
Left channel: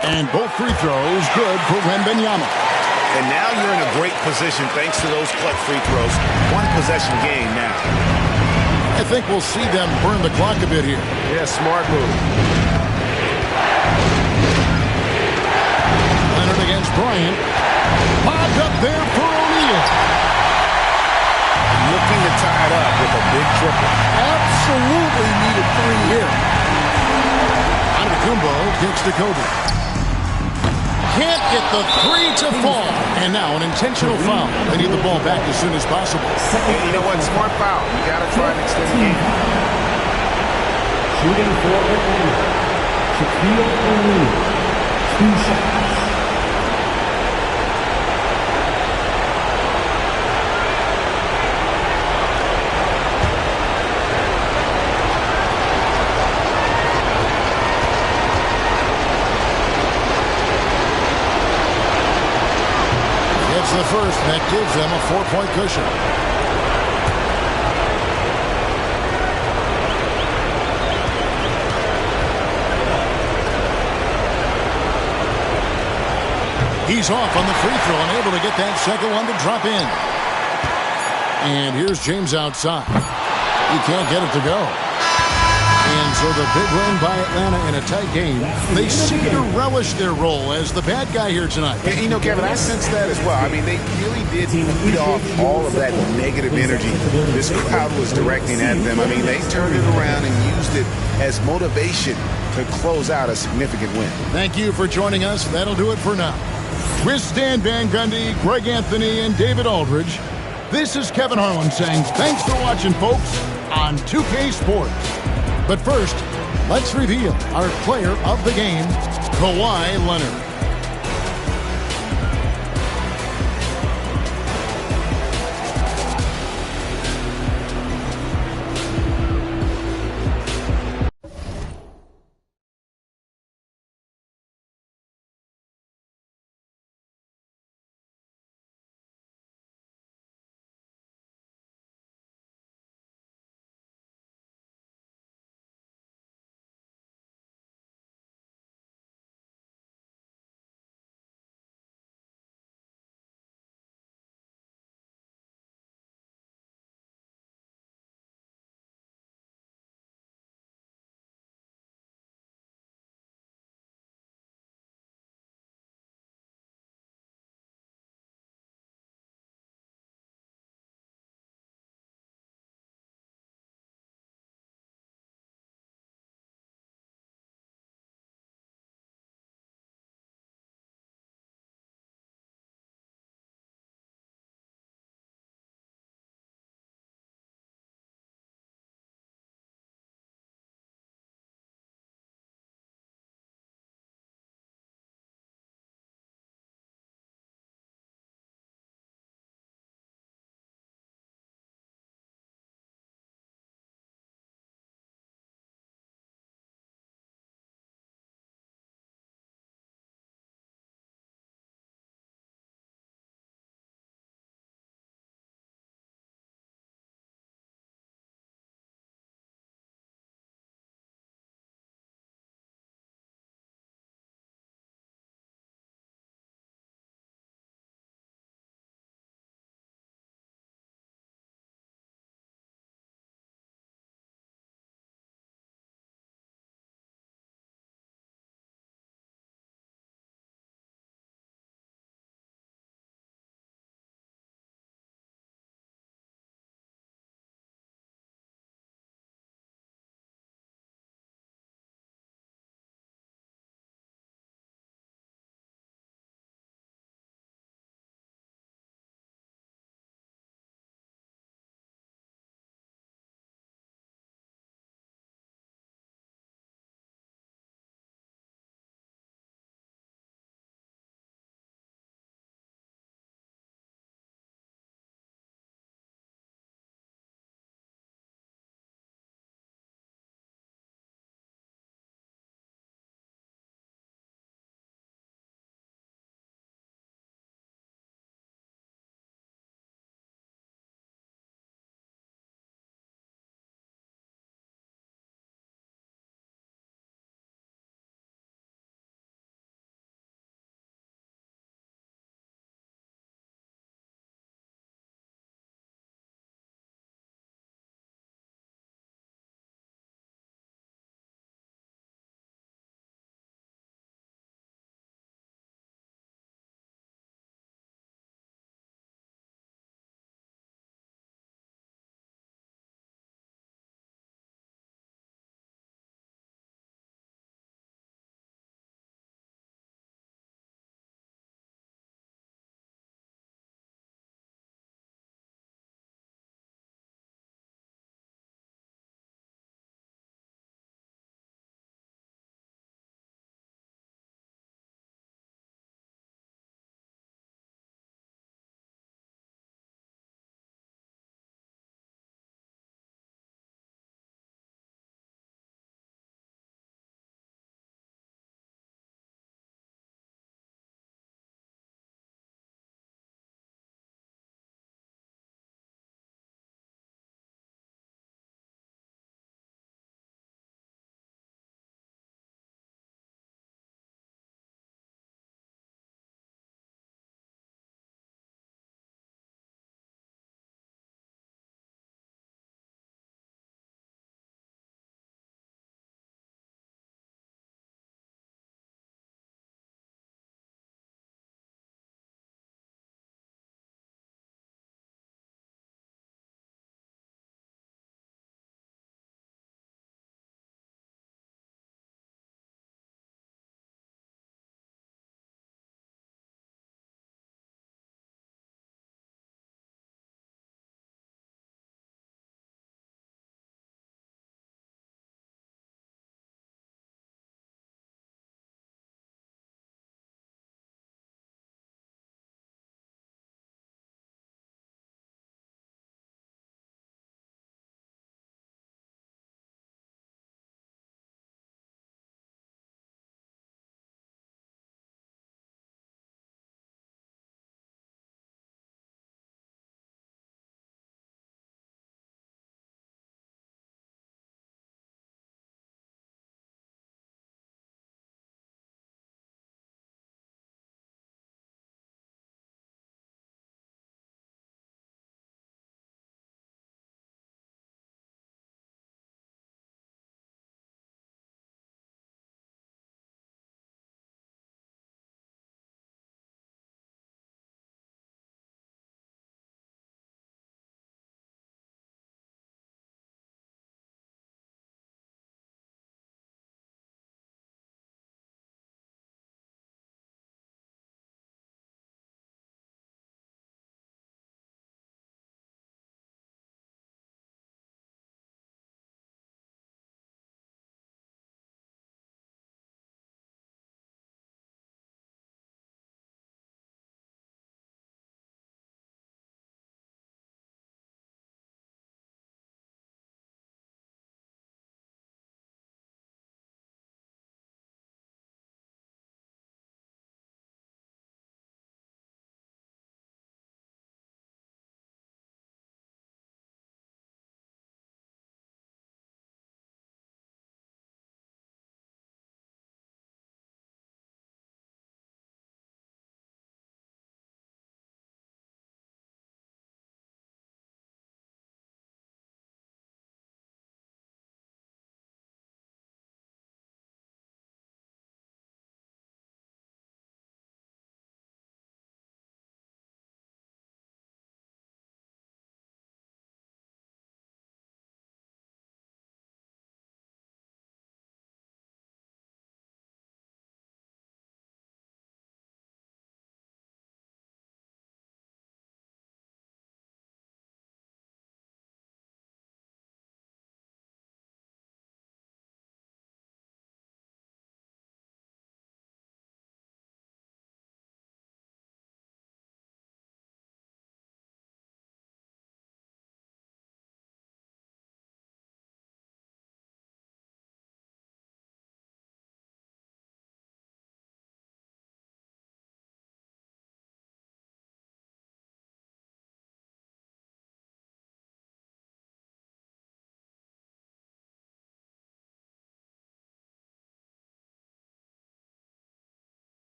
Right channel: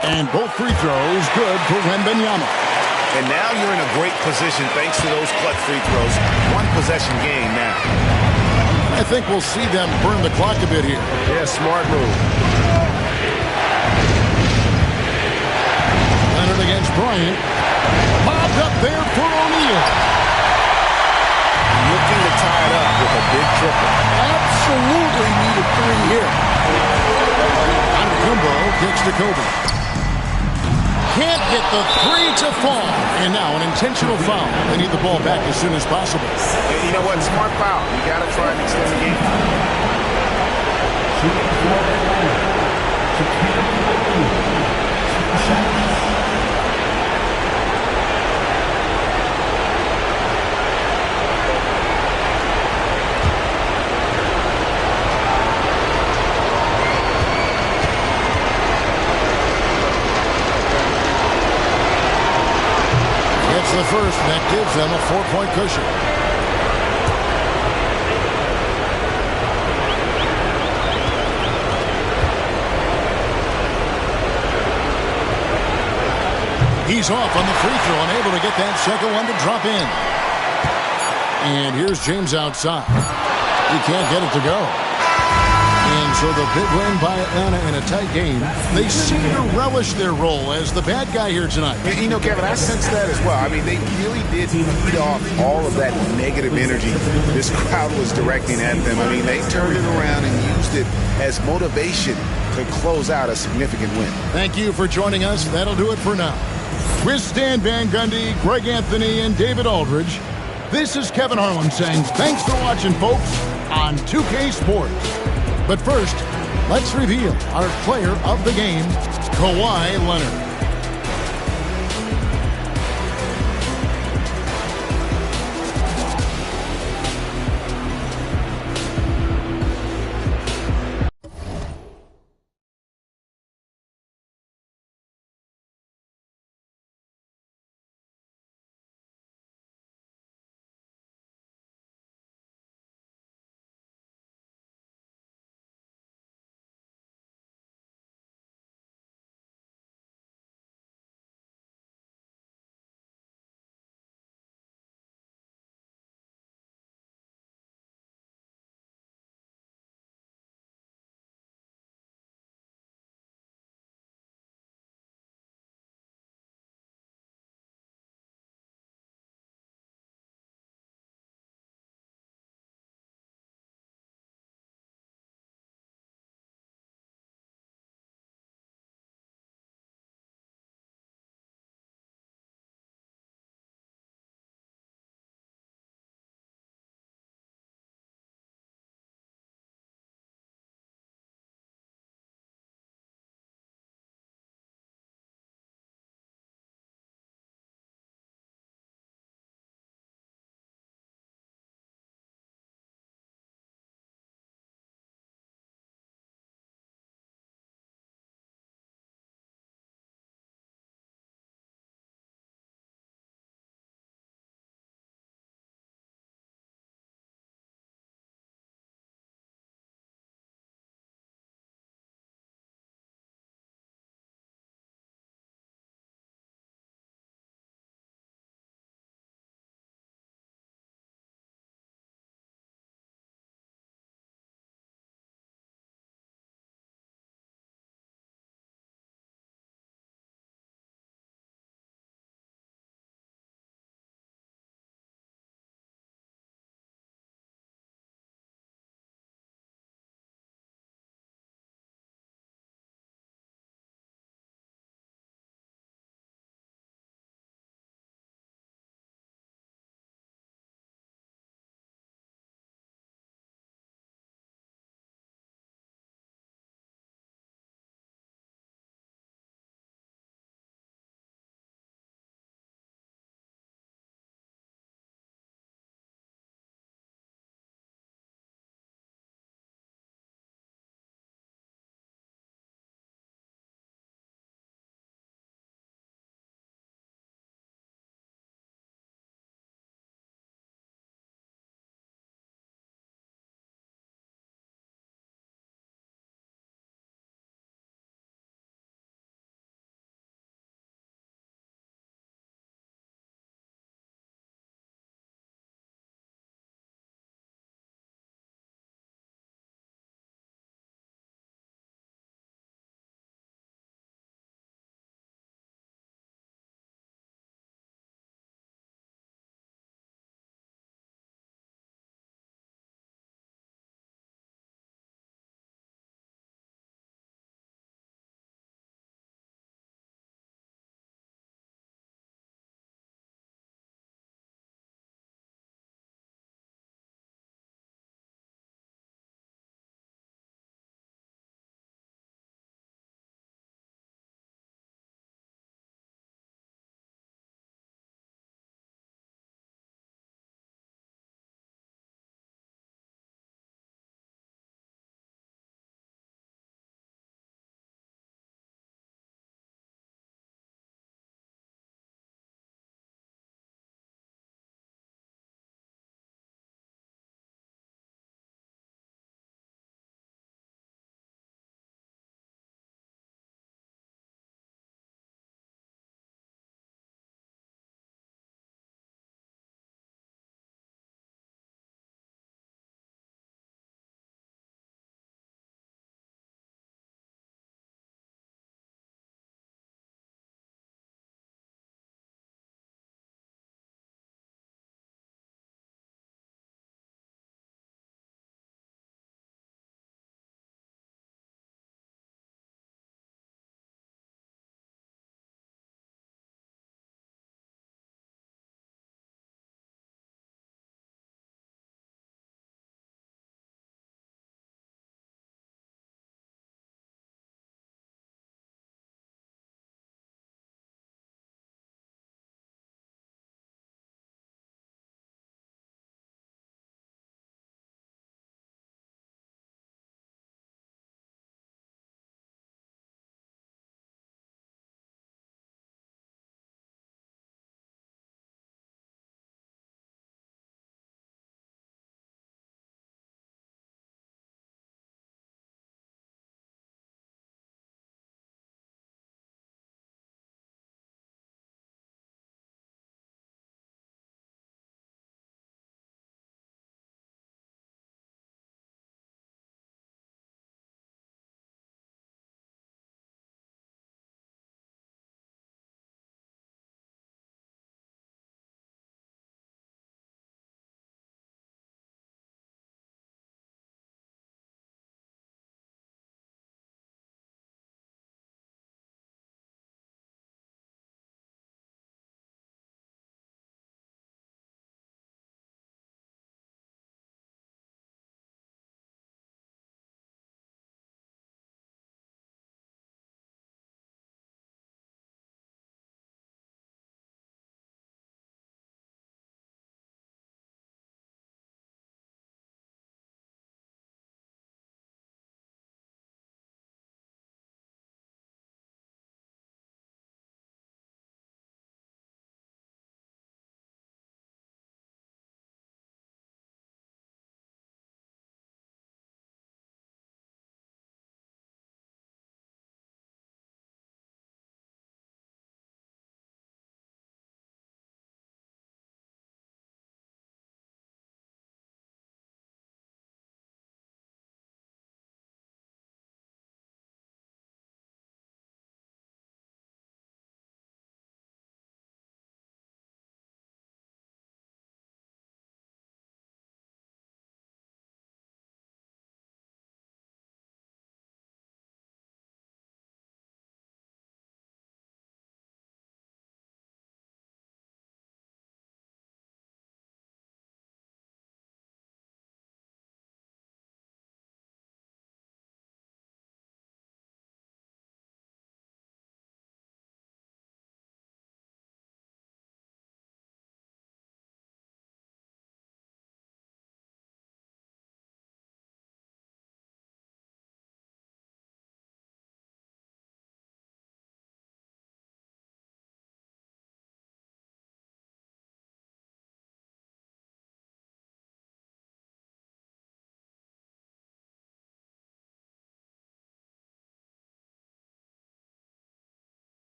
And both free throws good for Wembanyama. And now you're in a great position thanks to those clutch free throws. One possession game now. I think we'll see them burn the clock a bit here. Yeah, smart move. Leonard against Bryant. Bobbed up there for O'Neal. Looking to tie it up with a big triple. Absolutely needed 3 here. Antetokounmpo kicks to Kobe. Can't get the 3 to fall. And now an intentional foul. They need the ball back as soon as possible. And you know what? Smart foul. You got to try and extend the game. Shooting for Atlanta. Shaquille O'Neal. 2 shots. Gets the first, and that gives them a 4-point cushion. He's off on the free throw, unable to get that second one to drop in. And here's James outside. He can't get it to go. And so the big win by Atlanta in a tight game. They seem to relish their role as the bad guy here tonight. You know, Kevin, I sense that as well. I mean, they really did feed off all of that negative energy this crowd was directing at them. I mean, they turned it around and used it as motivation to close out a significant win. Thank you for joining us. That'll do it for now. With Stan Van Gundy, Greg Anthony, and David Aldridge, this is Kevin Harlan saying thanks for watching, folks, on 2K Sports. But first, let's reveal our player of the game, Kawhi Leonard.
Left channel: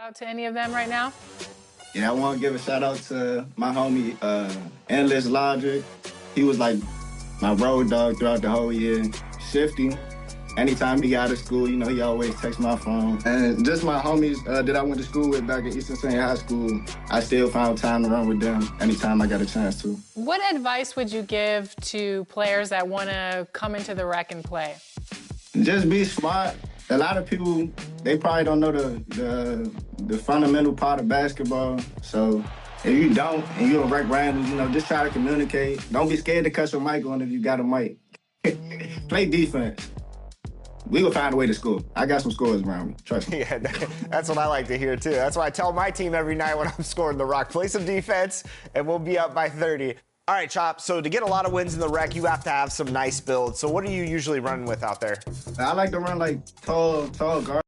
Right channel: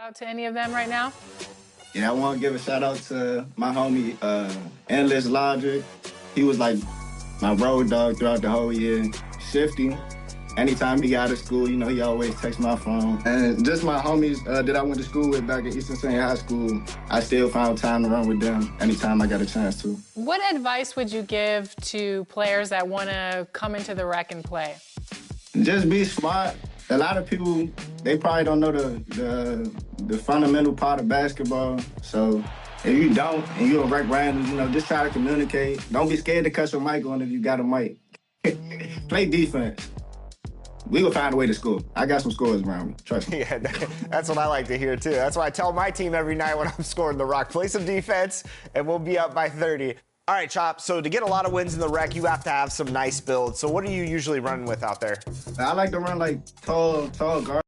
Shout out to any of them right now? Yeah, I want to give a shout out to my homie, Endless Logic. He was like my road dog throughout the whole year. Shifty. Anytime he got out of school, you know, he always texts my phone. And just my homies that I went to school with back at Eastern Senior High School, I still found time to run with them anytime I got a chance to. What advice would you give to players that want to come into the rec and play? Just be smart. A lot of people, they probably don't know the fundamental part of basketball. So if you don't and you're a rec random, you know, just try to communicate. Don't be scared to cut your mic on if you got a mic. Play defense. We will find a way to score. I got some scores around me. Trust me. Yeah, that's what I like to hear, too. That's what I tell my team every night when I'm scoring the rock. Play some defense, and we'll be up by 30. All right, Chop, so to get a lot of wins in the rec, you have to have some nice builds. So what are you usually running with out there? I like to run like tall guard.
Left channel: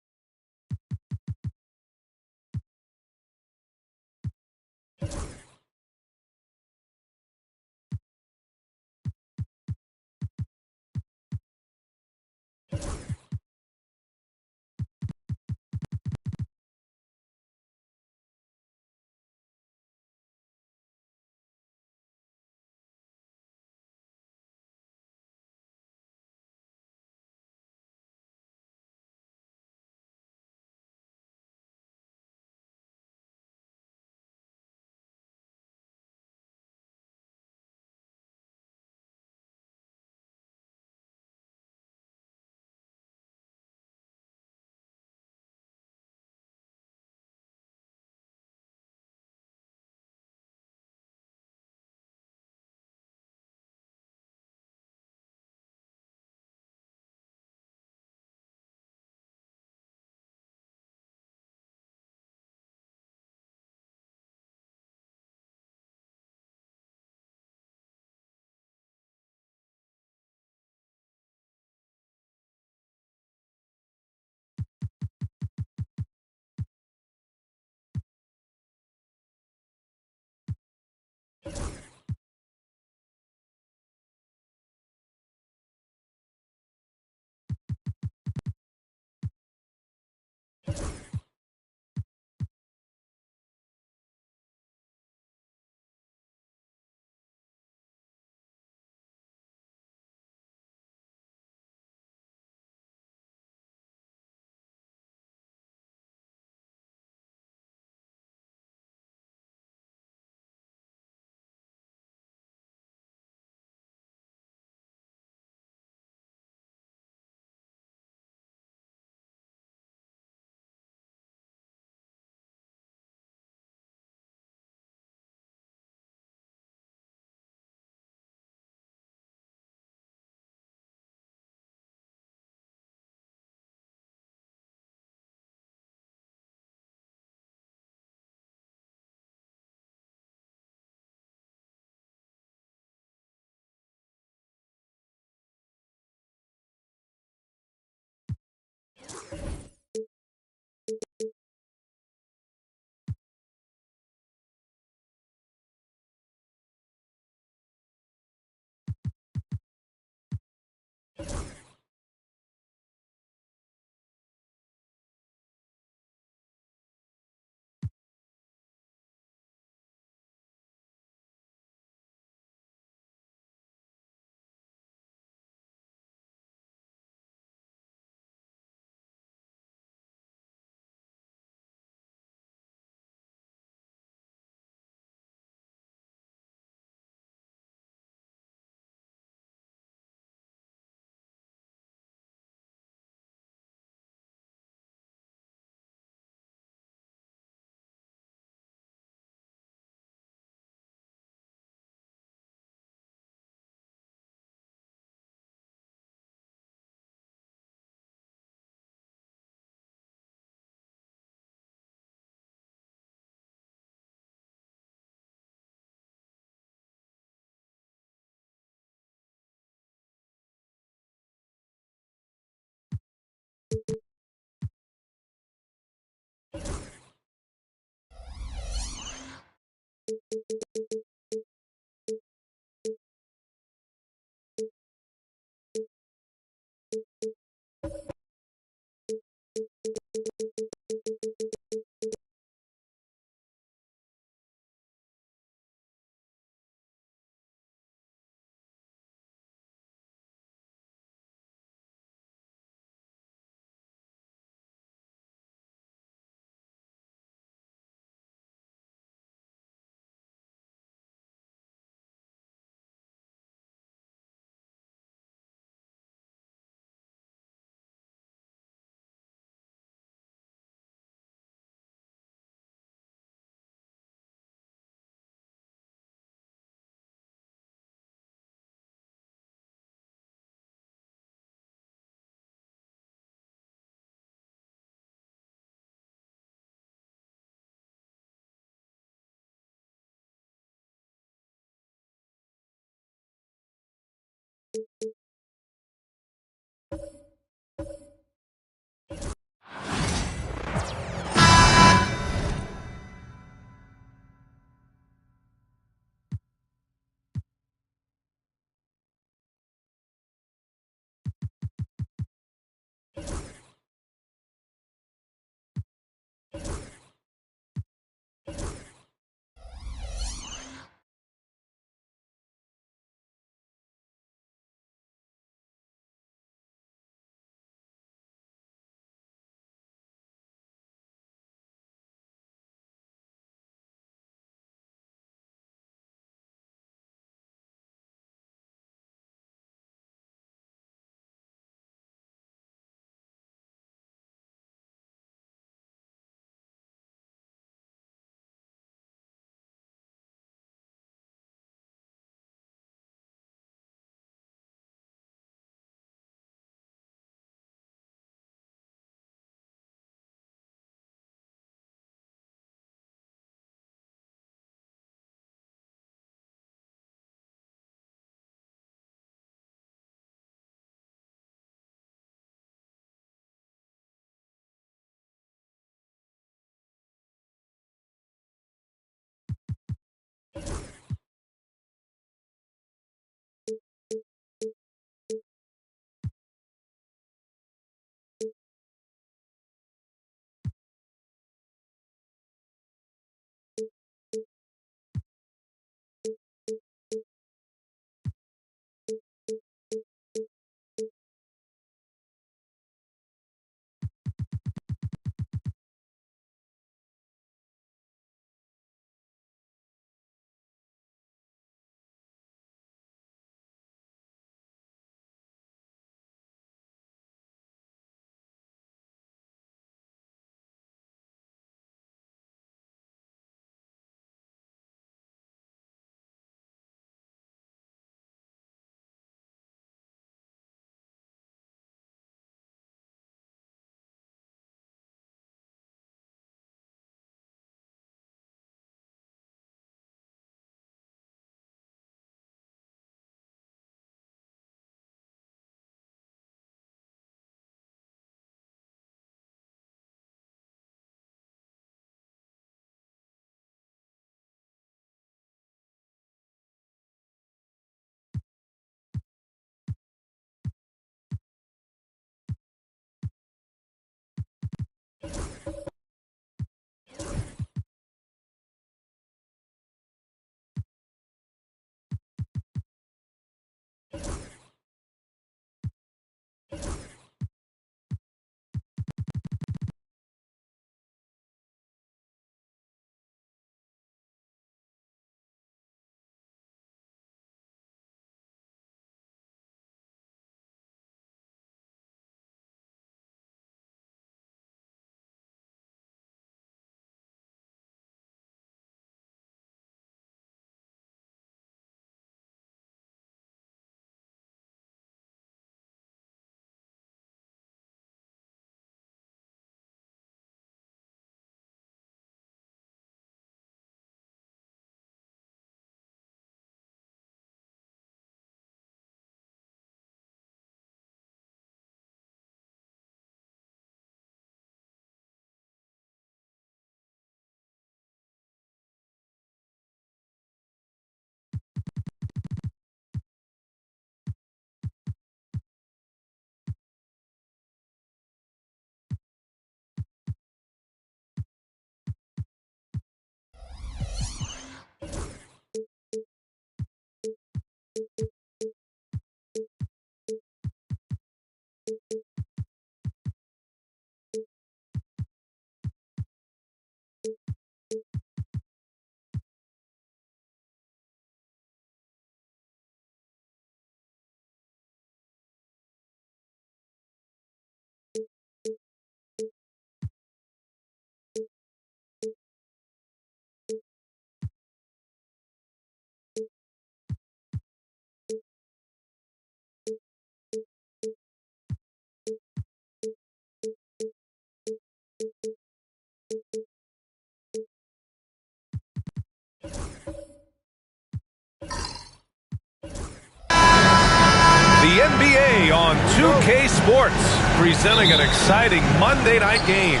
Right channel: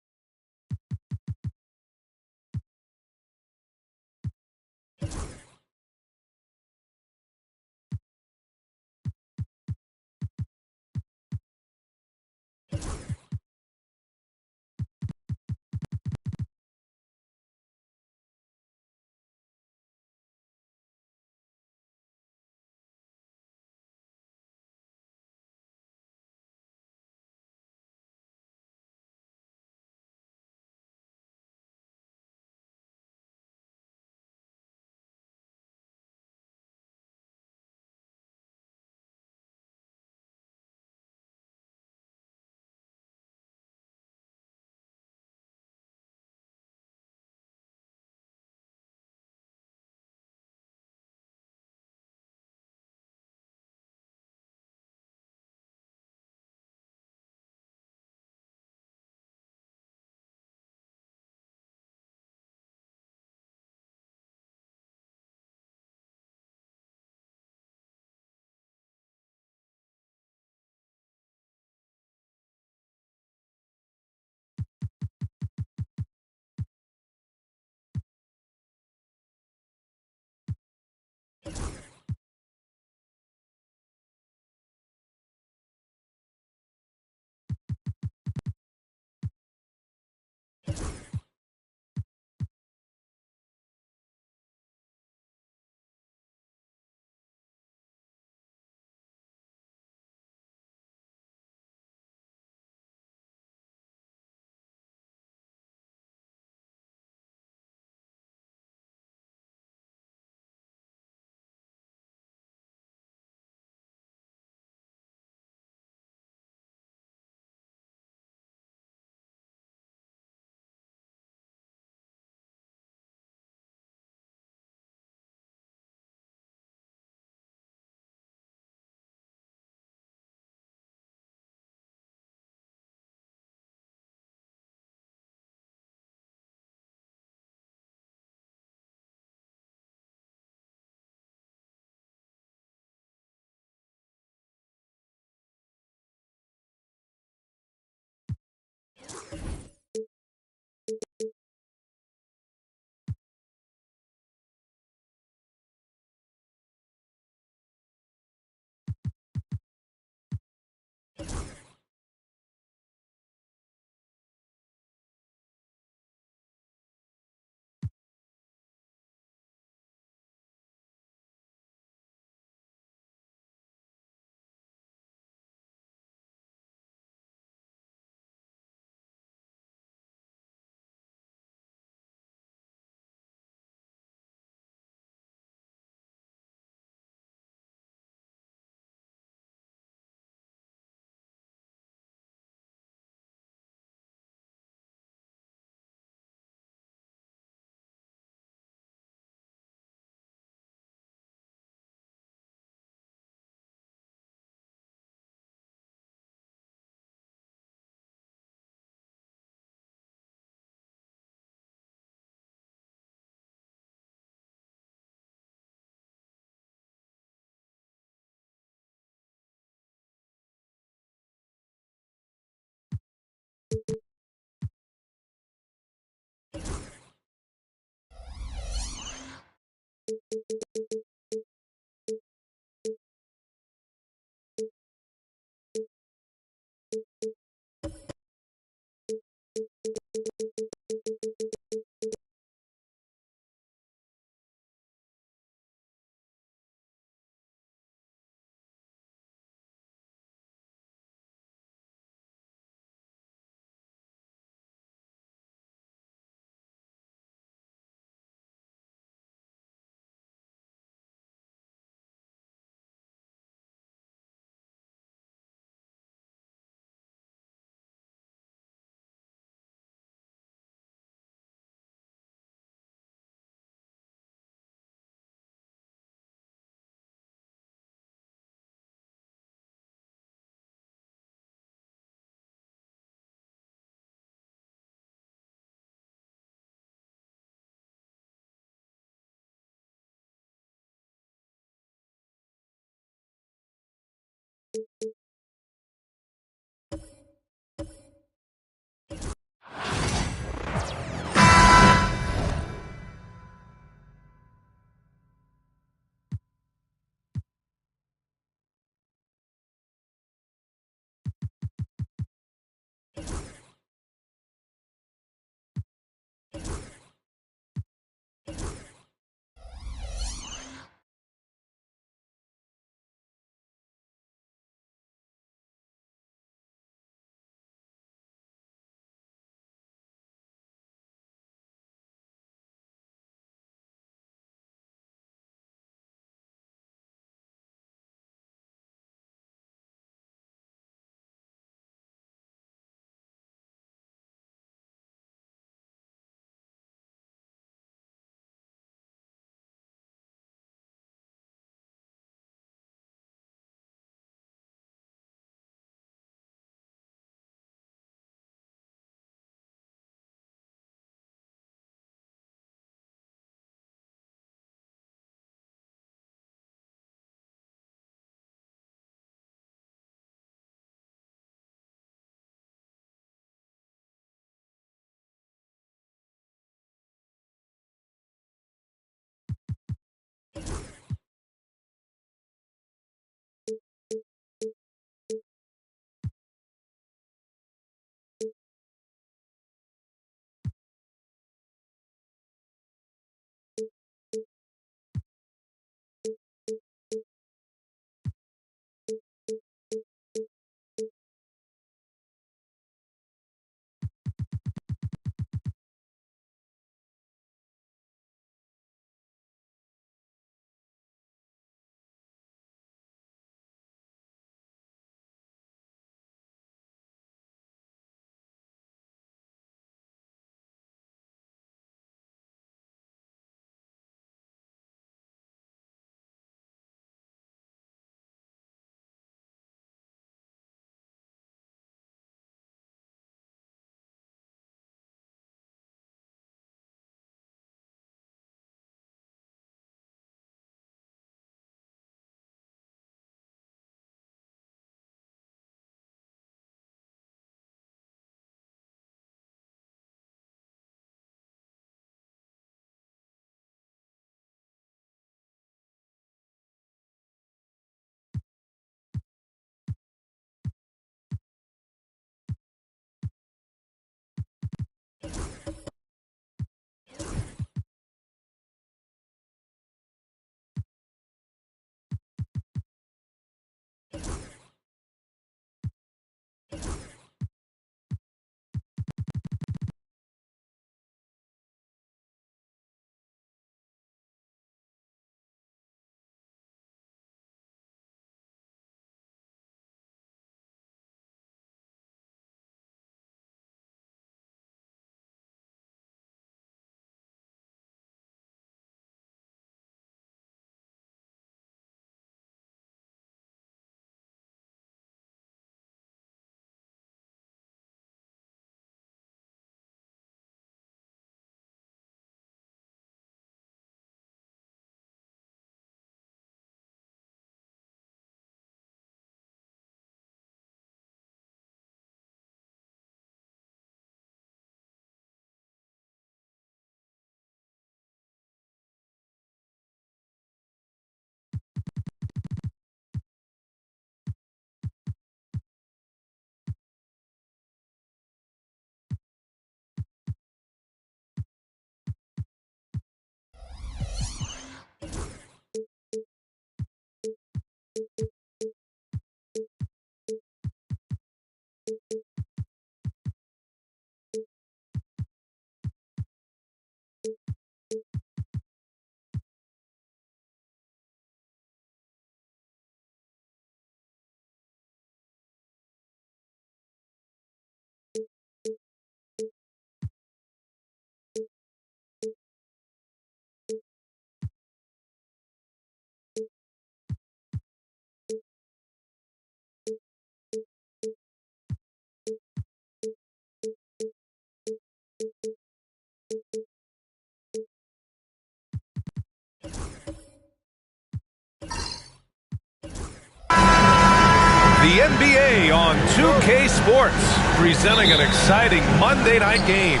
The NBA on 2K Sports, presenting an exciting Monday night game.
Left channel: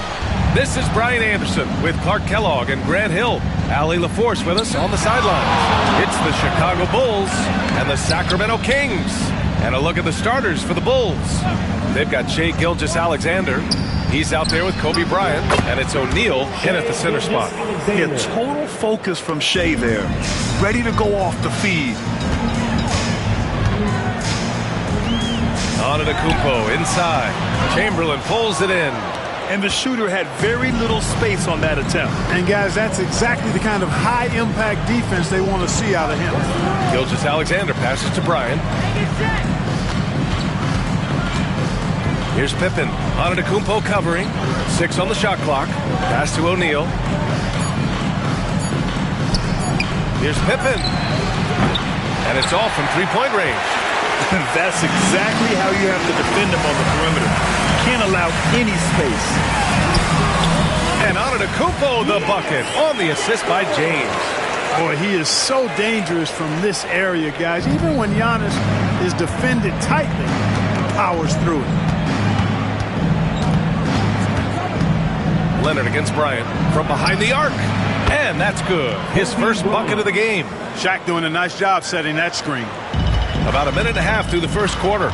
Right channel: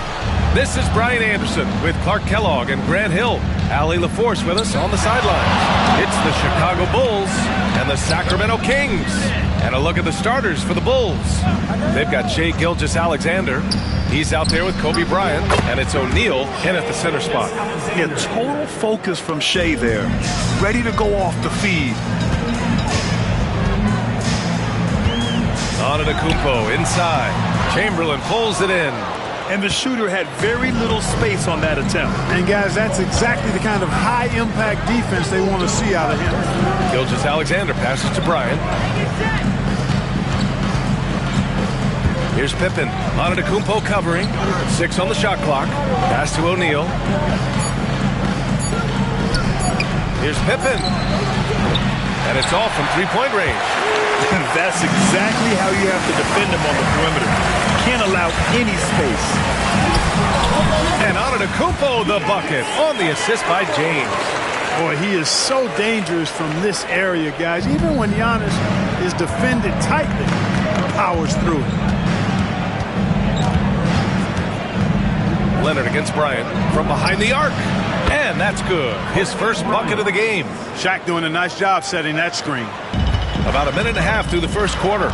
This is Brian Anderson with Clark Kellogg and Grant Hill. Allie LaForce with us on the sidelines. It's the Chicago Bulls and the Sacramento Kings. And a look at the starters for the Bulls. They've got Shai Gilgeous-Alexander. He's out there with Kobe Bryant, and it's O'Neal in at the center spot. Yeah, total focus from Shai there. Ready to go off the feed. Antetokounmpo inside. Chamberlain pulls it in. And the shooter had very little space on that attempt. And guys, that's exactly the kind of high-impact defense they want to see out of him. Gilgeous-Alexander passes to Bryant. Here's Pippen. Antetokounmpo covering. 6 on the shot clock. Pass to O'Neal. Here's Pippen. And it's off from three-point range. That's exactly how you have to defend him on the perimeter. Can't allow any space. And Antetokounmpo the bucket on the assist by James. Boy, he is so dangerous from this area, guys. Even when Giannis is defended tightly, powers through it. Leonard against Bryant from behind the arc. And that's good. His first bucket of the game. Shaq doing a nice job setting that screen. About a minute and a half through the first quarter.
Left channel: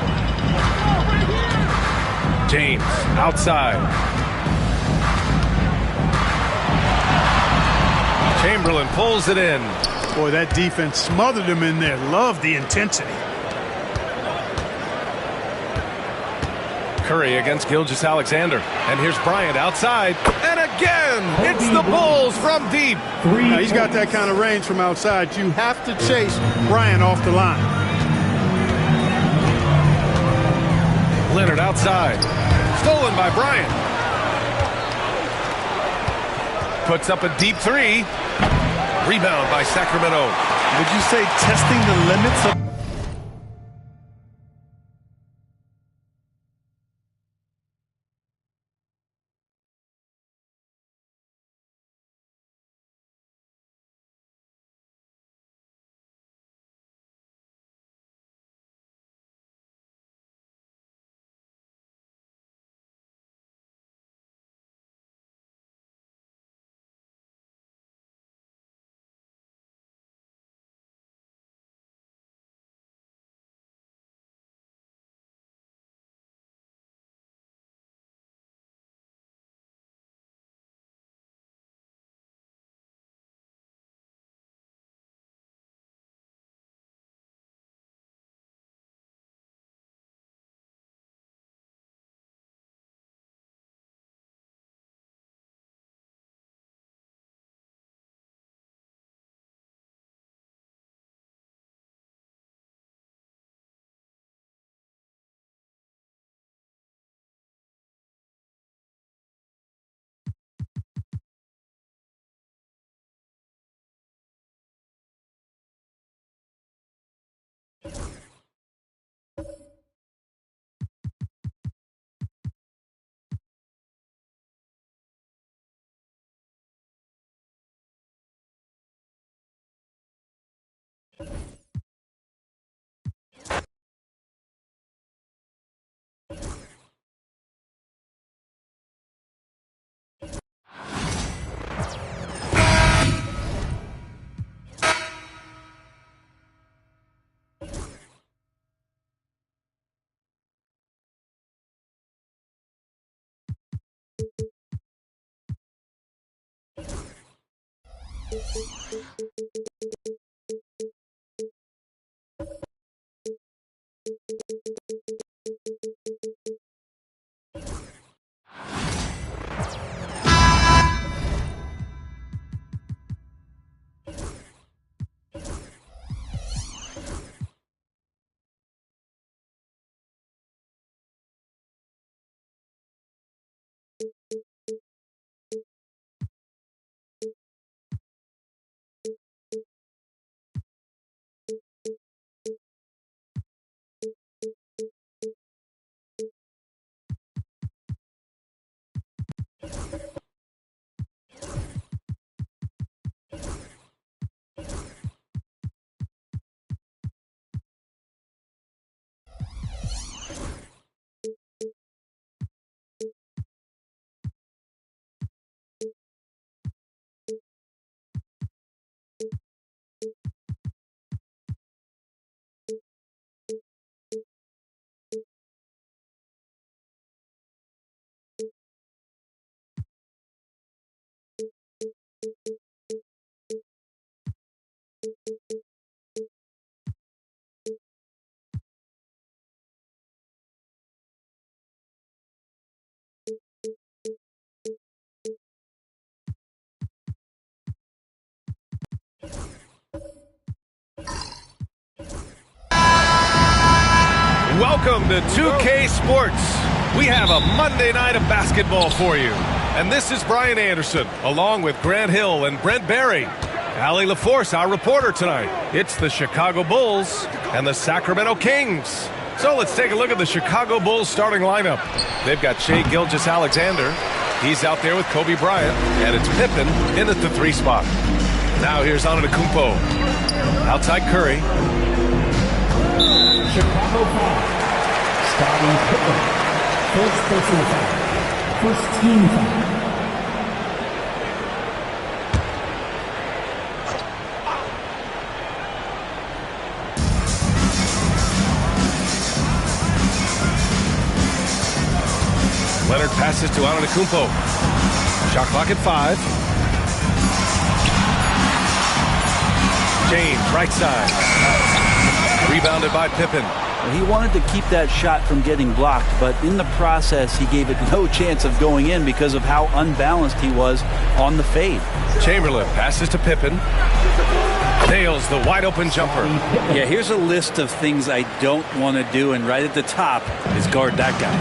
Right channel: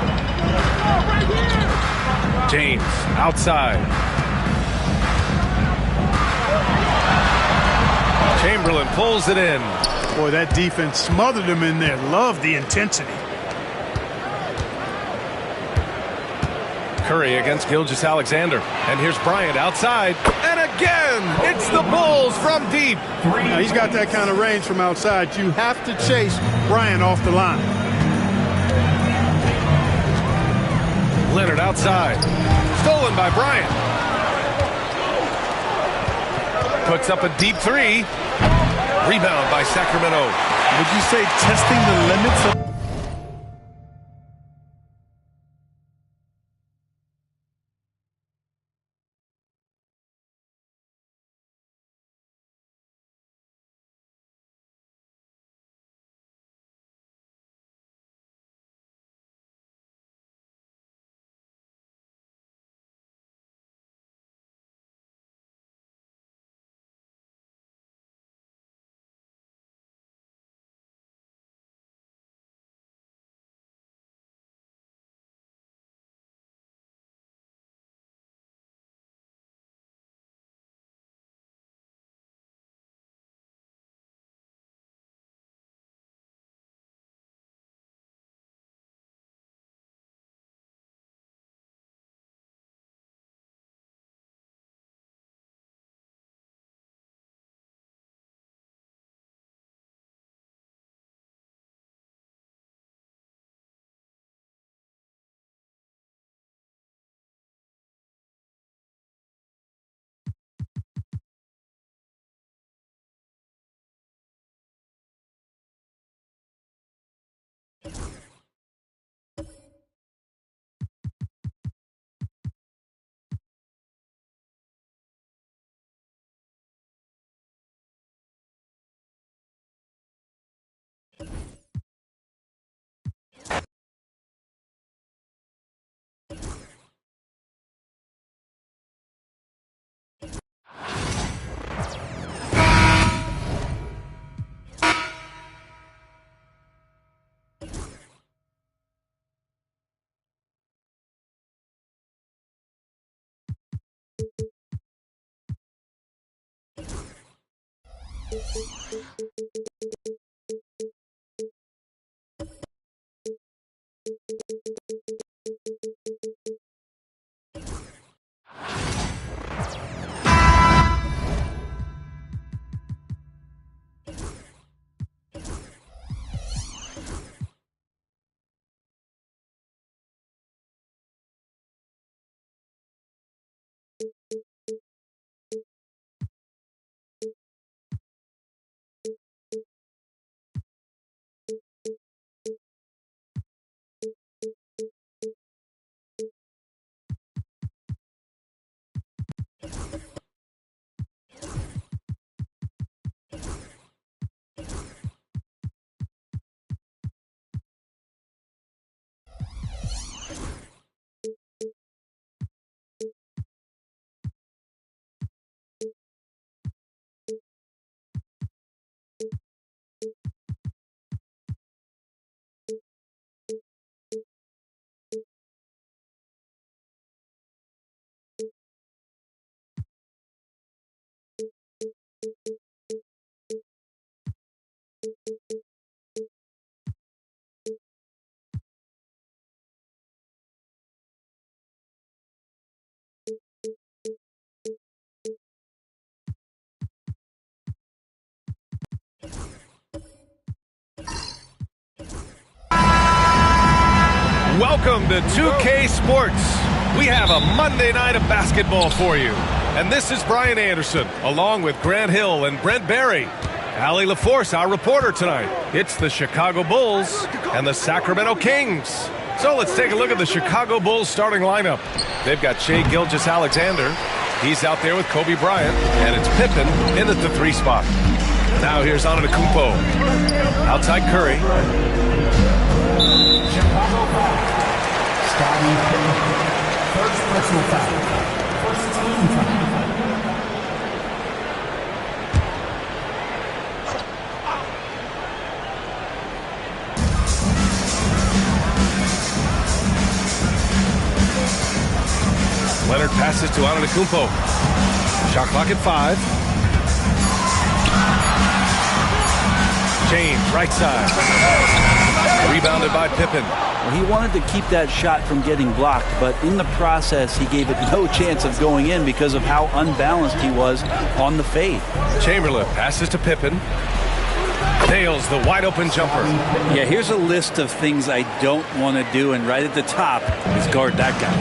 James outside. Chamberlain pulls it in. Boy, that defense smothered him in there. Love the intensity. Curry against Gilgeous-Alexander. And here's Bryant outside. And again, it's the Bulls from deep. Now, he's got that kind of range from outside. You have to chase Bryant off the line. Leonard outside. Stolen by Bryant. Puts up a deep three. Rebound by Sacramento. Would you say testing the limits of... Welcome to 2K Sports. We have a Monday night of basketball for you. And this is Brian Anderson, along with Grant Hill and Brent Barry. Allie LaForce, our reporter tonight. It's the Chicago Bulls and the Sacramento Kings. So let's take a look at the Chicago Bulls starting lineup. They've got Shai Gilgeous-Alexander. He's out there with Kobe Bryant. And it's Pippen in at the 3 spot. Now here's Antetokounmpo. Outside Curry. Chicago foul. Scottie Pippen. First personal foul. First team foul. Leonard passes to Antetokounmpo. Shot clock at 5. James, right side. Rebounded by Pippen. Well, he wanted to keep that shot from getting blocked, but in the process, he gave it no chance of going in because of how unbalanced he was on the fade. Chamberlain passes to Pippen. Nails the wide-open jumper. Yeah, here's a list of things I don't want to do, and right at the top is guard that guy.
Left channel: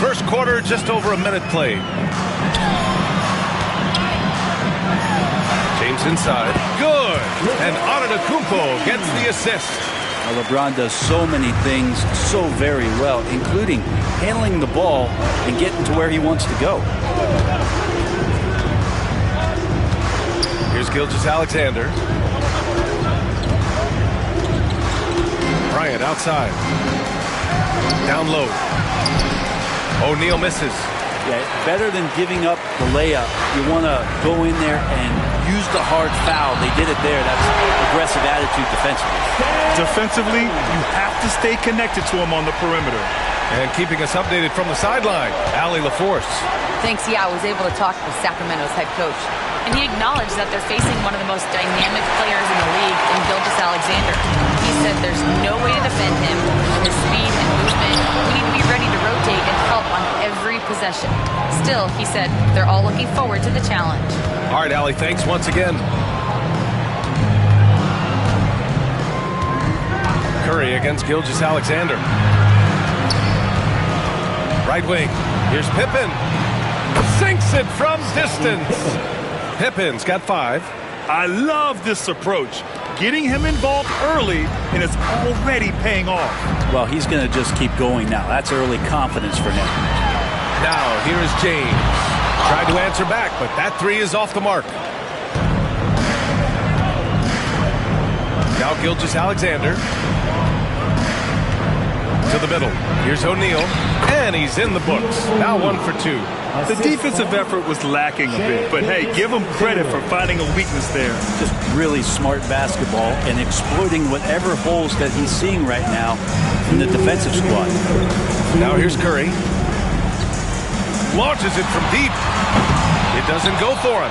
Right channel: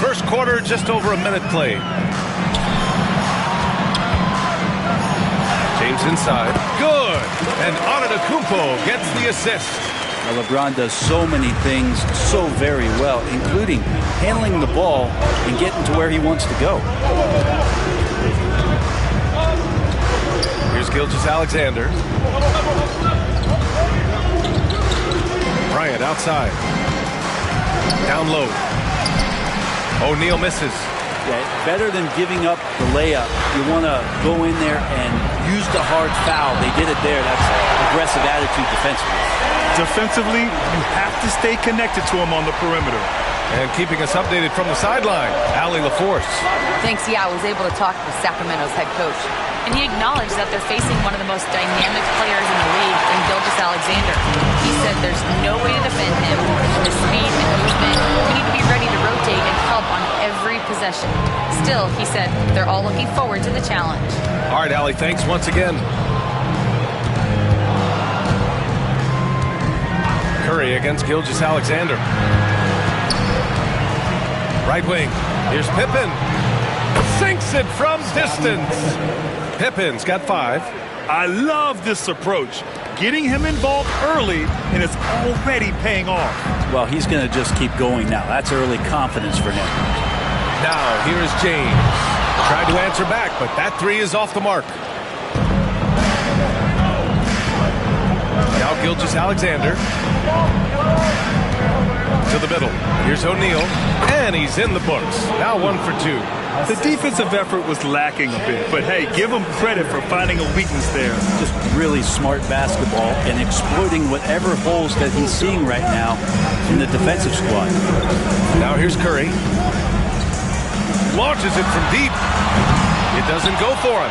First quarter, just over a minute played. James inside. Good. And Antetokounmpo gets the assist. Now, LeBron does so many things so very well, including handling the ball and getting to where he wants to go. Here's Gilgeous-Alexander. Bryant outside. Down low. O'Neal misses. Yeah, better than giving up the layup. You want to go in there and use the hard foul. They did it there. That's aggressive attitude defensively. Defensively, you have to stay connected to him on the perimeter. And keeping us updated from the sideline, Allie LaForce. Thanks, I was able to talk with Sacramento's head coach. And he acknowledged that they're facing one of the most dynamic players in the league in Gilgeous-Alexander. He said there's no way to defend him. His speed and movement, we need to be ready to rotate and help on every possession. Still, he said, they're all looking forward to the challenge. All right, Allie, thanks once again. Curry against Gilgeous-Alexander. Right wing. Here's Pippen. Sinks it from distance. Pippen's got 5. I love this approach. Getting him involved early, and it's already paying off. Well, he's going to just keep going now. That's early confidence for him. Now, here is James. Tried to answer back, but that 3 is off the mark. Now Gilgeous-Alexander. To the middle. Here's O'Neal. And he's in the books. Now 1 for 2. The defensive effort was lacking a bit, but hey, give him credit for finding a weakness there. Just really smart basketball and exploiting whatever holes that he's seeing right now in the defensive squad. Now here's Curry. Launches it from deep. It doesn't go for him.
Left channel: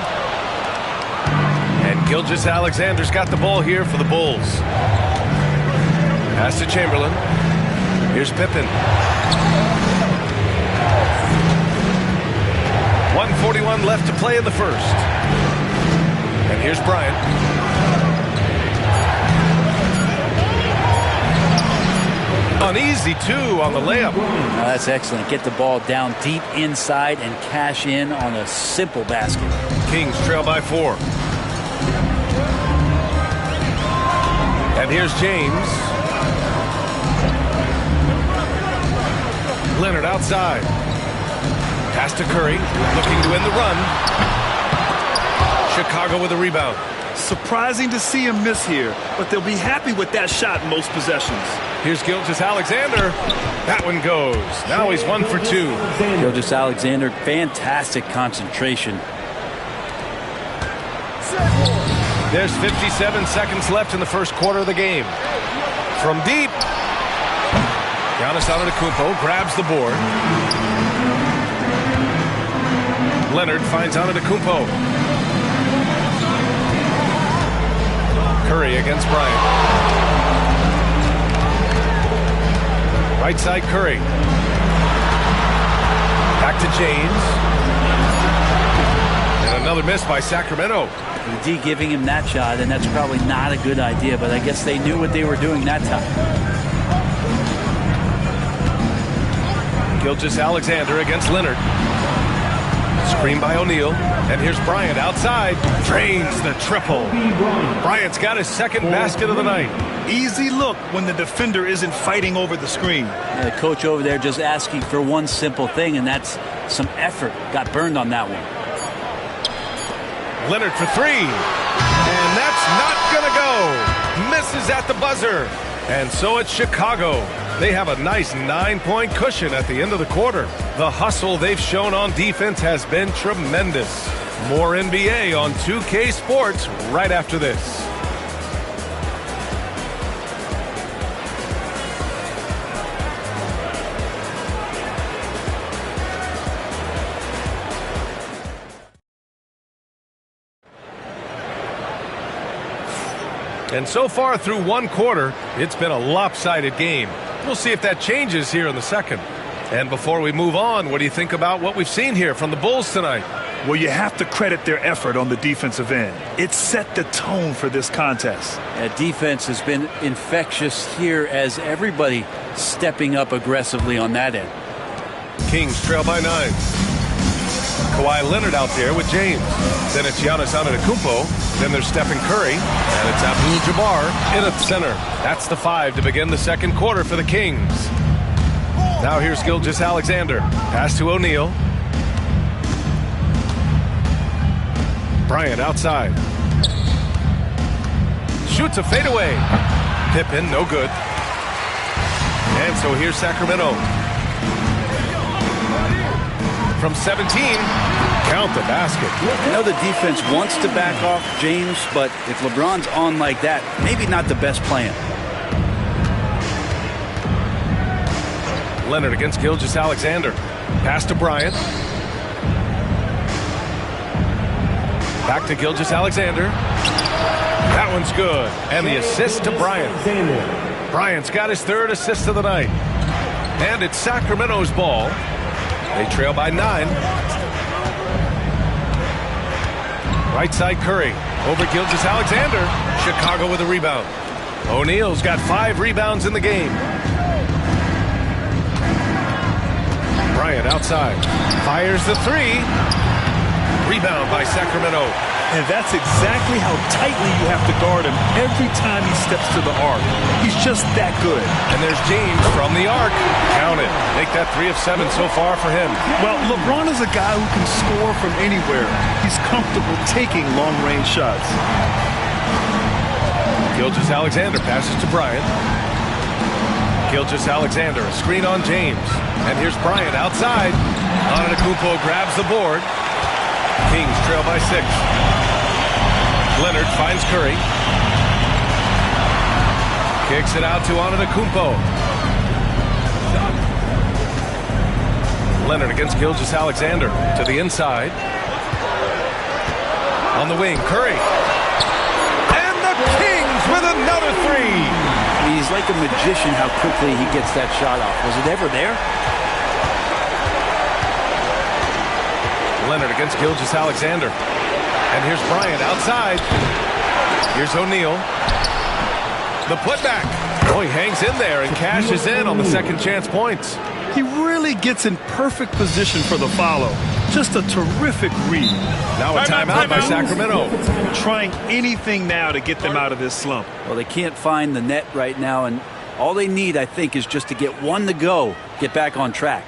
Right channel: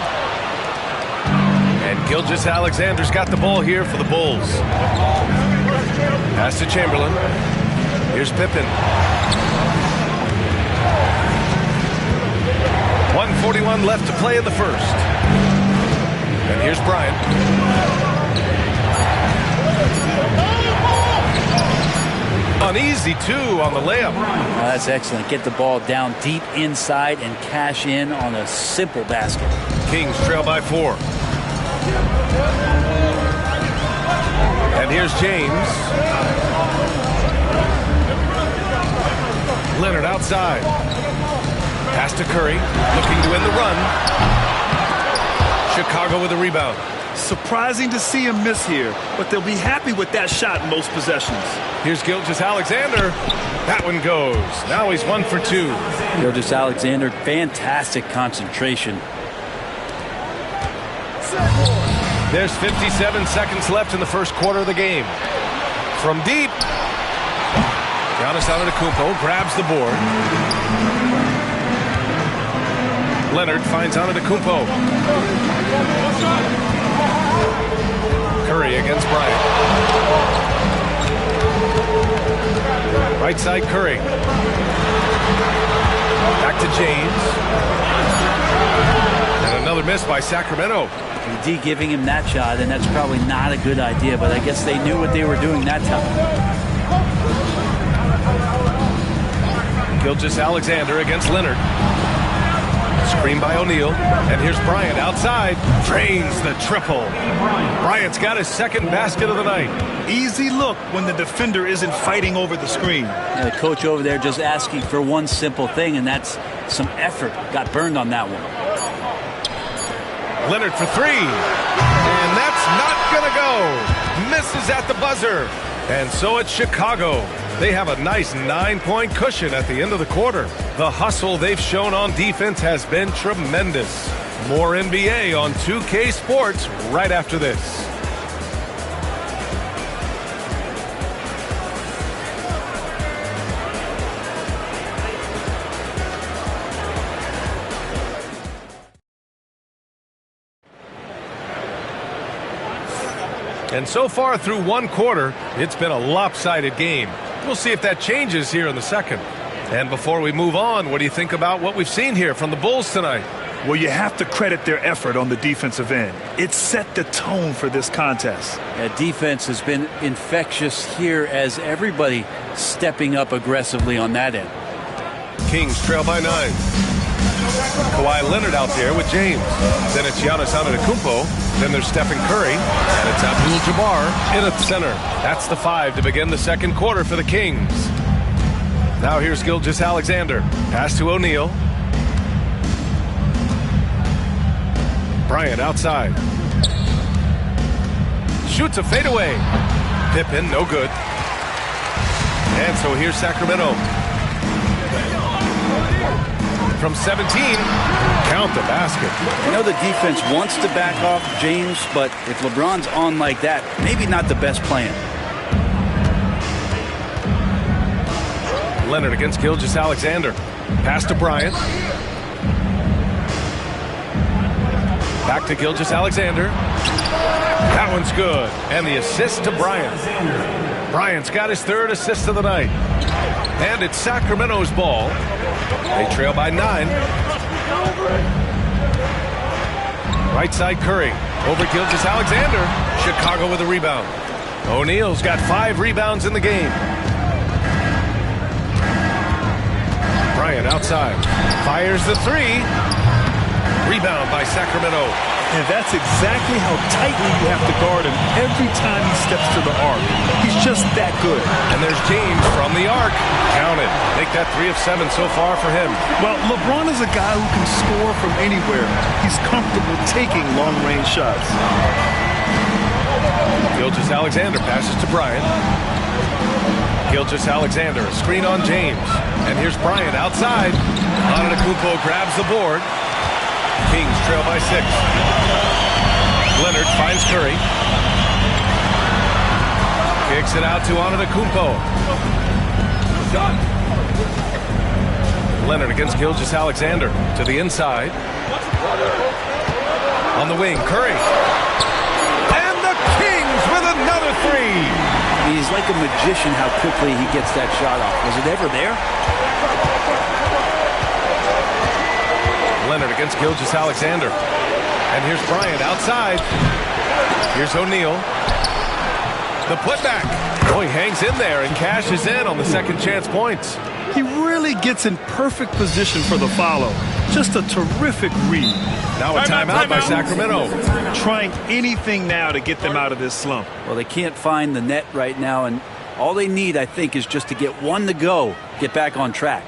And Gilgeous-Alexander's got the ball here for the Bulls. Pass to Chamberlain. Here's Pippen. 1:41 left to play in the first. And here's Bryant. An easy 2 on the layup. Oh, that's excellent. Get the ball down deep inside and cash in on a simple basket. Kings trail by 4. And here's James. Leonard outside. Pass to Curry, looking to end the run. Chicago with a rebound. Surprising to see him miss here, but they'll be happy with that shot in most possessions. Here's Gilgeous-Alexander. That one goes. Now he's 1 for 2. Gilgeous-Alexander, fantastic concentration. There's 57 seconds left in the first quarter of the game. From deep, Giannis Antetokounmpo grabs the board. Leonard finds Antetokounmpo. Curry against Bryant. Right side Curry. Back to James. And another miss by Sacramento. AD giving him that shot, and that's probably not a good idea, but I guess they knew what they were doing that time. Gilgeous-Alexander against Leonard. Screen by O'Neal, and here's Bryant outside. Drains the triple. Bryant's got his second basket of the night. Easy look when the defender isn't fighting over the screen. Yeah, the coach over there just asking for one simple thing, and that's some effort. Got burned on that one. Leonard for three, and that's not gonna go. Misses at the buzzer, and so it's Chicago. They have a nice 9-point cushion at the end of the quarter. The hustle they've shown on defense has been tremendous. More NBA on 2K Sports right after this. And so far through one quarter, it's been a lopsided game. We'll see if that changes here in the second. And before we move on, what do you think about what we've seen here from the Bulls tonight? Well, you have to credit their effort on the defensive end. It set the tone for this contest. Yeah, defense has been infectious here as everybody stepping up aggressively on that end. Kings trail by 9. Kawhi Leonard out there with James. Then it's Giannis Antetokounmpo. Then there's Stephen Curry. And it's Abdul-Jabbar in at center. That's the 5 to begin the second quarter for the Kings. Now here's Gilgeous-Alexander. Pass to O'Neal. Bryant outside. Shoots a fadeaway. Pippen, no good. And so here's Sacramento. From 17, count the basket. I know the defense wants to back off James, but if LeBron's on like that, maybe not the best plan. Leonard against Gilgeous-Alexander. Pass to Bryant. Back to Gilgeous-Alexander. That one's good. And the assist to Bryant. Bryant's got his third assist of the night. And it's Sacramento's ball. They trail by 9. Right side Curry. Over Gilgeous-Alexander. Chicago with a rebound. O'Neal's got 5 rebounds in the game. Bryant outside. Fires the 3. Rebound by Sacramento. And that's exactly how tightly you have to guard him every time he steps to the arc. He's just that good. And there's James from the arc. Count it. Make that 3 of 7 so far for him. Well, LeBron is a guy who can score from anywhere. He's comfortable taking long-range shots. Gilgeous-Alexander passes to Bryant. Gilgeous-Alexander, a screen on James. And here's Bryant outside. Antetokounmpo grabs the board. Kings trail by 6. Leonard finds Curry. Kicks it out to Antetokounmpo. Leonard against Gilgeous-Alexander to the inside. On the wing, Curry. And the Kings with another 3. I mean, he's like a magician how quickly he gets that shot off. Was it ever there? Leonard against Gilgeous-Alexander. And here's Bryant outside. Here's O'Neal. The putback. Oh, he hangs in there and cashes in on the second chance points. He really gets in perfect position for the follow. Just a terrific read. Now a timeout by Sacramento. Trying anything now to get them out of this slump. Well, they can't find the net right now, and all they need, I think, is just to get one to go, get back on track.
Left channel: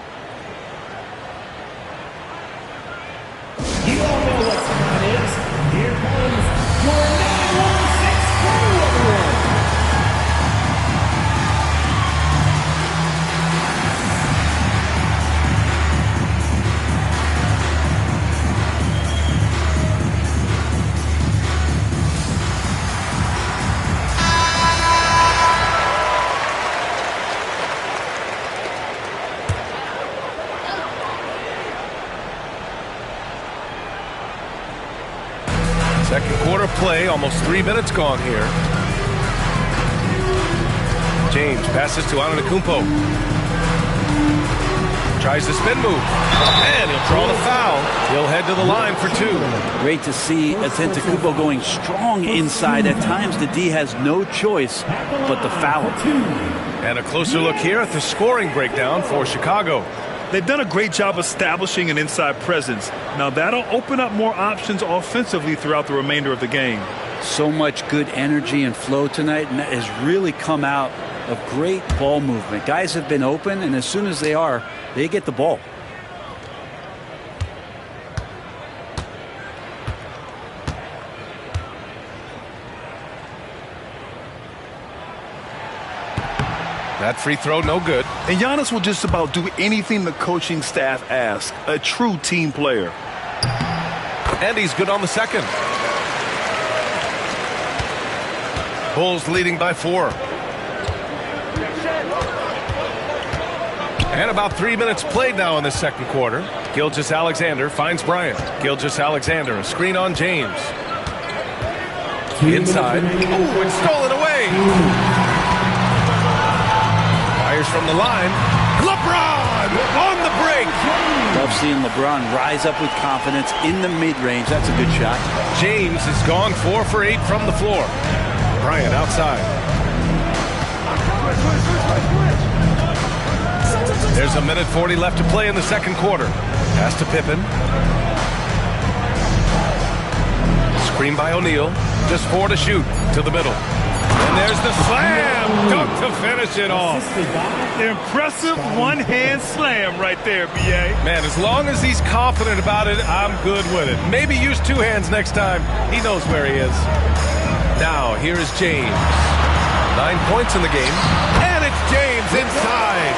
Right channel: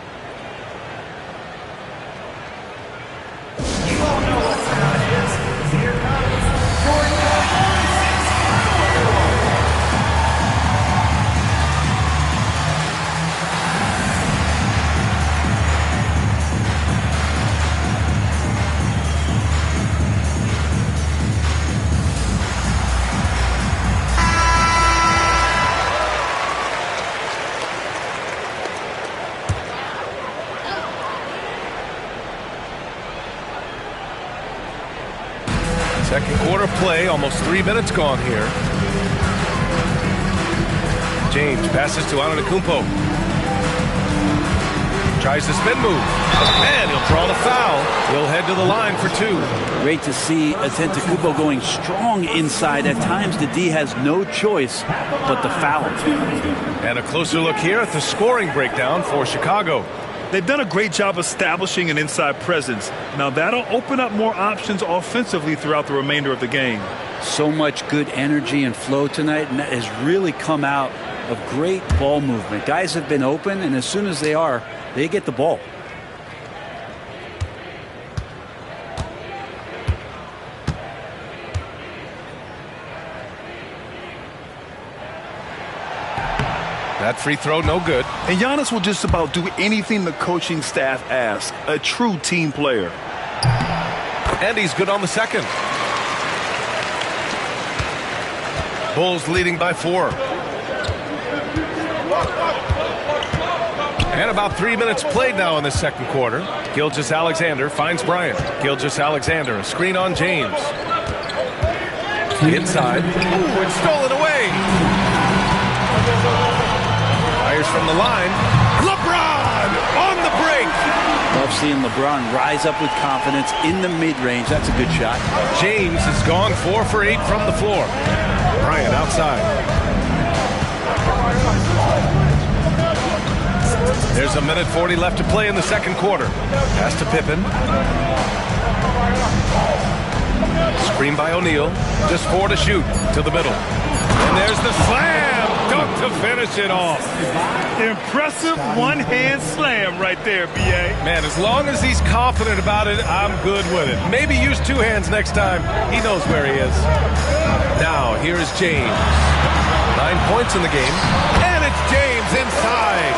Second quarter play, almost 3 minutes gone here. James passes to Antetokounmpo. Tries the spin move. And he'll draw the foul. He'll head to the line for 2. Great to see Antetokounmpo going strong inside. At times, the D has no choice but to foul him. And a closer look here at the scoring breakdown for Chicago. They've done a great job establishing an inside presence. Now that'll open up more options offensively throughout the remainder of the game. So much good energy and flow tonight, and that has really come out of great ball movement. Guys have been open, and as soon as they get the ball. That free throw, no good. And Giannis will just about do anything the coaching staff asks. A true team player. And he's good on the second. Bulls leading by 4. And about 3 minutes played now in the second quarter. Gilgeous-Alexander finds Bryant. Gilgeous-Alexander, a screen on James. Inside. Ooh, it's stolen away. Fires from the line. LeBron on the break. Love seeing LeBron rise up with confidence in the mid-range. That's a good shot. James has gone 4 for 8 from the floor. Bryant outside. There's a minute 40 left to play in the second quarter. Pass to Pippen. Screen by O'Neal. Just 4 to shoot. To the middle. And there's the slam dunk to finish it off. Impressive one-hand slam right there, B.A. Man, as long as he's confident about it, I'm good with it. Maybe use 2 hands next time. He knows where he is. Now, here is James. 9 points in the game. And it's James inside.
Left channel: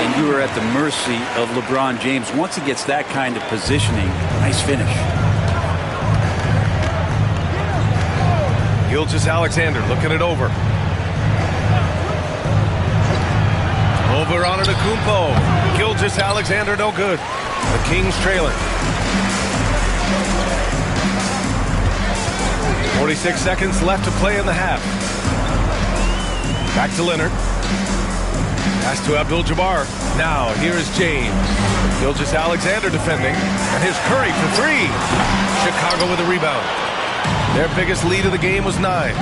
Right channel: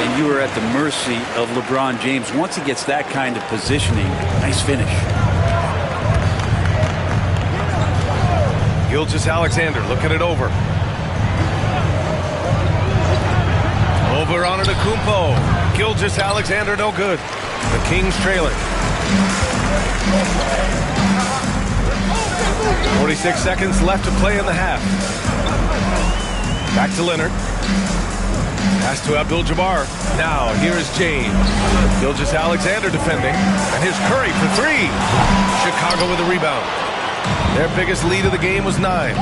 And you are at the mercy of LeBron James. Once he gets that kind of positioning, nice finish. Gilgeous-Alexander looking it over. Over on Antetokounmpo. Gilgeous-Alexander no good. The Kings trailing. 46 seconds left to play in the half. Back to Leonard. Pass to Abdul-Jabbar. Now, here is James. Gilgeous-Alexander defending. And here's Curry for 3. Chicago with a rebound. Their biggest lead of the game was 9.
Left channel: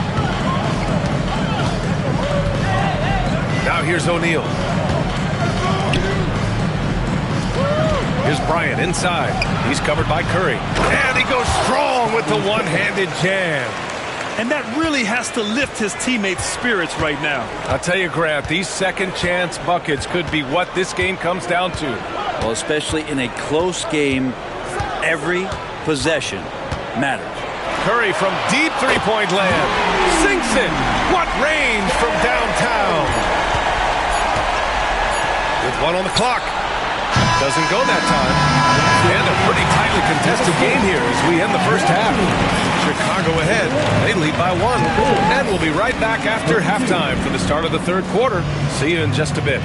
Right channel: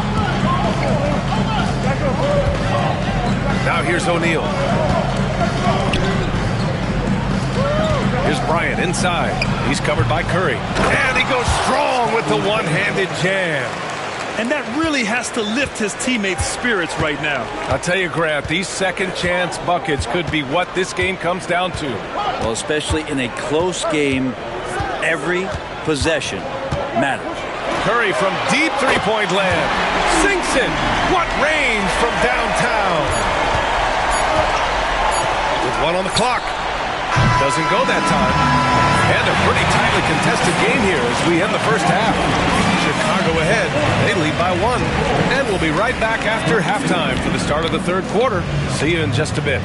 Now here's O'Neal. Here's Bryant inside. He's covered by Curry. And he goes strong with the one-handed jam. And that really has to lift his teammates' spirits right now. I'll tell you, Grant, these second-chance buckets could be what this game comes down to. Well, especially in a close game, every possession matters. Curry from deep three-point land. Sinks it. What range from downtown. With 1 on the clock. Doesn't go that time. And a pretty tightly contested game here as we end the first half. Chicago ahead. They lead by 1. And we'll be right back after halftime for the start of the third quarter. See you in just a bit.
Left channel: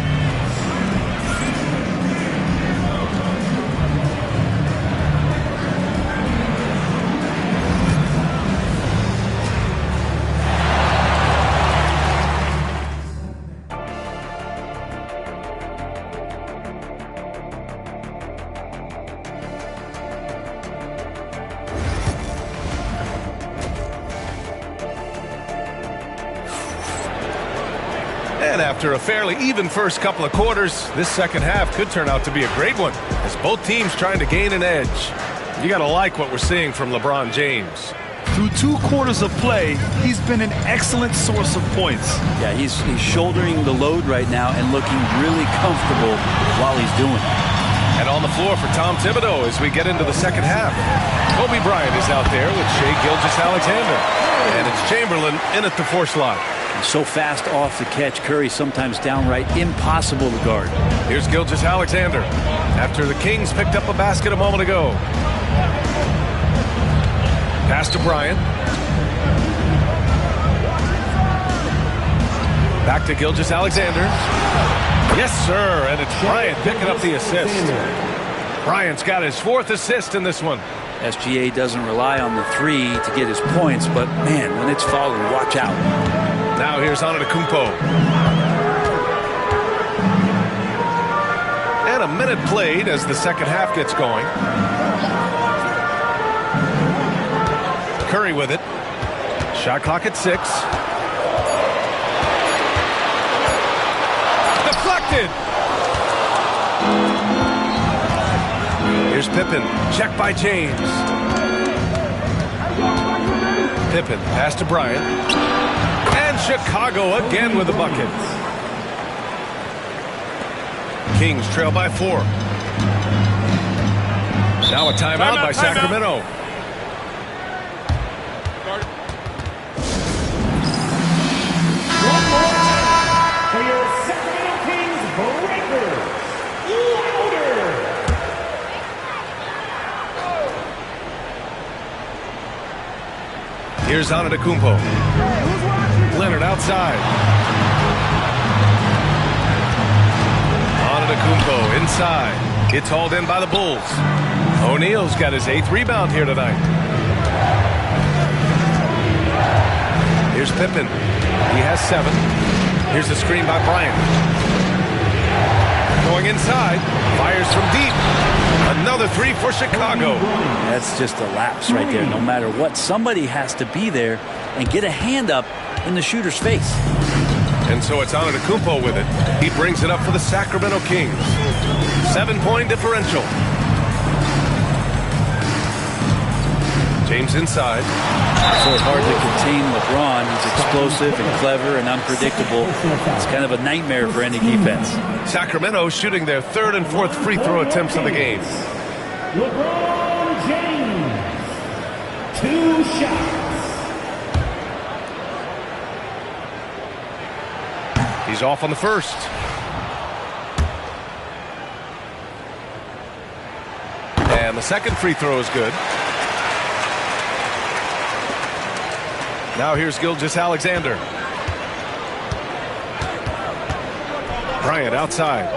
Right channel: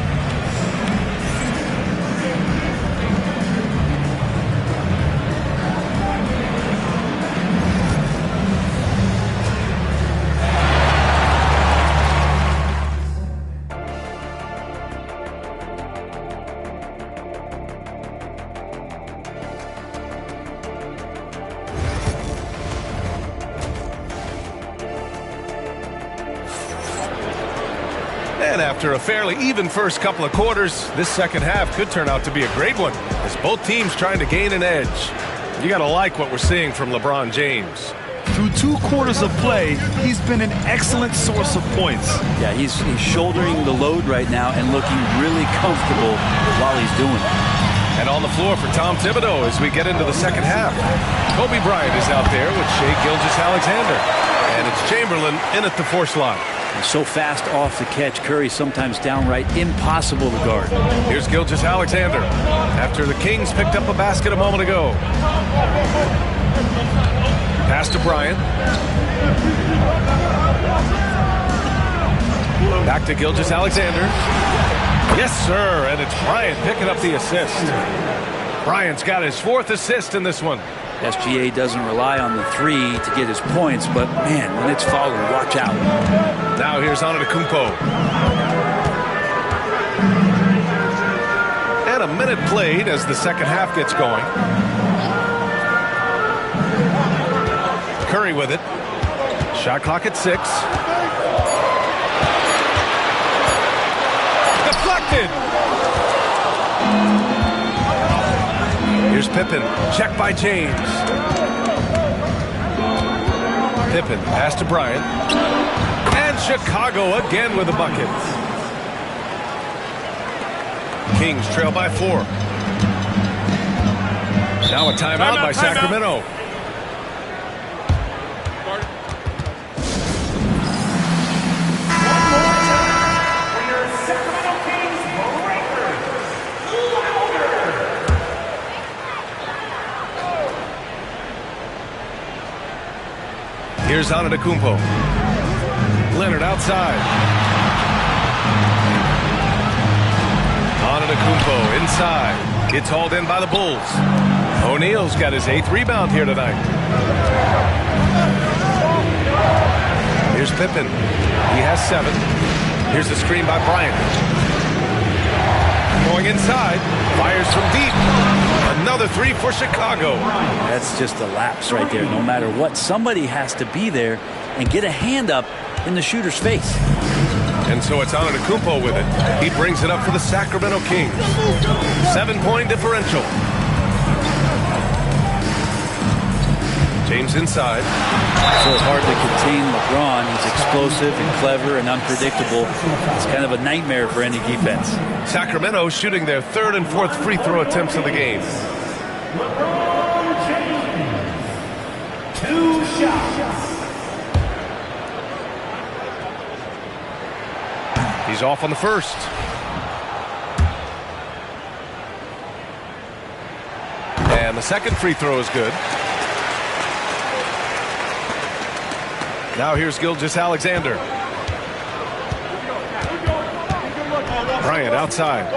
And after a fairly even first couple of quarters, this second half could turn out to be a great one as both teams trying to gain an edge. You got to like what we're seeing from LeBron James. Through 2 quarters of play, he's been an excellent source of points. Yeah, he's shouldering the load right now and looking really comfortable while he's doing it. And on the floor for Tom Thibodeau as we get into the second half. Kobe Bryant is out there with Shai Gilgeous-Alexander. And it's Chamberlain in at the 4 slot. And so fast off the catch, Curry sometimes downright impossible to guard. Here's Gilgeous-Alexander after the Kings picked up a basket a moment ago. Pass to Bryant. Back to Gilgeous-Alexander. Yes, sir, and it's Bryant picking up the assist. Bryant's got his 4th assist in this one. SGA doesn't rely on the 3 to get his points, but man, when it's falling, watch out. Now here's Antetokounmpo. And a a minute played as the second half gets going. Curry with it. Shot clock at 6. Deflected. Here's Pippen. Check by James. Pippen. Pass to Bryant. And Chicago again with a bucket. Kings trail by 4. Now a timeout by Sacramento. Here's Antetokounmpo. Leonard outside. Antetokounmpo inside. Gets hauled in by the Bulls. O'Neal's got his 8th rebound here tonight. Here's Pippen. He has 7. Here's the screen by Bryant. Going inside. Fires from deep. Another 3 for Chicago. That's just a lapse right there. No matter what, somebody has to be there and get a hand up in the shooter's face. And so it's Antetokounmpo with it. He brings it up for the Sacramento Kings. 7-point differential. James inside. So hard to contain LeBron. He's explosive and clever and unpredictable. It's kind of a nightmare for any defense. Sacramento shooting their 3rd and 4th free throw attempts of the game. LeBron James. 2 shots. He's off on the first. And the second free throw is good. Now here's Gilgeous-Alexander. Bryant outside.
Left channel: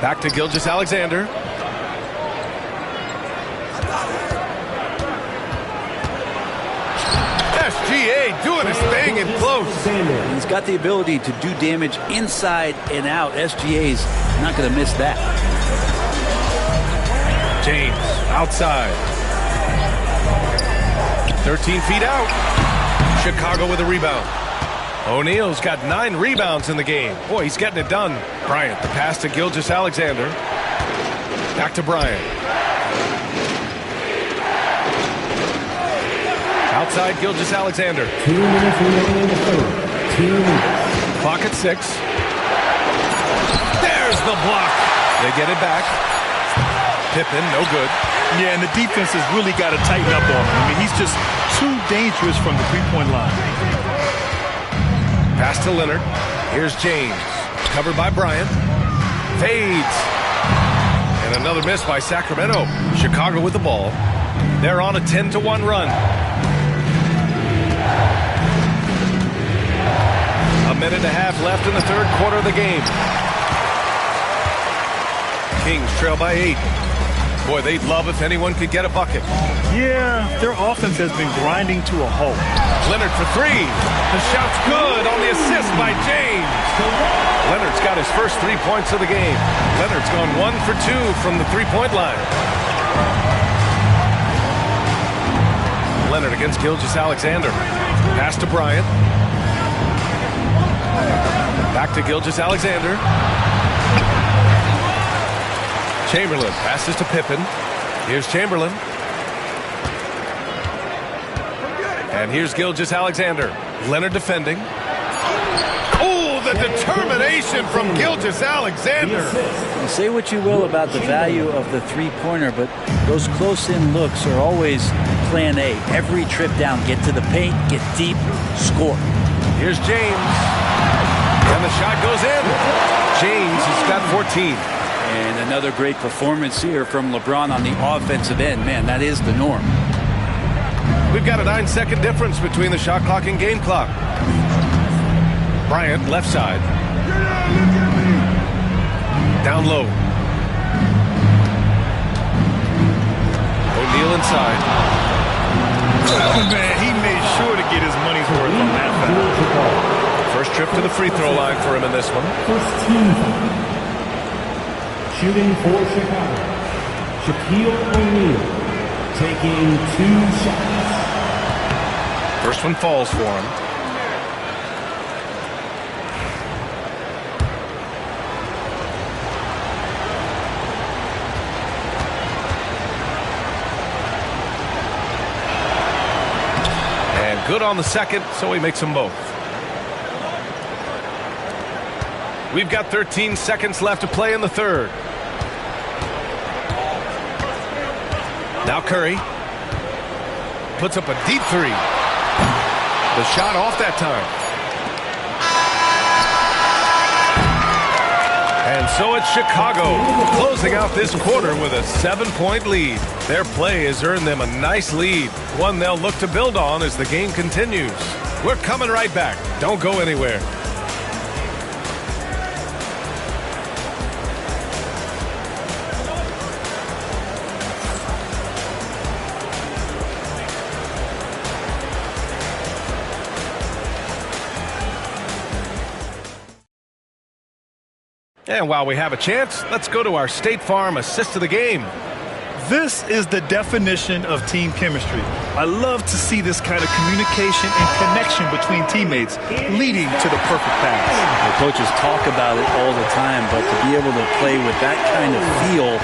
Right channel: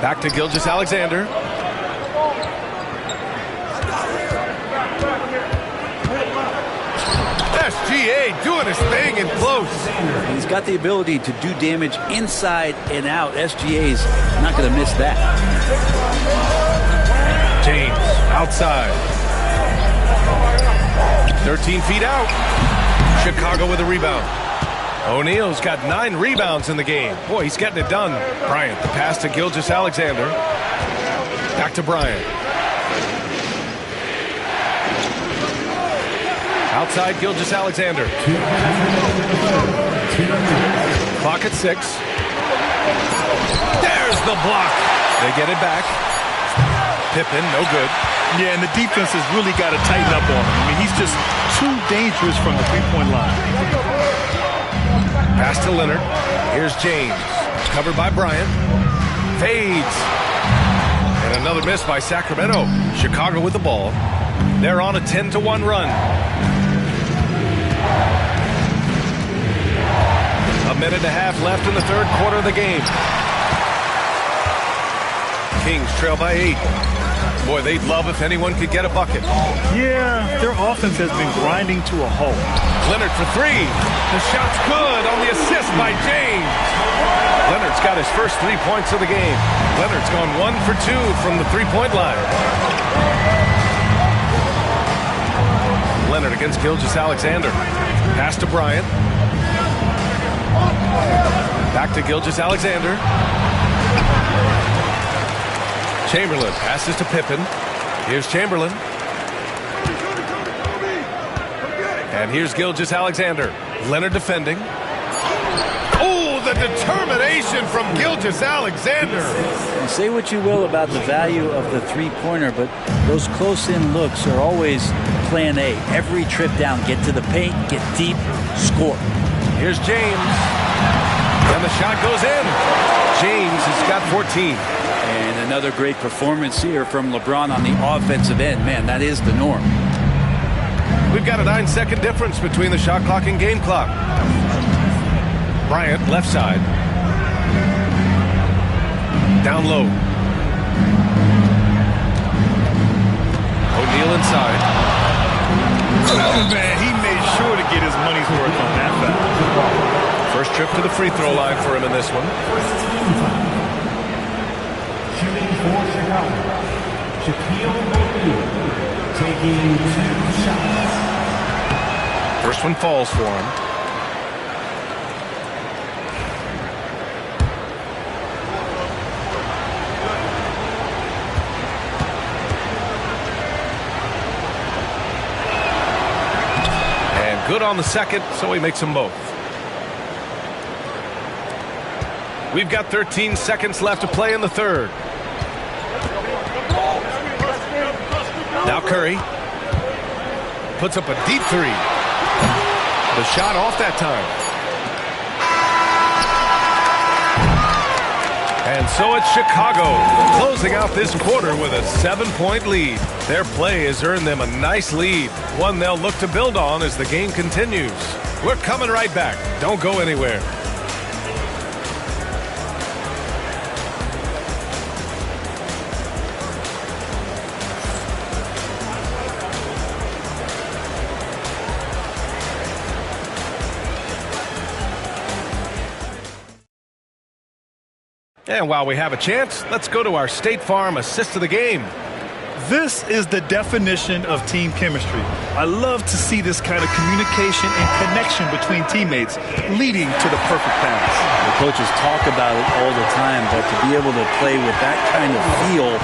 Back to Gilgeous-Alexander. SGA doing his thing in close. He's got the ability to do damage inside and out. SGA's not going to miss that. James outside. 13 feet out. Chicago with a rebound. O'Neal's got 9 rebounds in the game. Boy, he's getting it done. Bryant, the pass to Gilgeous-Alexander. Back to Bryant. Outside Gilgeous-Alexander. 2 minutes remaining in the third. 2 minutes. Clock at 6. There's the block. They get it back. Pippen, no good. Yeah, and the defense has really got to tighten up on him. I mean, he's just too dangerous from the three-point line. Pass to Leonard. Here's James. Covered by Bryant. Fades. And another miss by Sacramento. Chicago with the ball. They're on a 10-1 run. A minute and a half left in the 3rd quarter of the game. Kings trail by 8. Boy, they'd love if anyone could get a bucket. Yeah, their offense has been grinding to a halt. Leonard for 3. The shot's good on the assist by James. Leonard's got his first 3 points of the game. Leonard's gone 1 for 2 from the 3-point line. Leonard against Gilgeous-Alexander. Pass to Bryant. Back to Gilgeous-Alexander. Chamberlain passes to Pippen. Here's Chamberlain. And here's Gilgeous-Alexander. Leonard defending. Oh, the determination from Gilgeous-Alexander. You say what you will about the value of the three-pointer, but those close-in looks are always plan A. Every trip down, get to the paint, get deep, score. Here's James. And the shot goes in. James has got 14. And another great performance here from LeBron on the offensive end. Man, that is the norm. We've got a 9-second difference between the shot clock and game clock. Bryant, left side. Down low. O'Neal inside. Oh, man, he made sure to get his money's worth on that foul. First trip to the free throw line for him in this one. Shooting for Chicago, Shaquille O'Neal, taking 2 shots. First one falls for him. And good on the second, so he makes them both. We've got 13 seconds left to play in the third. Now Curry puts up a deep three. The shot off that time. And so it's Chicago closing out this quarter with a 7-point lead. Their play has earned them a nice lead, one they'll look to build on as the game continues. We're coming right back. Don't go anywhere. And while we have a chance, let's go to our State Farm assist of the game. This is the definition of team chemistry. I love to see this kind of communication and connection between teammates leading to the perfect pass. The coaches talk about it all the time, but to be able to play with that kind of feel,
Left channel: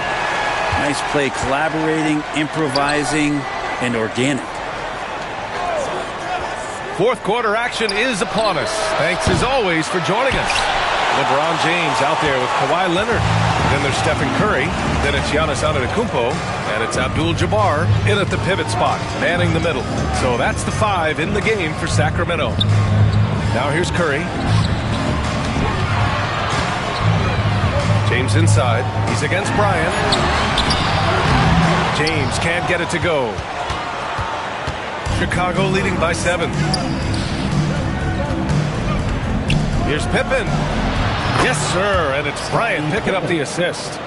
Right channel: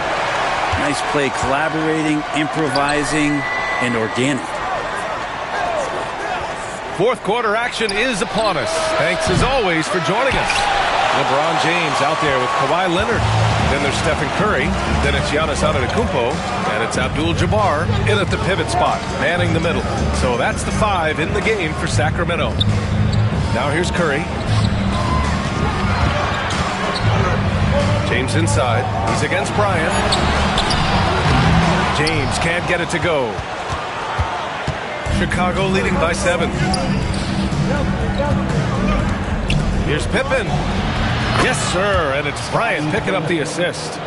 nice play, collaborating, improvising, and organic. Fourth quarter action is upon us. Thanks as always for joining us. LeBron James out there with Kawhi Leonard. Then there's Stephen Curry. Then it's Giannis Antetokounmpo. And it's Abdul-Jabbar in at the pivot spot, manning the middle. So that's the 5 in the game for Sacramento. Now here's Curry. James inside. He's against Bryant. James can't get it to go. Chicago leading by 7. Here's Pippen. Yes, sir, and it's Bryant picking up the assist.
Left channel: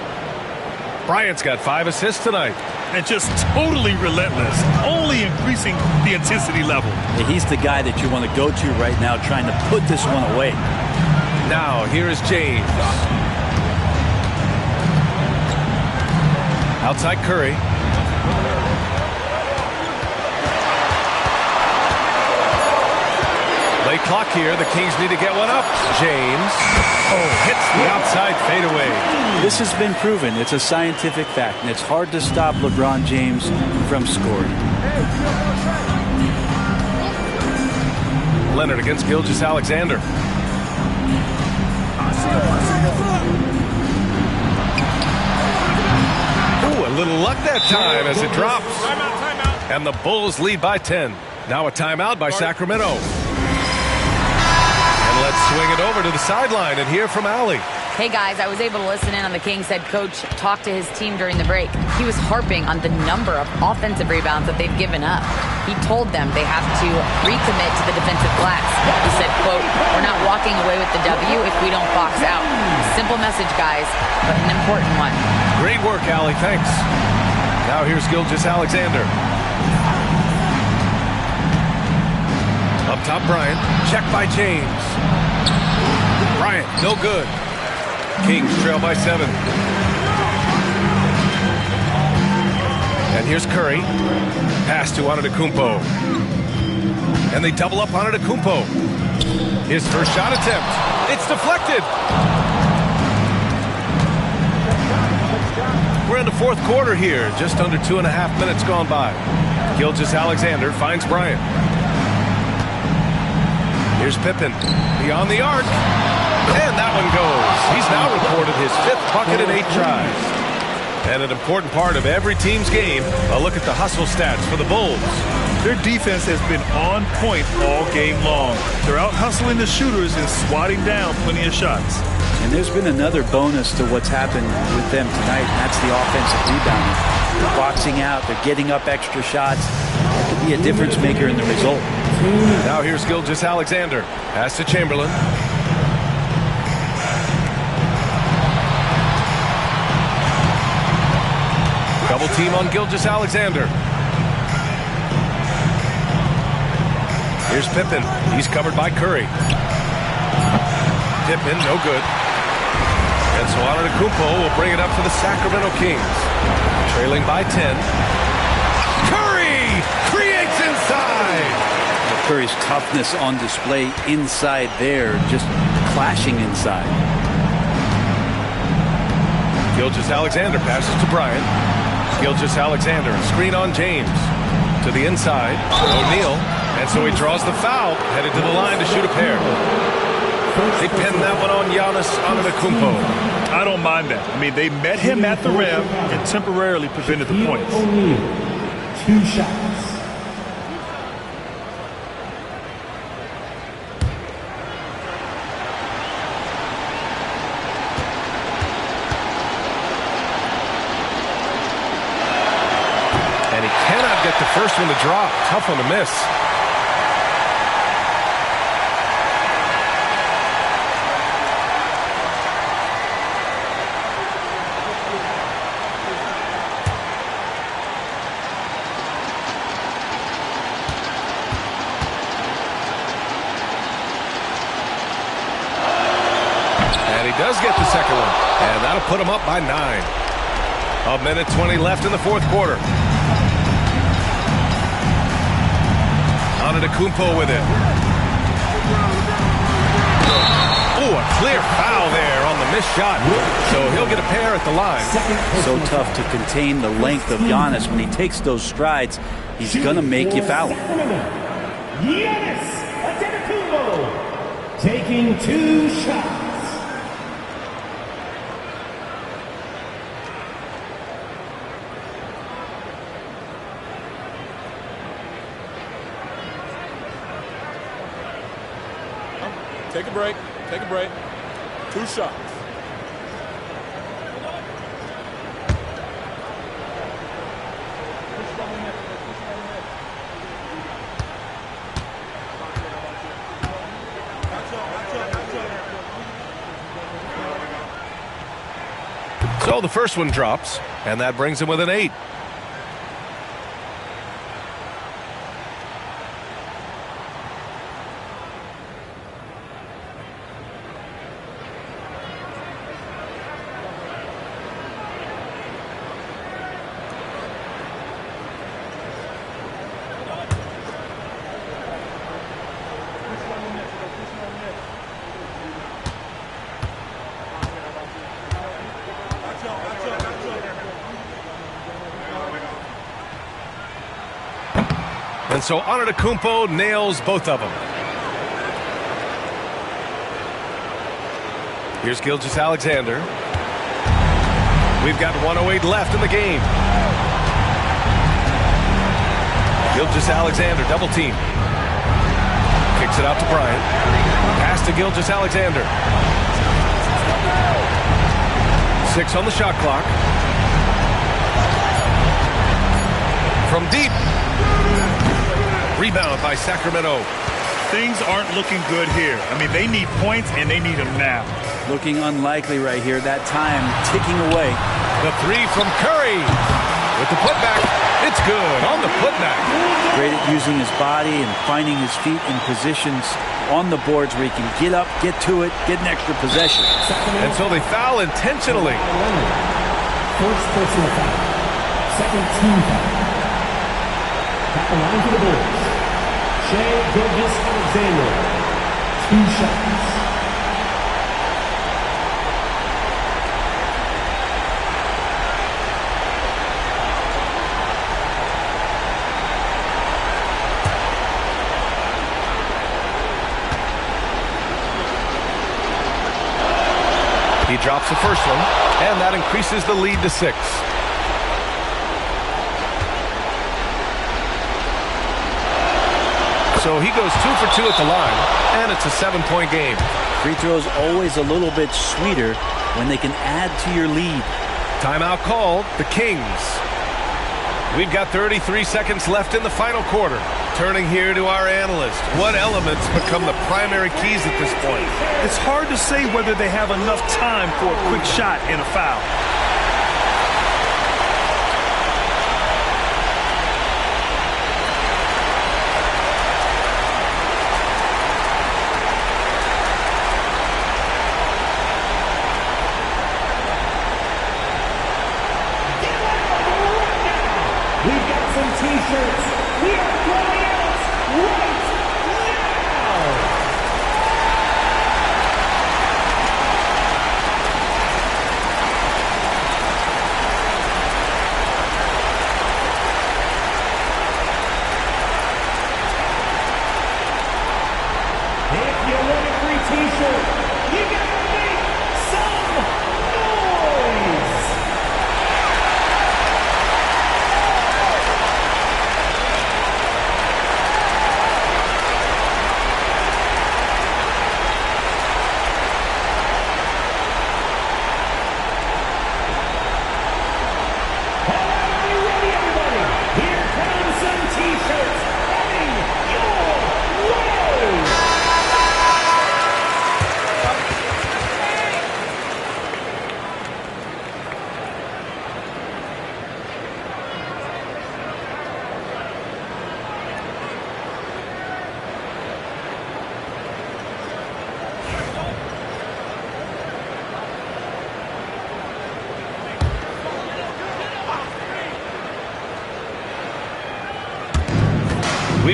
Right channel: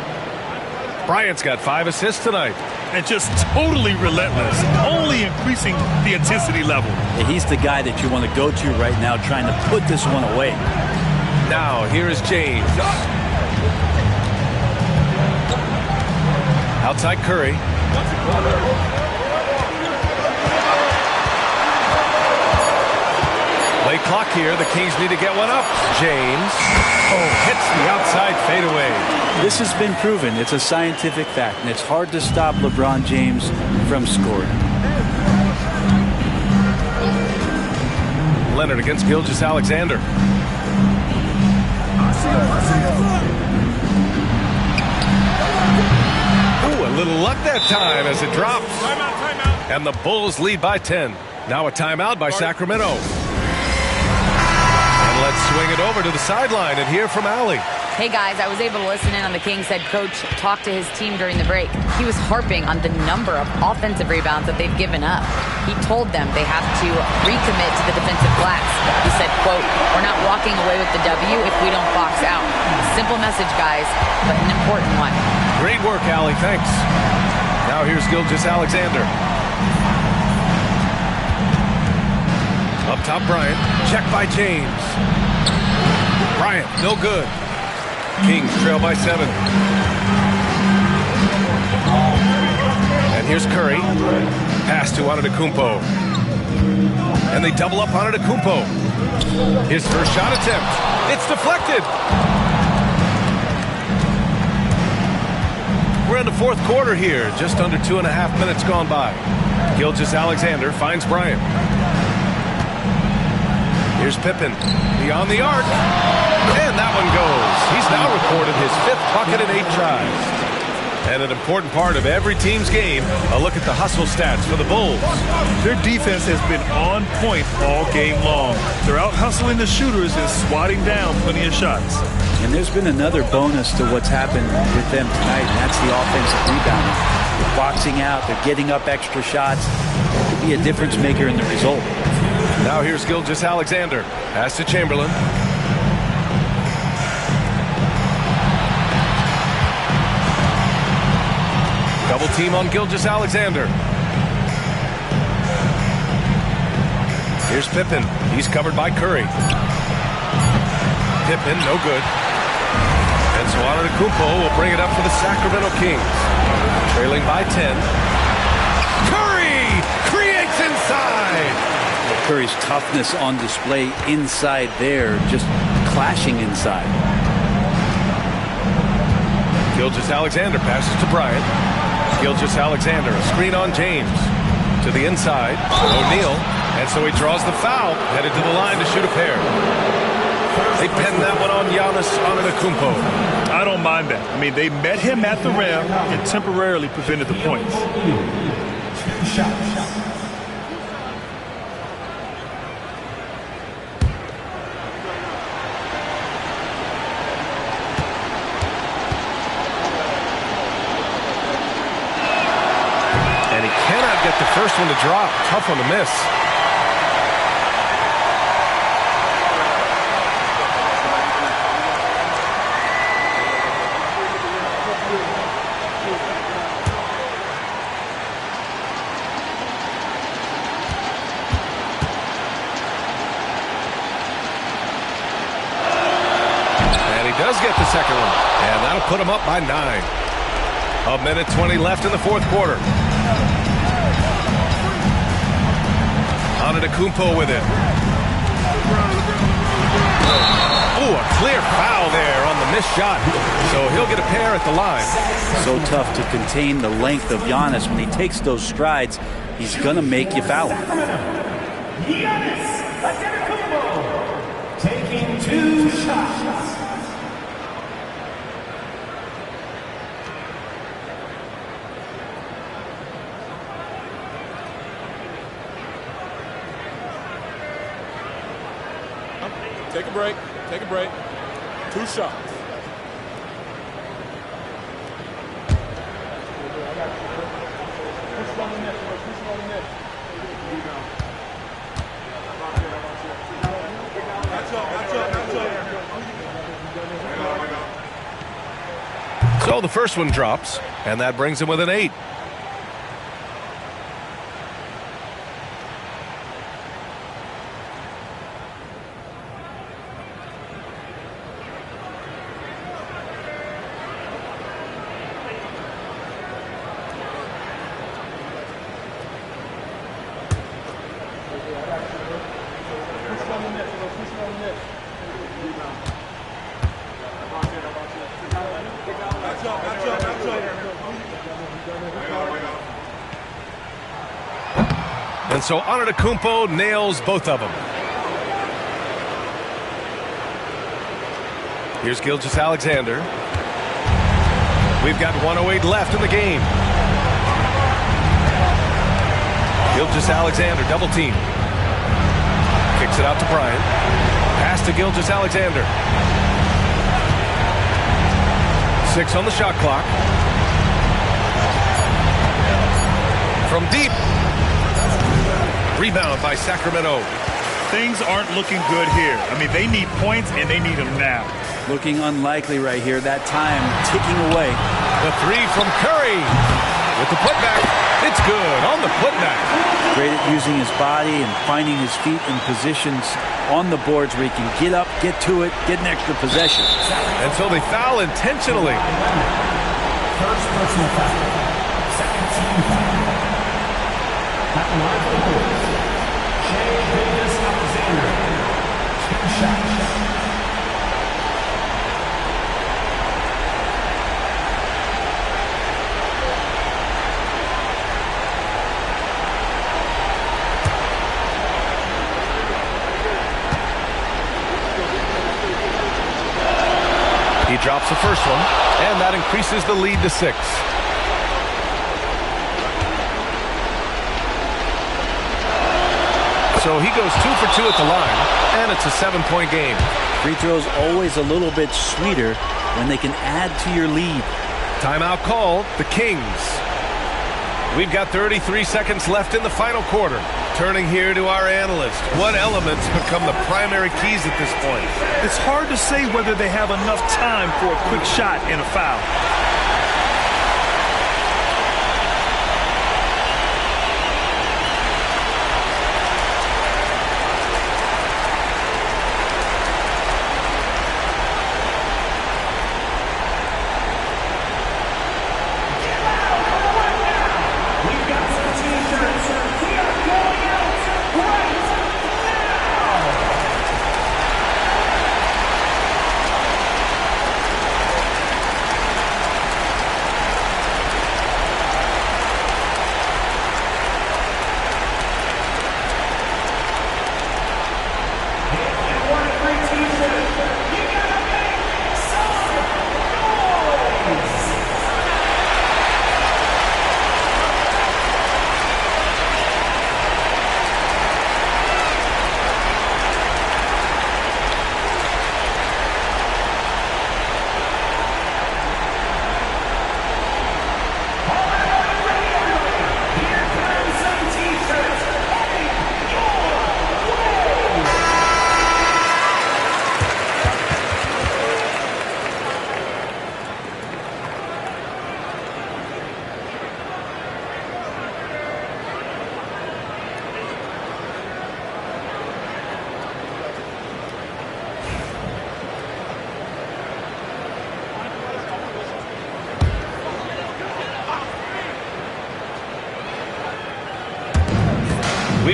Bryant's got 5 assists tonight. And just totally relentless, only increasing the intensity level. Yeah, he's the guy that you want to go to right now, trying to put this one away. Now, here is James. Outside Curry. Late clock here. The Kings need to get one up. James. Oh, hits the outside fadeaway. This has been proven. It's a scientific fact, and it's hard to stop LeBron James from scoring. Leonard against Gilgeous-Alexander. Ooh, a little luck that time as it drops. Timeout. And the Bulls lead by 10. Now a timeout by Sacramento. And let's swing it over to the sideline and hear from Allie. Hey guys, I was able to listen in on the Kings head coach talk to his team during the break. He was harping on the number of offensive rebounds that they've given up. He told them they have to recommit to the defensive glass. He said, quote, "We're not walking away with the W if we don't box out." A simple message, guys, but an important one. Great work, Allie. Thanks. Now here's Gilgeous-Alexander. Up top, Bryant. Check by James. Bryant, no good. Kings trail by 7. And here's Curry. Pass to Antetokounmpo. And they double up Antetokounmpo. His first shot attempt. It's deflected. We're in the fourth quarter here. Just under 2.5 minutes gone by. Gilgeous-Alexander finds Bryant. Here's Pippen. Beyond the arc. And that one goes. He's now recorded his 5th bucket in 8 tries. And an important part of every team's game, a look at the hustle stats for the Bulls. Their defense has been on point all game long. They're out hustling the shooters and swatting down plenty of shots. And there's been another bonus to what's happened with them tonight, and that's the offensive rebounding. They're boxing out. They're getting up extra shots. It could be a difference maker in the result. Now here's Gilgeous-Alexander. Pass to Chamberlain. Double team on Gilgeous-Alexander. Here's Pippen. He's covered by Curry. Pippen, no good. And so Antetokounmpo will bring it up for the Sacramento Kings. Trailing by 10. Curry creates inside. Curry's toughness on display inside there, just clashing inside. Gilgeous-Alexander passes to Bryant. Gilgeous-Alexander, a screen on James. To the inside, O'Neal. And so he draws the foul, headed to the line to shoot a pair. They pinned that one on Giannis Antetokounmpo. I don't mind that. I mean, they met him at the rim and temporarily prevented the points. 2 shots. And he cannot get the first one to drop. Tough one to miss. And he does get the second one. And that'll put him up by 9. A minute 20 left in the fourth quarter. Antetokounmpo with it. Oh, a clear foul there on the missed shot. So he'll get a pair at the line. So tough to contain the length of Giannis. When he takes those strides, he's going to make you foul him. Giannis Antetokounmpo taking 2 shots. Take a break. Take a break. 2 shots. So the first one drops, and that brings him with an 8. And so Antetokounmpo nails both of them. Here's Gilgeous-Alexander. We've got 1:08 left in the game. Gilgeous-Alexander double team. Kicks it out to Bryant. Pass to Gilgeous-Alexander. 6 on the shot clock. From deep. Rebound by Sacramento. Things aren't looking good here. I mean, they need points, and they need them now. Looking unlikely right here. That time ticking away. The 3 from Curry. With the putback. It's good on the putback. Great at using his body and finding his feet in positions on the boards where he can get up, get to it, get an extra possession. And so they foul intentionally. First personal foul. Second team foul. At the line for the Bulls, Shai Gilgeous-Alexander. 2 shots. He drops the first one, and that increases the lead to 6. So he goes 2 for 2 at the line, and it's a 7-point game. Free throws always a little bit sweeter when they can add to your lead. Timeout called, the Kings. We've got 33 seconds left in the final quarter. Turning here to our analyst. What elements become the primary keys at this point? It's hard to say whether they have enough time for a quick shot and a foul.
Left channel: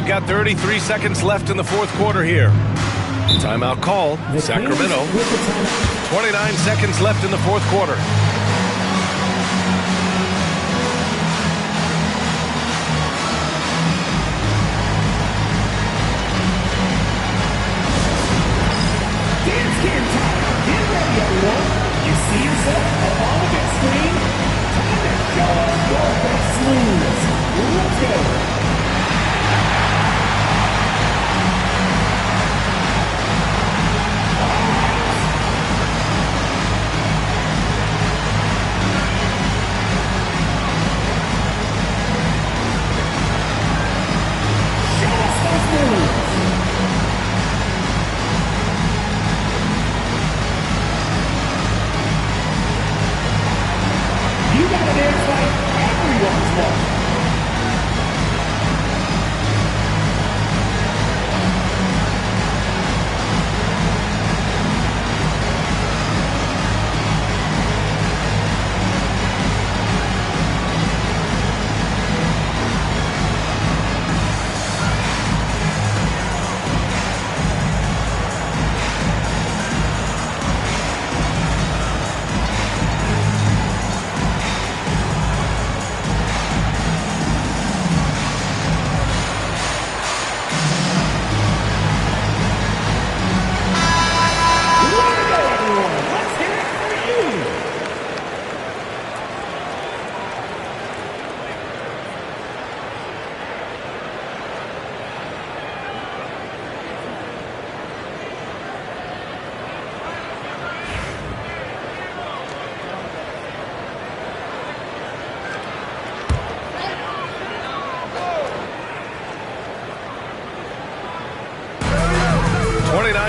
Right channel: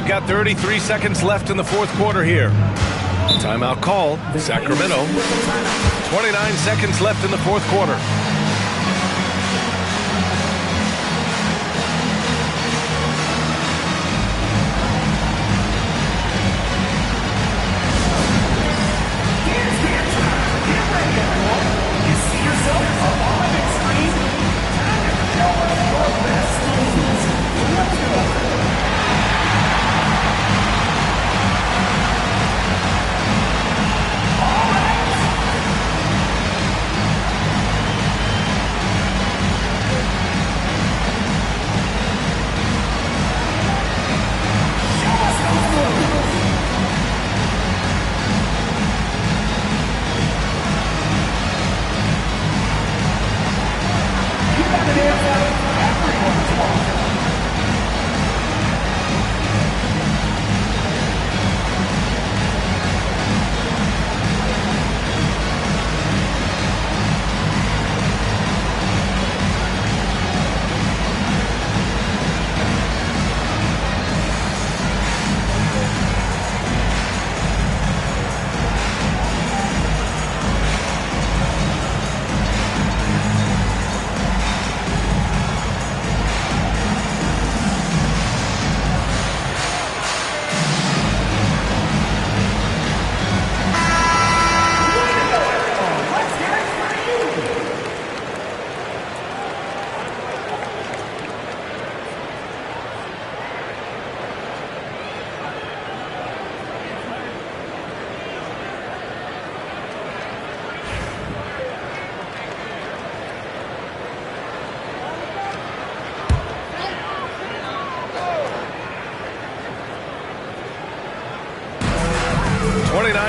We've got 33 seconds left in the fourth quarter here. Timeout call, Sacramento. 29 seconds left in the fourth quarter.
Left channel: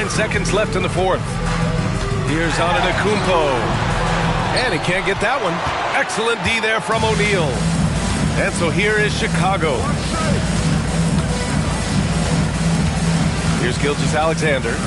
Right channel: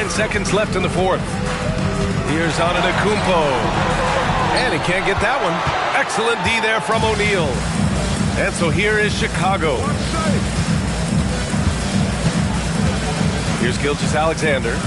Seconds left in the fourth. Here's Antetokounmpo. And he can't get that one. Excellent D there from O'Neal. And so here is Chicago. Here's Gilgeous-Alexander.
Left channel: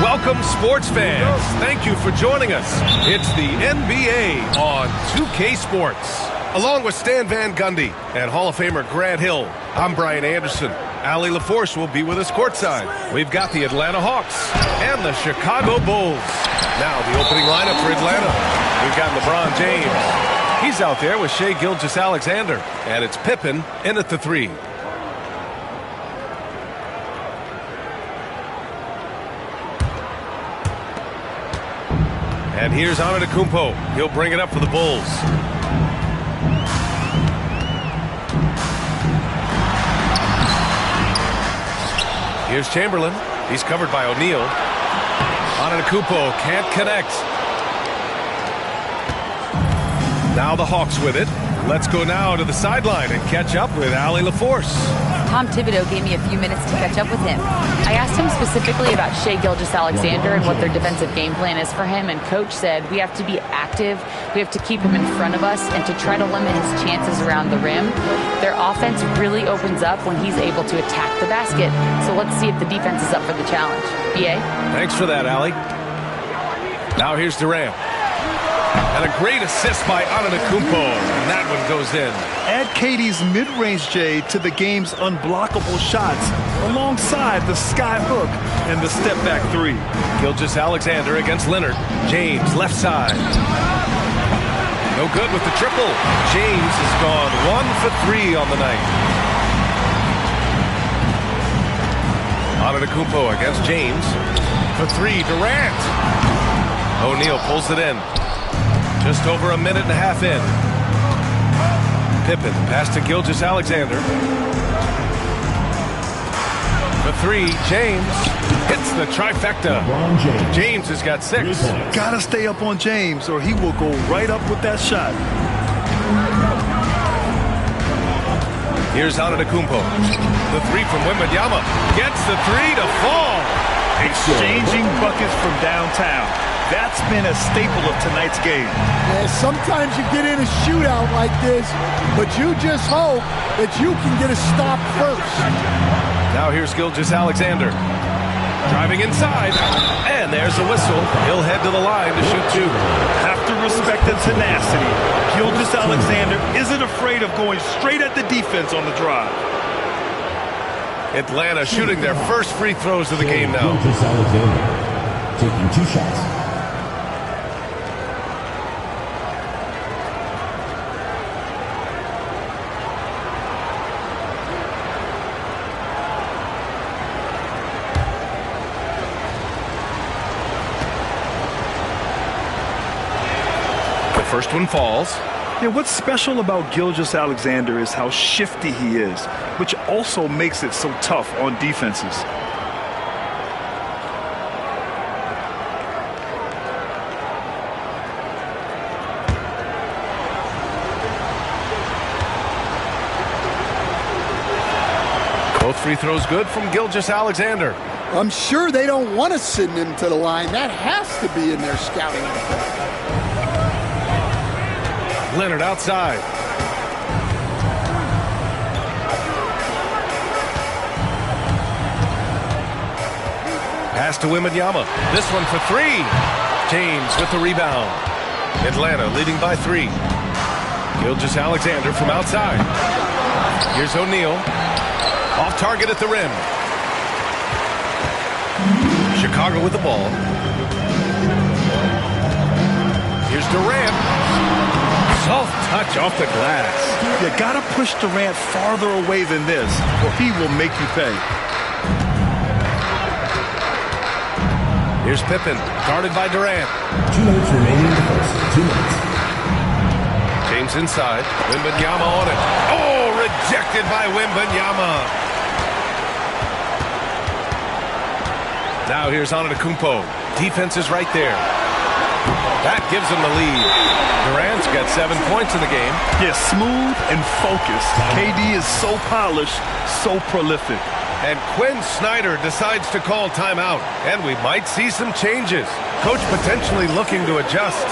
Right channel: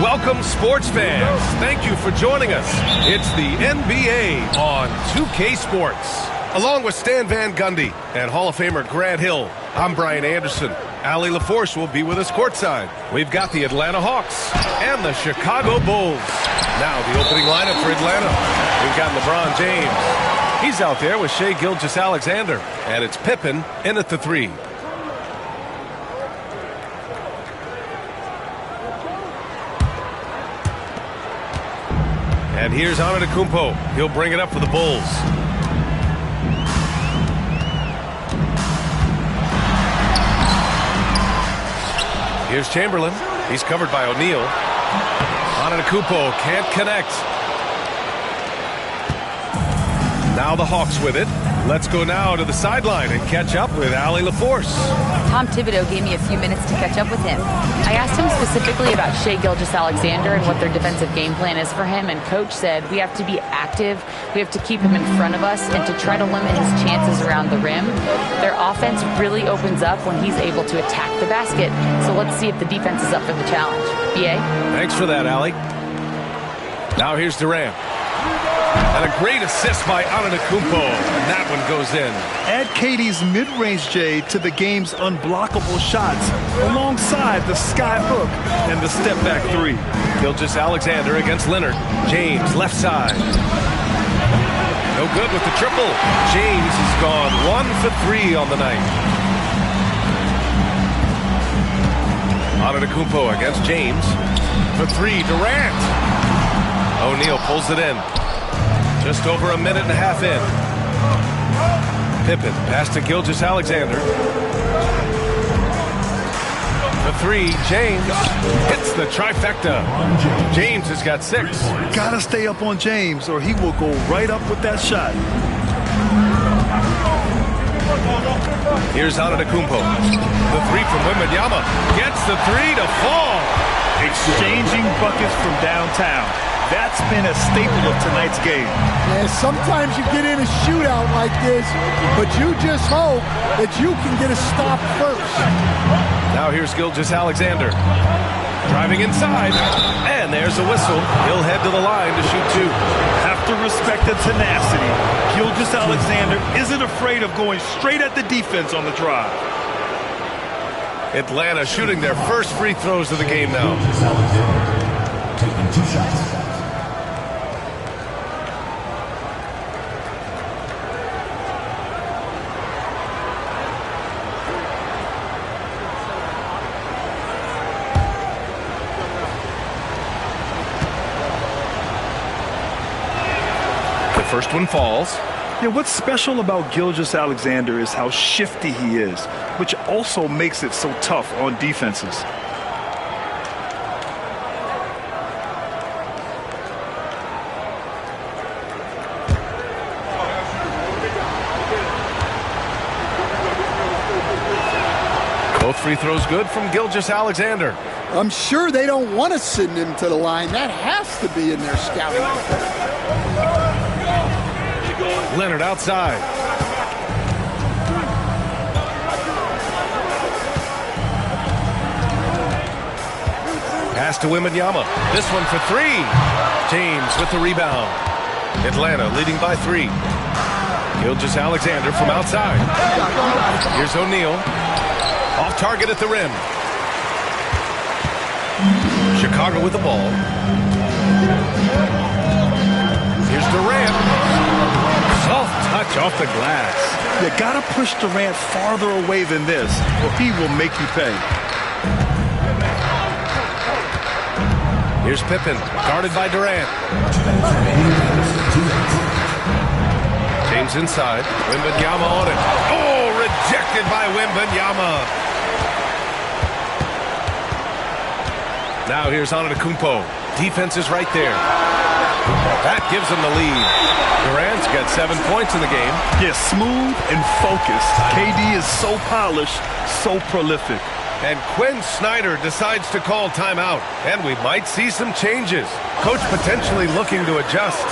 Welcome, sports fans. Thank you for joining us. It's the NBA on 2K Sports. Along with Stan Van Gundy and Hall of Famer Grant Hill, I'm Brian Anderson. Allie LaForce will be with us courtside. We've got the Atlanta Hawks and the Chicago Bulls. Now the opening lineup for Atlanta. We've got LeBron James. He's out there with Shai Gilgeous-Alexander. And it's Pippen in at the 3. And here's Antetokounmpo. He'll bring it up for the Bulls. Here's Chamberlain. He's covered by O'Neal. Antetokounmpo can't connect. Now the Hawks with it. Let's go now to the sideline and catch up with Allie LaForce. Tom Thibodeau gave me a few minutes to catch up with him. I asked him specifically about Shai Gilgeous-Alexander and what their defensive game plan is for him, and Coach said we have to be active, we have to keep him in front of us, and to try to limit his chances around the rim. Their offense really opens up when he's able to attack the basket, so let's see if the defense is up for the challenge. B.A.? Thanks for that, Allie. Now here's Durant. And a great assist by Antetokounmpo, and that one goes in. Add KD's mid-range J to the game's unblockable shots alongside the sky hook and the step-back 3. Gilgeous-Alexander against Leonard. James left side. No good with the triple. James has gone 1 for 3 on the night. Antetokounmpo against James. For 3, Durant. O'Neal pulls it in. Just over a minute and a half in. Pippen pass to Gilgeous-Alexander. The 3, James hits the trifecta. James has got 6. Gotta stay up on James or he will go right up with that shot. Here's Antetokounmpo. The 3 from Wembanyama gets the 3 to fall. Exchanging buckets from downtown. That's been a staple of tonight's game. Yeah, sometimes you get in a shootout like this, but you just hope that you can get a stop first. Now here's Gilgeous-Alexander. Driving inside, and there's a whistle. He'll head to the line to shoot 2. Have to respect the tenacity. Gilgeous-Alexander isn't afraid of going straight at the defense on the drive. Atlanta shooting their first free throws of the game now. Gilgeous-Alexander taking 2 shots. First one falls. Yeah, what's special about Gilgeous-Alexander is how shifty he is, which also makes it so tough on defenses. Both free throws good from Gilgeous-Alexander. I'm sure they don't want to send him to the line. That has to be in their scouting report. Leonard outside. Pass to Wembanyama. This one for 3. James with the rebound. Atlanta leading by 3. Gilgeous-Alexander from outside. Here's O'Neal. Off target at the rim. Chicago with the ball. Here's Durant. Soft touch off the glass. You gotta push Durant farther away than this, or he will make you pay. Here's Pippen, guarded by Durant. 2 minutes remaining. 2 minutes. James inside. Wembanyama on it. Oh, rejected by Wembanyama. Now here's Antetokounmpo. Defense is right there. That gives them the lead. Durant's got 7 points in the game. Yeah, smooth and focused. KD is so polished, so prolific. And Quinn Snyder decides to call timeout. And we might see some changes. Coach potentially looking to adjust.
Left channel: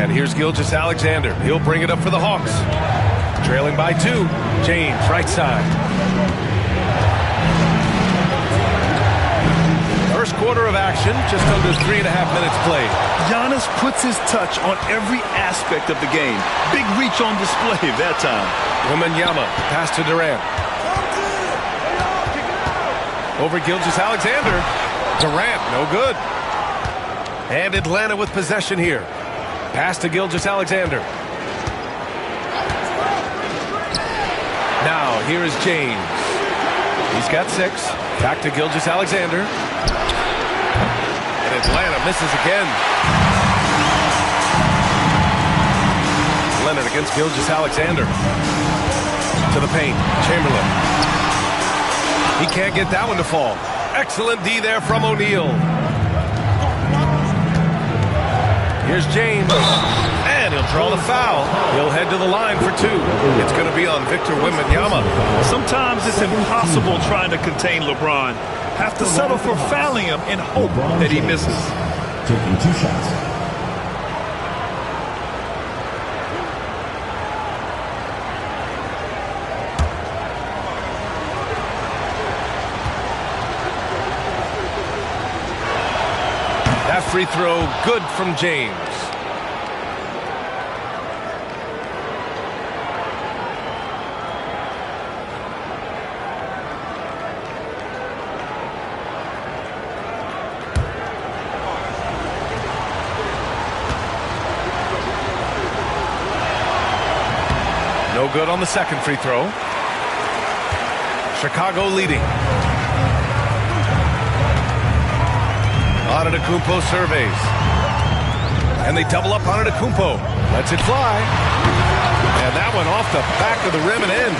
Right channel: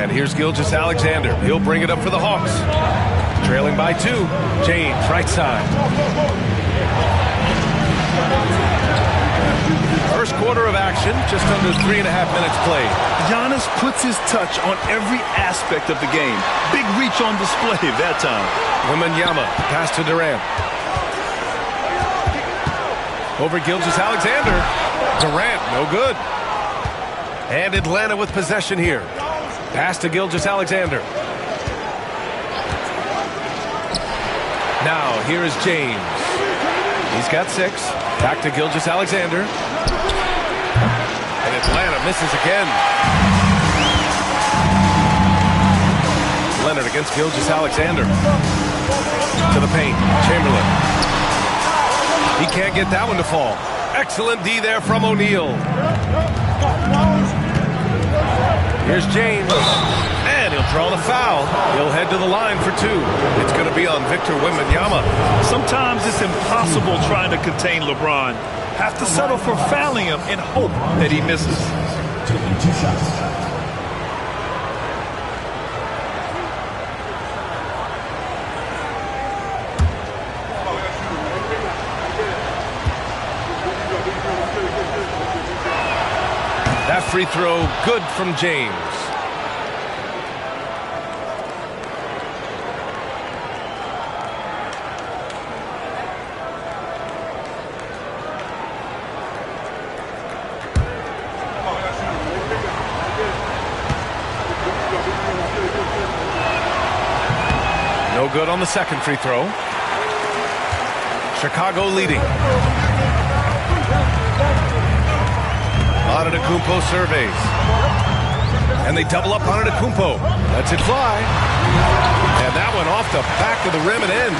And here's Gilgeous-Alexander. He'll bring it up for the Hawks. Trailing by 2. James, right side. First quarter of action, just under 3.5 minutes played. Giannis puts his touch on every aspect of the game. Big reach on display that time. Wembanyama, pass to Durant. Over Gilgeous-Alexander. Durant, no good. And Atlanta with possession here. Pass to Gilgeous-Alexander. Now, here is James. He's got 6. Back to Gilgeous-Alexander. And Atlanta misses again. Leonard against Gilgeous-Alexander. To the paint. Chamberlain. He can't get that one to fall. Excellent D there from O'Neal. Here's James. And he'll draw the foul. He'll head to the line for 2. It's going to be on Victor Wembanyama. Sometimes it's impossible trying to contain LeBron. Have to settle for fouling him and hope that he misses. Taking 2 shots. That free throw, good from James. No good on the second free throw. Chicago leading. Antetokounmpo surveys. And they double up Antetokounmpo. Lets it fly. And that one off the back of the rim and in.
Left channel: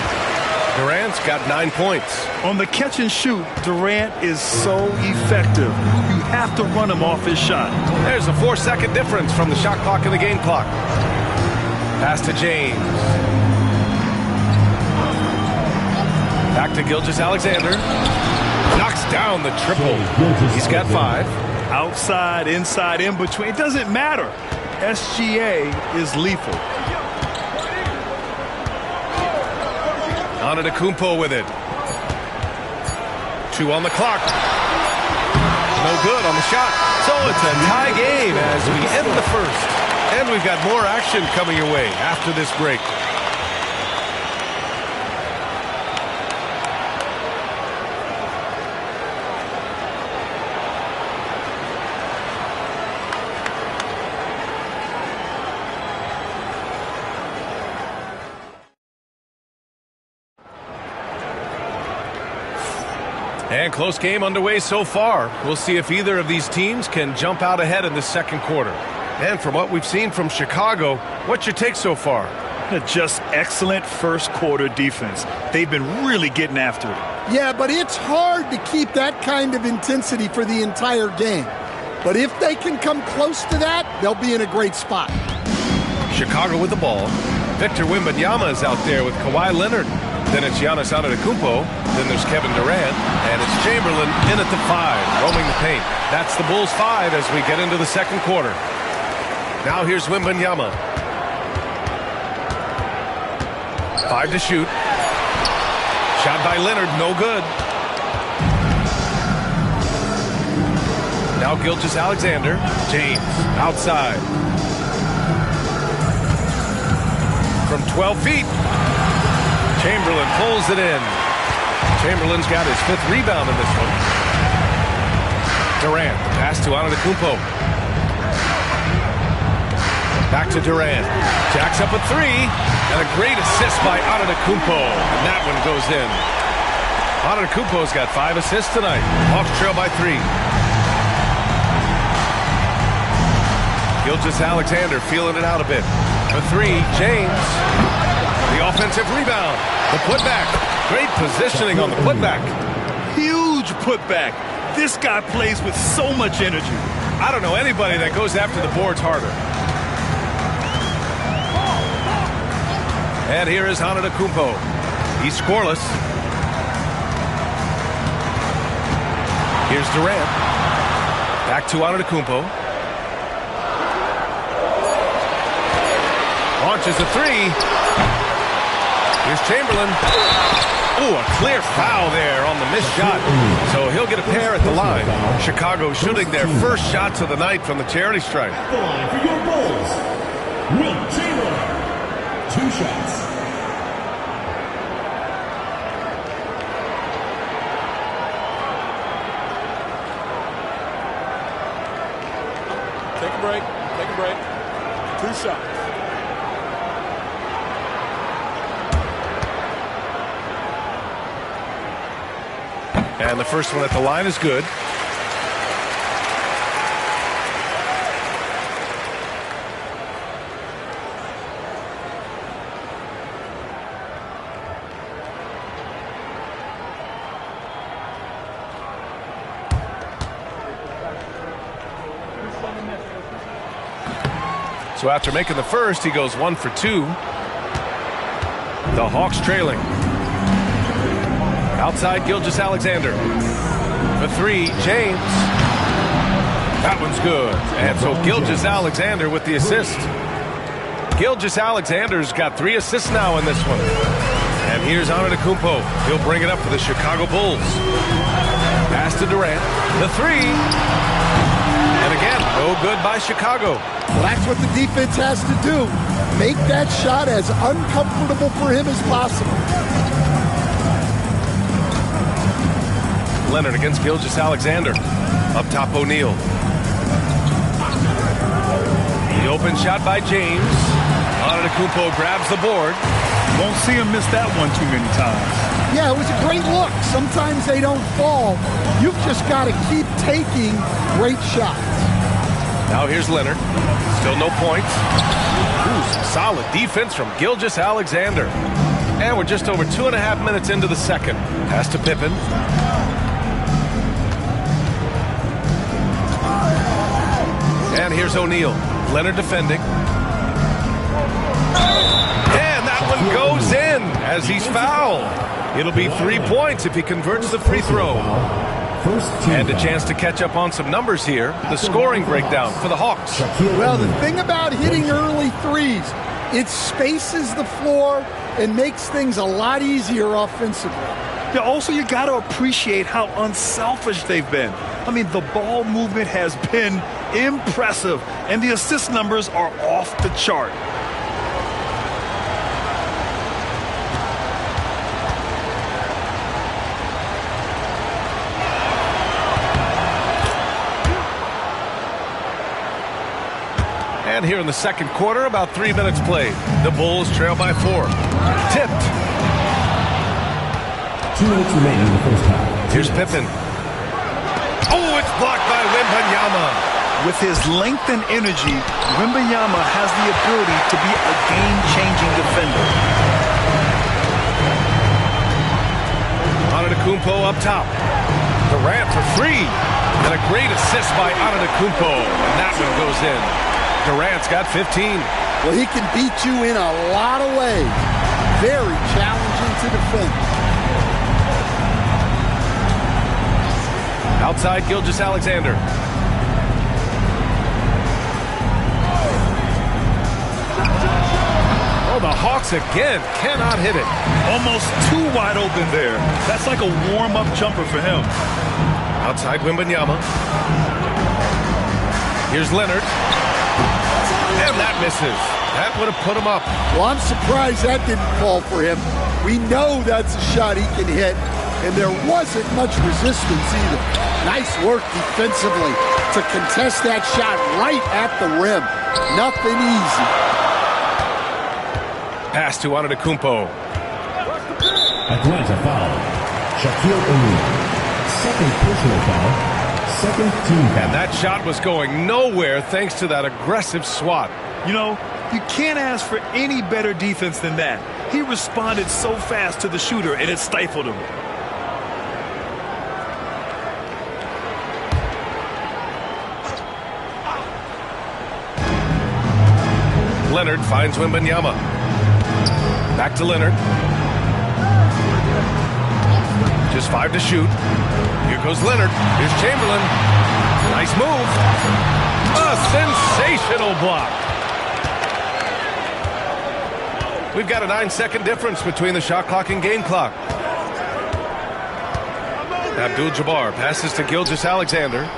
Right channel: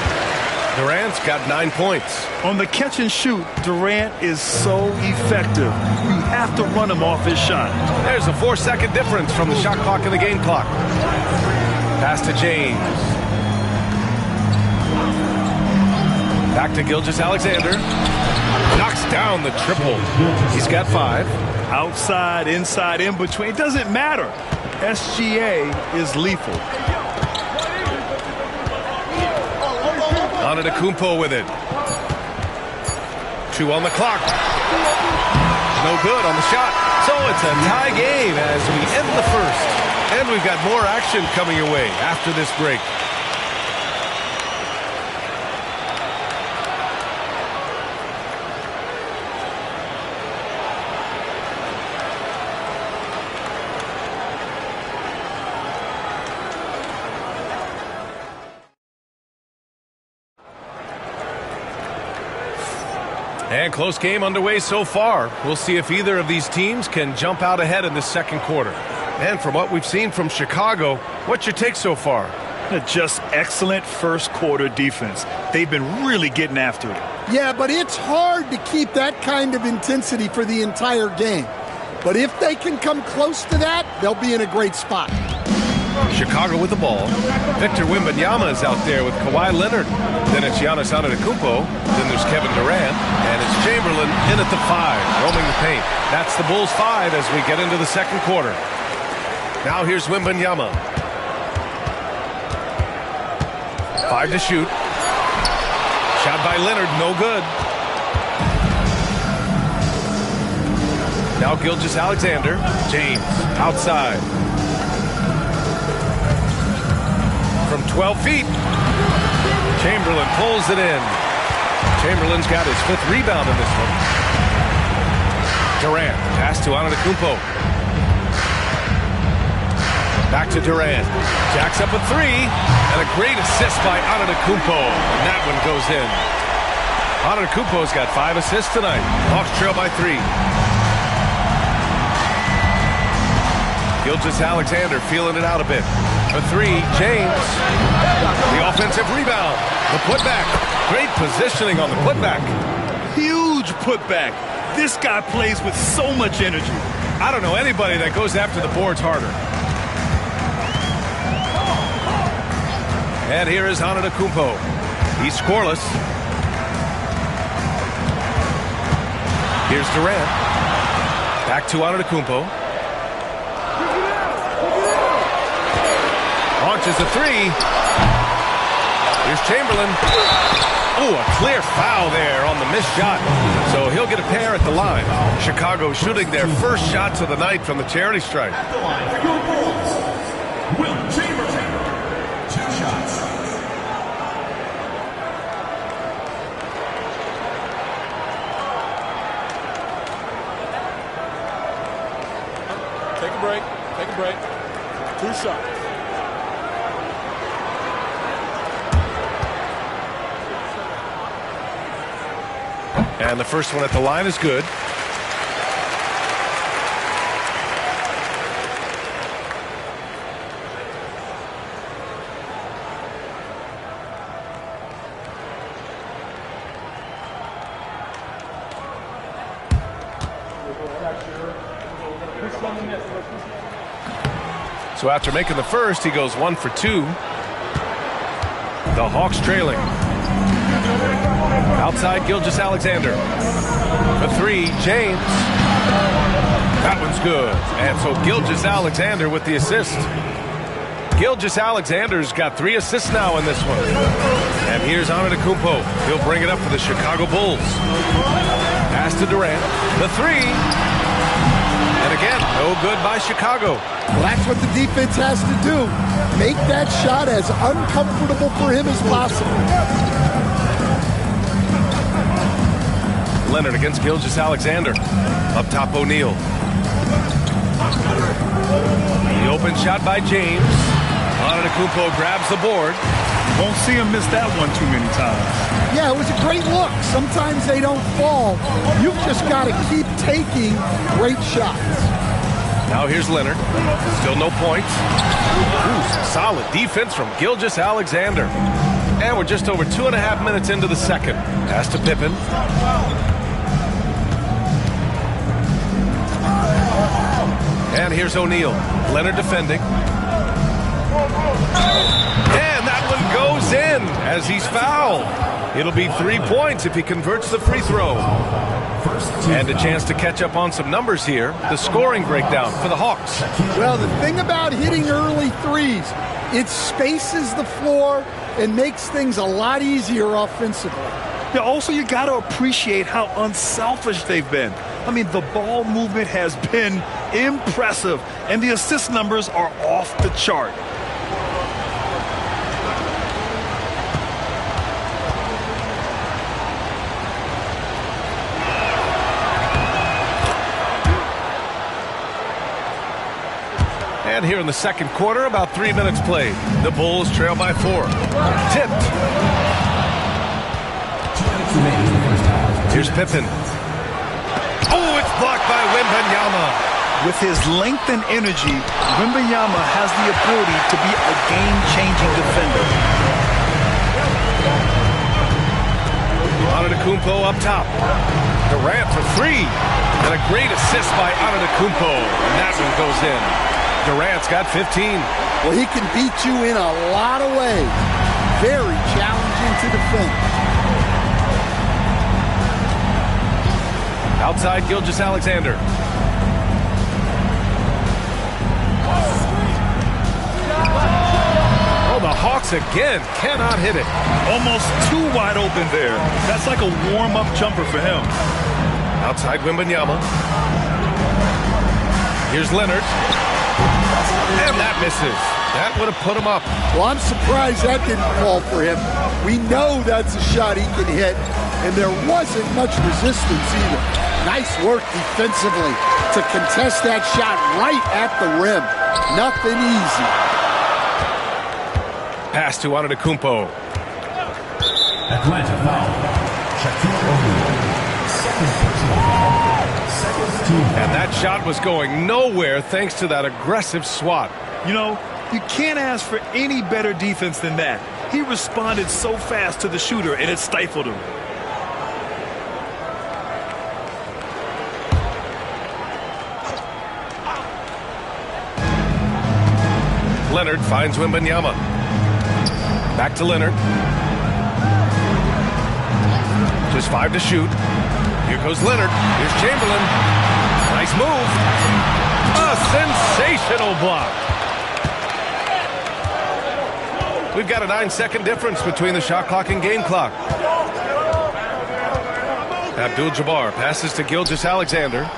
Durant's got 9 points. On the catch and shoot, Durant is so effective. You have to run him off his shot. There's a 4-second difference from the shot clock and the game clock. Pass to James. Back to Gilgeous-Alexander. Knocks down the triple. He's got 5. Outside, inside, in between. It doesn't matter. SGA is lethal. Antetokounmpo with it. 2 on the clock. No good on the shot. So it's a tie game as we end the first. And we've got more action coming your way after this break. And close game underway so far. We'll see if either of these teams can jump out ahead in the second quarter. And from what we've seen from Chicago, what's your take so far? Just excellent first quarter defense. They've been really getting after it. Yeah, but it's hard to keep that kind of intensity for the entire game. But if they can come close to that, they'll be in a great spot. Chicago with the ball. Victor Wembanyama is out there with Kawhi Leonard. Then it's Giannis Antetokounmpo. Then there's Kevin Durant. And it's Chamberlain in at the 5, roaming the paint. That's the Bulls' 5 as we get into the second quarter. Now here's Wembanyama. 5 to shoot. Shot by Leonard, no good. Now Gilgeous-Alexander. James, outside. From 12 feet. Chamberlain pulls it in. Chamberlain's got his 5th rebound in this one. Durant, the pass to Antetokounmpo. Back to Durant. Jacks up a 3. And a great assist by Antetokounmpo. And that one goes in. Antetokounmpo's got 5 assists tonight. Hawks trail by 3. Gilgeous-Alexander feeling it out a bit. For 3, James. The offensive rebound. The putback. Great positioning on the putback. Huge putback. This guy plays with so much energy. I don't know anybody that goes after the boards harder. And here is Antetokounmpo. He's scoreless. Here's Durant. Back to Antetokounmpo. Launches a three. Here's Chamberlain. Oh, a clear foul there on the missed shot. So he'll get a pair at the line. Chicago shooting their first shots of the night from the charity stripe. At the line for your Bulls, Will Chamberlain. 2 shots. Take a break. Take a break. 2 shots. And the first one at the line is good. So after making the first, he goes 1 for 2. The Hawks trailing. Outside, Gilgeous-Alexander. For 3, James. That one's good. And so Gilgeous-Alexander with the assist. Gilgeous-Alexander's got 3 assists now in this one. And here's Antetokounmpo. He'll bring it up for the Chicago Bulls. Pass to Durant. The 3. And again, no good by Chicago. Well, that's what the defense has to do. Make that shot as uncomfortable for him as possible. Leonard against Gilgeous-Alexander. Up top, O'Neal. The open shot by James. Antetokounmpo grabs the board. Won't see him miss that one too many times. Yeah, it was a great look. Sometimes they don't fall. You've just got to keep taking great shots. Now here's Leonard. Still no points. Ooh, some solid defense from Gilgeous-Alexander. And we're just over 2.5 minutes into the second. Pass to Pippen. And here's O'Neal. Leonard defending. And that one goes in as he's fouled. It'll be 3 points if he converts the free throw. And a chance to catch up on some numbers here. The scoring breakdown for the Hawks. Well, the thing about hitting early threes, it spaces the floor and makes things a lot easier offensively. Yeah, also, you got to appreciate how unselfish they've been. I mean, the ball movement has been impressive, and the assist numbers are off the chart. And here in the second quarter, about 3 minutes played. The Bulls trail by 4. Tipped. 2 minutes remaining in the first half. Here's Pippen. Oh, it's blocked by Wembanyama. With his length and energy, Wembanyama has the ability to be a game-changing defender. Antetokounmpo up top. Durant for 3. And a great assist by Antetokounmpo. And that one goes in. Durant's got 15. Well, he can beat you in a lot of ways. Very challenging to defend. Outside, Gilgeous-Alexander. Oh, the Hawks again cannot hit it. Almost too wide open there. That's like a warm-up jumper for him. Outside, Wembanyama. Here's Leonard. And that misses. That would have put him up. Well, I'm surprised that didn't fall for him. We know that's a shot he can hit, and there wasn't much resistance either. Nice work defensively to contest that shot right at the rim. Nothing easy. Pass to Antetokounmpo. Atlanta foul. Shaquille O'Neal. Second personal foul. Second team foul. And that shot was going nowhere thanks to that aggressive swat. You know, you can't ask for any better defense than that. He responded so fast to the shooter, and it stifled him. Leonard finds Wembanyama. Back to Leonard. Just 5 to shoot. Here goes Leonard. Here's Chamberlain. Nice move. A sensational block. We've got a 9-second difference between the shot clock and game clock. Abdul-Jabbar passes to Gilgeous-Alexander.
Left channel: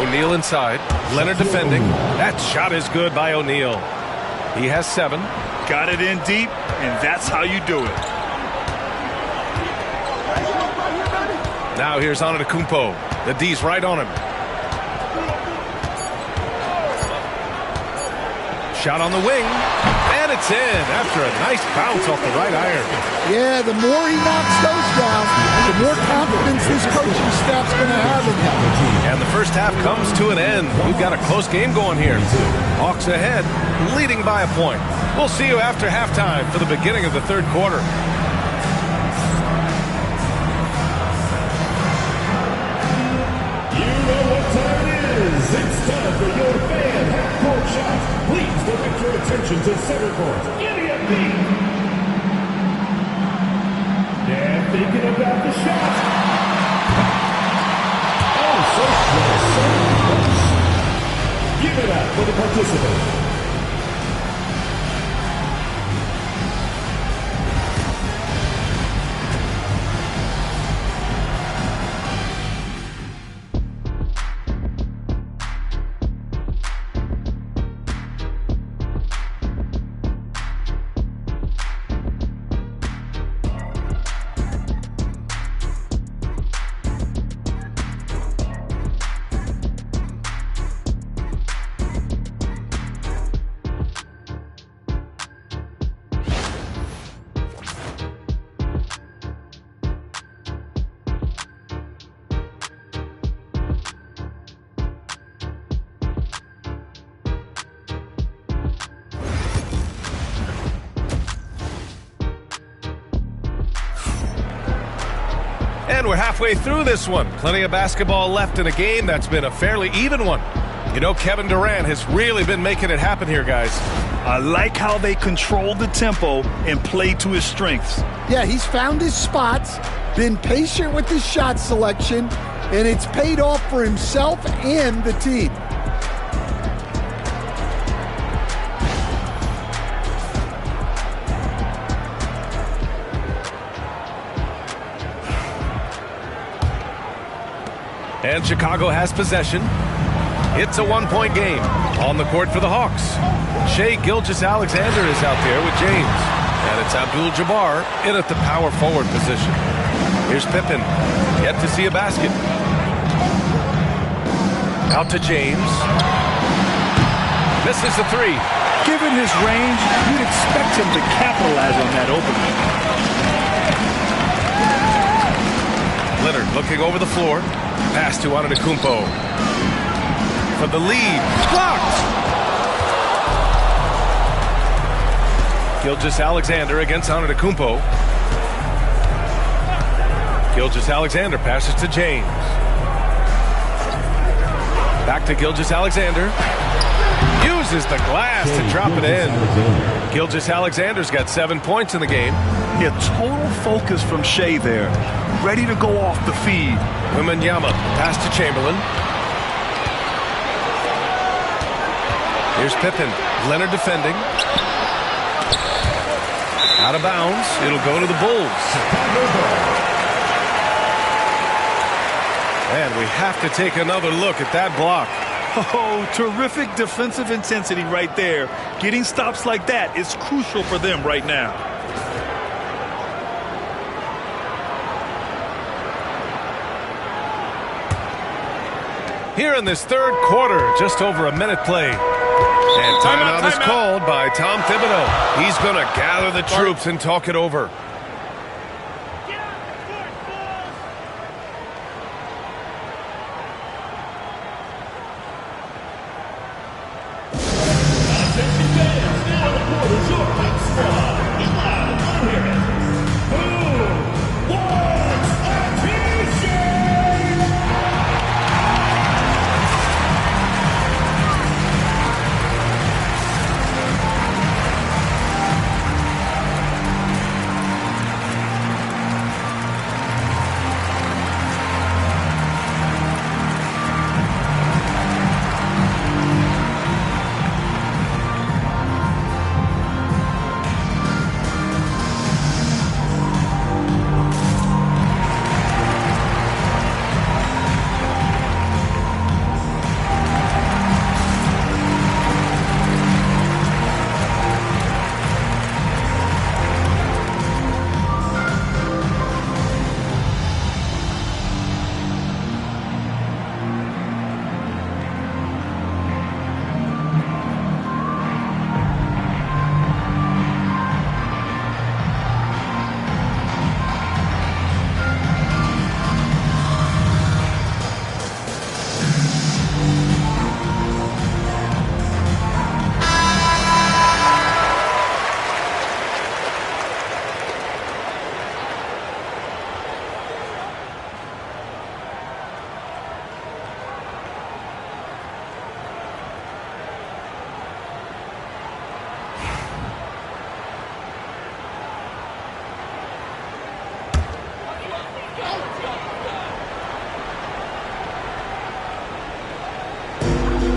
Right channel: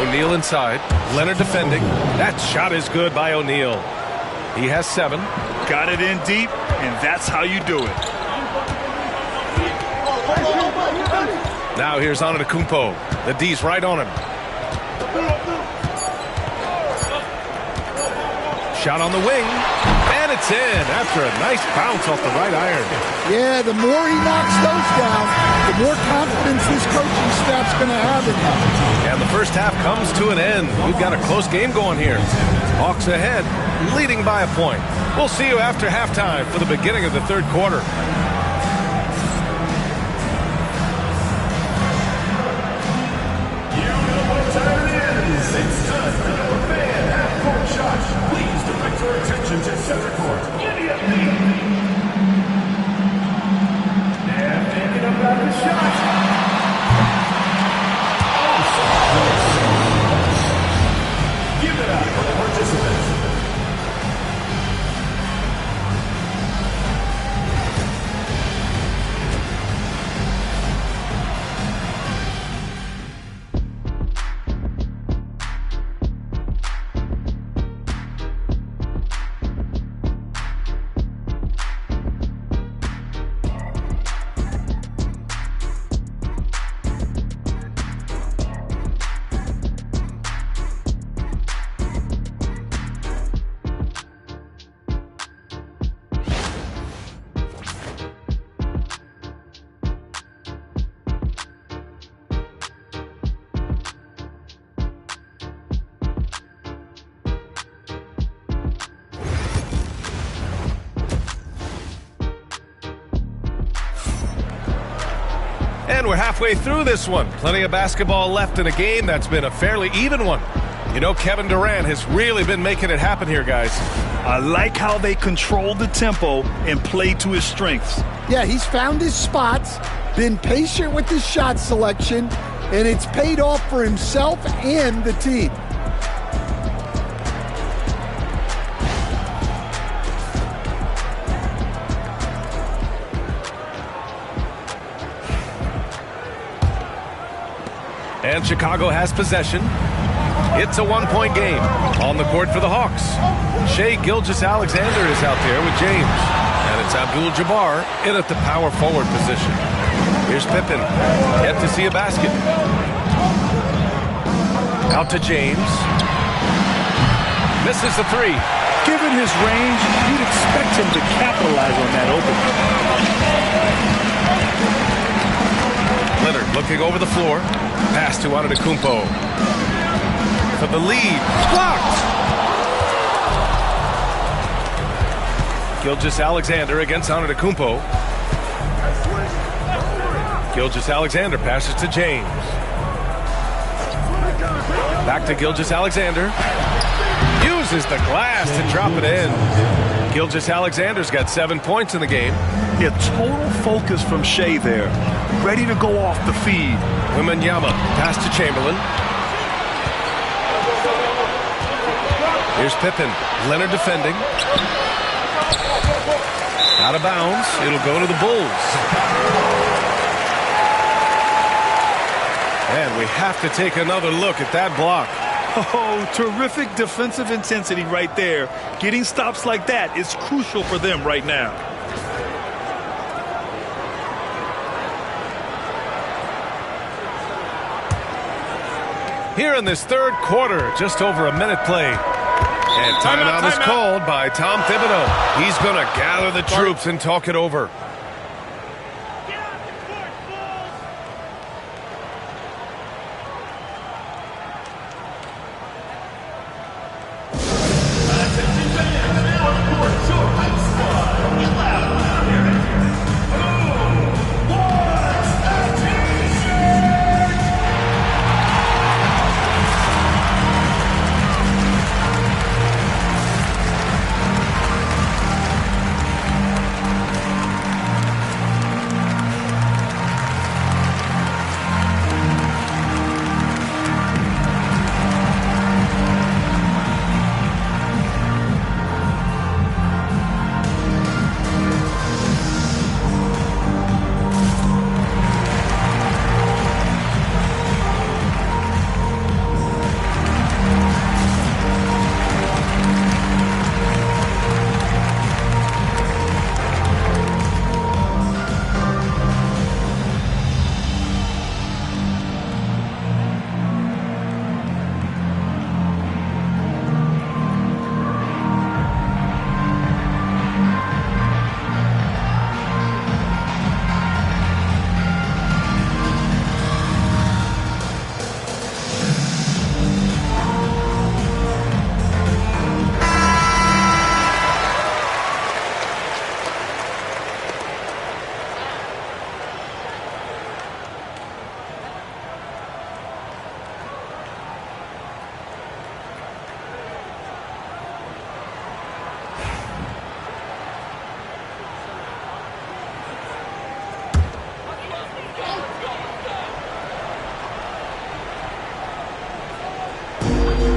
O'Neal inside. Leonard defending. That shot is good by O'Neal. He has 7. Got it in deep, and that's how you do it. Now here's Antetokounmpo. The D's right on him. Shot on the wing, and it's in after a nice bounce off the right iron. Yeah, the more he knocks those down, the more confidence this coaching staff's going to have in him. And the first half comes to an end. We've got a close game going here. Hawks ahead, leading by a point. We'll see you after halftime for the beginning of the third quarter. It's time for your fan half-court shots. Please direct your attention to center court. Give me a beat. And thinking about the shot. Oh, so close. Give it up for the participants. And we're halfway through this one. Plenty of basketball left in a game that's been a fairly even one. You know, Kevin Durant has really been making it happen here, guys. I like how they control the tempo and play to his strengths. Yeah, he's found his spots, been patient with his shot selection, and it's paid off for himself and the team. And Chicago has possession. It's a one-point game on the court for the Hawks. Shai Gilgeous-Alexander is out there with James. And it's Abdul-Jabbar in at the power forward position. Here's Pippen, yet to see a basket. Out to James. Misses the 3. Given his range, you'd expect him to capitalize on that opening. Leonard looking over the floor. Pass to Antetokounmpo. For the lead. Blocked! Gilgeous-Alexander against Antetokounmpo. Gilgeous-Alexander passes to James. Back to Gilgeous-Alexander. Uses the glass to drop it in. Gilgeous-Alexander's got 7 points in the game. Yeah, total focus from Shai there. Ready to go off the feed. Wembanyama, pass to Chamberlain. Here's Pippen. Leonard defending. Out of bounds. It'll go to the Bulls. And we have to take another look at that block. Oh, terrific defensive intensity right there. Getting stops like that is crucial for them right now. Here in this third quarter, just over a minute play. And timeout is called by Tom Thibodeau. He's going to gather the troops and talk it over.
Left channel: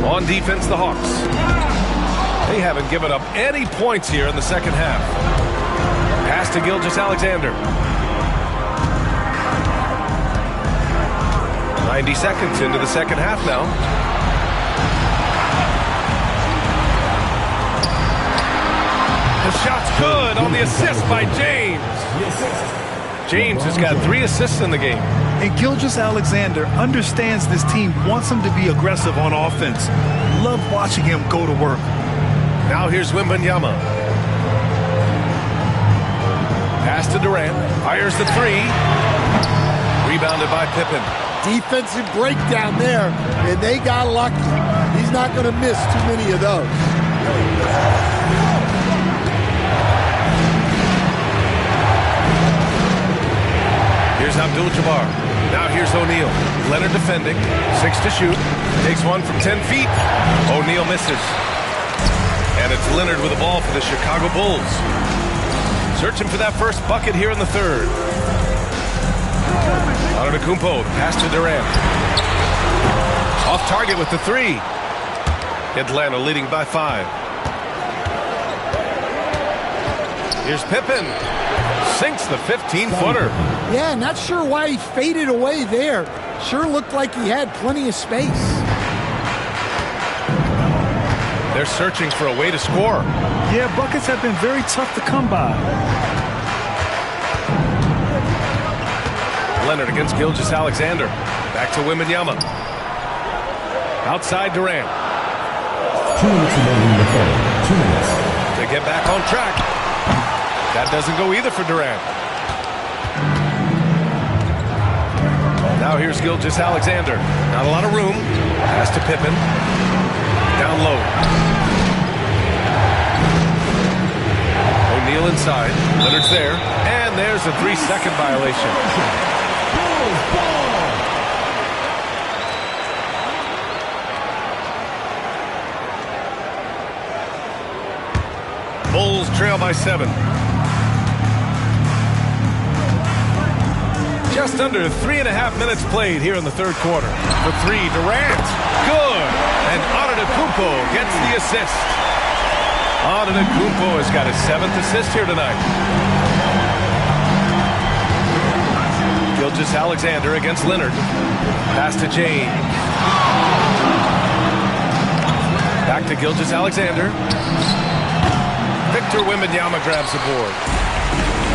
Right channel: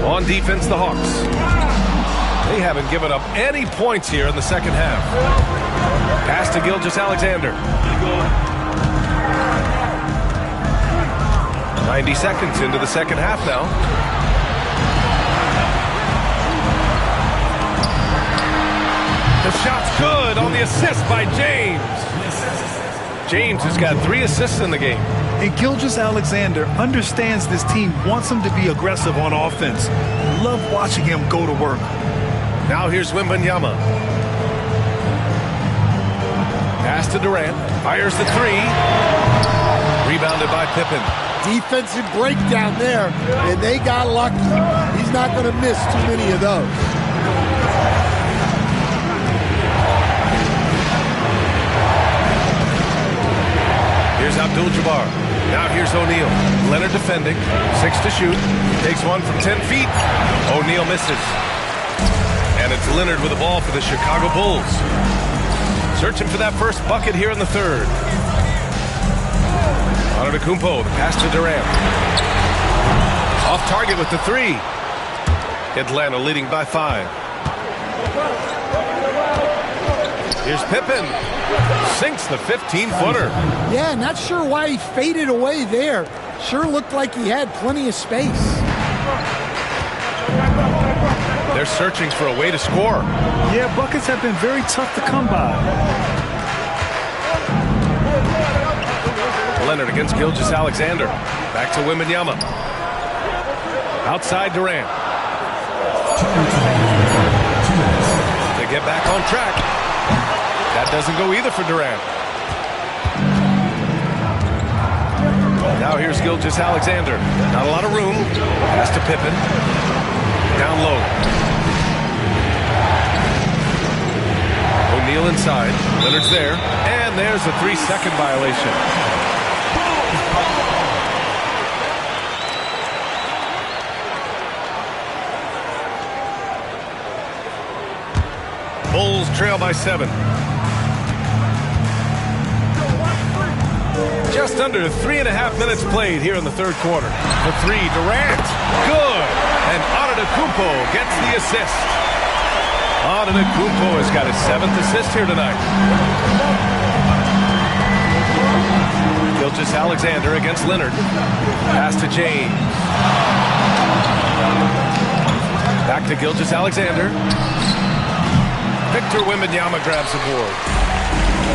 On defense, the Hawks. They haven't given up any points here in the second half. Pass to Gilgeous-Alexander. 90 seconds into the second half now. The shot's good on the assist by James. James has got 3 assists in the game. And Gilgeous-Alexander understands this team wants him to be aggressive on offense. Love watching him go to work. Now here's Wembanyama. Pass to Durant. Fires the 3. Rebounded by Pippen. Defensive breakdown there, and they got lucky. He's not going to miss too many of those. Here's Abdul-Jabbar. Now here's O'Neal. Leonard defending. 6 to shoot. Takes one from 10 feet. O'Neal misses. And it's Leonard with the ball for the Chicago Bulls. Searching for that first bucket here in the third. Antetokounmpo, the pass to Durant. Off target with the 3. Atlanta leading by 5. Here's Pippen. Sinks the 15-footer. Yeah, not sure why he faded away there. Sure looked like he had plenty of space. They're searching for a way to score. Yeah, buckets have been very tough to come by. Leonard against Gilgeous-Alexander. Back to Wembanyama. Outside Durant. 2 minutes. They get back on track. That doesn't go either for Durant. Now here's Gilgeous-Alexander. Not a lot of room. Pass to Pippen. Down low. O'Neal inside. Leonard's there. And there's a 3-second violation. Bulls trail by 7. Just under 3.5 minutes played here in the third quarter. For 3, Durant. Good. And Antetokounmpo gets the assist. Antetokounmpo has got his 7th assist here tonight. Gilgeous-Alexander against Leonard. Pass to James. Back to Gilgeous-Alexander. Victor Wembanyama grabs the board.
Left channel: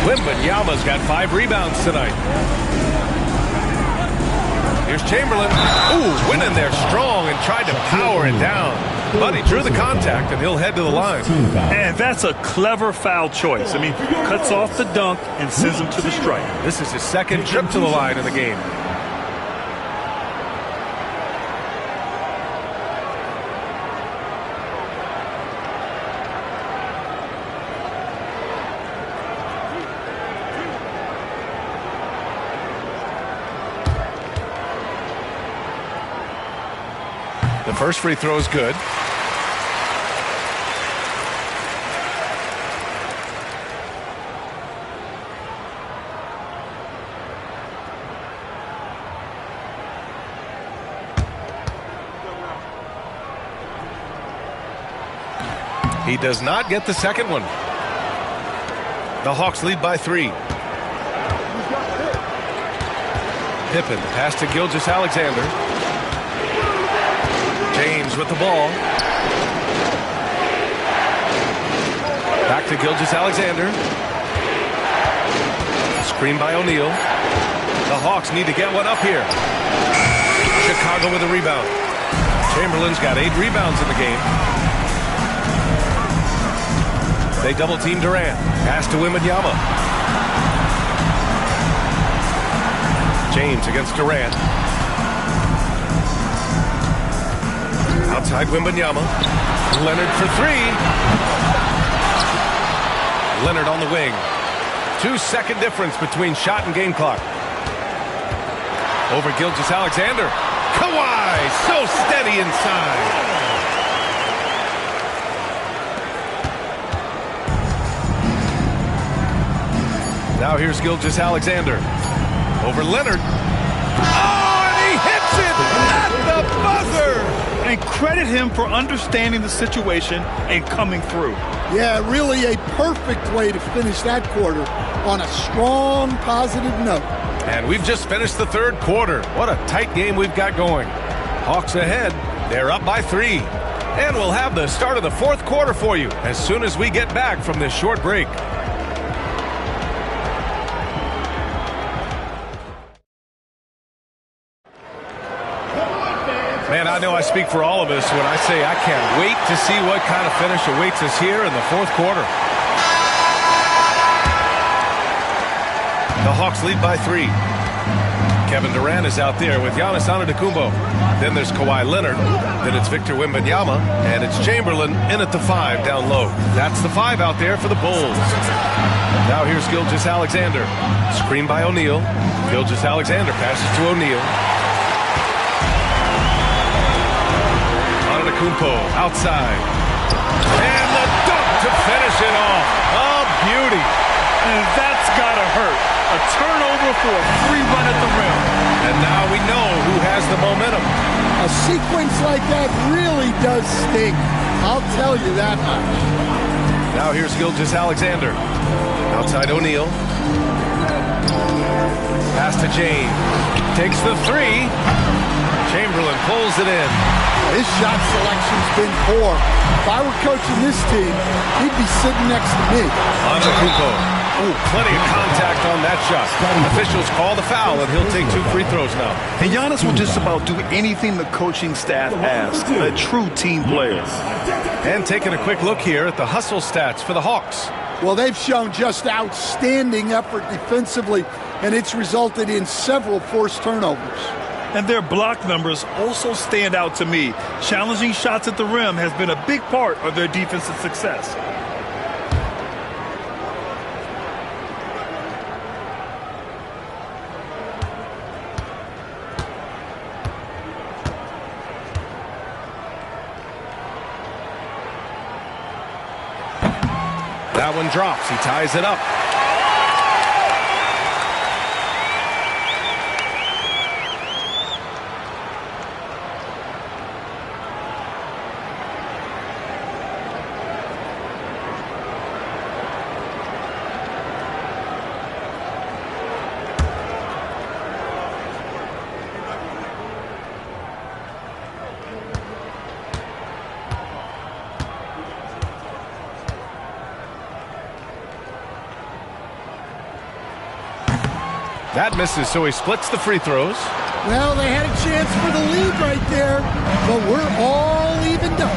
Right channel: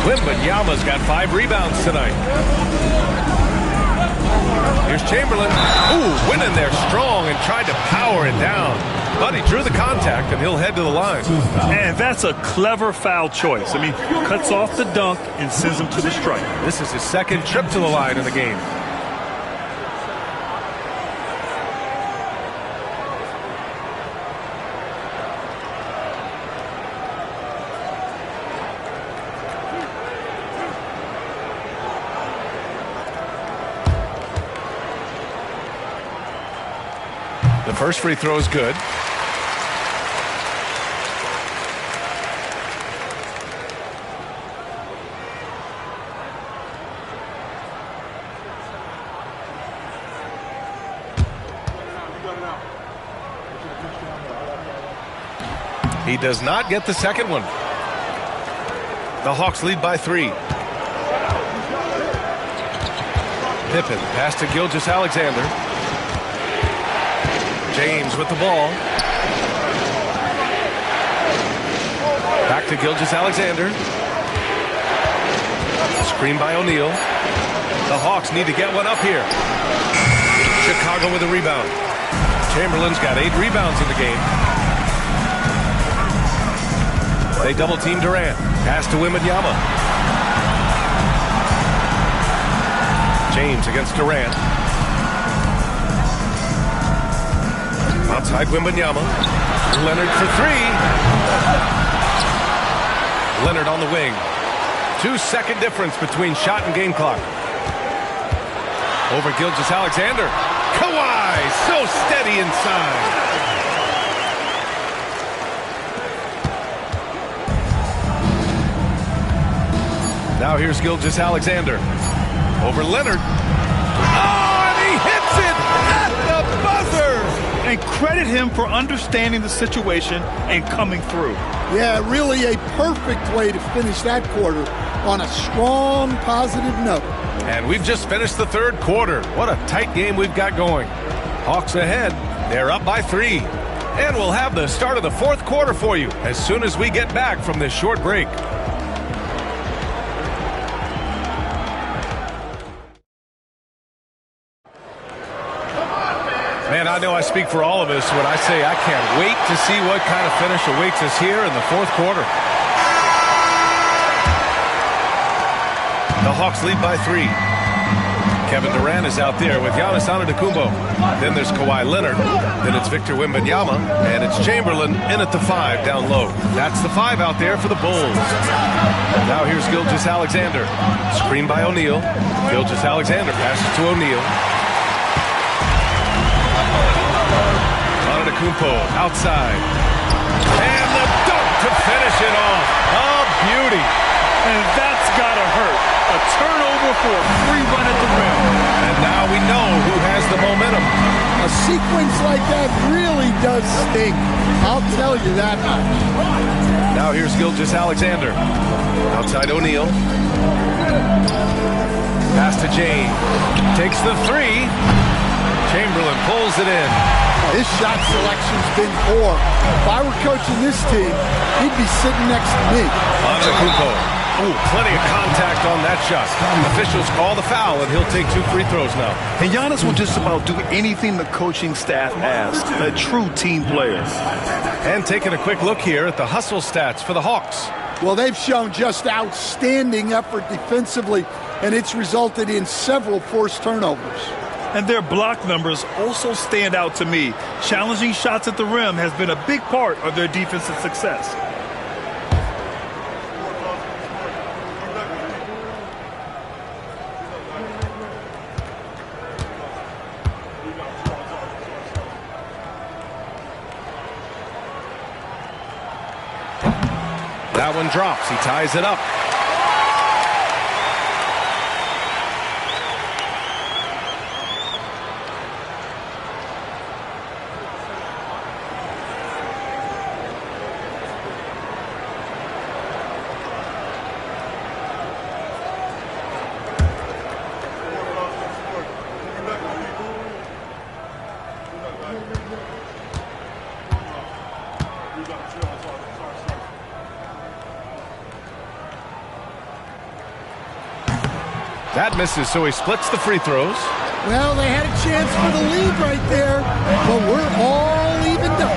Wembanyama's got 5 rebounds tonight. Here's Chamberlain. Ooh, went in there strong and tried to power it down. But he drew the contact, and he'll head to the line. And that's a clever foul choice. I mean, cuts off the dunk and sends him to the stripe. This is his 2nd trip to the line in the game. The first free throw is good. He does not get the second one. The Hawks lead by 3. Pippen, pass to Gilgeous-Alexander. James with the ball. Back to Gilgeous-Alexander. Screen by O'Neal. The Hawks need to get one up here. Chicago with a rebound. Chamberlain's got 8 rebounds in the game. They double team Durant. Pass to Wembanyama. James against Durant. Outside Wembanyama. Leonard for 3. Leonard on the wing. 2-second difference between shot and game clock. Over Gilgeous-Alexander. Kawhi so steady inside. Now here's Gilgeous-Alexander. over Leonard. Oh, and he hits it at the buzzer! And credit him for understanding the situation and coming through. Yeah, really a perfect way to finish that quarter on a strong, positive note. And we've just finished the third quarter. What a tight game we've got going. Hawks ahead. They're up by 3. And we'll have the start of the fourth quarter for you as soon as we get back from this short break. Man, I know I speak for all of us when I say I can't wait to see what kind of finish awaits us here in the fourth quarter. The Hawks lead by 3. Kevin Durant is out there with Giannis Antetokounmpo. Then there's Kawhi Leonard. Then it's Victor Wembanyama. And it's Chamberlain in at the 5 down low. That's the 5 out there for the Bulls. Now here's Gilgeous-Alexander. Screen by O'Neal. Gilgeous-Alexander passes to O'Neal. Antetokounmpo outside. And the dunk to finish it off. A beauty. And that's gotta hurt. A turnover for a free run at the rim. And now we know who has the momentum. A sequence like that really does sting. I'll tell you that much. Now here's Gilgeous-Alexander. Outside O'Neal. Pass to James. Takes the 3. Chamberlain pulls it in. His shot selection's been poor. If I were coaching this team, he'd be sitting next to me. Antetokounmpo. Oh, plenty of contact on that shot. Officials call the foul, and he'll take 2 free throws now. And Giannis will just about do anything the coaching staff asks. A true team player. And taking a quick look here at the hustle stats for the Hawks. Well, they've shown just outstanding effort defensively, and it's resulted in several forced turnovers. And their block numbers also stand out to me. Challenging shots at the rim has been a big part of their defensive success. That one drops. He ties it up. That misses, so he splits the free throws. Well, they had a chance for the lead right there, but we're all evened up.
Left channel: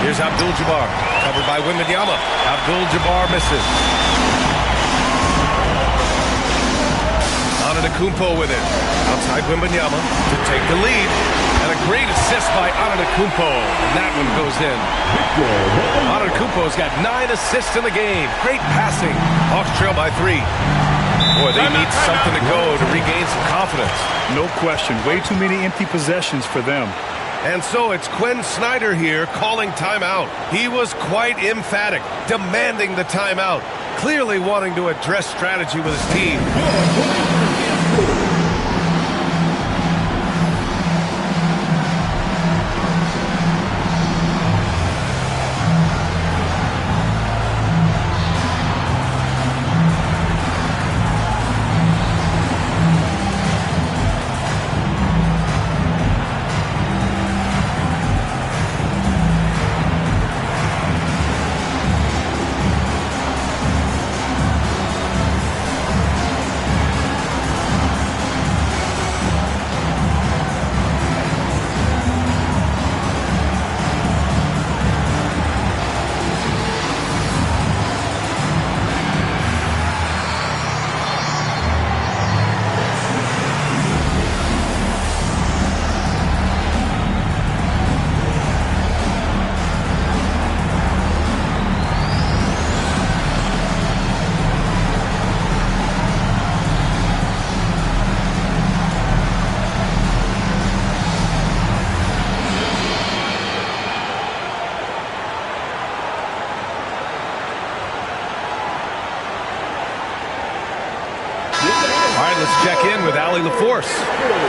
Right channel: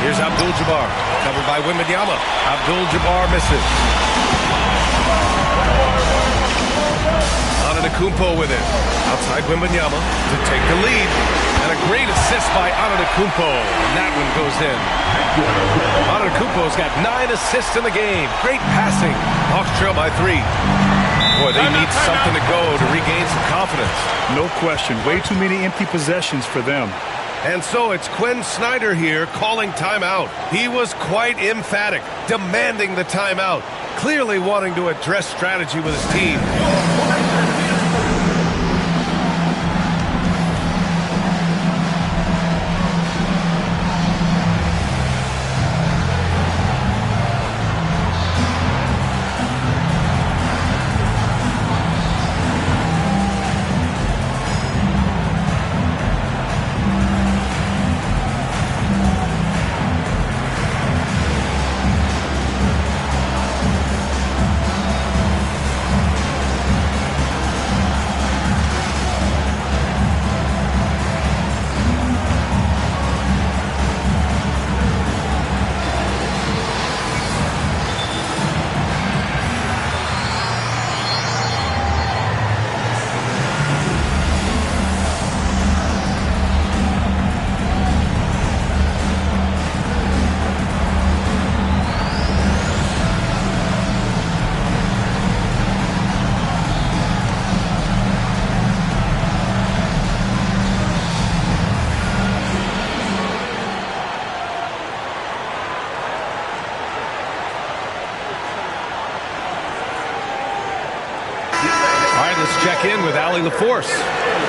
Here's Abdul-Jabbar, covered by Wembanyama. Abdul-Jabbar misses. Antetokounmpo with it. Outside Wembanyama to take the lead. And a great assist by Antetokounmpo, and that one goes in. Antetokounmpo's got 9 assists in the game. Great passing. Hawks trail by 3. Boy, they need something to go to regain some confidence. No question. Way too many empty possessions for them. And so it's Quinn Snyder here calling timeout. He was quite emphatic, demanding the timeout, clearly wanting to address strategy with his team. right, let's check in with Allie LaForce.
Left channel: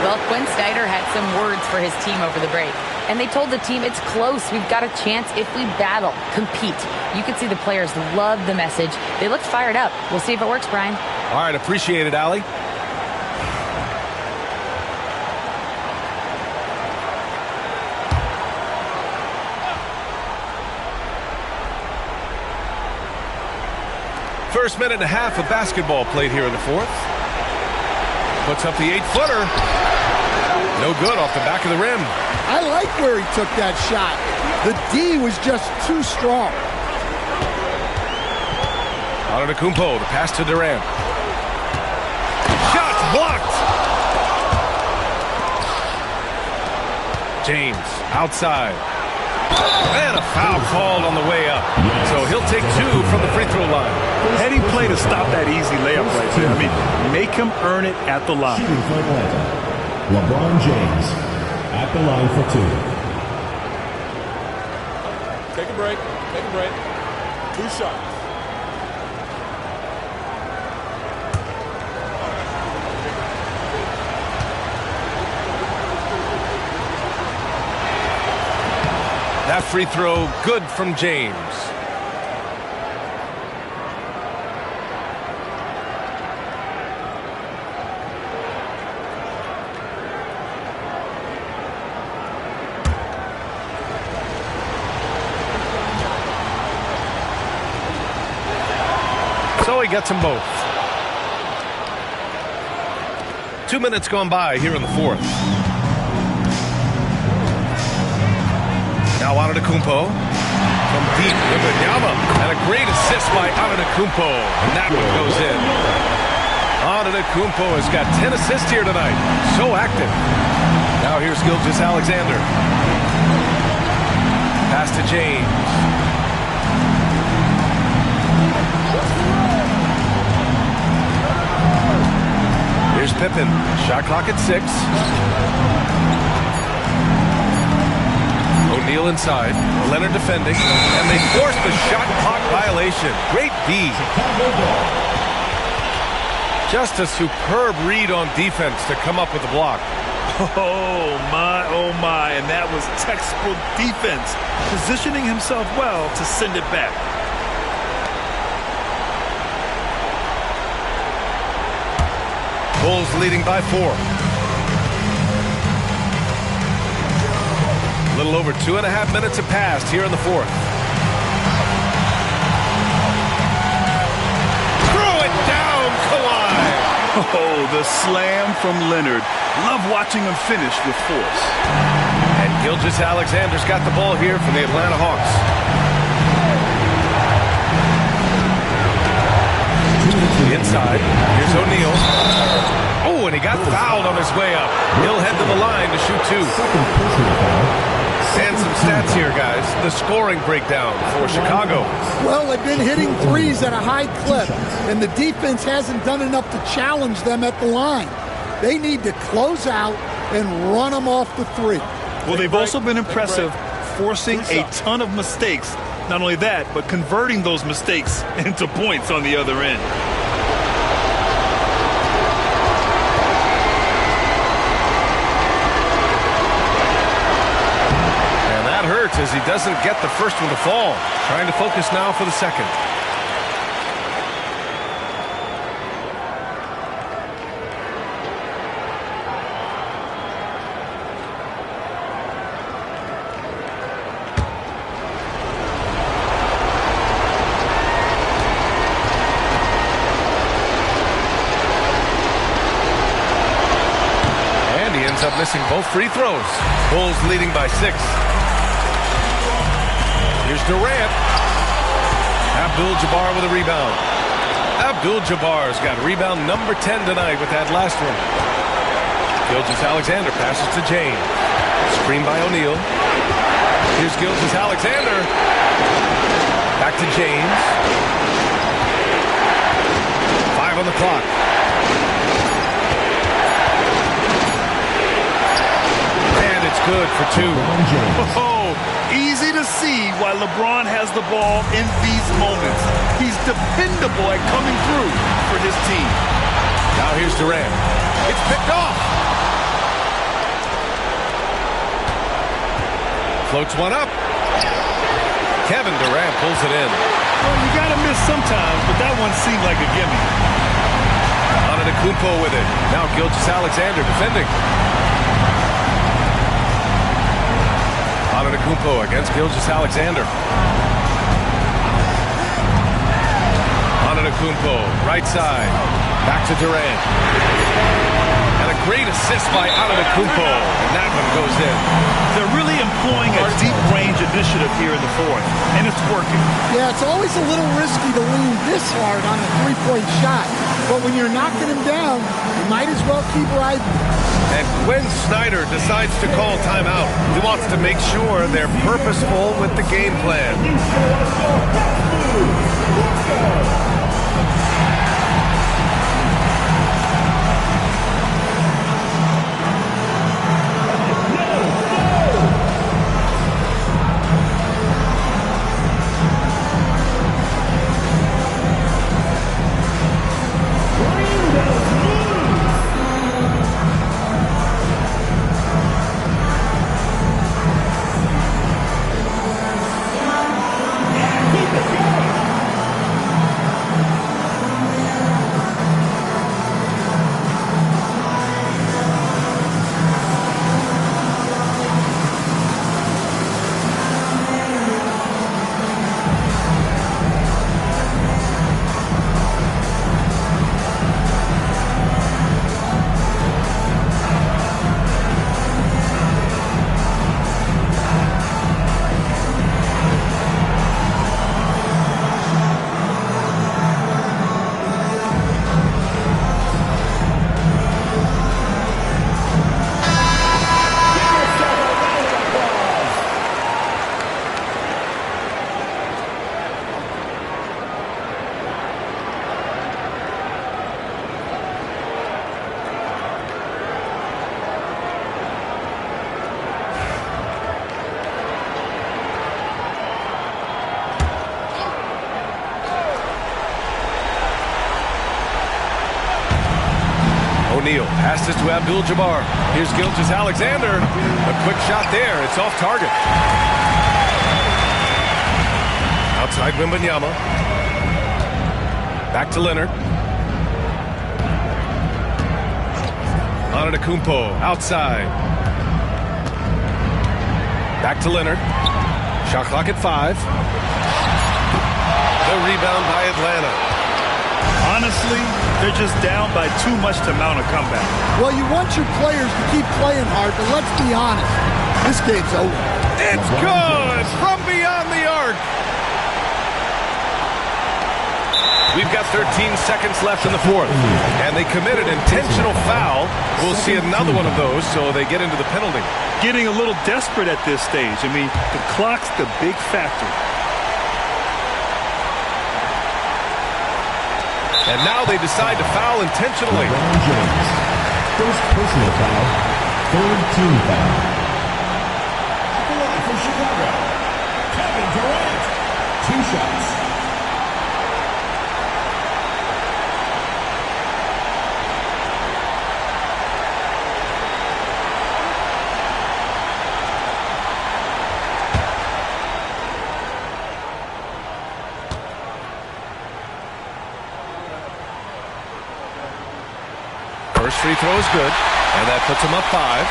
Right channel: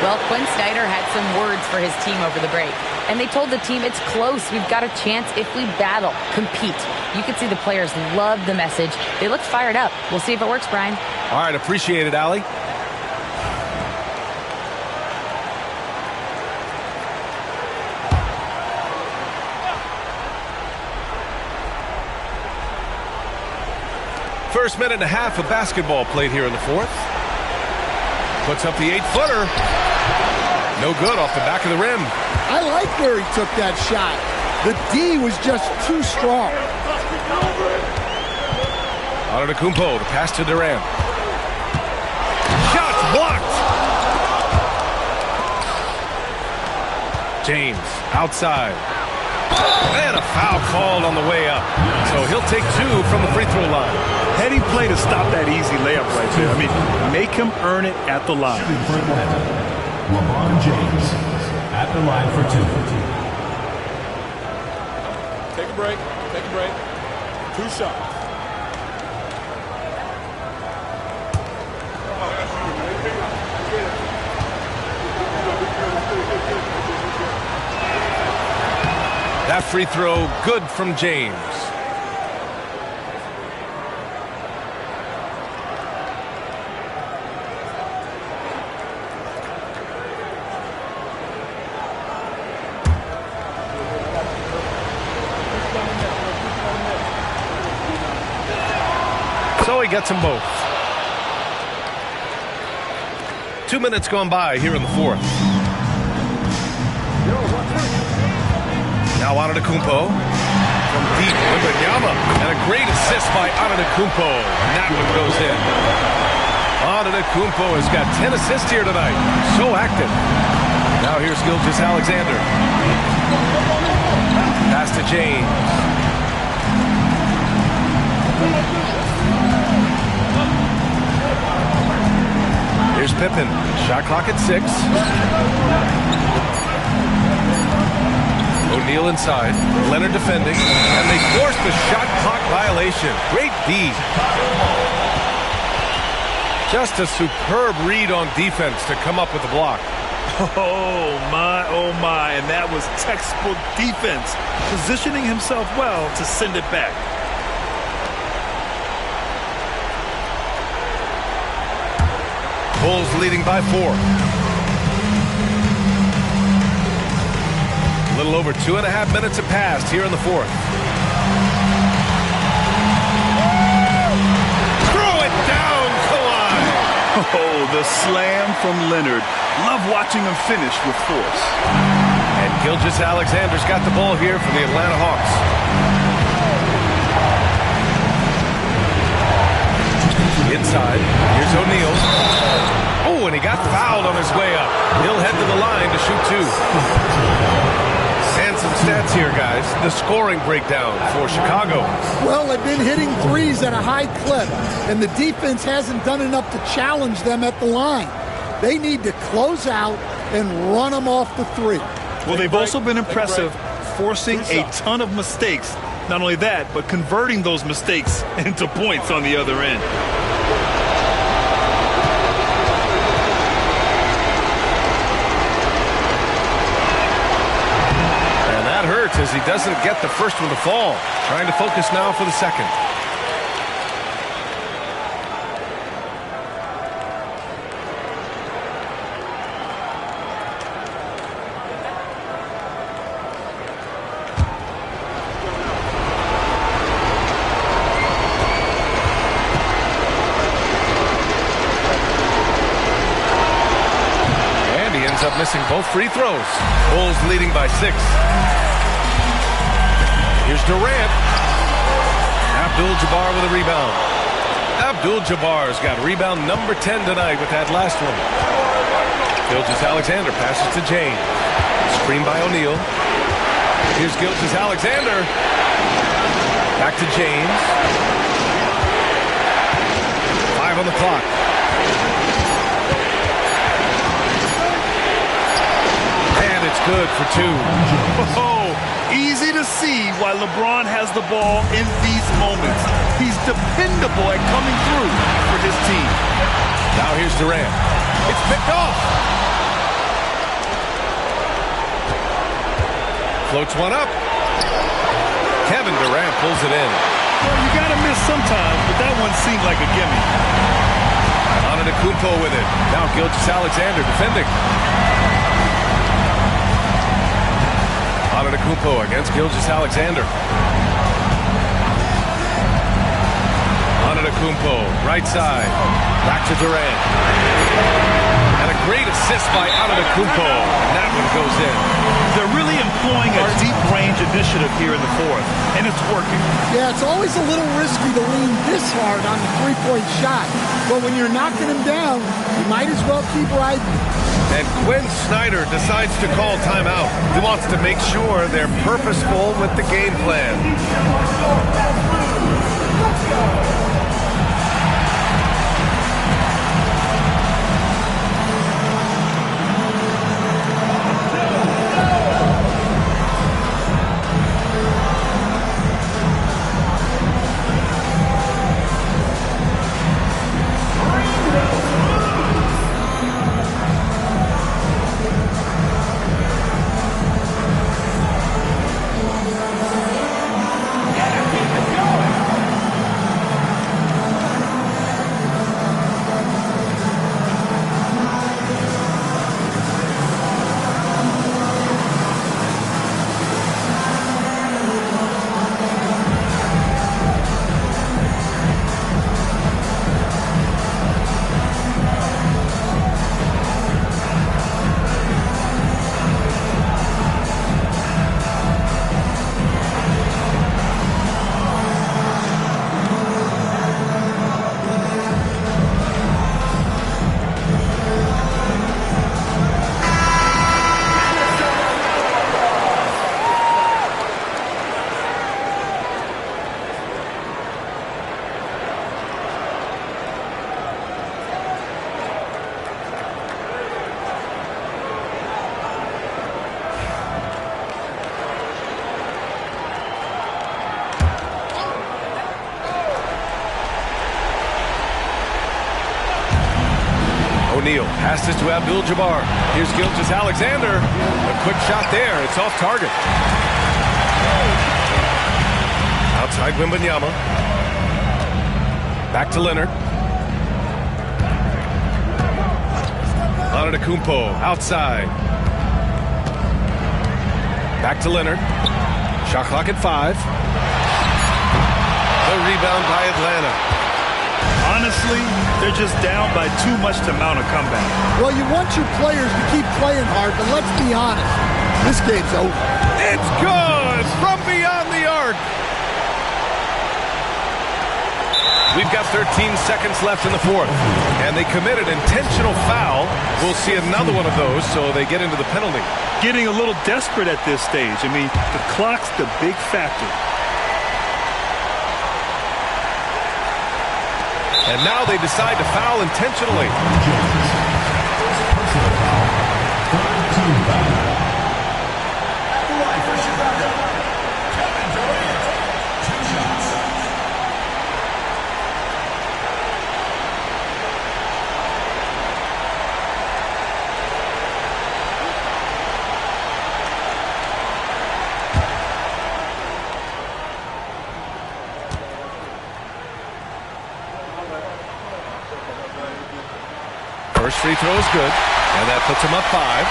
Well, Quinn Snyder had some words for his team over the break. And they told the team it's close. We've got a chance if we battle, compete. You could see the players love the message. They looked fired up. We'll see if it works, Brian. All right, appreciate it, Allie. First minute and a half of basketball played here in the fourth. Puts up the 8-footer. No good off the back of the rim. I like where he took that shot. The D was just too strong. Antetokounmpo, the pass to Durant. Shots blocked. James outside. And a foul called on the way up. So he'll take 2 from the free throw line. Heady play to stop that easy layup right there. I mean, make him earn it at the line. LeBron James at the line for 2. Take a break. Take a break. 2 shots. That free throw good from James. So he gets them both. 2 minutes gone by here in the fourth. Now Antetokounmpo from deep. Wembanyama, and a great assist by Antetokounmpo, and that one goes in. Antetokounmpo has got 10 assists here tonight. So active. Now here's Gilgeous-Alexander. Pass to James. Here's Pippen. Shot clock at 6. O'Neal inside. Leonard defending. And they force the shot clock violation. Great D. Just a superb read on defense to come up with the block. Oh my, and that was textbook defense. Positioning himself well to send it back. Bulls leading by 4. A little over 2.5 minutes have passed here in the fourth. Throw it down, Kawhi. Oh, the slam from Leonard. Love watching him finish with force. And Gilgeous-Alexander's got the ball here for the Atlanta Hawks. Inside, here's O'Neal. Oh, and he got fouled on his way up. He'll head to the line to shoot 2. And some stats here, guys. The scoring breakdown for Chicago. Well, they've been hitting threes at a high clip, and the defense hasn't done enough to challenge them at the line. They need to close out and run them off the 3. Well, they've also been impressive, forcing a ton of mistakes. Not only that, but converting those mistakes into points on the other end. And that hurts as he doesn't get the first one to fall. Trying to focus now for the second. Up missing both free throws. Bulls leading by 6. Here's Durant. Abdul-Jabbar with a rebound. Abdul-Jabbar's got rebound number 10 tonight with that last one. Gilgeous-Alexander passes to James. Screen by O'Neal. Here's Gilgeous-Alexander. Back to James. 5 on the clock. It's good for 2. Oh, easy to see why LeBron has the ball in these moments. He's dependable at coming through for his team. Now here's Durant. It's picked off. Floats one up. Kevin Durant pulls it in. Well, you got to miss sometimes, but that one seemed like a gimme. Antetokounmpo with it. Now Gilgeous-Alexander defending. Antetokounmpo against Gilgeous-Alexander. Antetokounmpo, right side. Back to Durant. And a great assist by Antetokounmpo. And that one goes in. They're really employing a deep range initiative here in the fourth, and it's working. Yeah, it's always a little risky to lean this hard on a three-point shot. But when you're knocking him down, you might as well keep riding. And Quinn Snyder decides to call timeout. He wants to make sure they're purposeful with the game plan. O'Neal passes to Abdul-Jabbar. Here's Gilgeous-Alexander. A quick shot there. It's off target. Outside Wembanyama. Back to Leonard. Antetokounmpo outside. Back to Leonard. Shot clock at 5. The rebound by Atlanta. Honestly, they're just down by too much to mount a comeback. Well, you want your players to keep playing hard, but let's be honest. This game's over. It's good from beyond the arc. We've got 13 seconds left in the fourth, and they committed intentional foul. We'll see another one of those, so they get into the penalty. Getting a little desperate at this stage. I mean, the clock's the big factor. And now they decide to foul intentionally. First personal foul, third team foul. At the line for Chicago, Kevin Durant, 2 shots. First free throw is good, and that puts him up 5.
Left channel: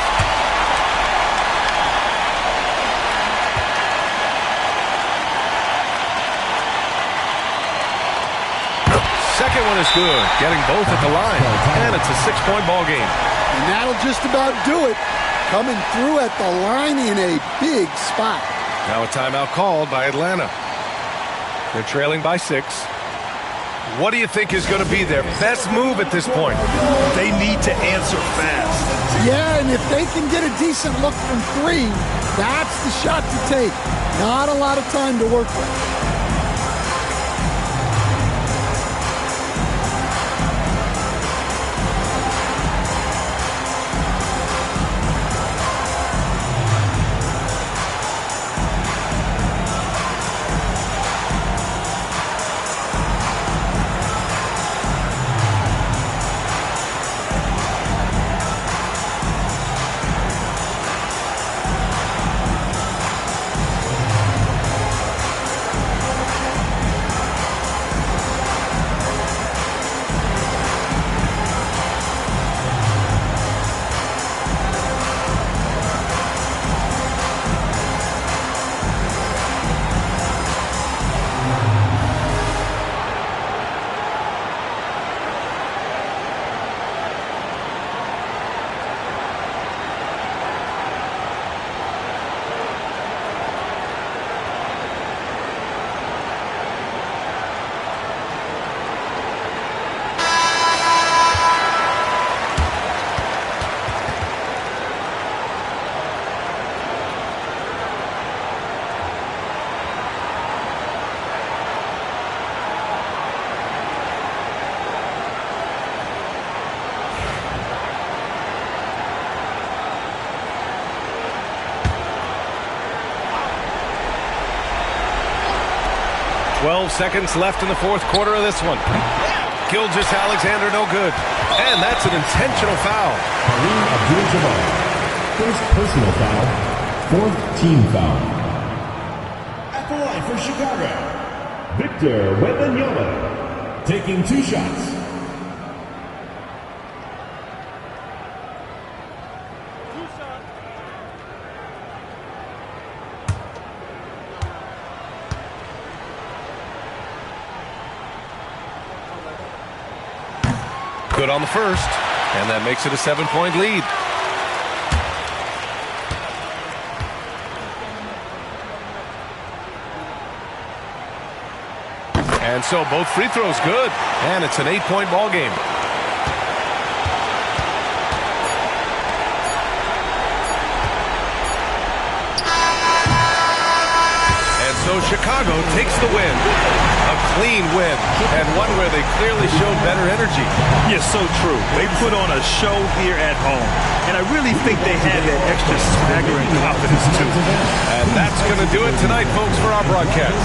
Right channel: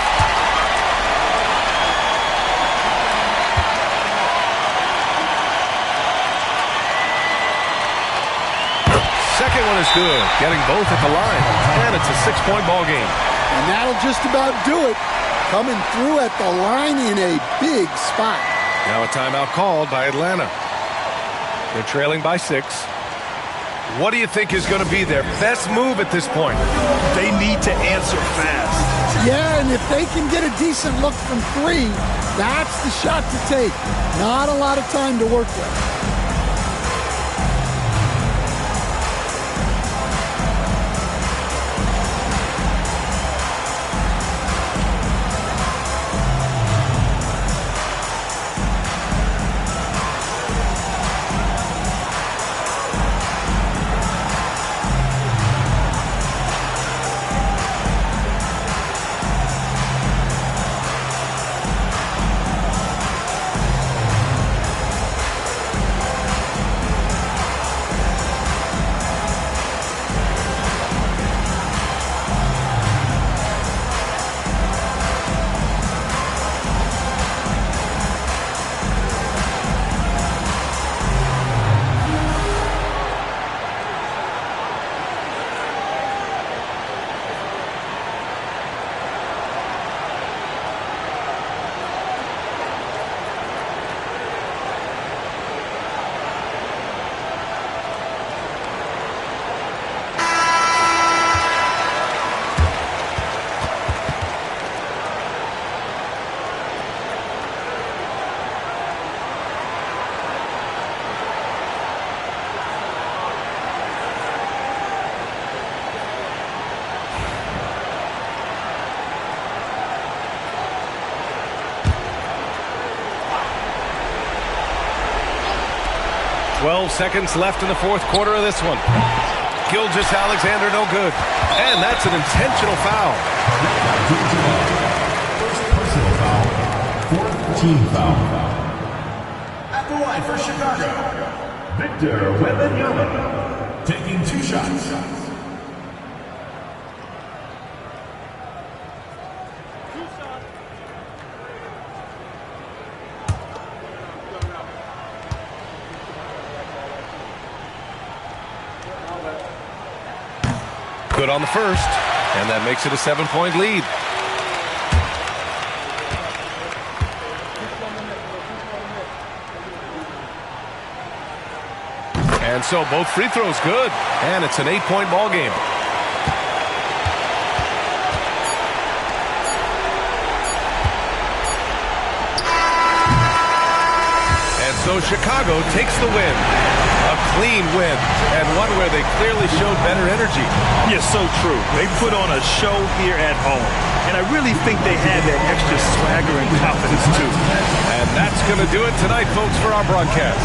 Second one is good, getting both at the line, and it's a 6-point ball game. And that'll just about do it. Coming through at the line in a big spot. Now a timeout called by Atlanta. They're trailing by 6. What do you think is going to be their best move at this point? They need to answer fast. Yeah, and if they can get a decent look from 3, that's the shot to take. Not a lot of time to work with. 12 seconds left in the fourth quarter of this one. Gilgeous-Alexander no good. And that's an intentional foul. First personal foul, fourth team foul. At the line for Chicago, Victor Wembanyama, taking 2 shots. Good on the first, and that makes it a 7-point lead. And so both free throws good, and it's an 8-point ball game. And so Chicago takes the win. A clean win, and one where they clearly showed better energy. Yes, so true. They put on a show here at home, and I really think they had that extra swagger and confidence, too. And that's going to do it tonight, folks, for our broadcast.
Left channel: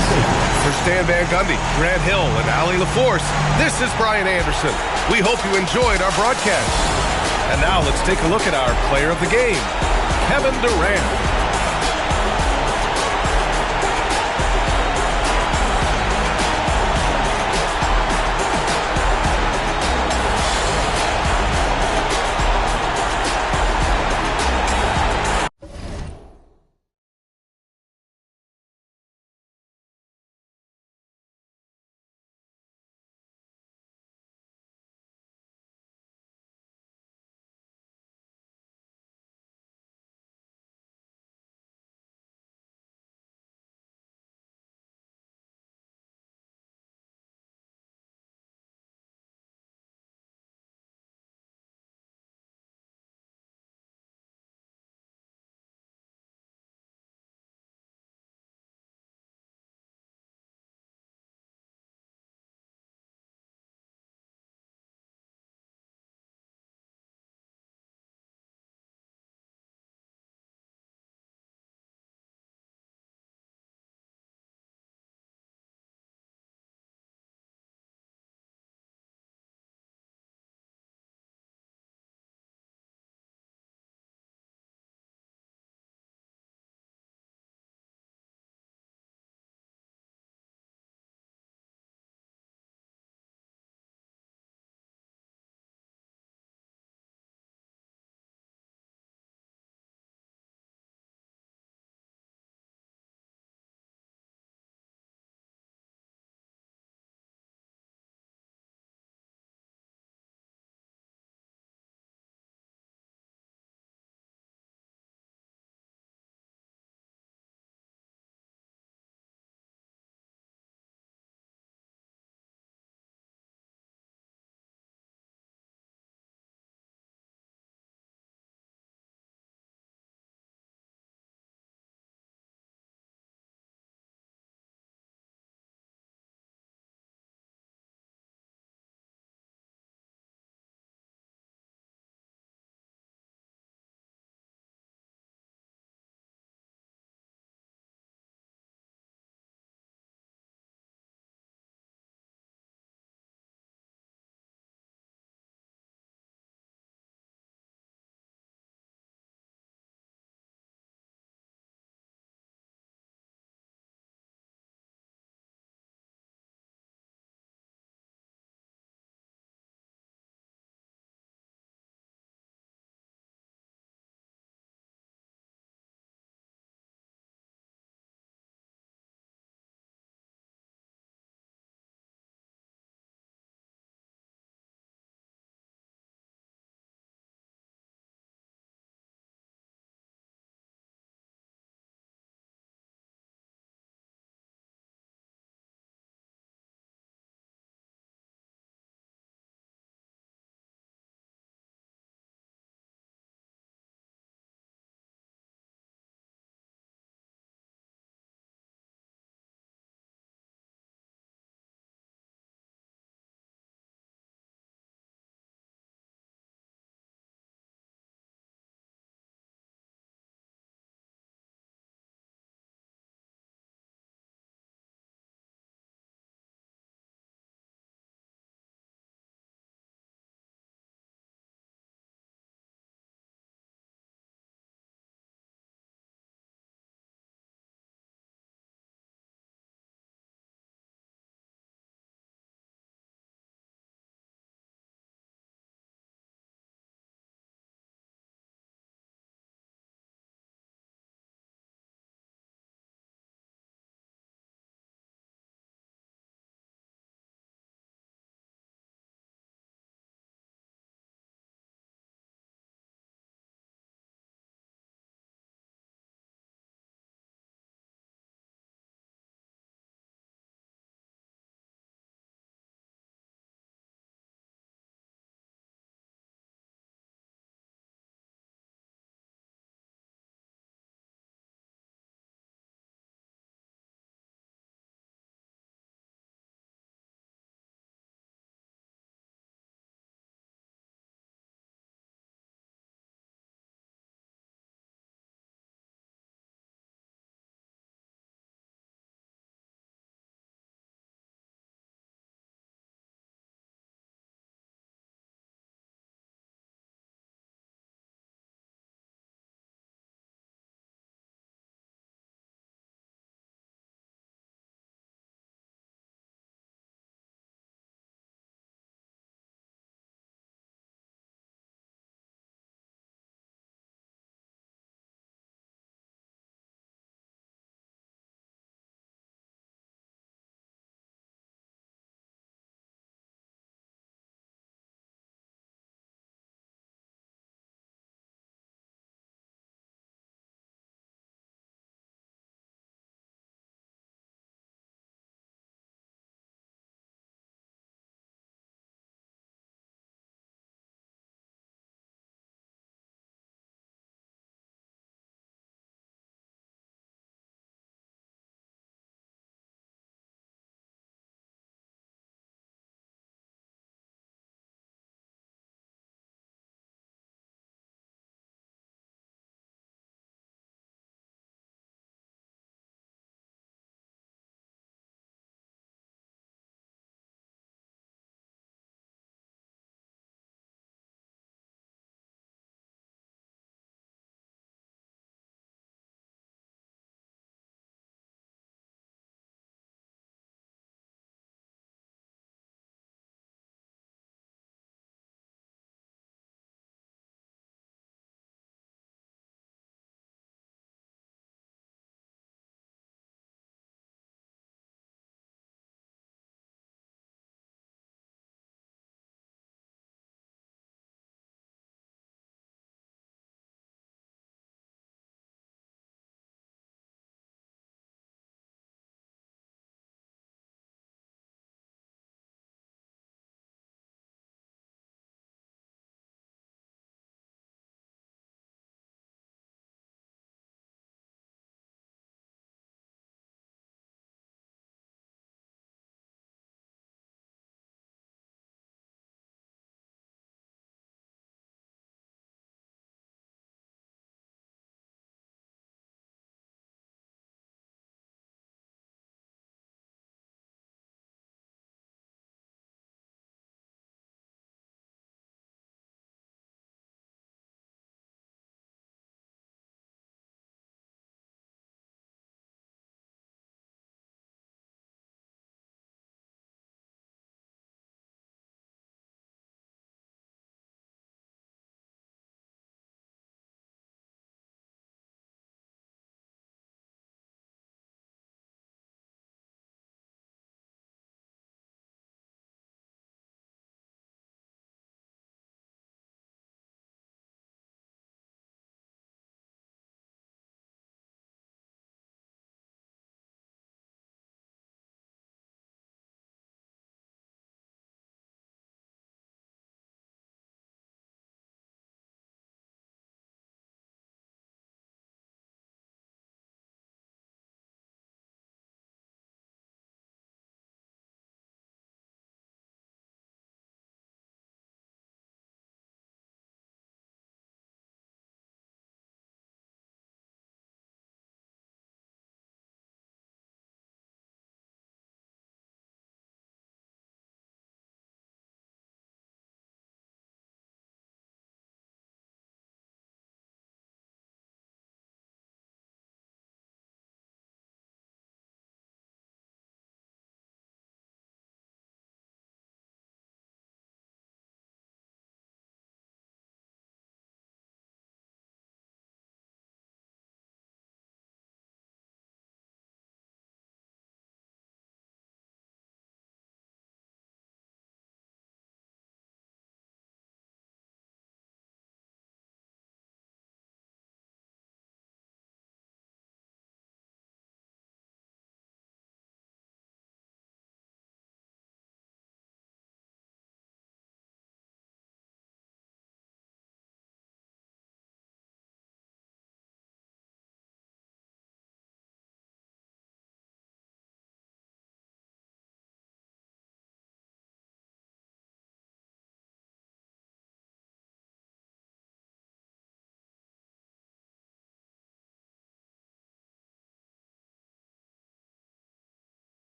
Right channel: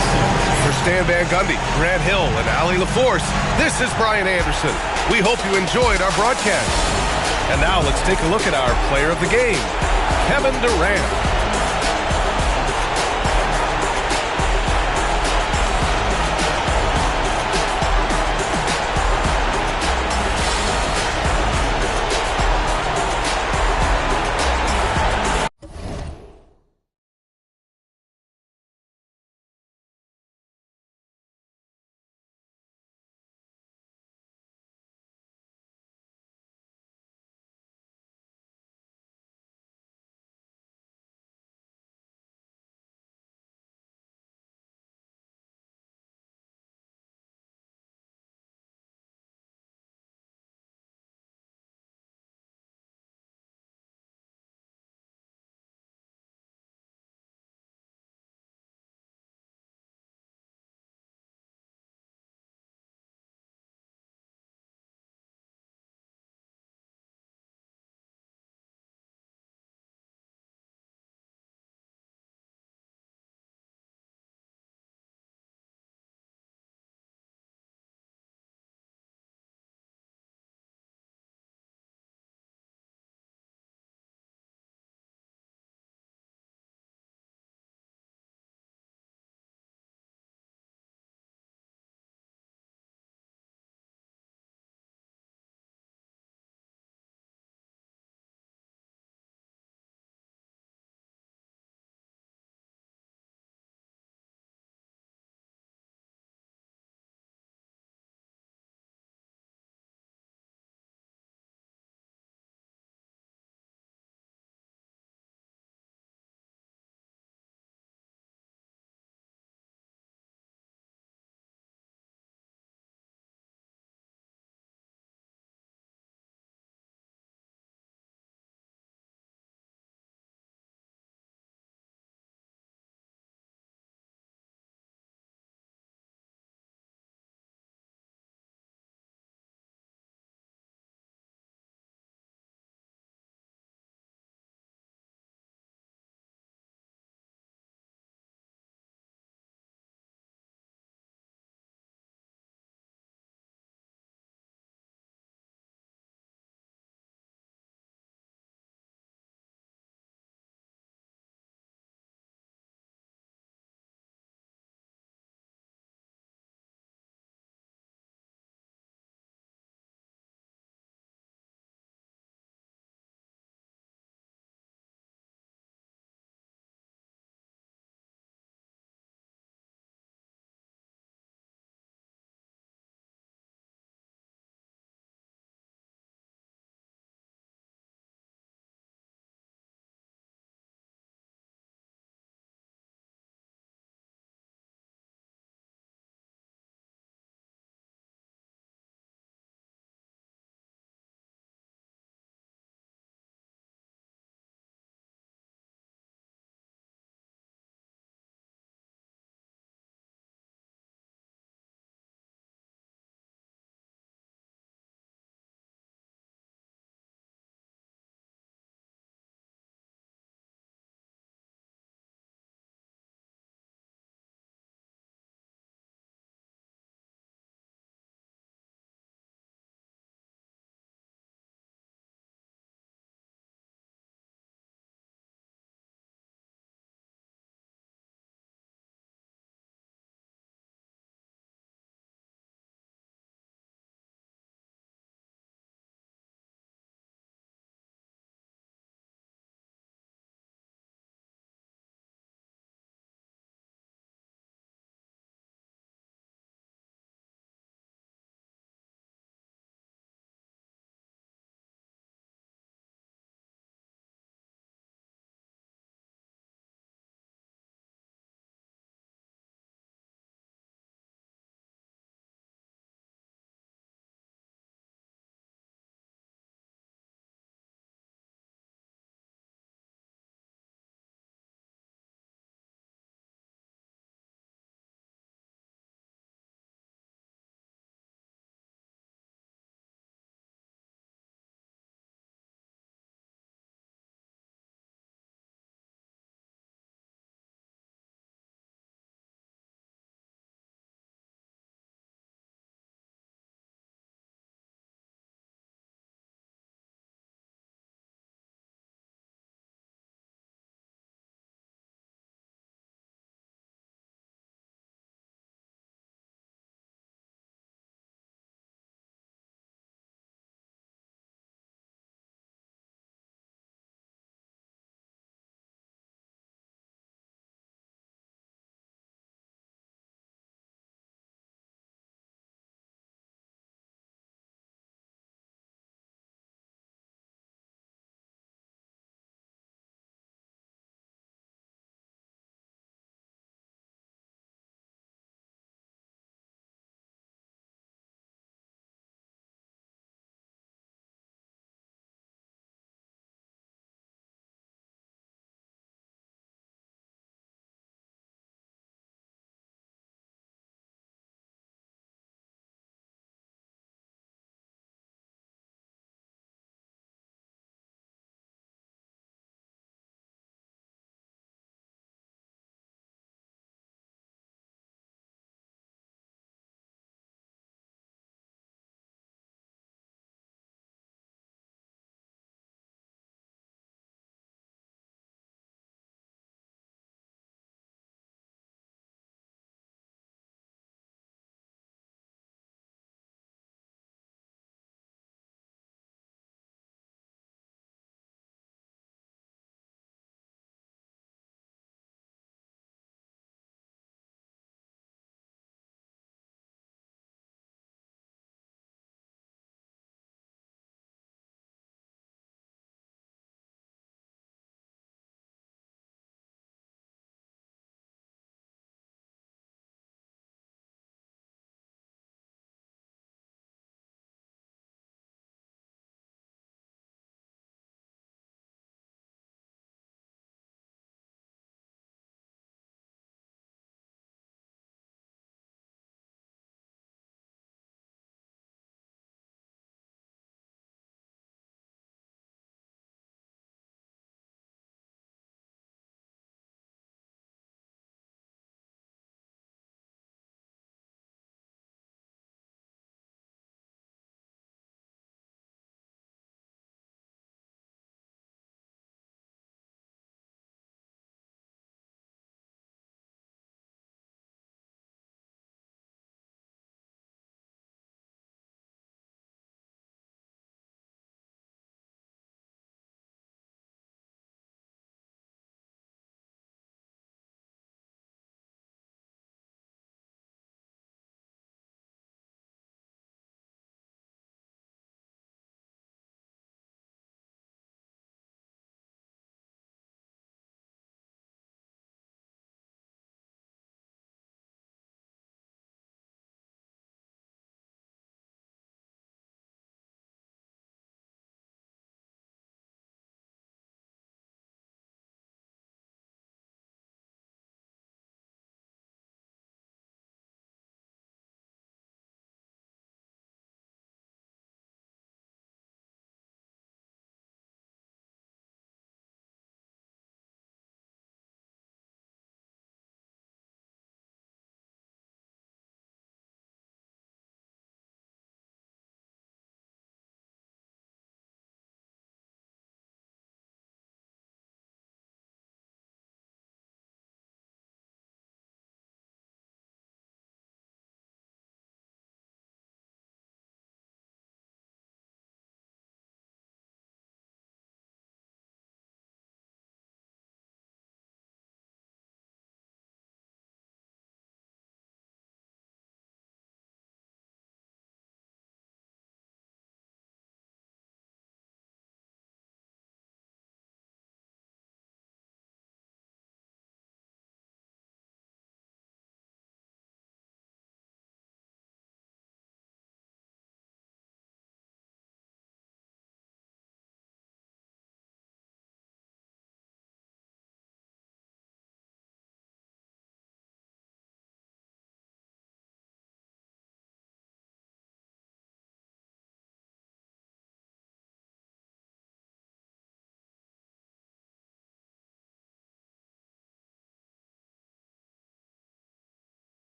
For Stan Van Gundy, Grant Hill, and Allie LaForce, this is Brian Anderson. We hope you enjoyed our broadcast. And now let's take a look at our player of the game, Kevin Durant.